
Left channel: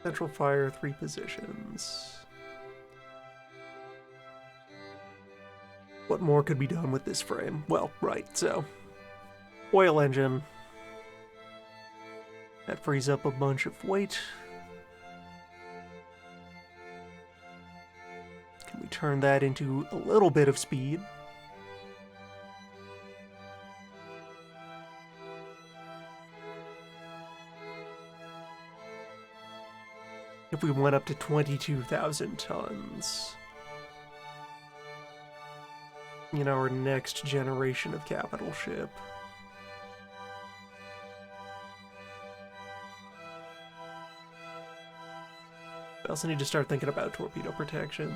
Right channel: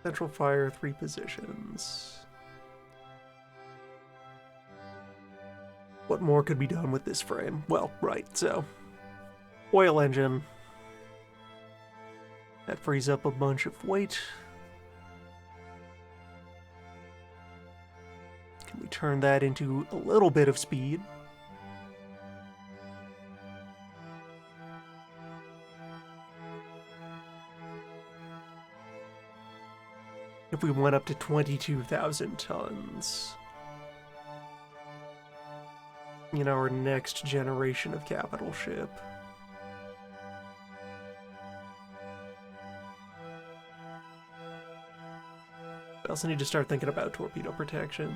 Central fire, 3 positions. What more could be done with this frame? Well, right, so. Oil engine. That frees up a bunch of weight. Can we turn that into a little bit of speed? If we went up to 22,000 tons in our next generation of capital ship. I also need to start thinking about torpedo protection.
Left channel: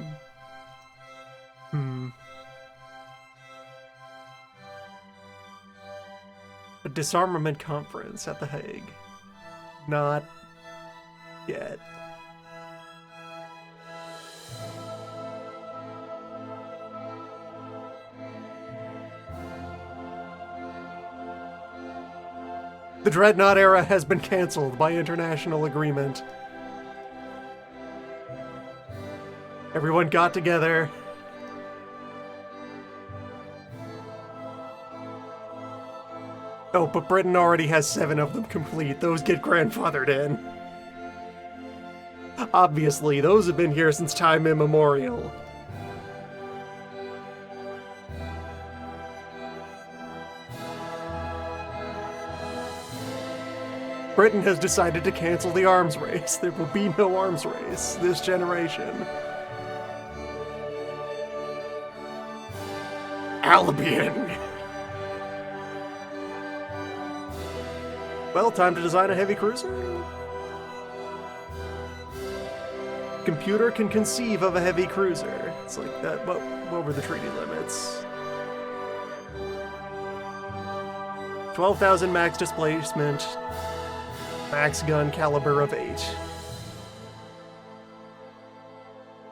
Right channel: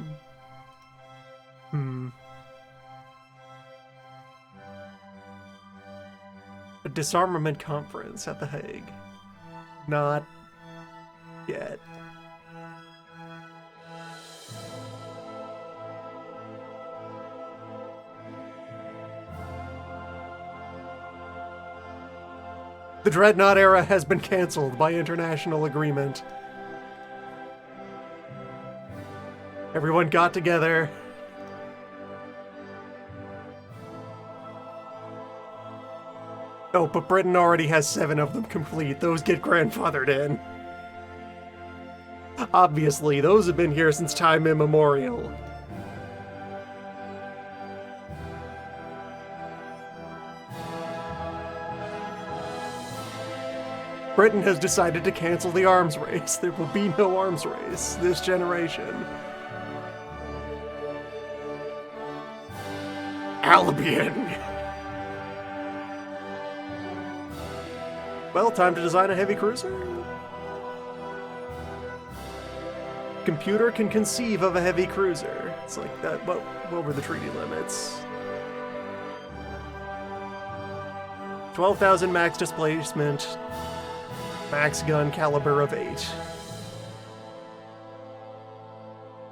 A disarmament conference at The Hague. Not yet. The Dreadnought era has been cancelled by international agreement. Everyone got together. Oh, but Britain already has 7 of them complete. Those get grandfathered in. Obviously, those have been here since time immemorial. Britain has decided to cancel the arms race. There will be no arms race this generation. Albion! Well, time to design a heavy cruiser. Computer can conceive of a heavy cruiser. It's like that. What were the treaty limits? 12,000 max displacement. Max gun caliber of 8.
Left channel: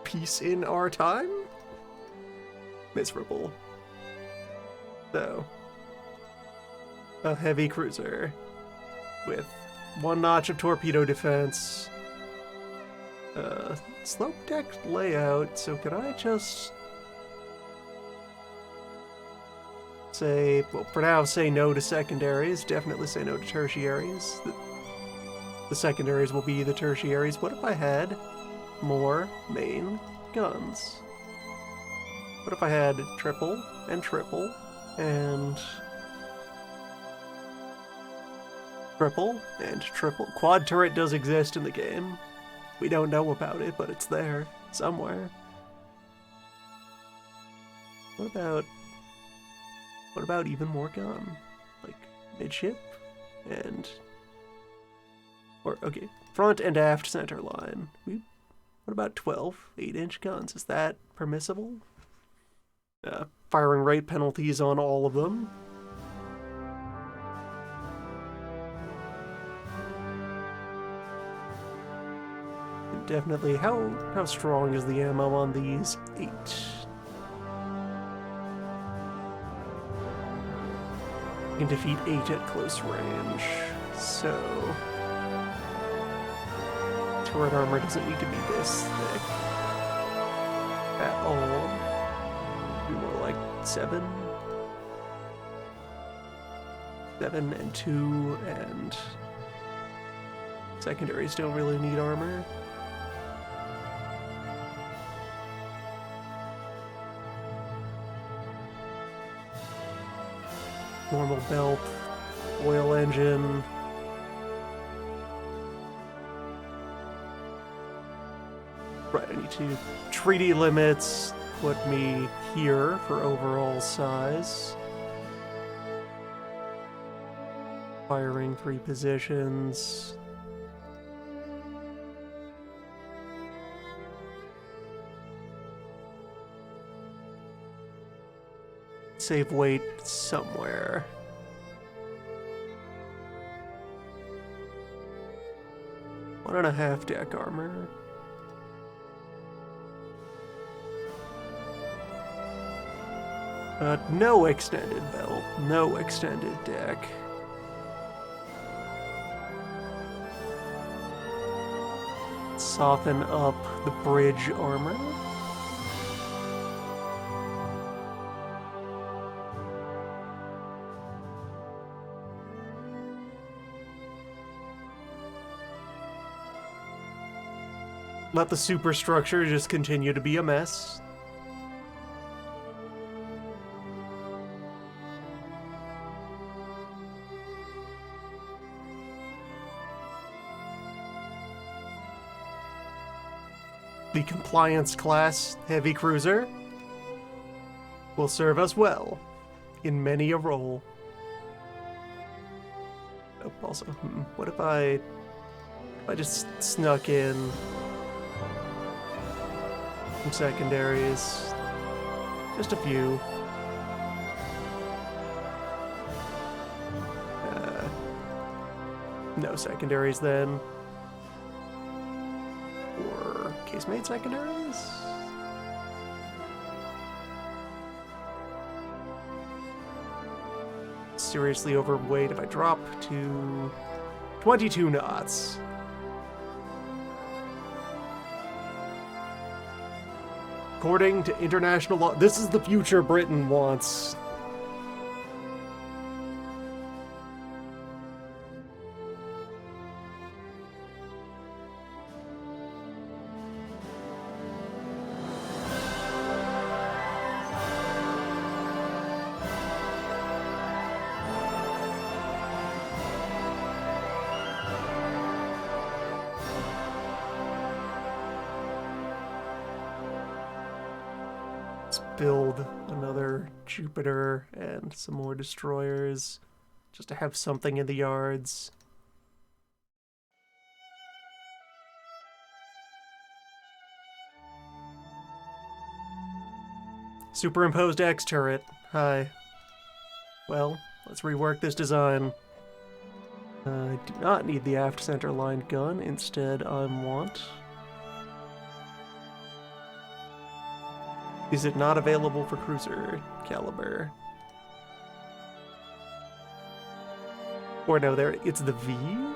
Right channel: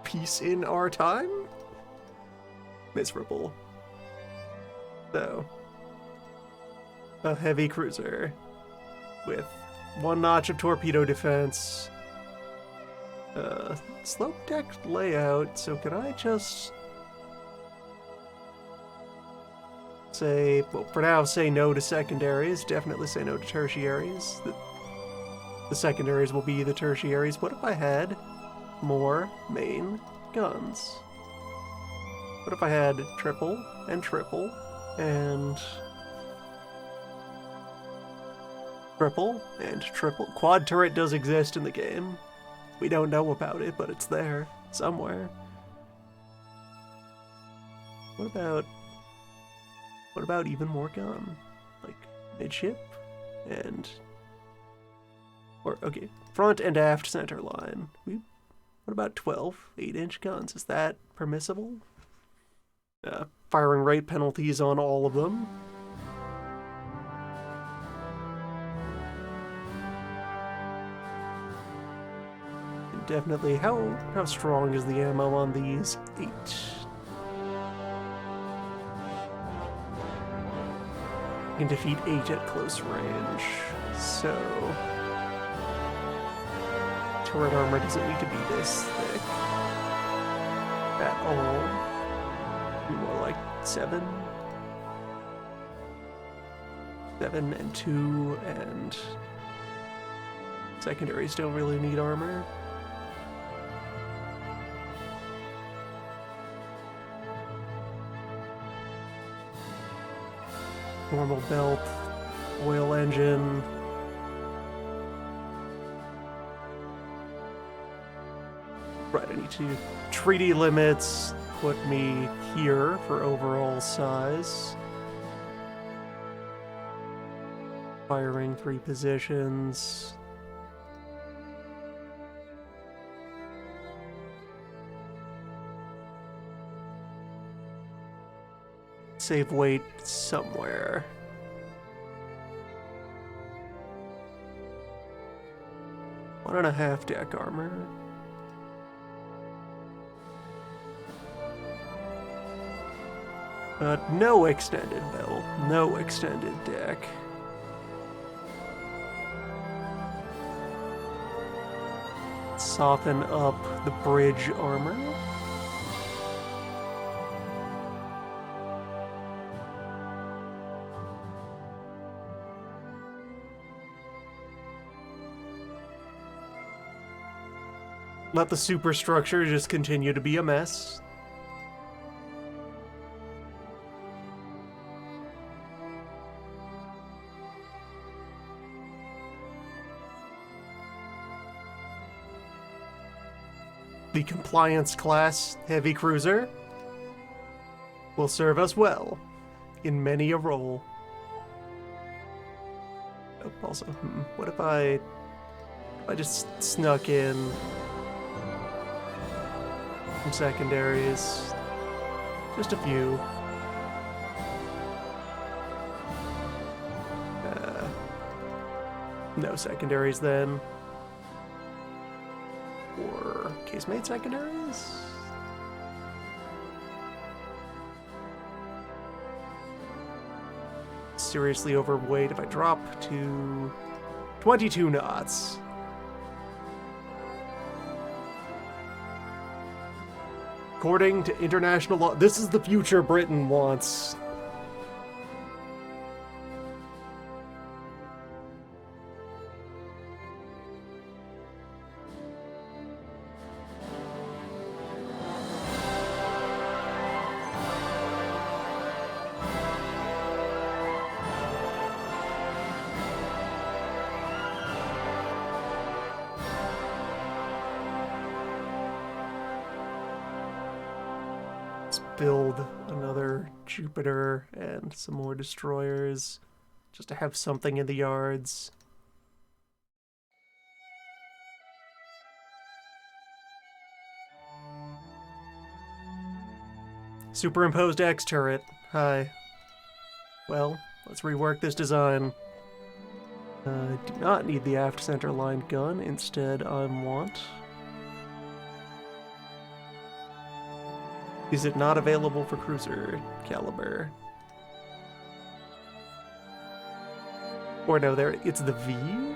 Peace in our time? Miserable. So, a heavy cruiser with 1 notch of torpedo defense. Slope deck layout, so could I just say, well, for now, say no to secondaries, definitely say no to tertiaries. The secondaries will be the tertiaries. What if I had more main guns? What if I had triple and triple and triple and triple? Quad turret does exist in the game. We don't know about it, but it's there somewhere. What about even more gun? Like midship and... Or, okay, front and aft center line. What about 12 8-inch guns? Is that permissible? Firing rate penalties on all of them. And definitely, how strong is the ammo on these? 8. I can defeat 8 at close range, so turret armor doesn't need to be this thick at all. Be more like 7. 7 and 2, and secondaries don't really need armor. Normal belt, oil engine. Right, I need to treaty limits put me here for overall size. Firing 3 positions. Save weight somewhere. One and a half deck armor. No extended belt, no extended deck. Soften up the bridge armor. Let the superstructure just continue to be a mess. The compliance class heavy cruiser will serve us well in many a role. Oh, also, what if I just snuck in some secondaries? Just a few. No secondaries then. Or casemate secondaries? Seriously overweight if I drop to 22 knots. According to international law, this is the future Britain wants. Build another Jupiter and some more destroyers just to have something in the yards. Superimposed X turret. Hi. Well, let's rework this design. I do not need the aft center line gun. Instead, I want... Is it not available for cruiser caliber? Or no, there it's the V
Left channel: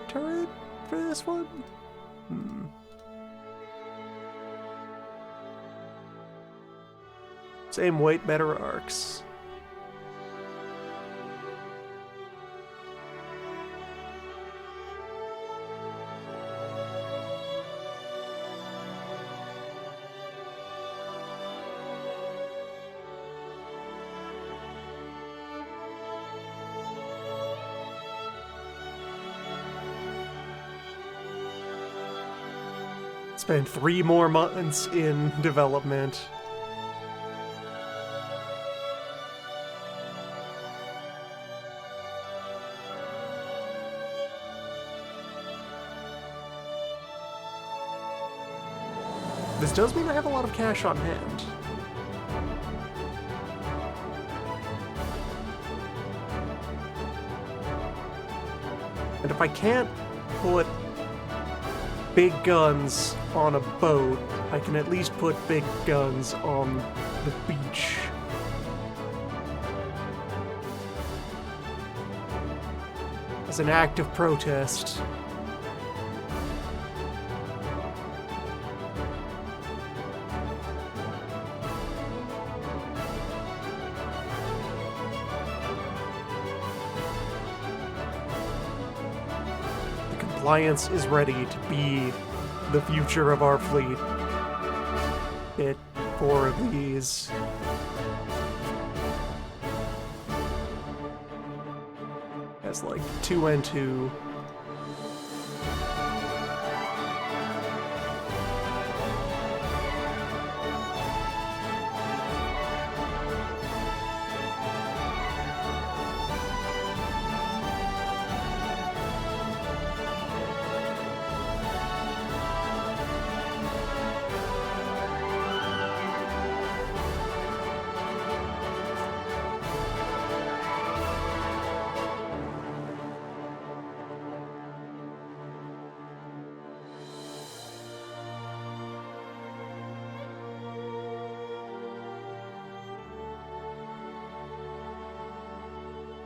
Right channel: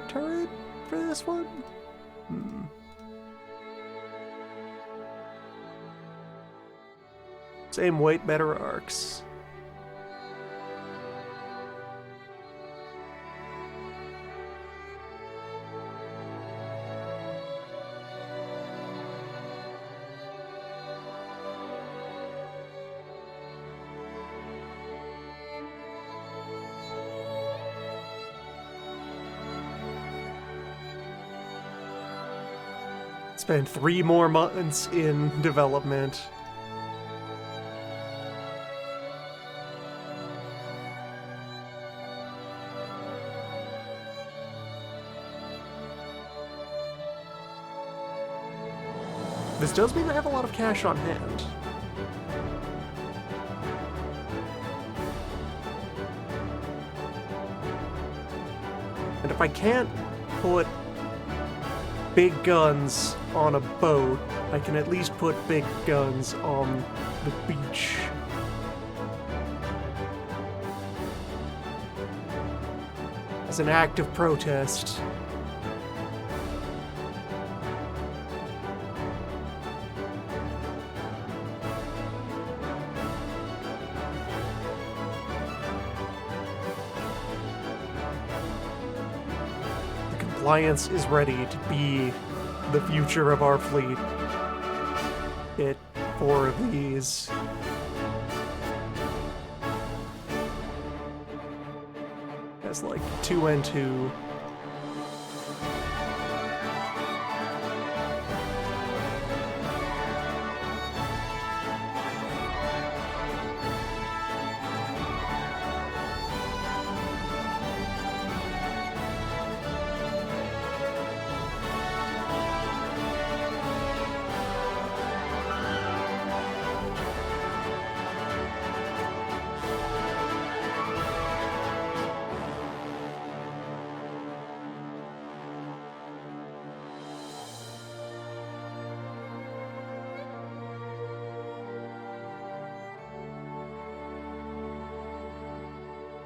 turret for this one? Same weight, better arcs. Spend 3 more months in development. This does mean I have a lot of cash on hand. And if I can't put big guns on a boat, I can at least put big guns on the beach. as an act of protest. The Compliance is ready to be the future of our fleet. Get 4 of these. Has like 2 and 2.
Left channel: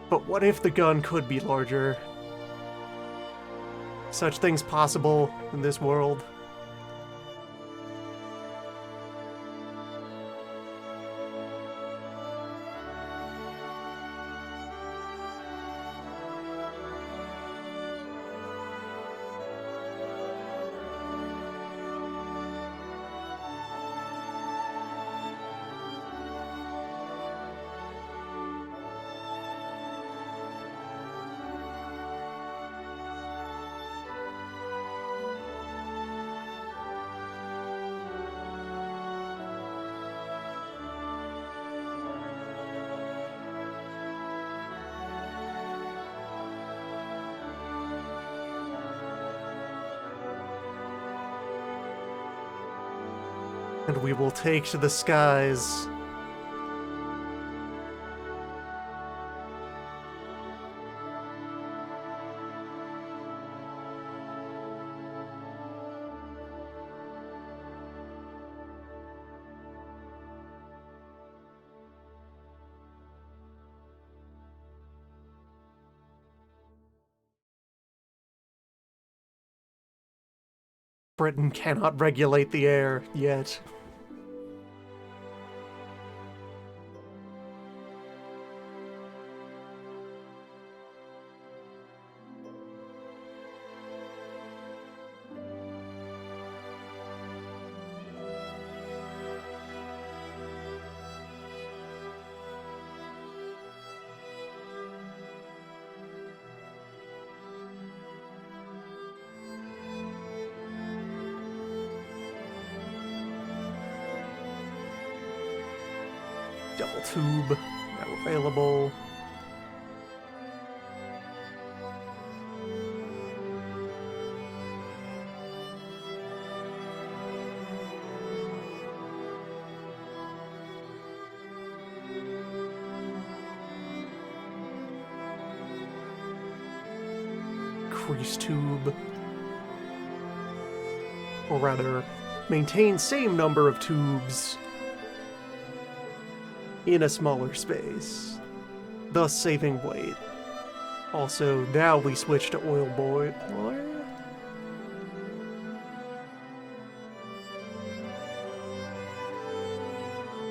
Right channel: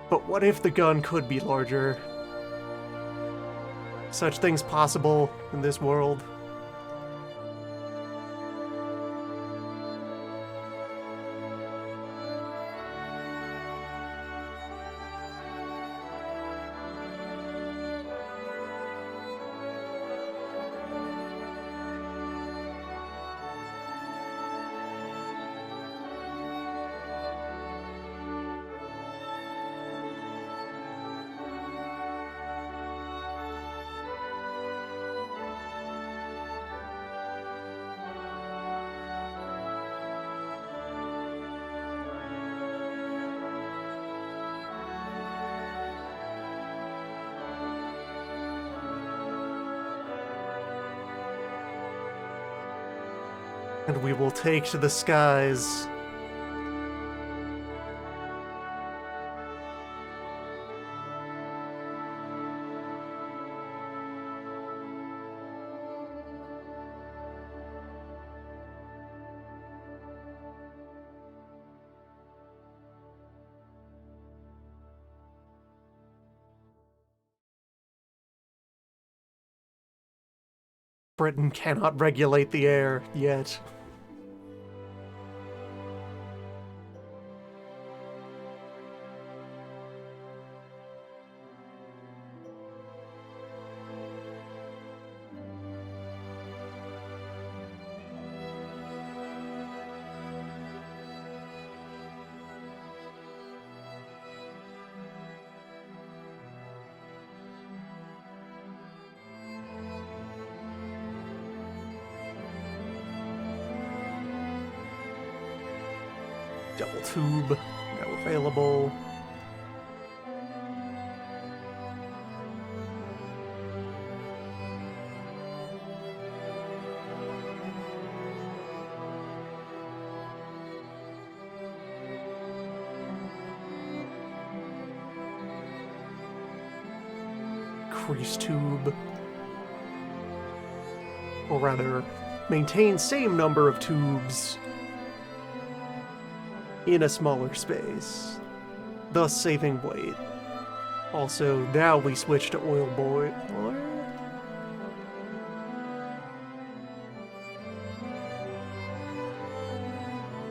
But what if the gun could be larger? Such things possible in this world. And we will take to the skies. Britain cannot regulate the air yet. Double tube, now available. Crease tube. Or rather, maintain same number of tubes in a smaller space, thus saving weight. Also, now we switch to oil boiler.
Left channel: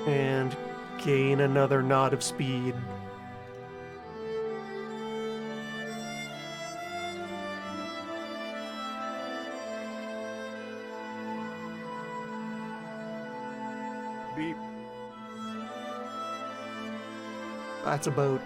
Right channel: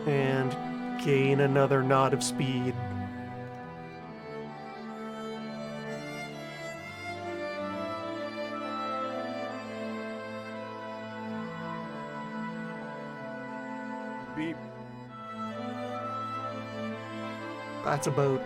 And gain another knot of speed. Beep. That's a boat.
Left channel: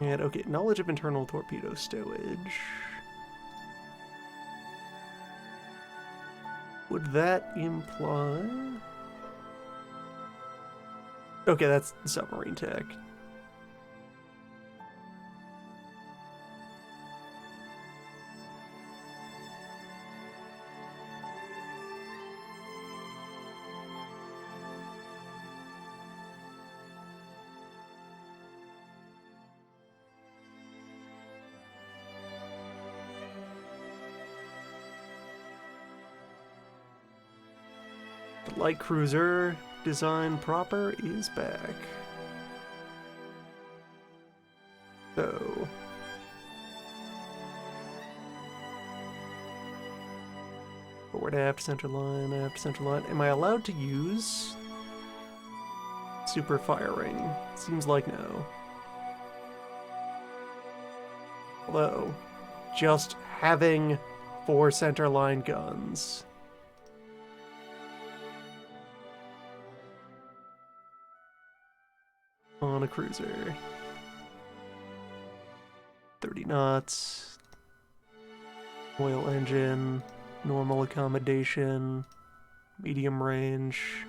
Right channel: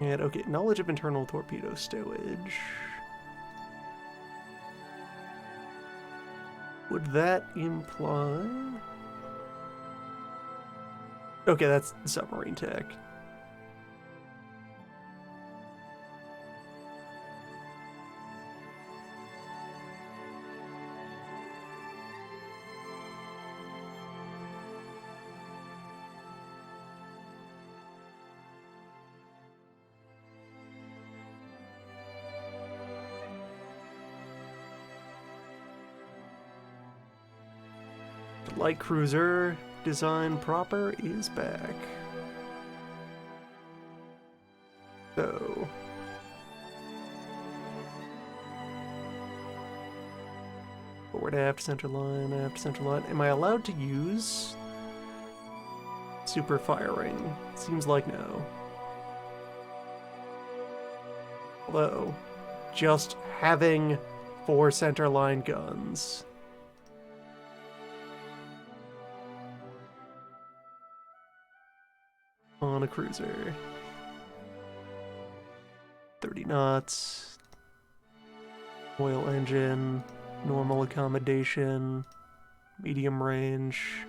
And okay, knowledge of internal torpedo stowage. Would that imply... Okay, that's submarine tech. The light cruiser design proper is back. So... forward aft, center line, aft, center line. Am I allowed to use super firing? Seems like no. Although, just having 4 center line guns. On a cruiser. 30 knots. Oil engine. Normal accommodation. Medium range.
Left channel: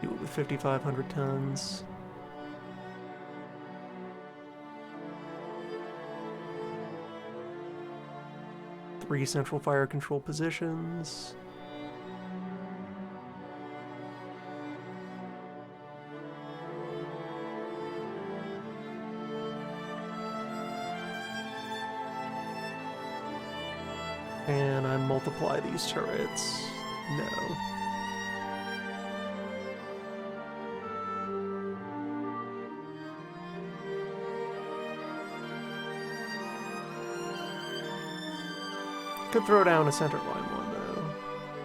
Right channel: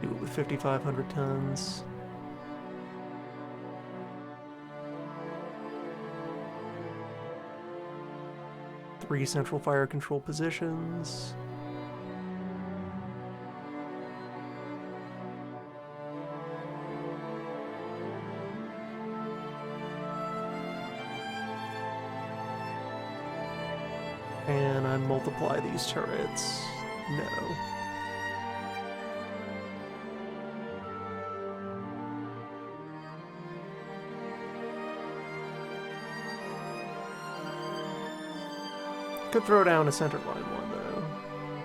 Do it with 5,500 tons. Three central fire control positions. And I multiply these turrets. No. Could throw down a center line one, though.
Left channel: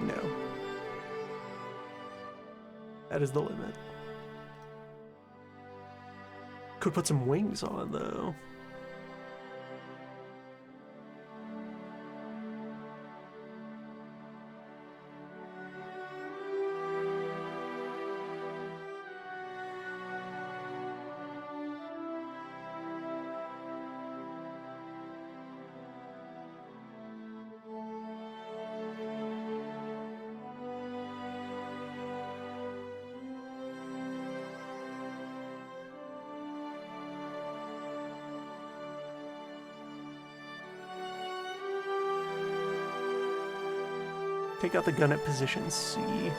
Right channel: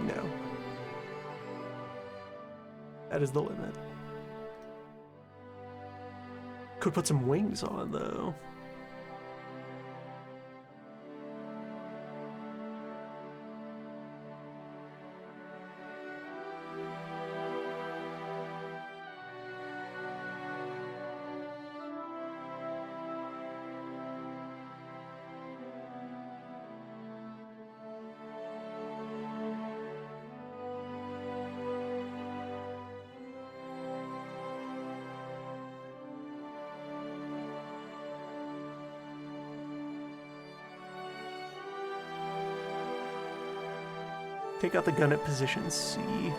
No. That is the limit. Could put some wings on, though. Take out the gun at position C.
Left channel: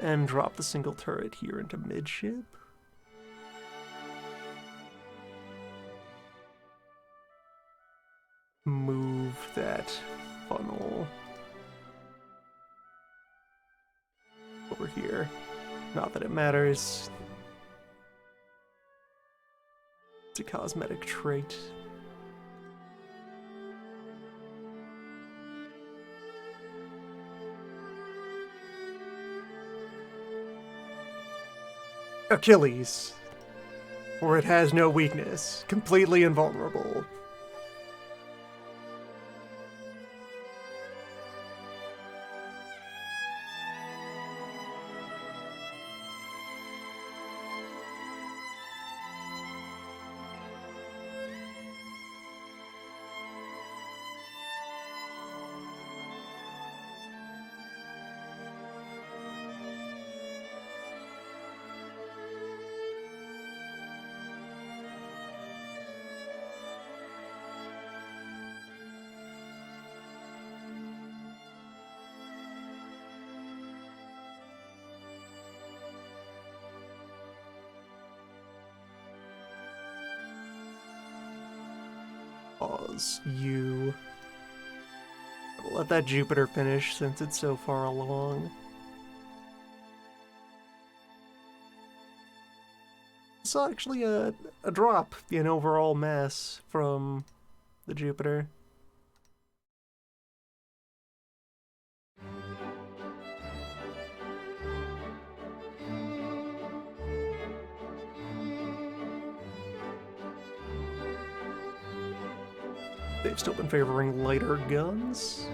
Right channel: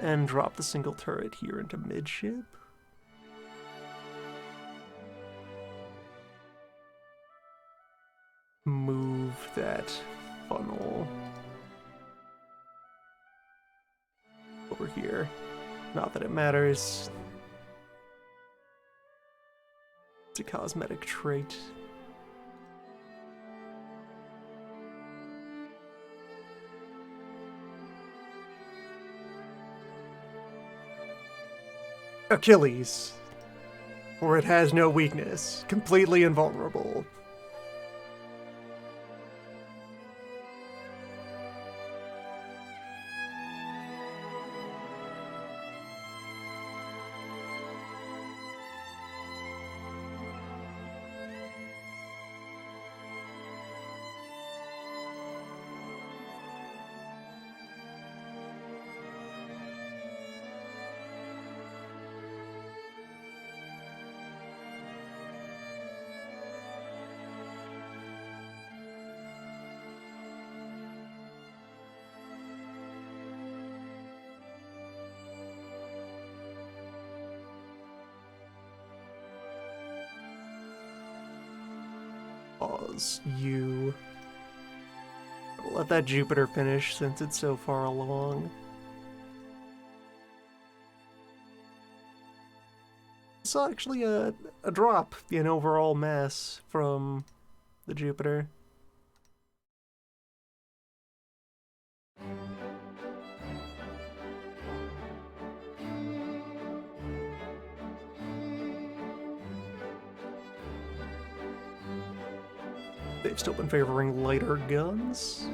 And drop the single turret here into midship. Move that funnel over here. Not that it matters. It's a cosmetic trait. Achilles. For it has no weakness. Completely invulnerable. Pause. You. I'll let that Jupiter finish since it's so far along. It's actually a drop in overall mass from the Jupiter. They've still been favoring lighter guns.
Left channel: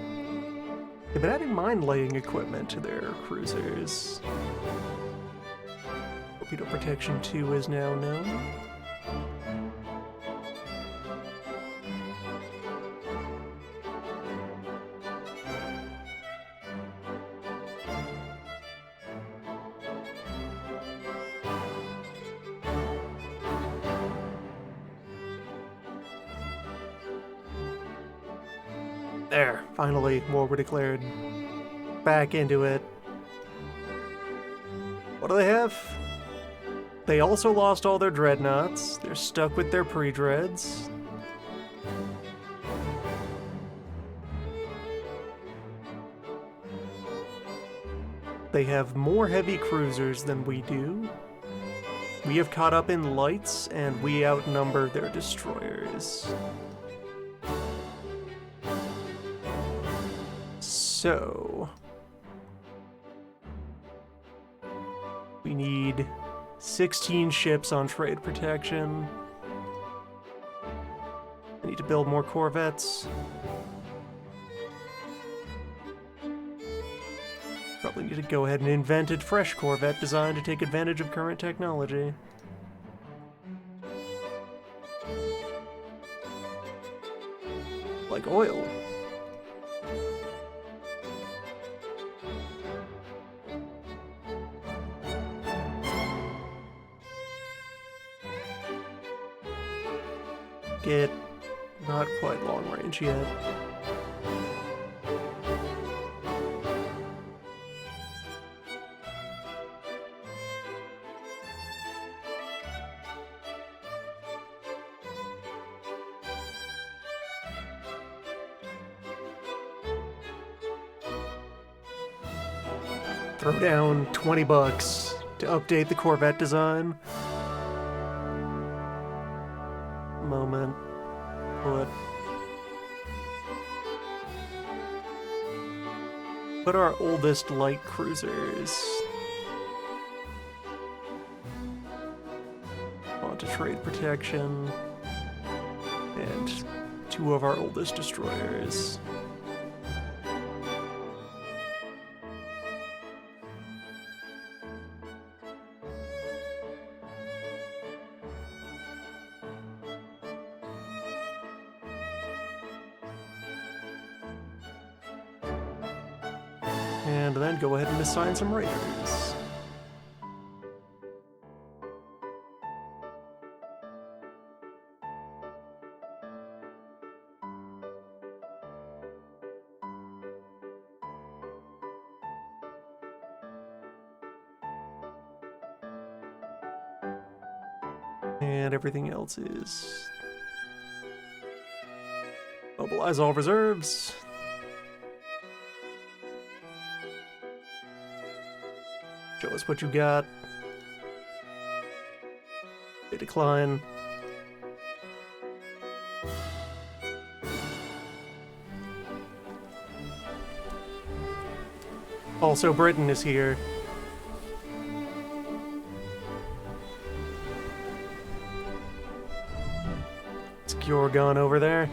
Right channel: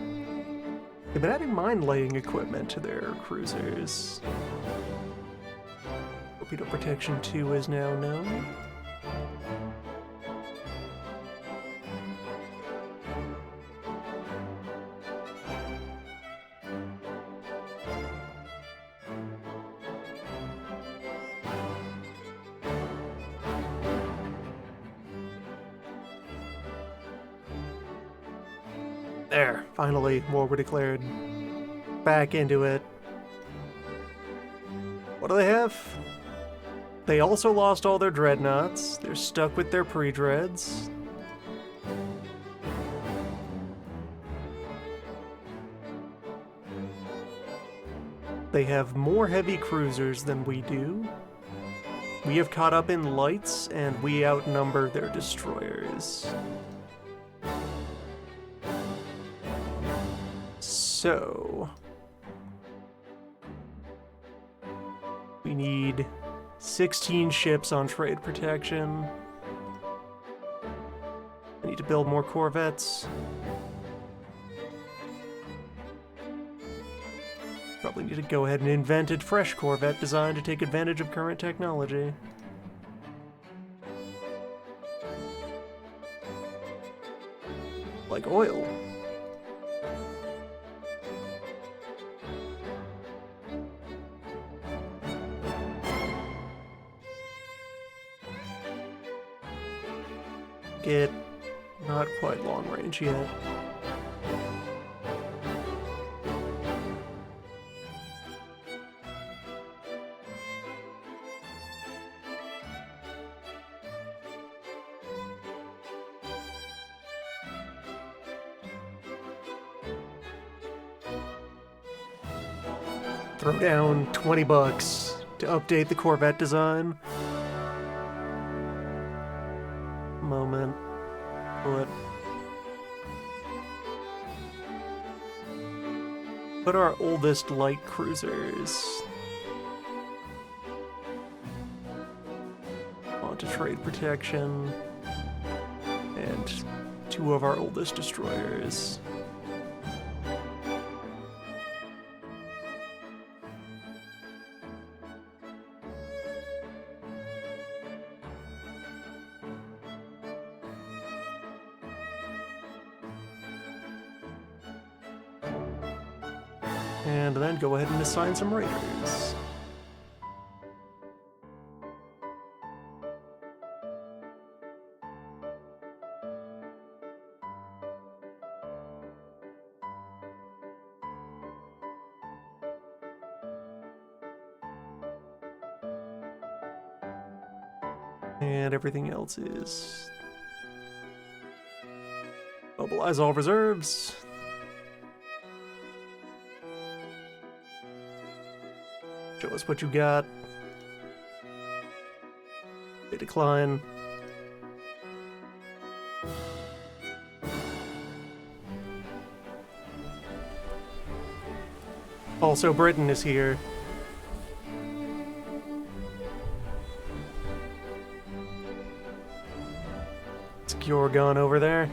They've been adding mine-laying equipment to their cruisers. Torpedo Protection 2 is now known. There, finally, war were declared. Back into it. What do they have? They also lost all their dreadnoughts. They're stuck with their pre-dreads. They have more heavy cruisers than we do. We have caught up in lights, and we outnumber their destroyers. So... we need 16 ships on trade protection. I need to build more corvettes. Probably need to go ahead and invent a fresh corvette design to take advantage of current technology. Like oil. Get not quite long range yet. Throw down 20 bucks to update the Corvette design. Moment. Put our oldest light cruisers onto trade protection, and 2 of our oldest destroyers. And then go ahead and assign some raiders. And everything else is... mobilize all reserves. Show us what you got. They decline. Also, Britain is here. It's Gyorgon over there.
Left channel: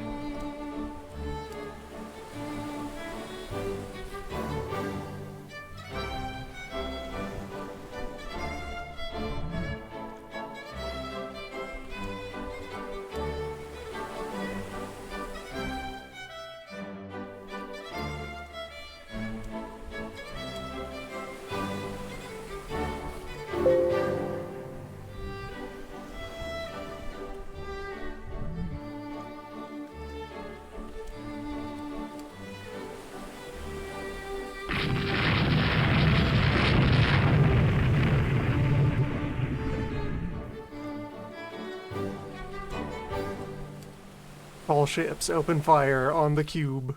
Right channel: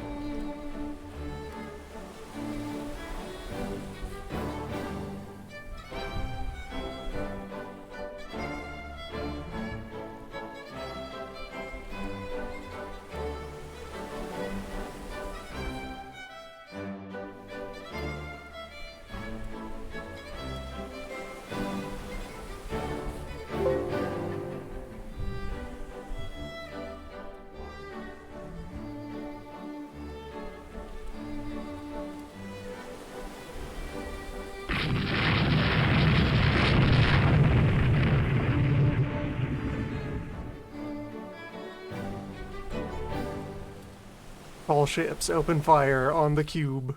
All ships open fire on the cube.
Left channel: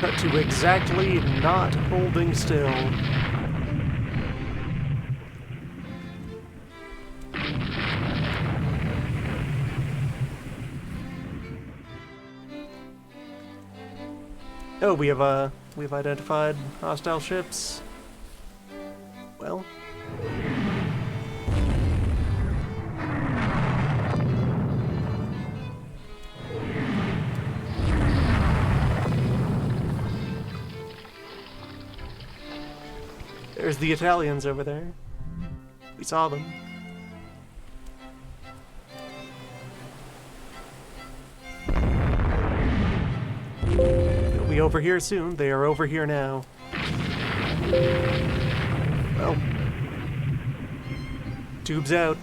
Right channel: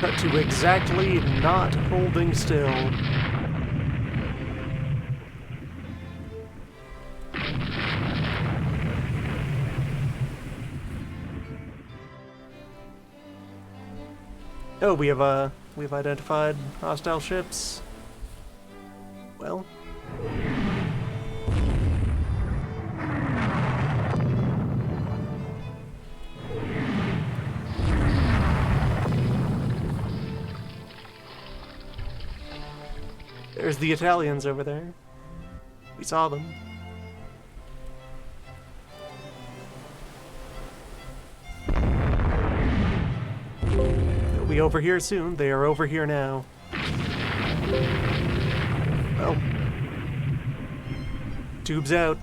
Cut to exactly not holding still. Oh, we've identified hostile ships. Well. There's the Italians over there. We saw them. They'll be over here soon. They are over here now. Tubes out.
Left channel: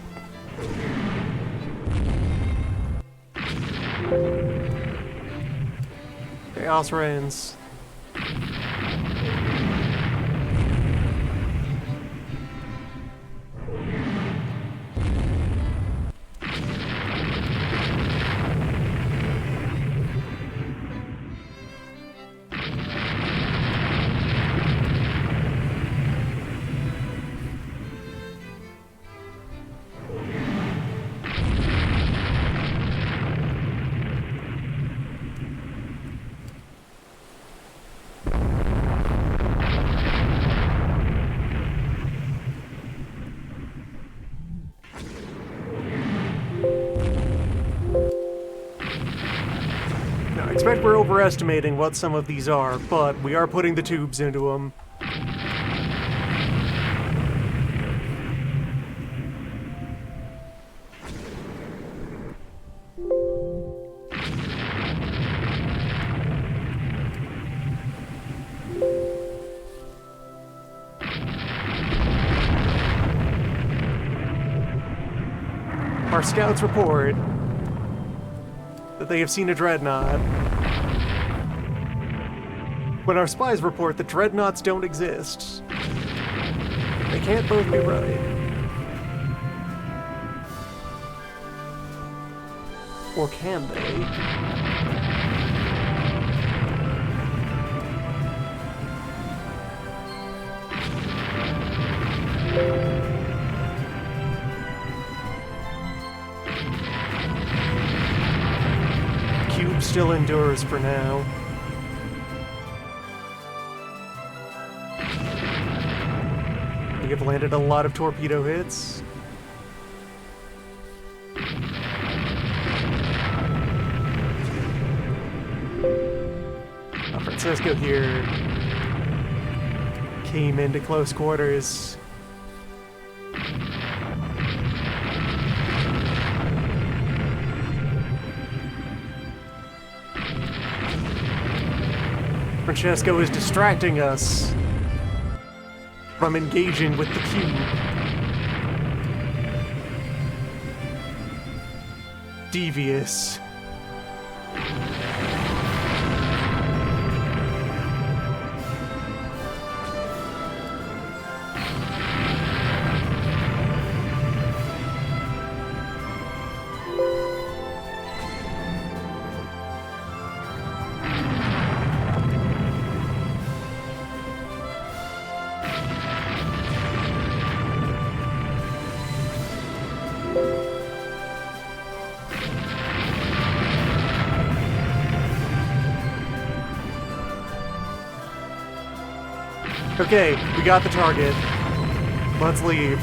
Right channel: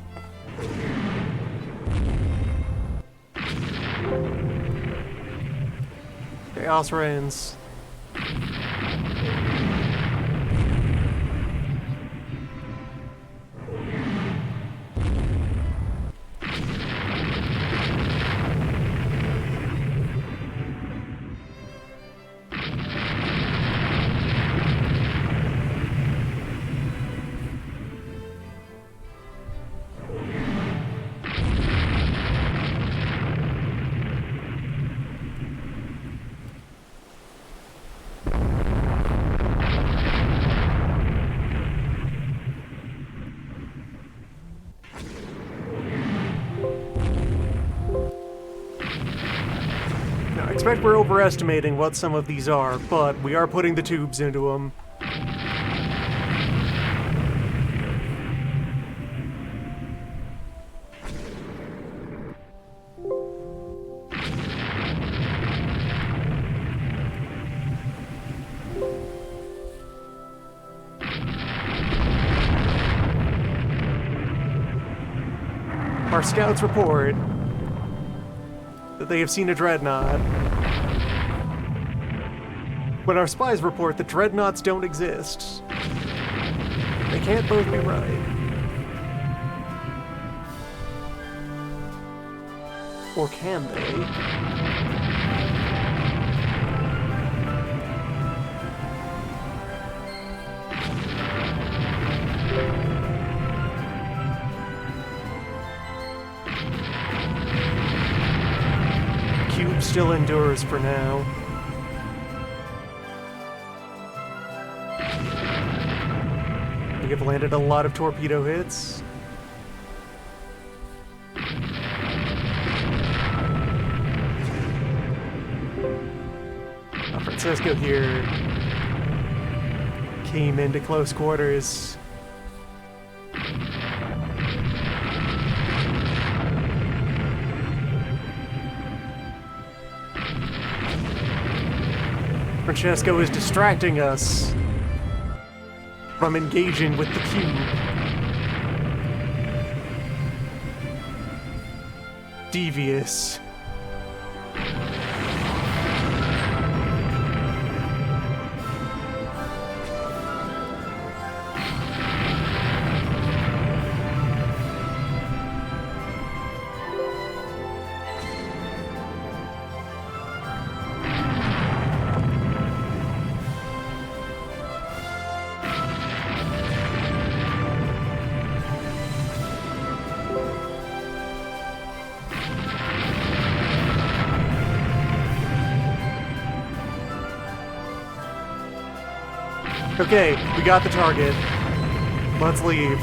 Chaos reigns. I expect we're overestimating what some of these are, but we are putting the tubes into them. Our scouts report that they have seen a dreadnought. When our spies report that dreadnoughts don't exist, they can't both be right. Or can they? Cube still endures for now. We have landed a lot of torpedo hits. Francesco here came into close quarters. Francesco is distracting us from engaging with the cube. Devious. Okay, we got the target. Let's leave.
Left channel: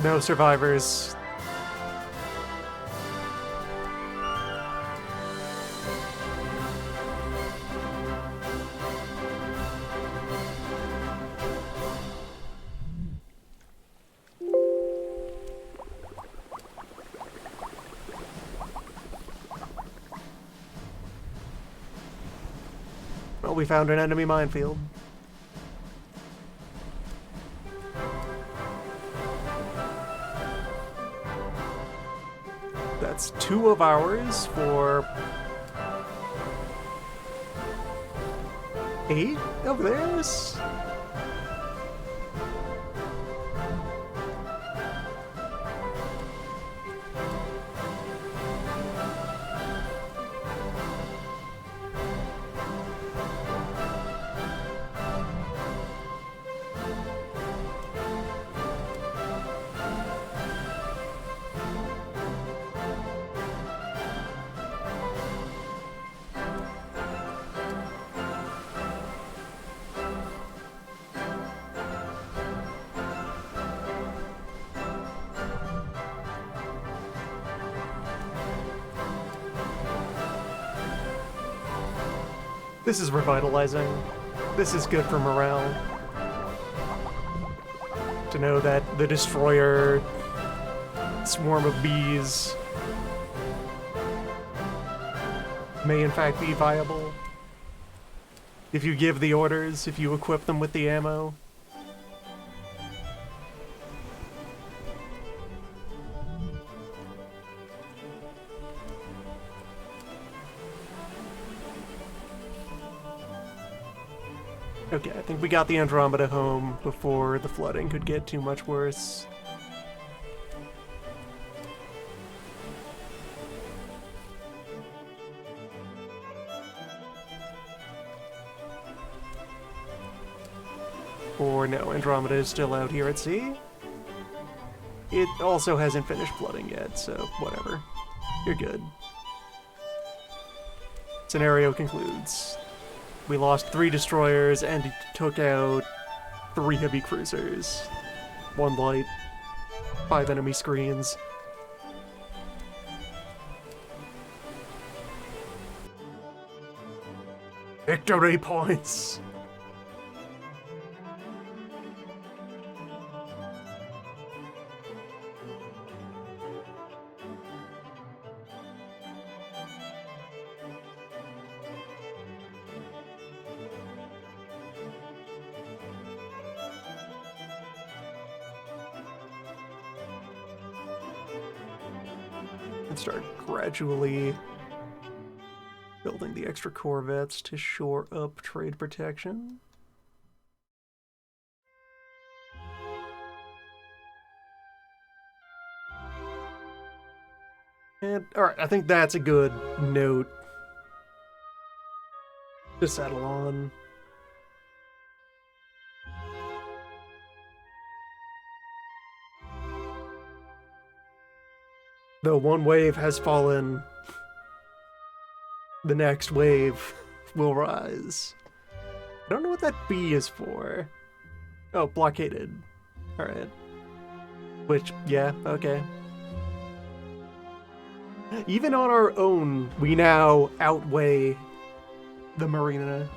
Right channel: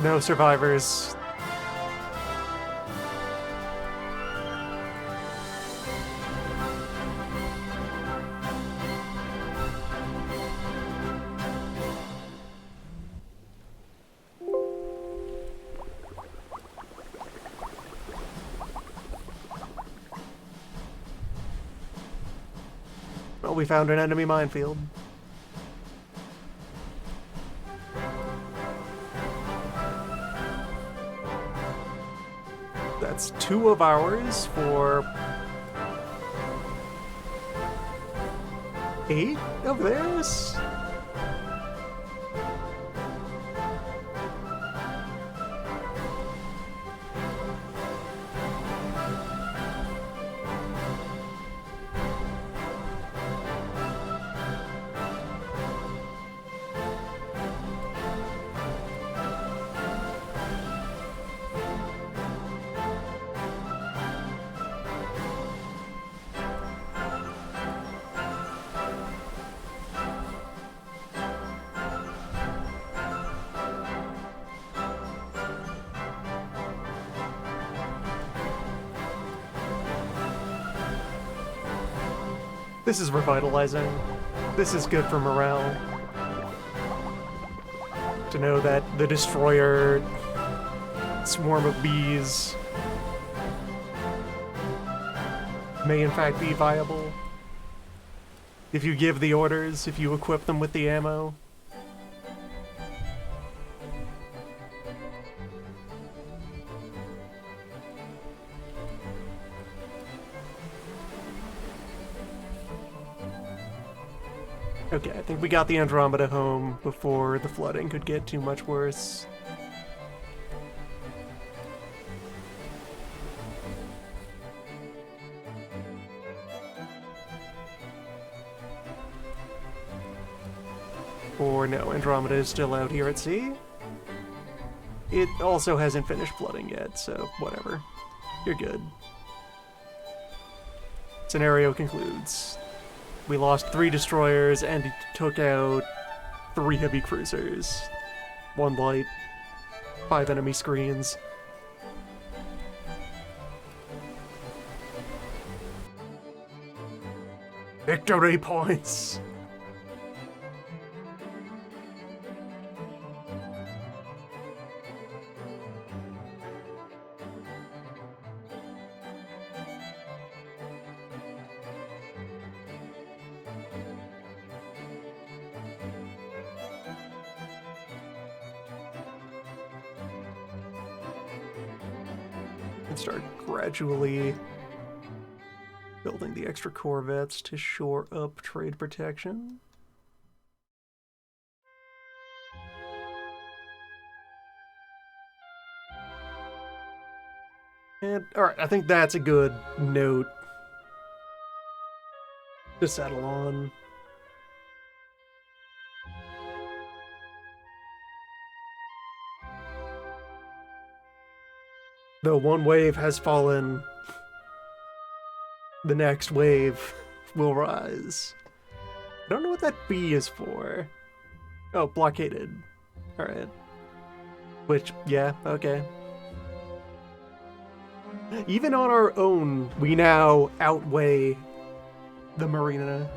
No survivors. Well, we found an enemy minefield. That's 2 of ours for 8 of theirs? This is revitalizing. This is good for morale. To know that the destroyer swarm of bees may in fact be viable. If you give the orders, if you equip them with the ammo. Okay, I think we got the Andromeda home before the flooding could get too much worse. Or no, Andromeda is still out here at sea. It also hasn't finished flooding yet, so whatever. You're good. Scenario concludes. We lost 3 destroyers and took out 3 heavy cruisers. 1 light, 5 enemy screens. Victory points! And start gradually building the extra corvettes to shore up trade protection. And, alright, I think that's a good note to settle on. Though one wave has fallen, the next wave will rise. I don't know what that B is for. Oh, blockaded. Alright. Which, yeah, okay. Even on our own, we now outweigh the Marina.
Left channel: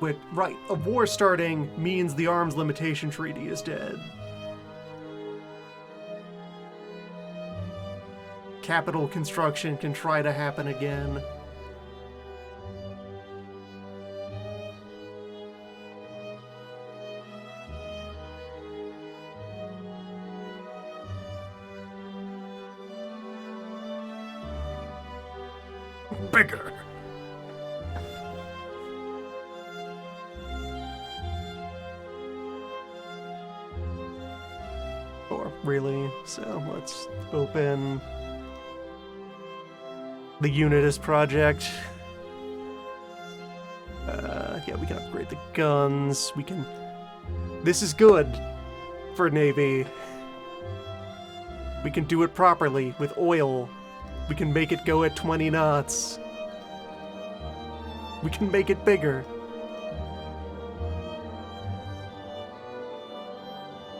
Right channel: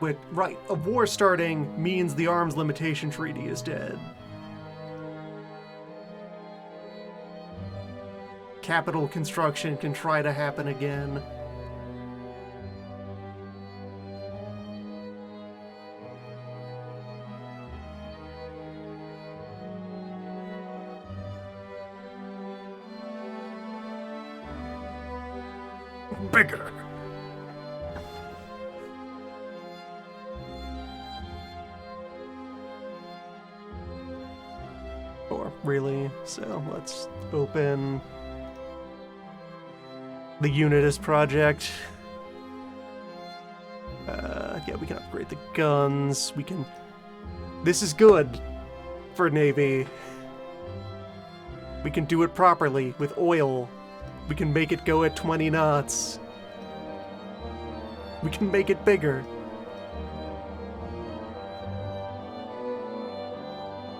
But, right, a war starting means the arms limitation treaty is dead. Capital construction can try to happen again. Bigger. Or really, so let's open the Unitas project. Yeah, we can upgrade the guns. We can... This is good for Navy. We can do it properly with oil. We can make it go at 20 knots. We can make it bigger.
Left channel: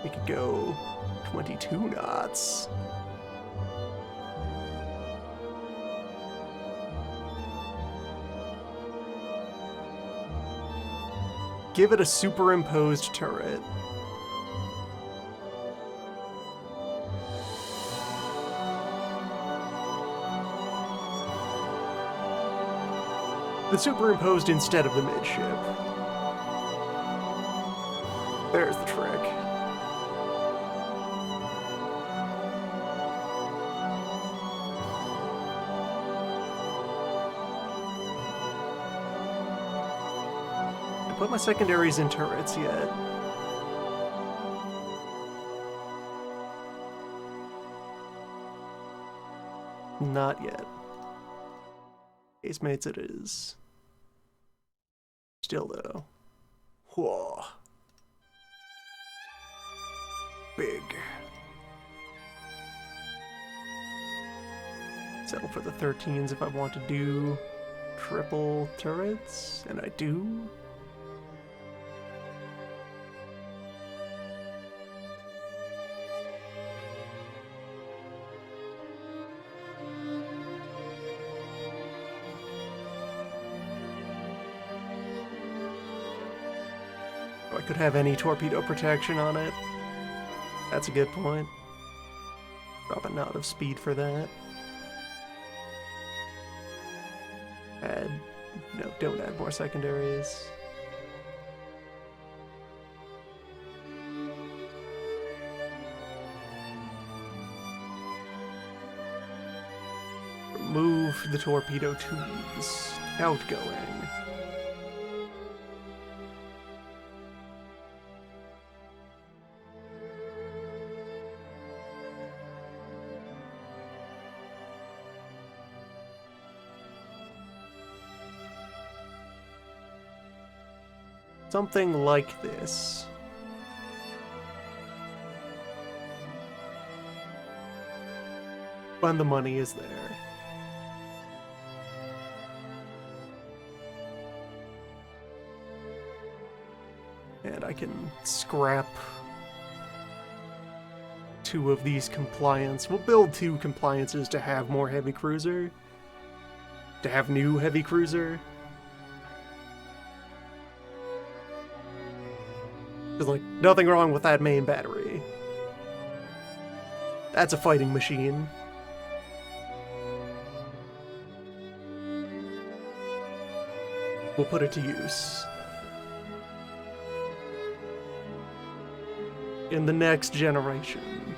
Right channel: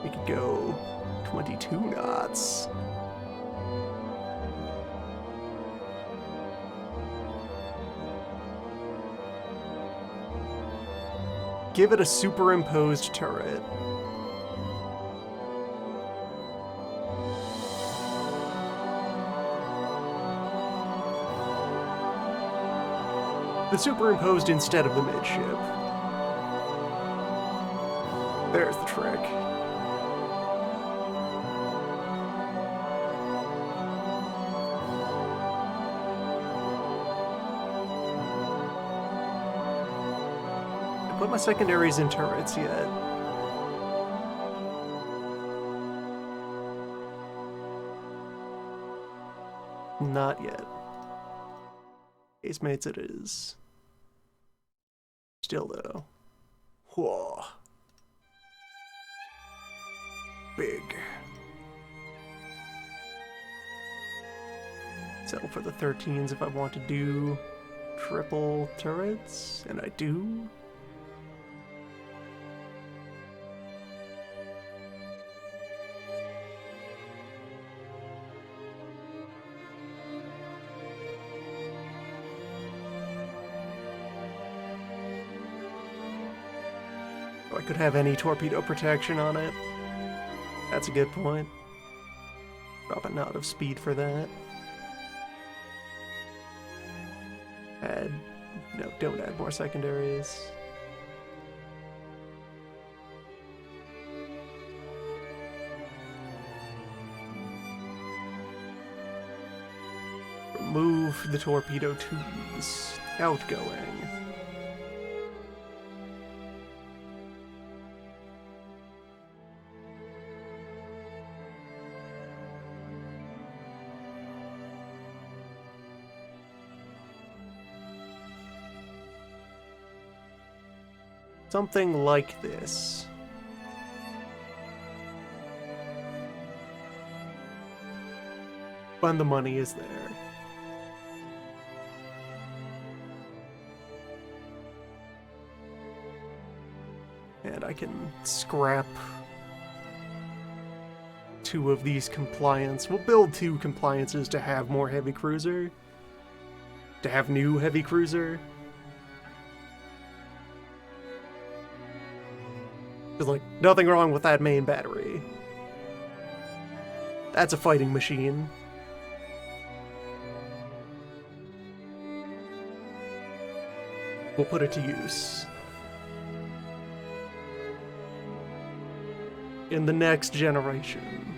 We could go 22 knots. Give it a superimposed turret. The superimposed instead of the midship. There's the trick. I put my secondaries in turrets yet. Not yet. Casemates it is. Still though. Whoa. Big. Settle for the 13s if I want to do triple turrets, and I do. I could have any torpedo protection on it. That's a good point. Drop a knot of speed for that. Add... No, don't add more secondaries. Remove the torpedo tubes. Outgoing. Something like this. When the money is there. And I can scrap 2 of these compliance. We'll build 2 compliances to have more heavy cruiser. To have new heavy cruiser. There's like nothing wrong with that main battery. That's a fighting machine. We'll put it to use. In the next generation.